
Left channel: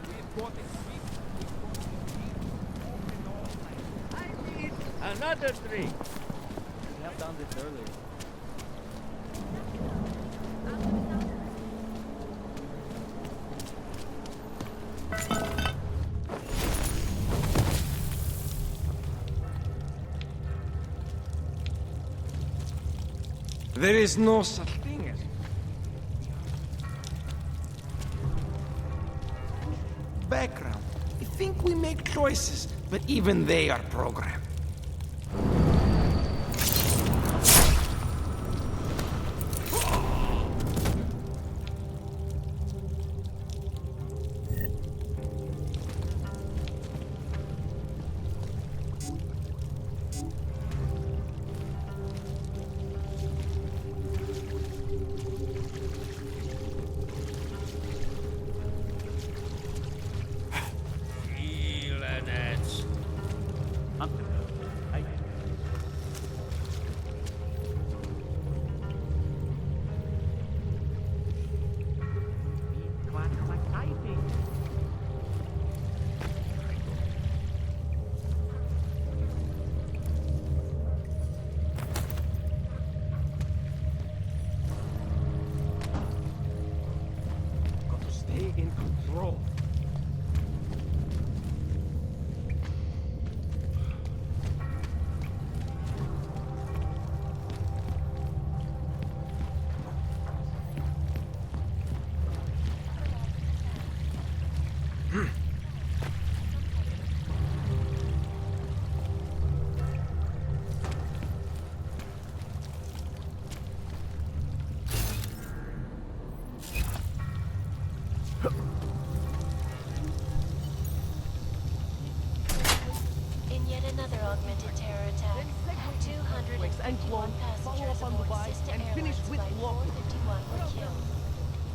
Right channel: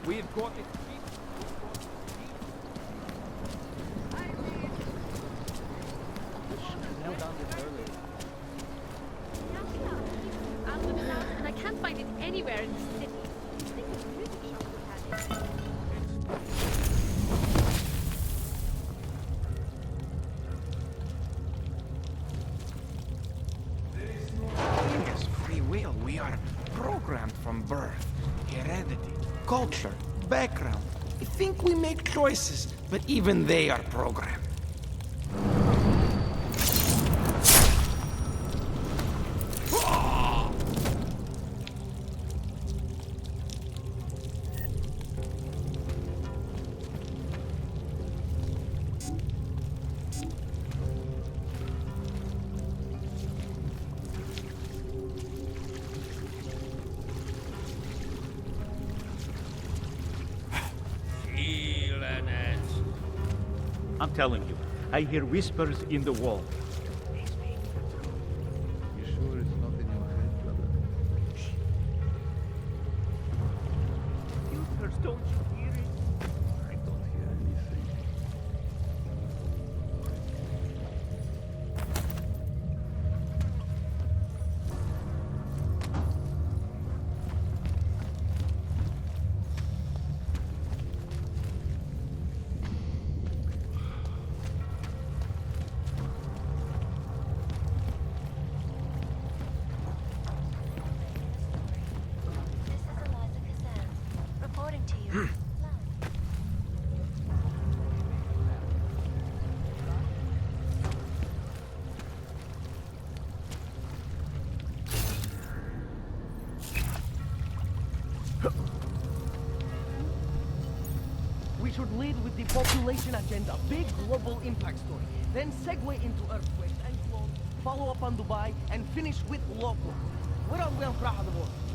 We've got it. I need another three. We held down this earlier. I can't find it anywhere in the city. There is no such thing as free will. We are programmed from birth. Heredity, culture, background. I think we make choices, but even they are programmed. I'm telling you, I hear whispers in the wall. Stay in control. We should lead with the population agenda, big global impact story. Then segue into earthquakes and clones, follow up on Dubai, and finish with local. What are we on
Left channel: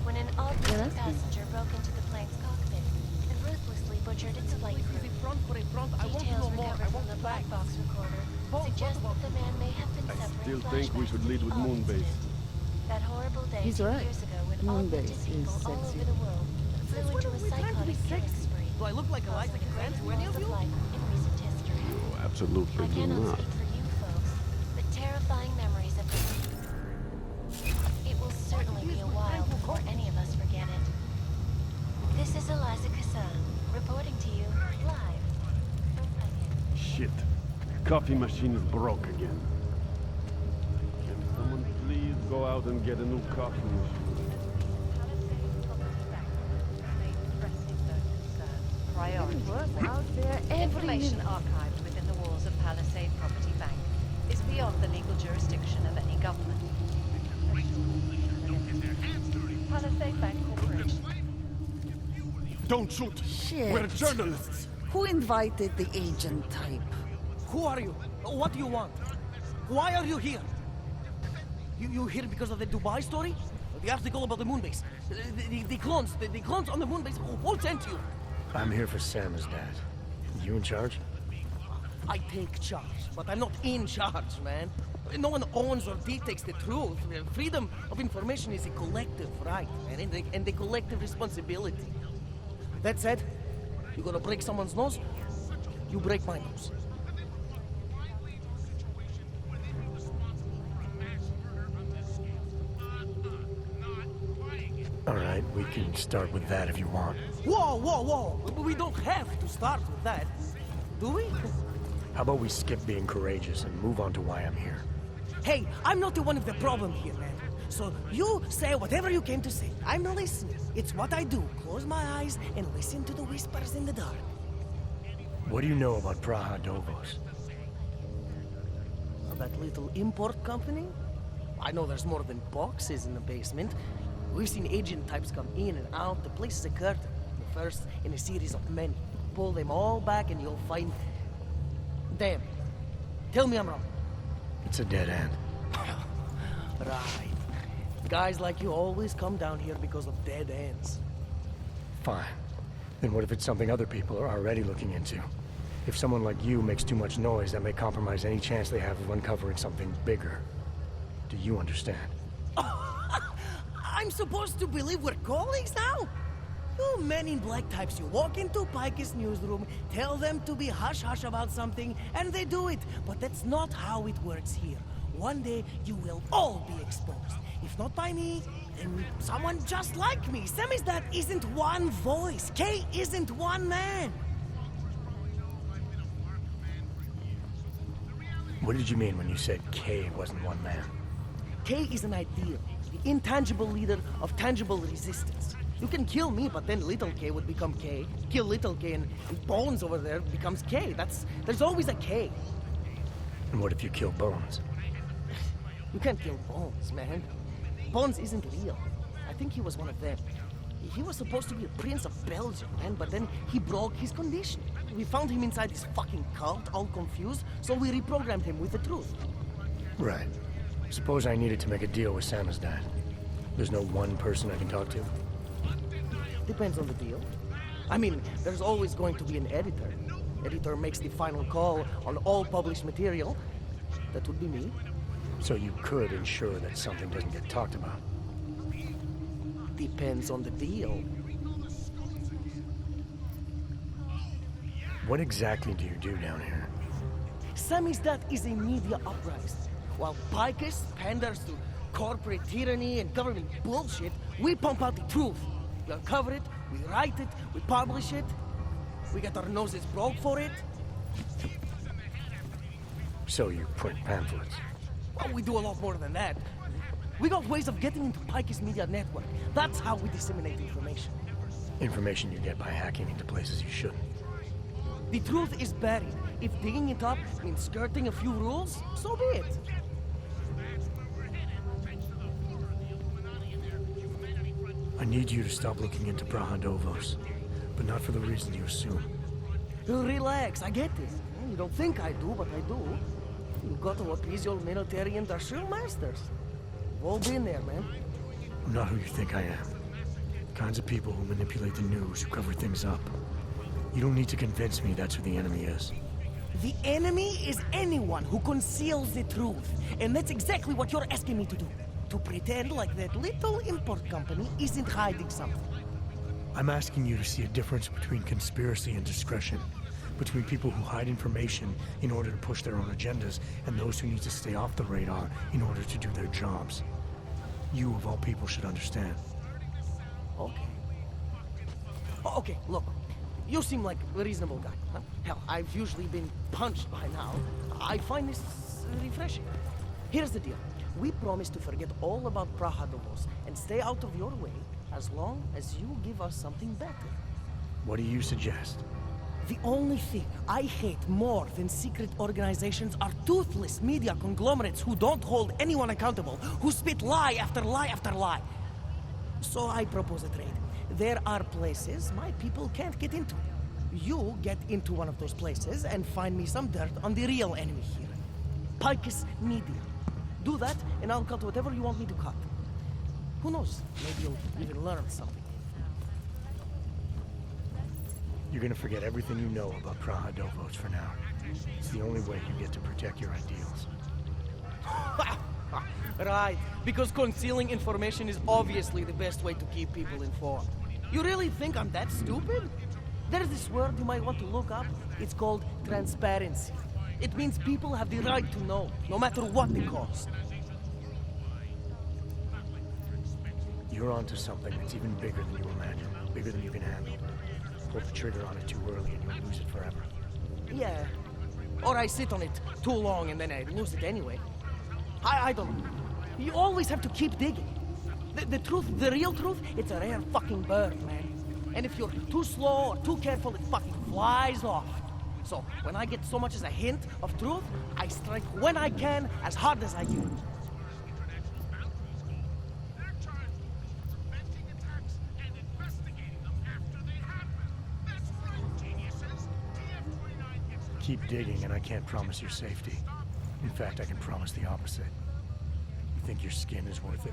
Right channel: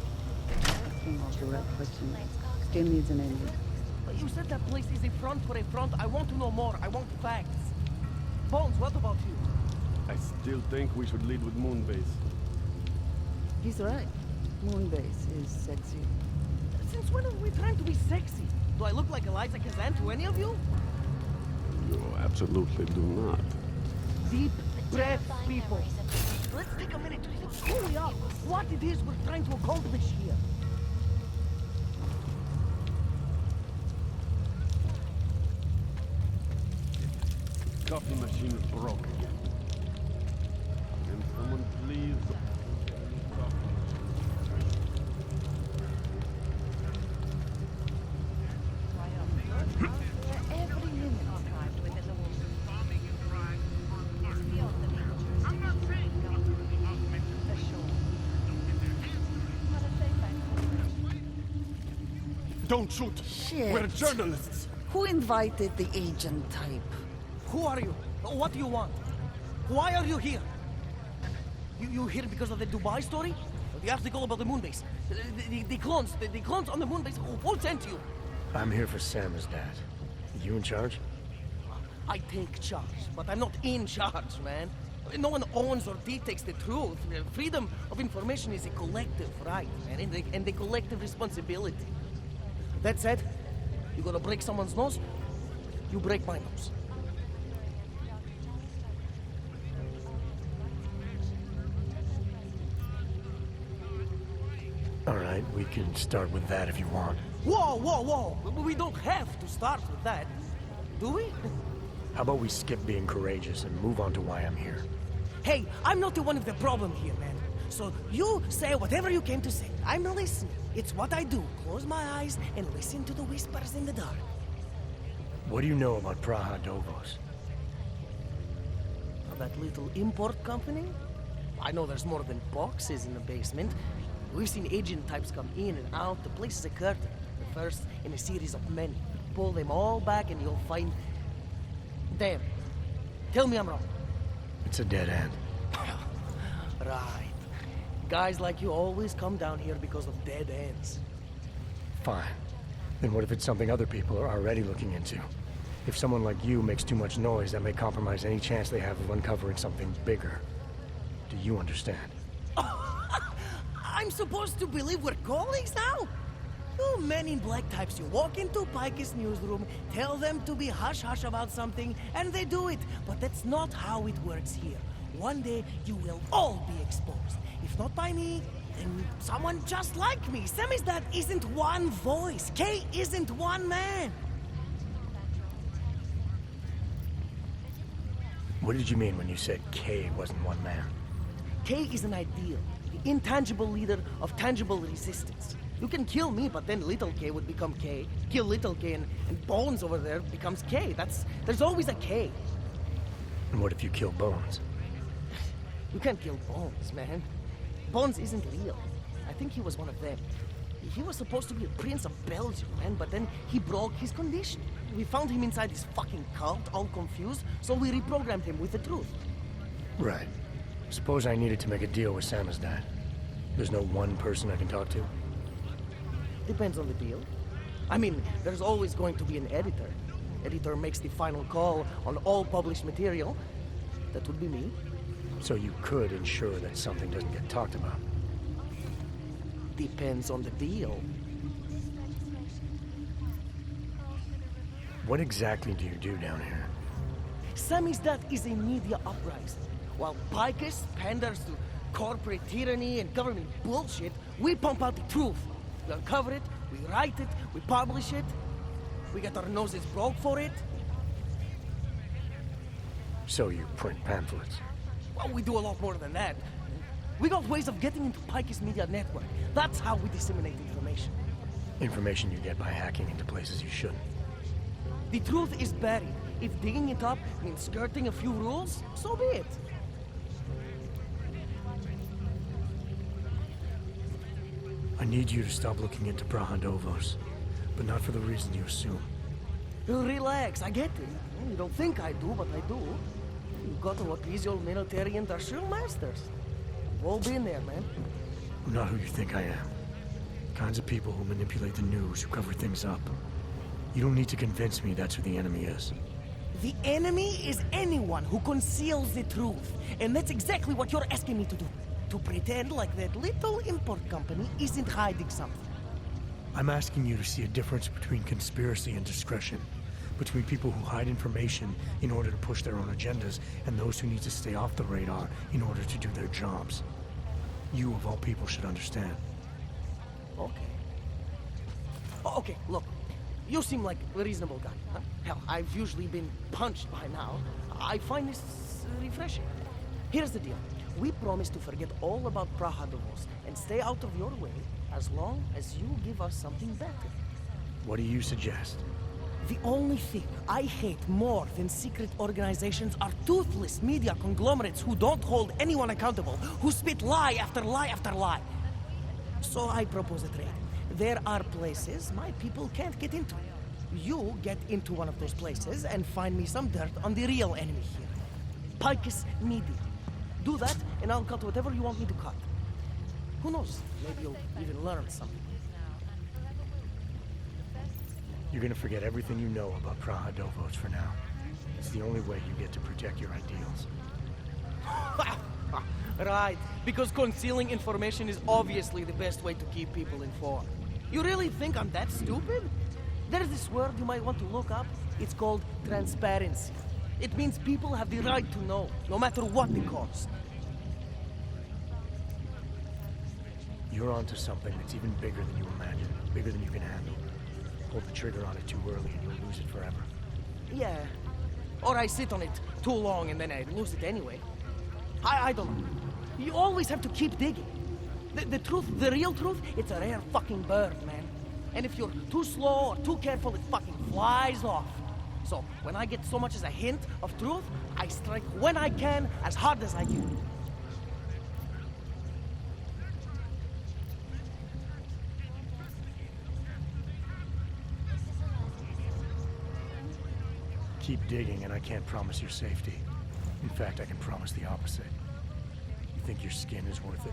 When an unknown passenger broke into the plane's cockpit and ruthlessly But you butchered said its that flight place is a front for a front. I want to know more. I want facts. Bones, what about you? I still think we should lead with Moonbase. that horrible day He's 2 right. years ago when Moonbase is sexy. Since when are we trying to be sexy? Do I look like Eliza Kazan to any of you? You absolutely do not. Deep the terrifying memories of Let's take a minute to think truly out what it is we're trying to accomplish any of us here. forget it. This is Eliza Kassan, reporting to you live. Shit. Coffee machine is broke again. Can someone please go out and get a new coffee machine? Out there, every information archived within the walls of Palisade Property Bank is beyond the legal jurisdiction of any government. Palisade Bank Corporation. Don't shoot! Shit. We're journalists! Who invited the agent type? Who are you? What do you want? Why are you here? You here because of the Dubai story? The article about the moonbase? The clones on the moonbase? Who sent you? I'm here for Sam's dad. You in charge? I take charge, but I'm not in charge, man. No one owns or dictates the truth. Freedom of information is a collective right, man, and a collective responsibility. That said, you gonna break someone's nose? You break my nose. right, we can start with that if you want. Whoa, whoa, whoa! We don't have to start with that, do we? How about we skip being courageous and move on to why I'm here? Hey, I'm not the one of the problem here, man. So you say whatever you came to say. I'm listening. It's what I do. Close my eyes and listen to the whispers in the dark. What do you know about Praha Dovos? That little import company? I know there's more than boxes in the basement. We've seen agent types come in and out. The place is a curtain. The first in a series of many. Pull them all back and you'll find... Damn. Tell me I'm wrong. It's a dead end. Right. Guys like you always come down here because of dead ends. Fine. Then what if it's something other people are already looking into? If someone like you makes too much noise, that may compromise any chance they have of uncovering something bigger. Do you understand? I'm supposed to believe we're colleagues now? You men in black types, you walk into Pike's newsroom, tell them to be hush-hush about something, and they do it. But that's not how it works here. One day, you will all be exposed. If not by me, then someone just like me. Samizdat isn't one voice. K isn't one man. What did you mean when you said K wasn't one man? K is an ideal, the intangible leader of tangible resistance. You can kill me, but then little K would become K. Kill little K and Bones over there becomes K. There's always a K. And what if you kill Bones? You can't kill Bones, man. Bones isn't real. I think he was one of them. He was supposed to be a prince of Belgium, man, but then he broke his condition. We found him inside this fucking cult, all confused, so we reprogrammed him with the truth. Right. Suppose I needed to make a deal with Samizdat. There's no one person I can talk to? Depends on the deal. I mean, there's always going to be an editor. Editor makes the final call on all published material. That would be me. So you could ensure that something doesn't get talked about? Depends on the deal. What exactly do you do down here? Samizdat is a media uprising. While Picus panders to corporate tyranny and government bullshit, we pump out the truth. We uncover it, we write it, we publish it. We get our noses broke for it. So you print pamphlets? Well, we do a lot more than that. We got ways of getting into Pike's media network. That's how we disseminate information. Information you get by hacking into places you shouldn't. The truth is buried. If digging it up means skirting a few rules, so be it. I need you to stop looking into Praha Dovos, but not for the reason you assume. Relax, I get it. You don't think I do, but I do. You got to appease your military industrial masters. We've all been there, man. I'm not who you think I am. Kinds of people who manipulate the news, who cover things up. You don't need to convince me that's who the enemy is. The enemy is anyone who conceals the truth. And that's exactly what you're asking me to do. To pretend like that little import company isn't hiding something. I'm asking you to see a difference between conspiracy and discretion. Between people who hide information in order to push their own agendas and those who need to stay off the radar in order to do their jobs. You, of all people, should understand. Okay. Okay, look. You seem like a reasonable guy, huh? Hell, I've usually been punched by now. I find this refreshing. Here's the deal. We promise to forget all about Praha Dovos and stay out of your way as long as you give us something better. What do you suggest? The only thing I hate more than secret organizations are toothless media conglomerates who don't hold anyone accountable, who spit lie after lie after lie. So I propose a trade. There are places my people can't get into. You get into one of those places and find me some dirt on the real enemy here. Picus Media. Do that, and I'll cut whatever you want me to cut. Who knows? Maybe you'll even learn something. You're gonna forget everything you know about Praha Dovos for now. It's the only way you get to protect your ideals. Right, because concealing information is obviously the best way to keep people informed. You really think I'm that stupid? There's this word you might want to look up. It's called transparency. It means people have the right to know, no matter what the cost. You're onto something that's even bigger than you imagine. Bigger than you can handle. Pull the trigger on it too early and you'll lose it forever. Yeah. Or I sit on it too long and then I lose it anyway. I don't know. You always have to keep digging. The truth, the real truth, it's a rare fucking bird, man. And if you're too slow or too careful, it fucking flies off. So, when I get so much as a hint of truth, I strike when I can, as hard as I can. Keep digging and I can't promise your safety. In fact, I can promise the opposite. You think your skin is worth it?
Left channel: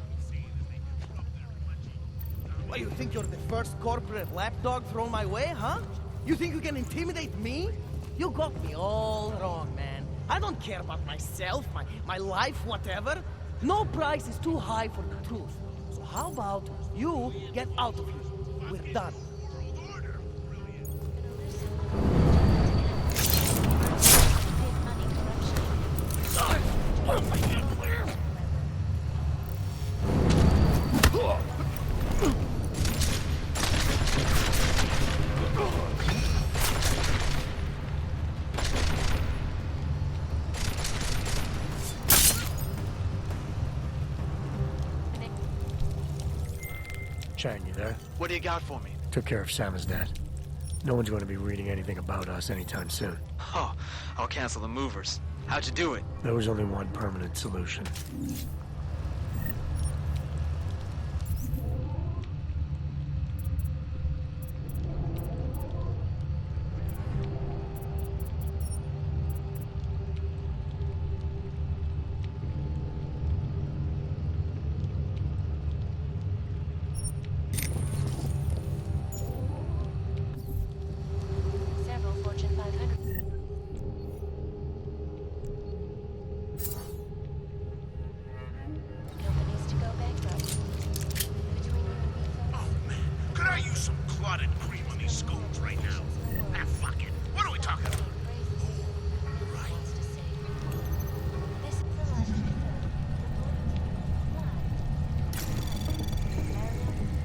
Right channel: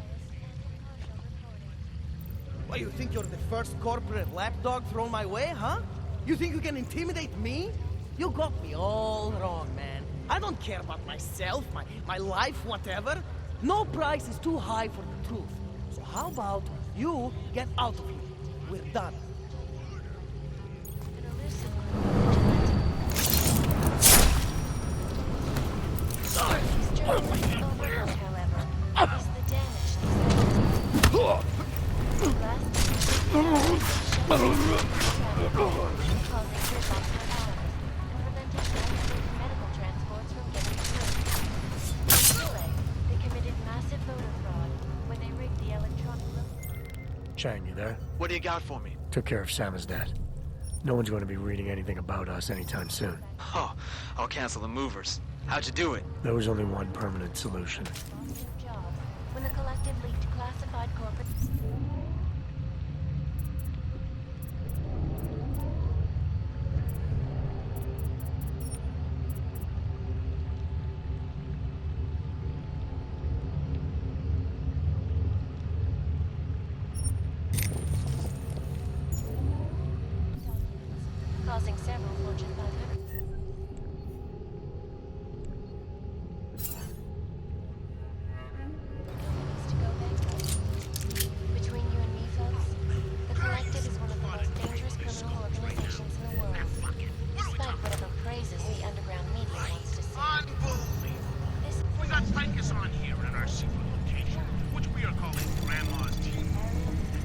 What, you think you're the first corporate lapdog thrown my way, huh? You think you can intimidate me? You got me all wrong, man. I don't care about myself, my life, whatever. No price is too high for the truth. So how about you get out of here? We're done. Chang, you there? What do you got for me? Took care of Samizdat. No one's going to be reading anything about us anytime soon. Oh, I'll cancel the movers. How'd you do it? There was only one permanent solution. Passing several Fortune 500. Companies to go bankrupt. Between you and me, folks, the collective is one of the most dangerous criminal organizations in the world. Fuck it. What are we talking about? Praises the underground media wants to see. This is We got tankers on here in our city location, which we are calling Grandma's Tea.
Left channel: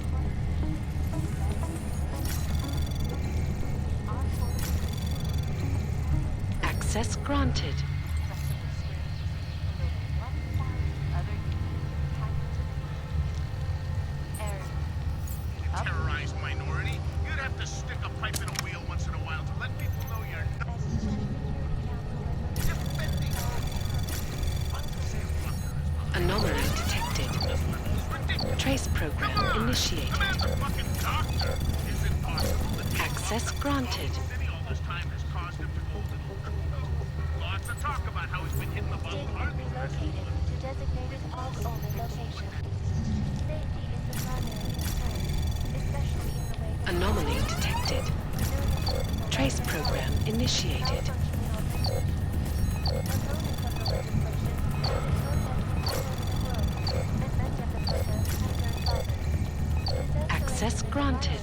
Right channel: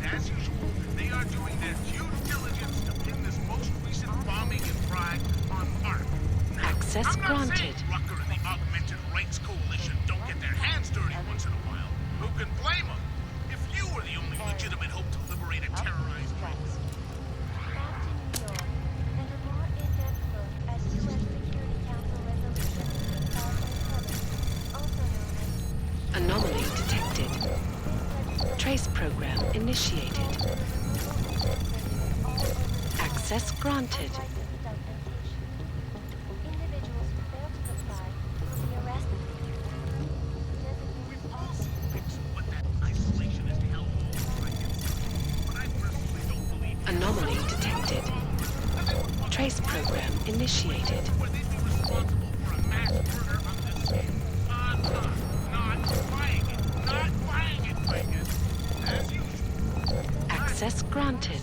As usual, they are doing their due diligence in this most recent bombing and crime on Earth. Access granted. Augmented Rights Coalition don't get their hands dirty once in a while. Who could blame them? If you were the only legitimate hope to liberate a terrorized minority, you'd have to stick a pipe in the wheel once in a while to let people know you're... Anomaly detected. Trace program initiated. Access granted. Anomaly detected. Trace program initiated. Access granted.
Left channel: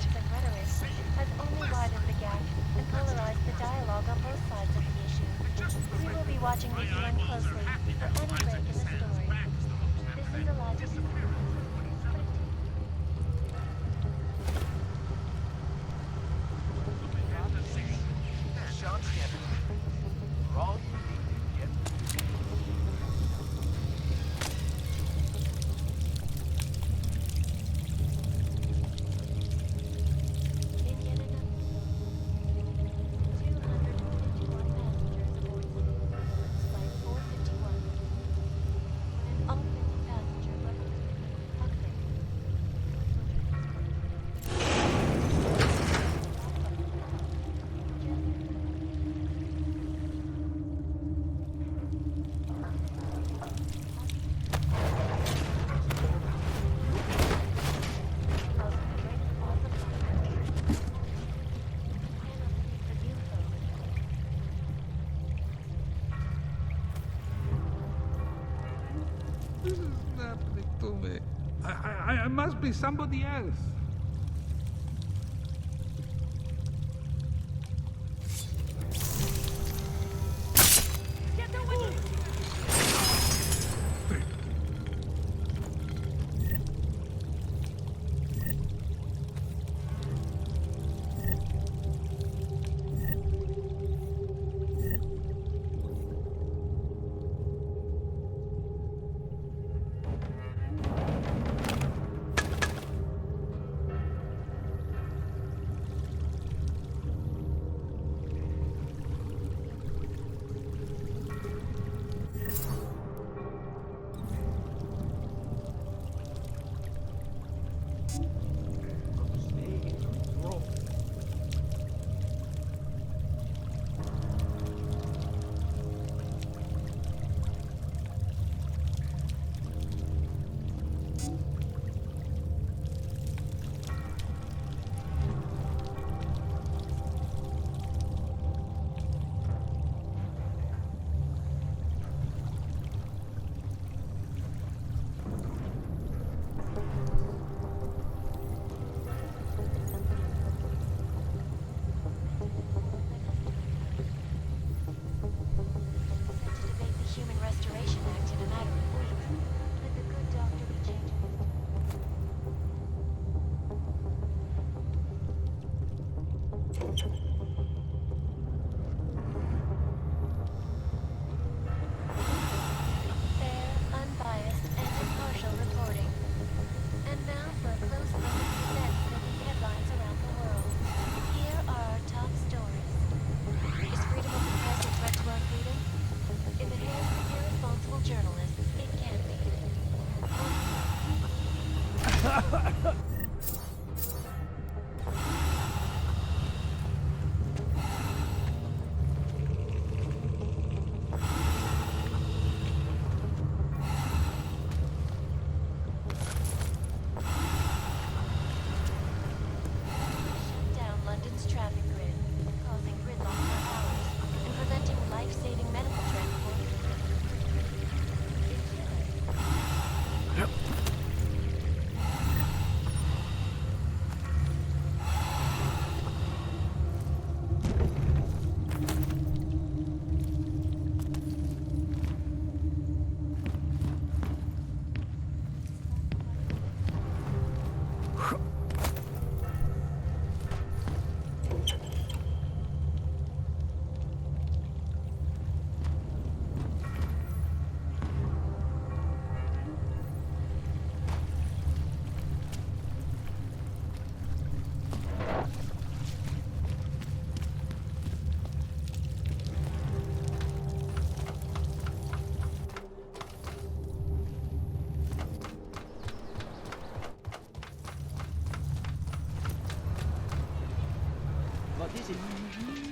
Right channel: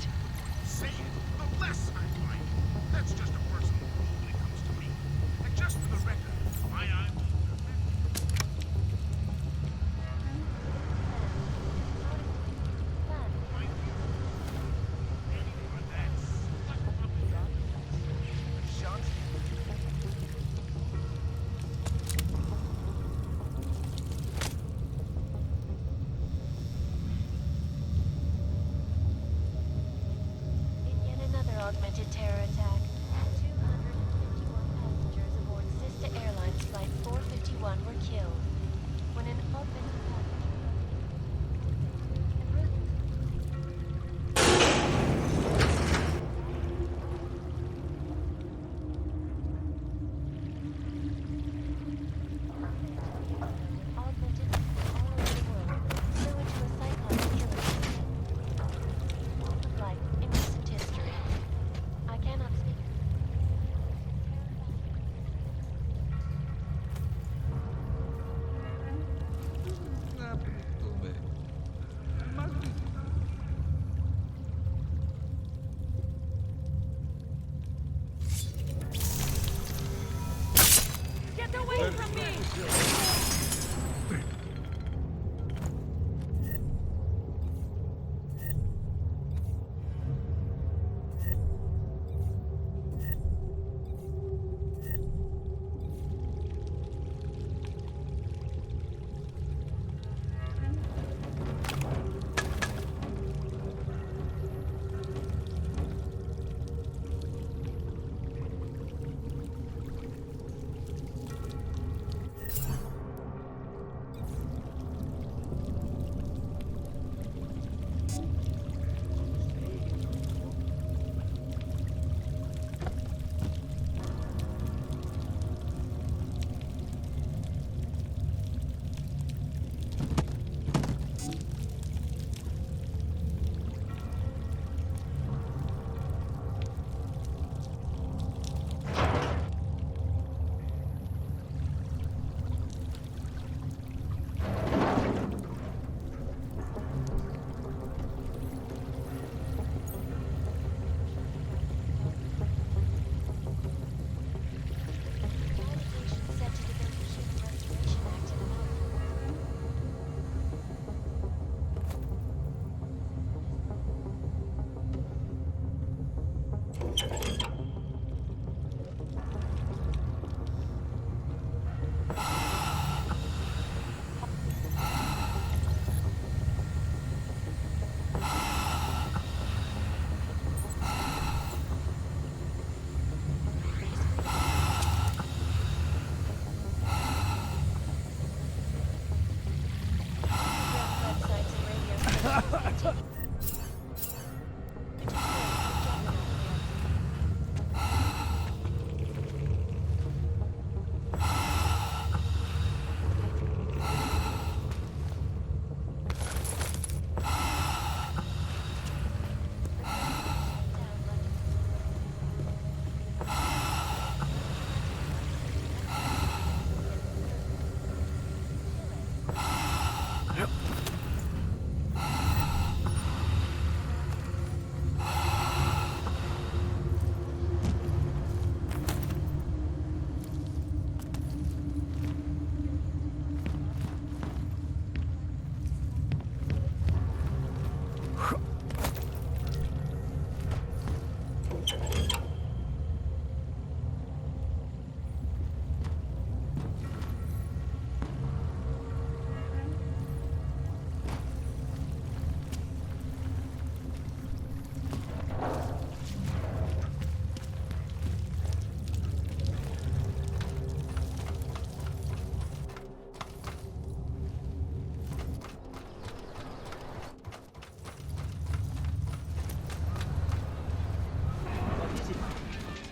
In yet another augmented terror attack, 251 passengers aboard Sister Airlines Flight 451 were killed when an augmented passenger I cannot speak for you, This is happening to me. I must be somebody else. Get away from me!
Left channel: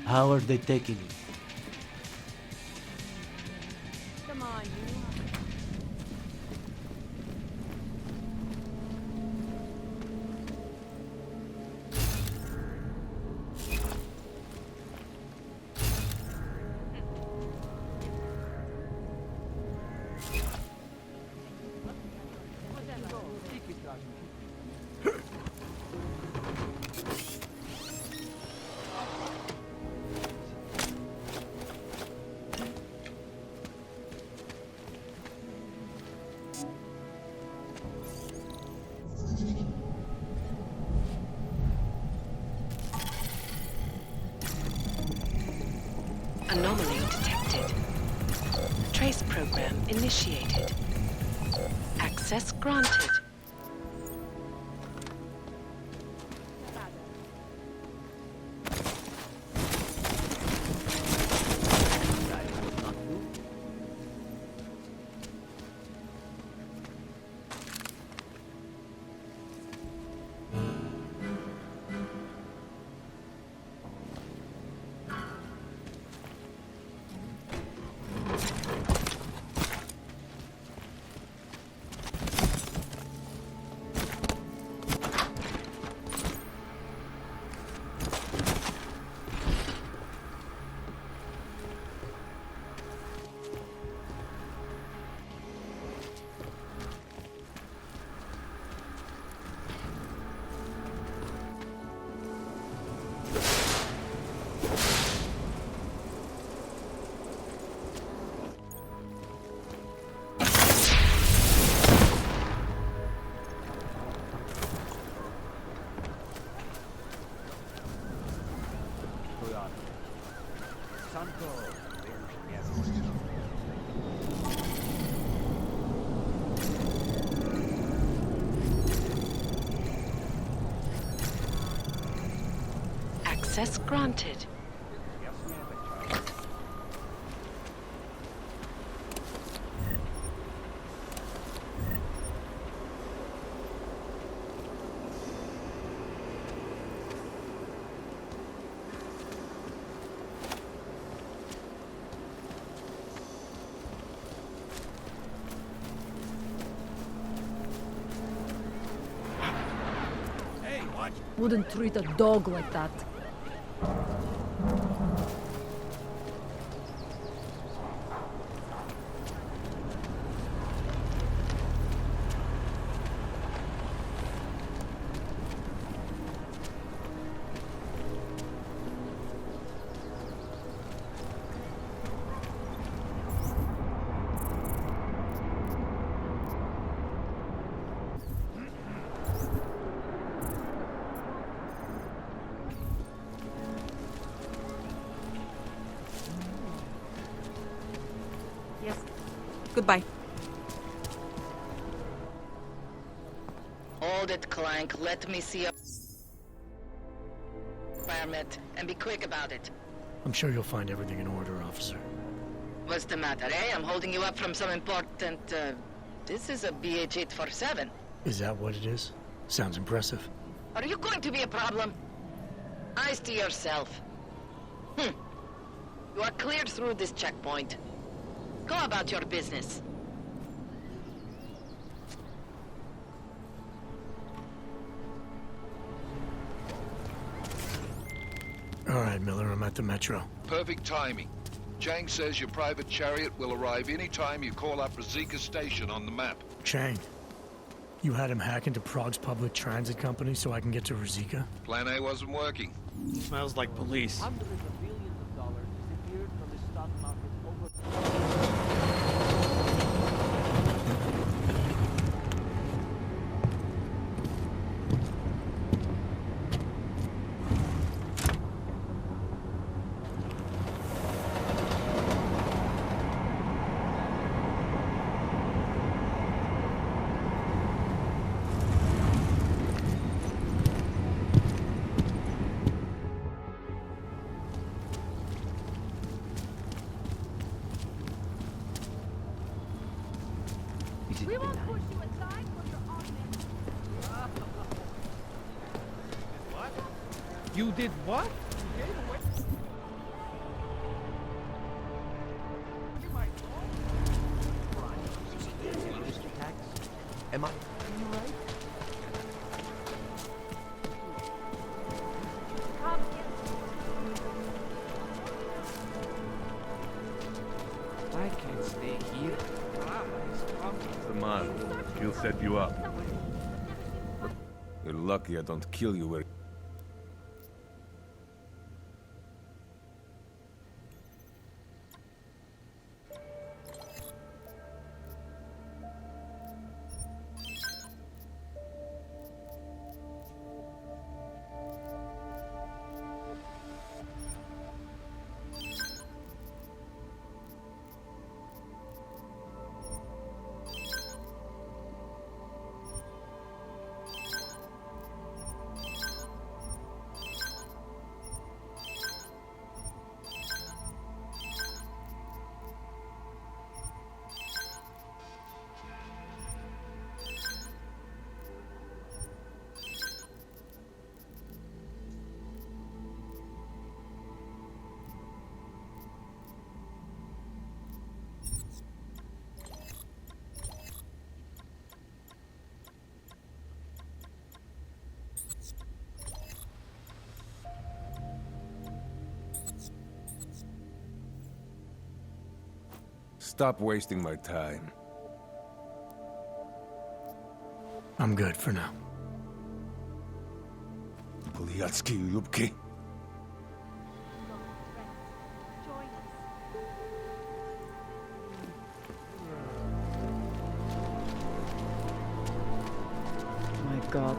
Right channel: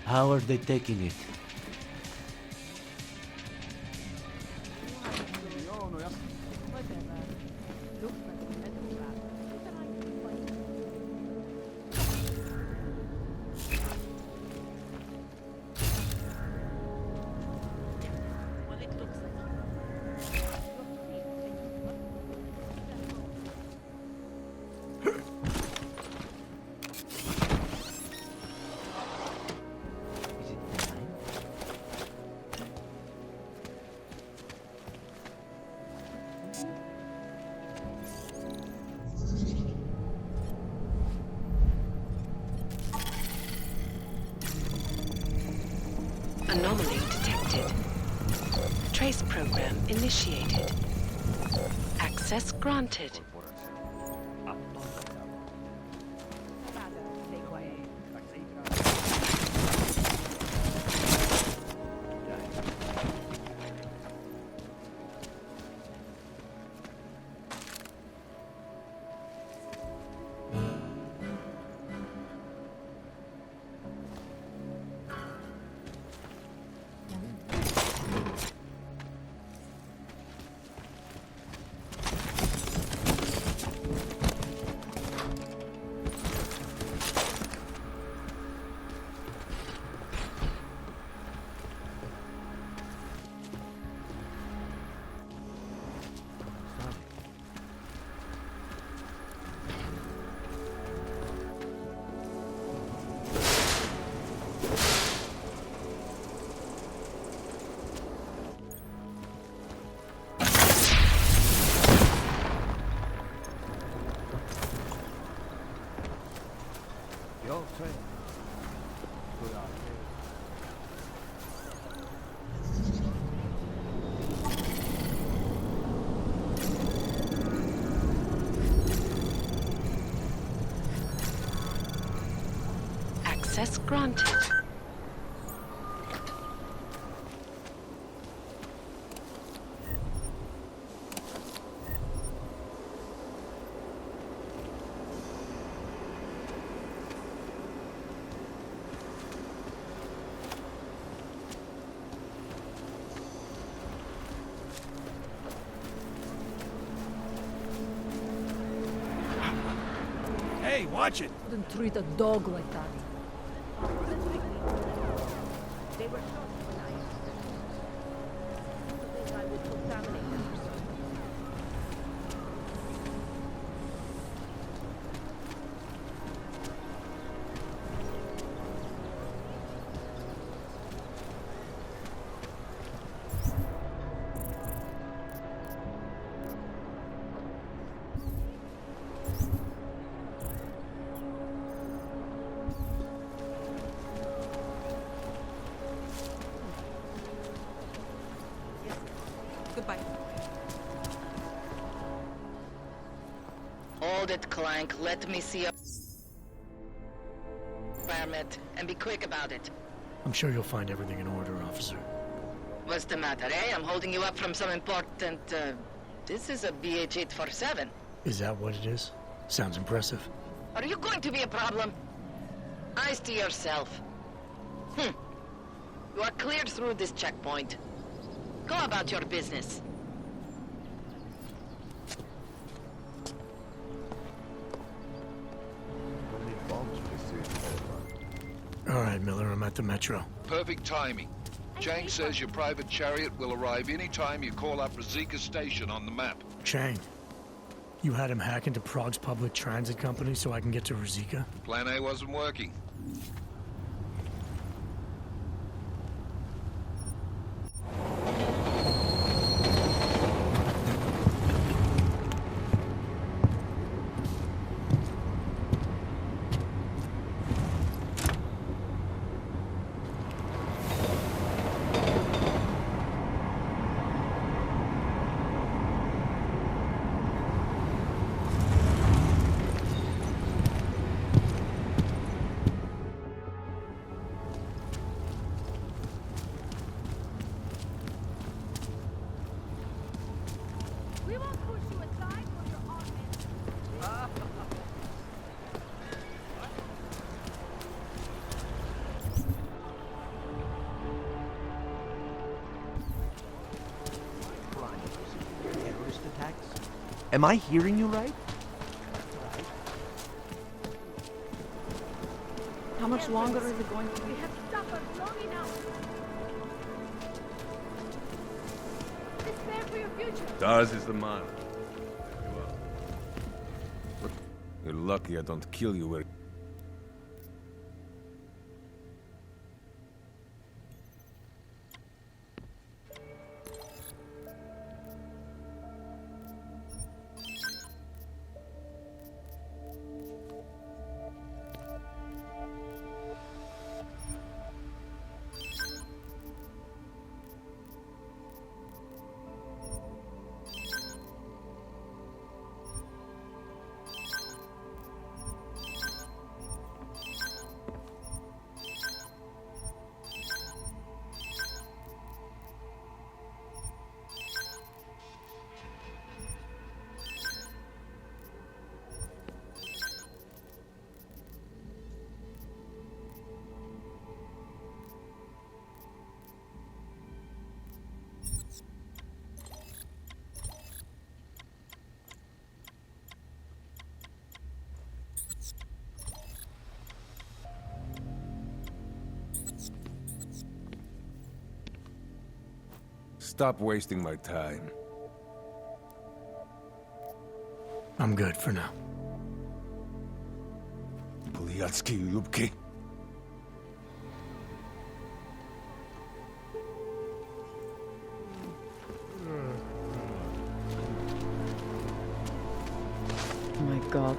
How are they taking it? Anomaly detected. Trace program initiated. Access granted. Access granted. Hey, watch it! Wouldn't treat a dog like that. Goodbye. Hold it, Clank. Let me see your permit, and be quick about it. I'm sure you'll find everything in order, officer. What's the matter, eh? I'm holding you up from some important, This is a BH-847. Is that what it is? Sounds impressive. Are you going to be a problem? Eyes to yourself. You are cleared through this checkpoint. Go about your business. All right, Miller, I'm at the Metro. Perfect timing. Chang says your private chariot will arrive any time you call up Rizika Station on the map. Chang, you had him hack into Prague's public transit company so I can get to Rizika? Plan A wasn't working. Smells like police. We won't push you aside for your augment. What? You did what? Am I hearing you right? How much longer are you going to be here? I can't stay here. Stars is the man. He'll set you up. But you're lucky I don't kill you where... Stop wasting my time. I'm good for now. Buliatsky Yubki. My God.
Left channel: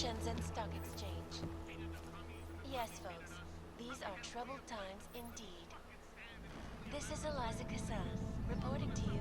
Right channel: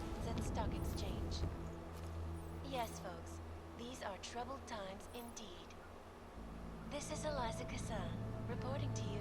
Shenzhen Stock Exchange. Yes, folks, these are troubled times indeed. This is Eliza Kassan, reporting to you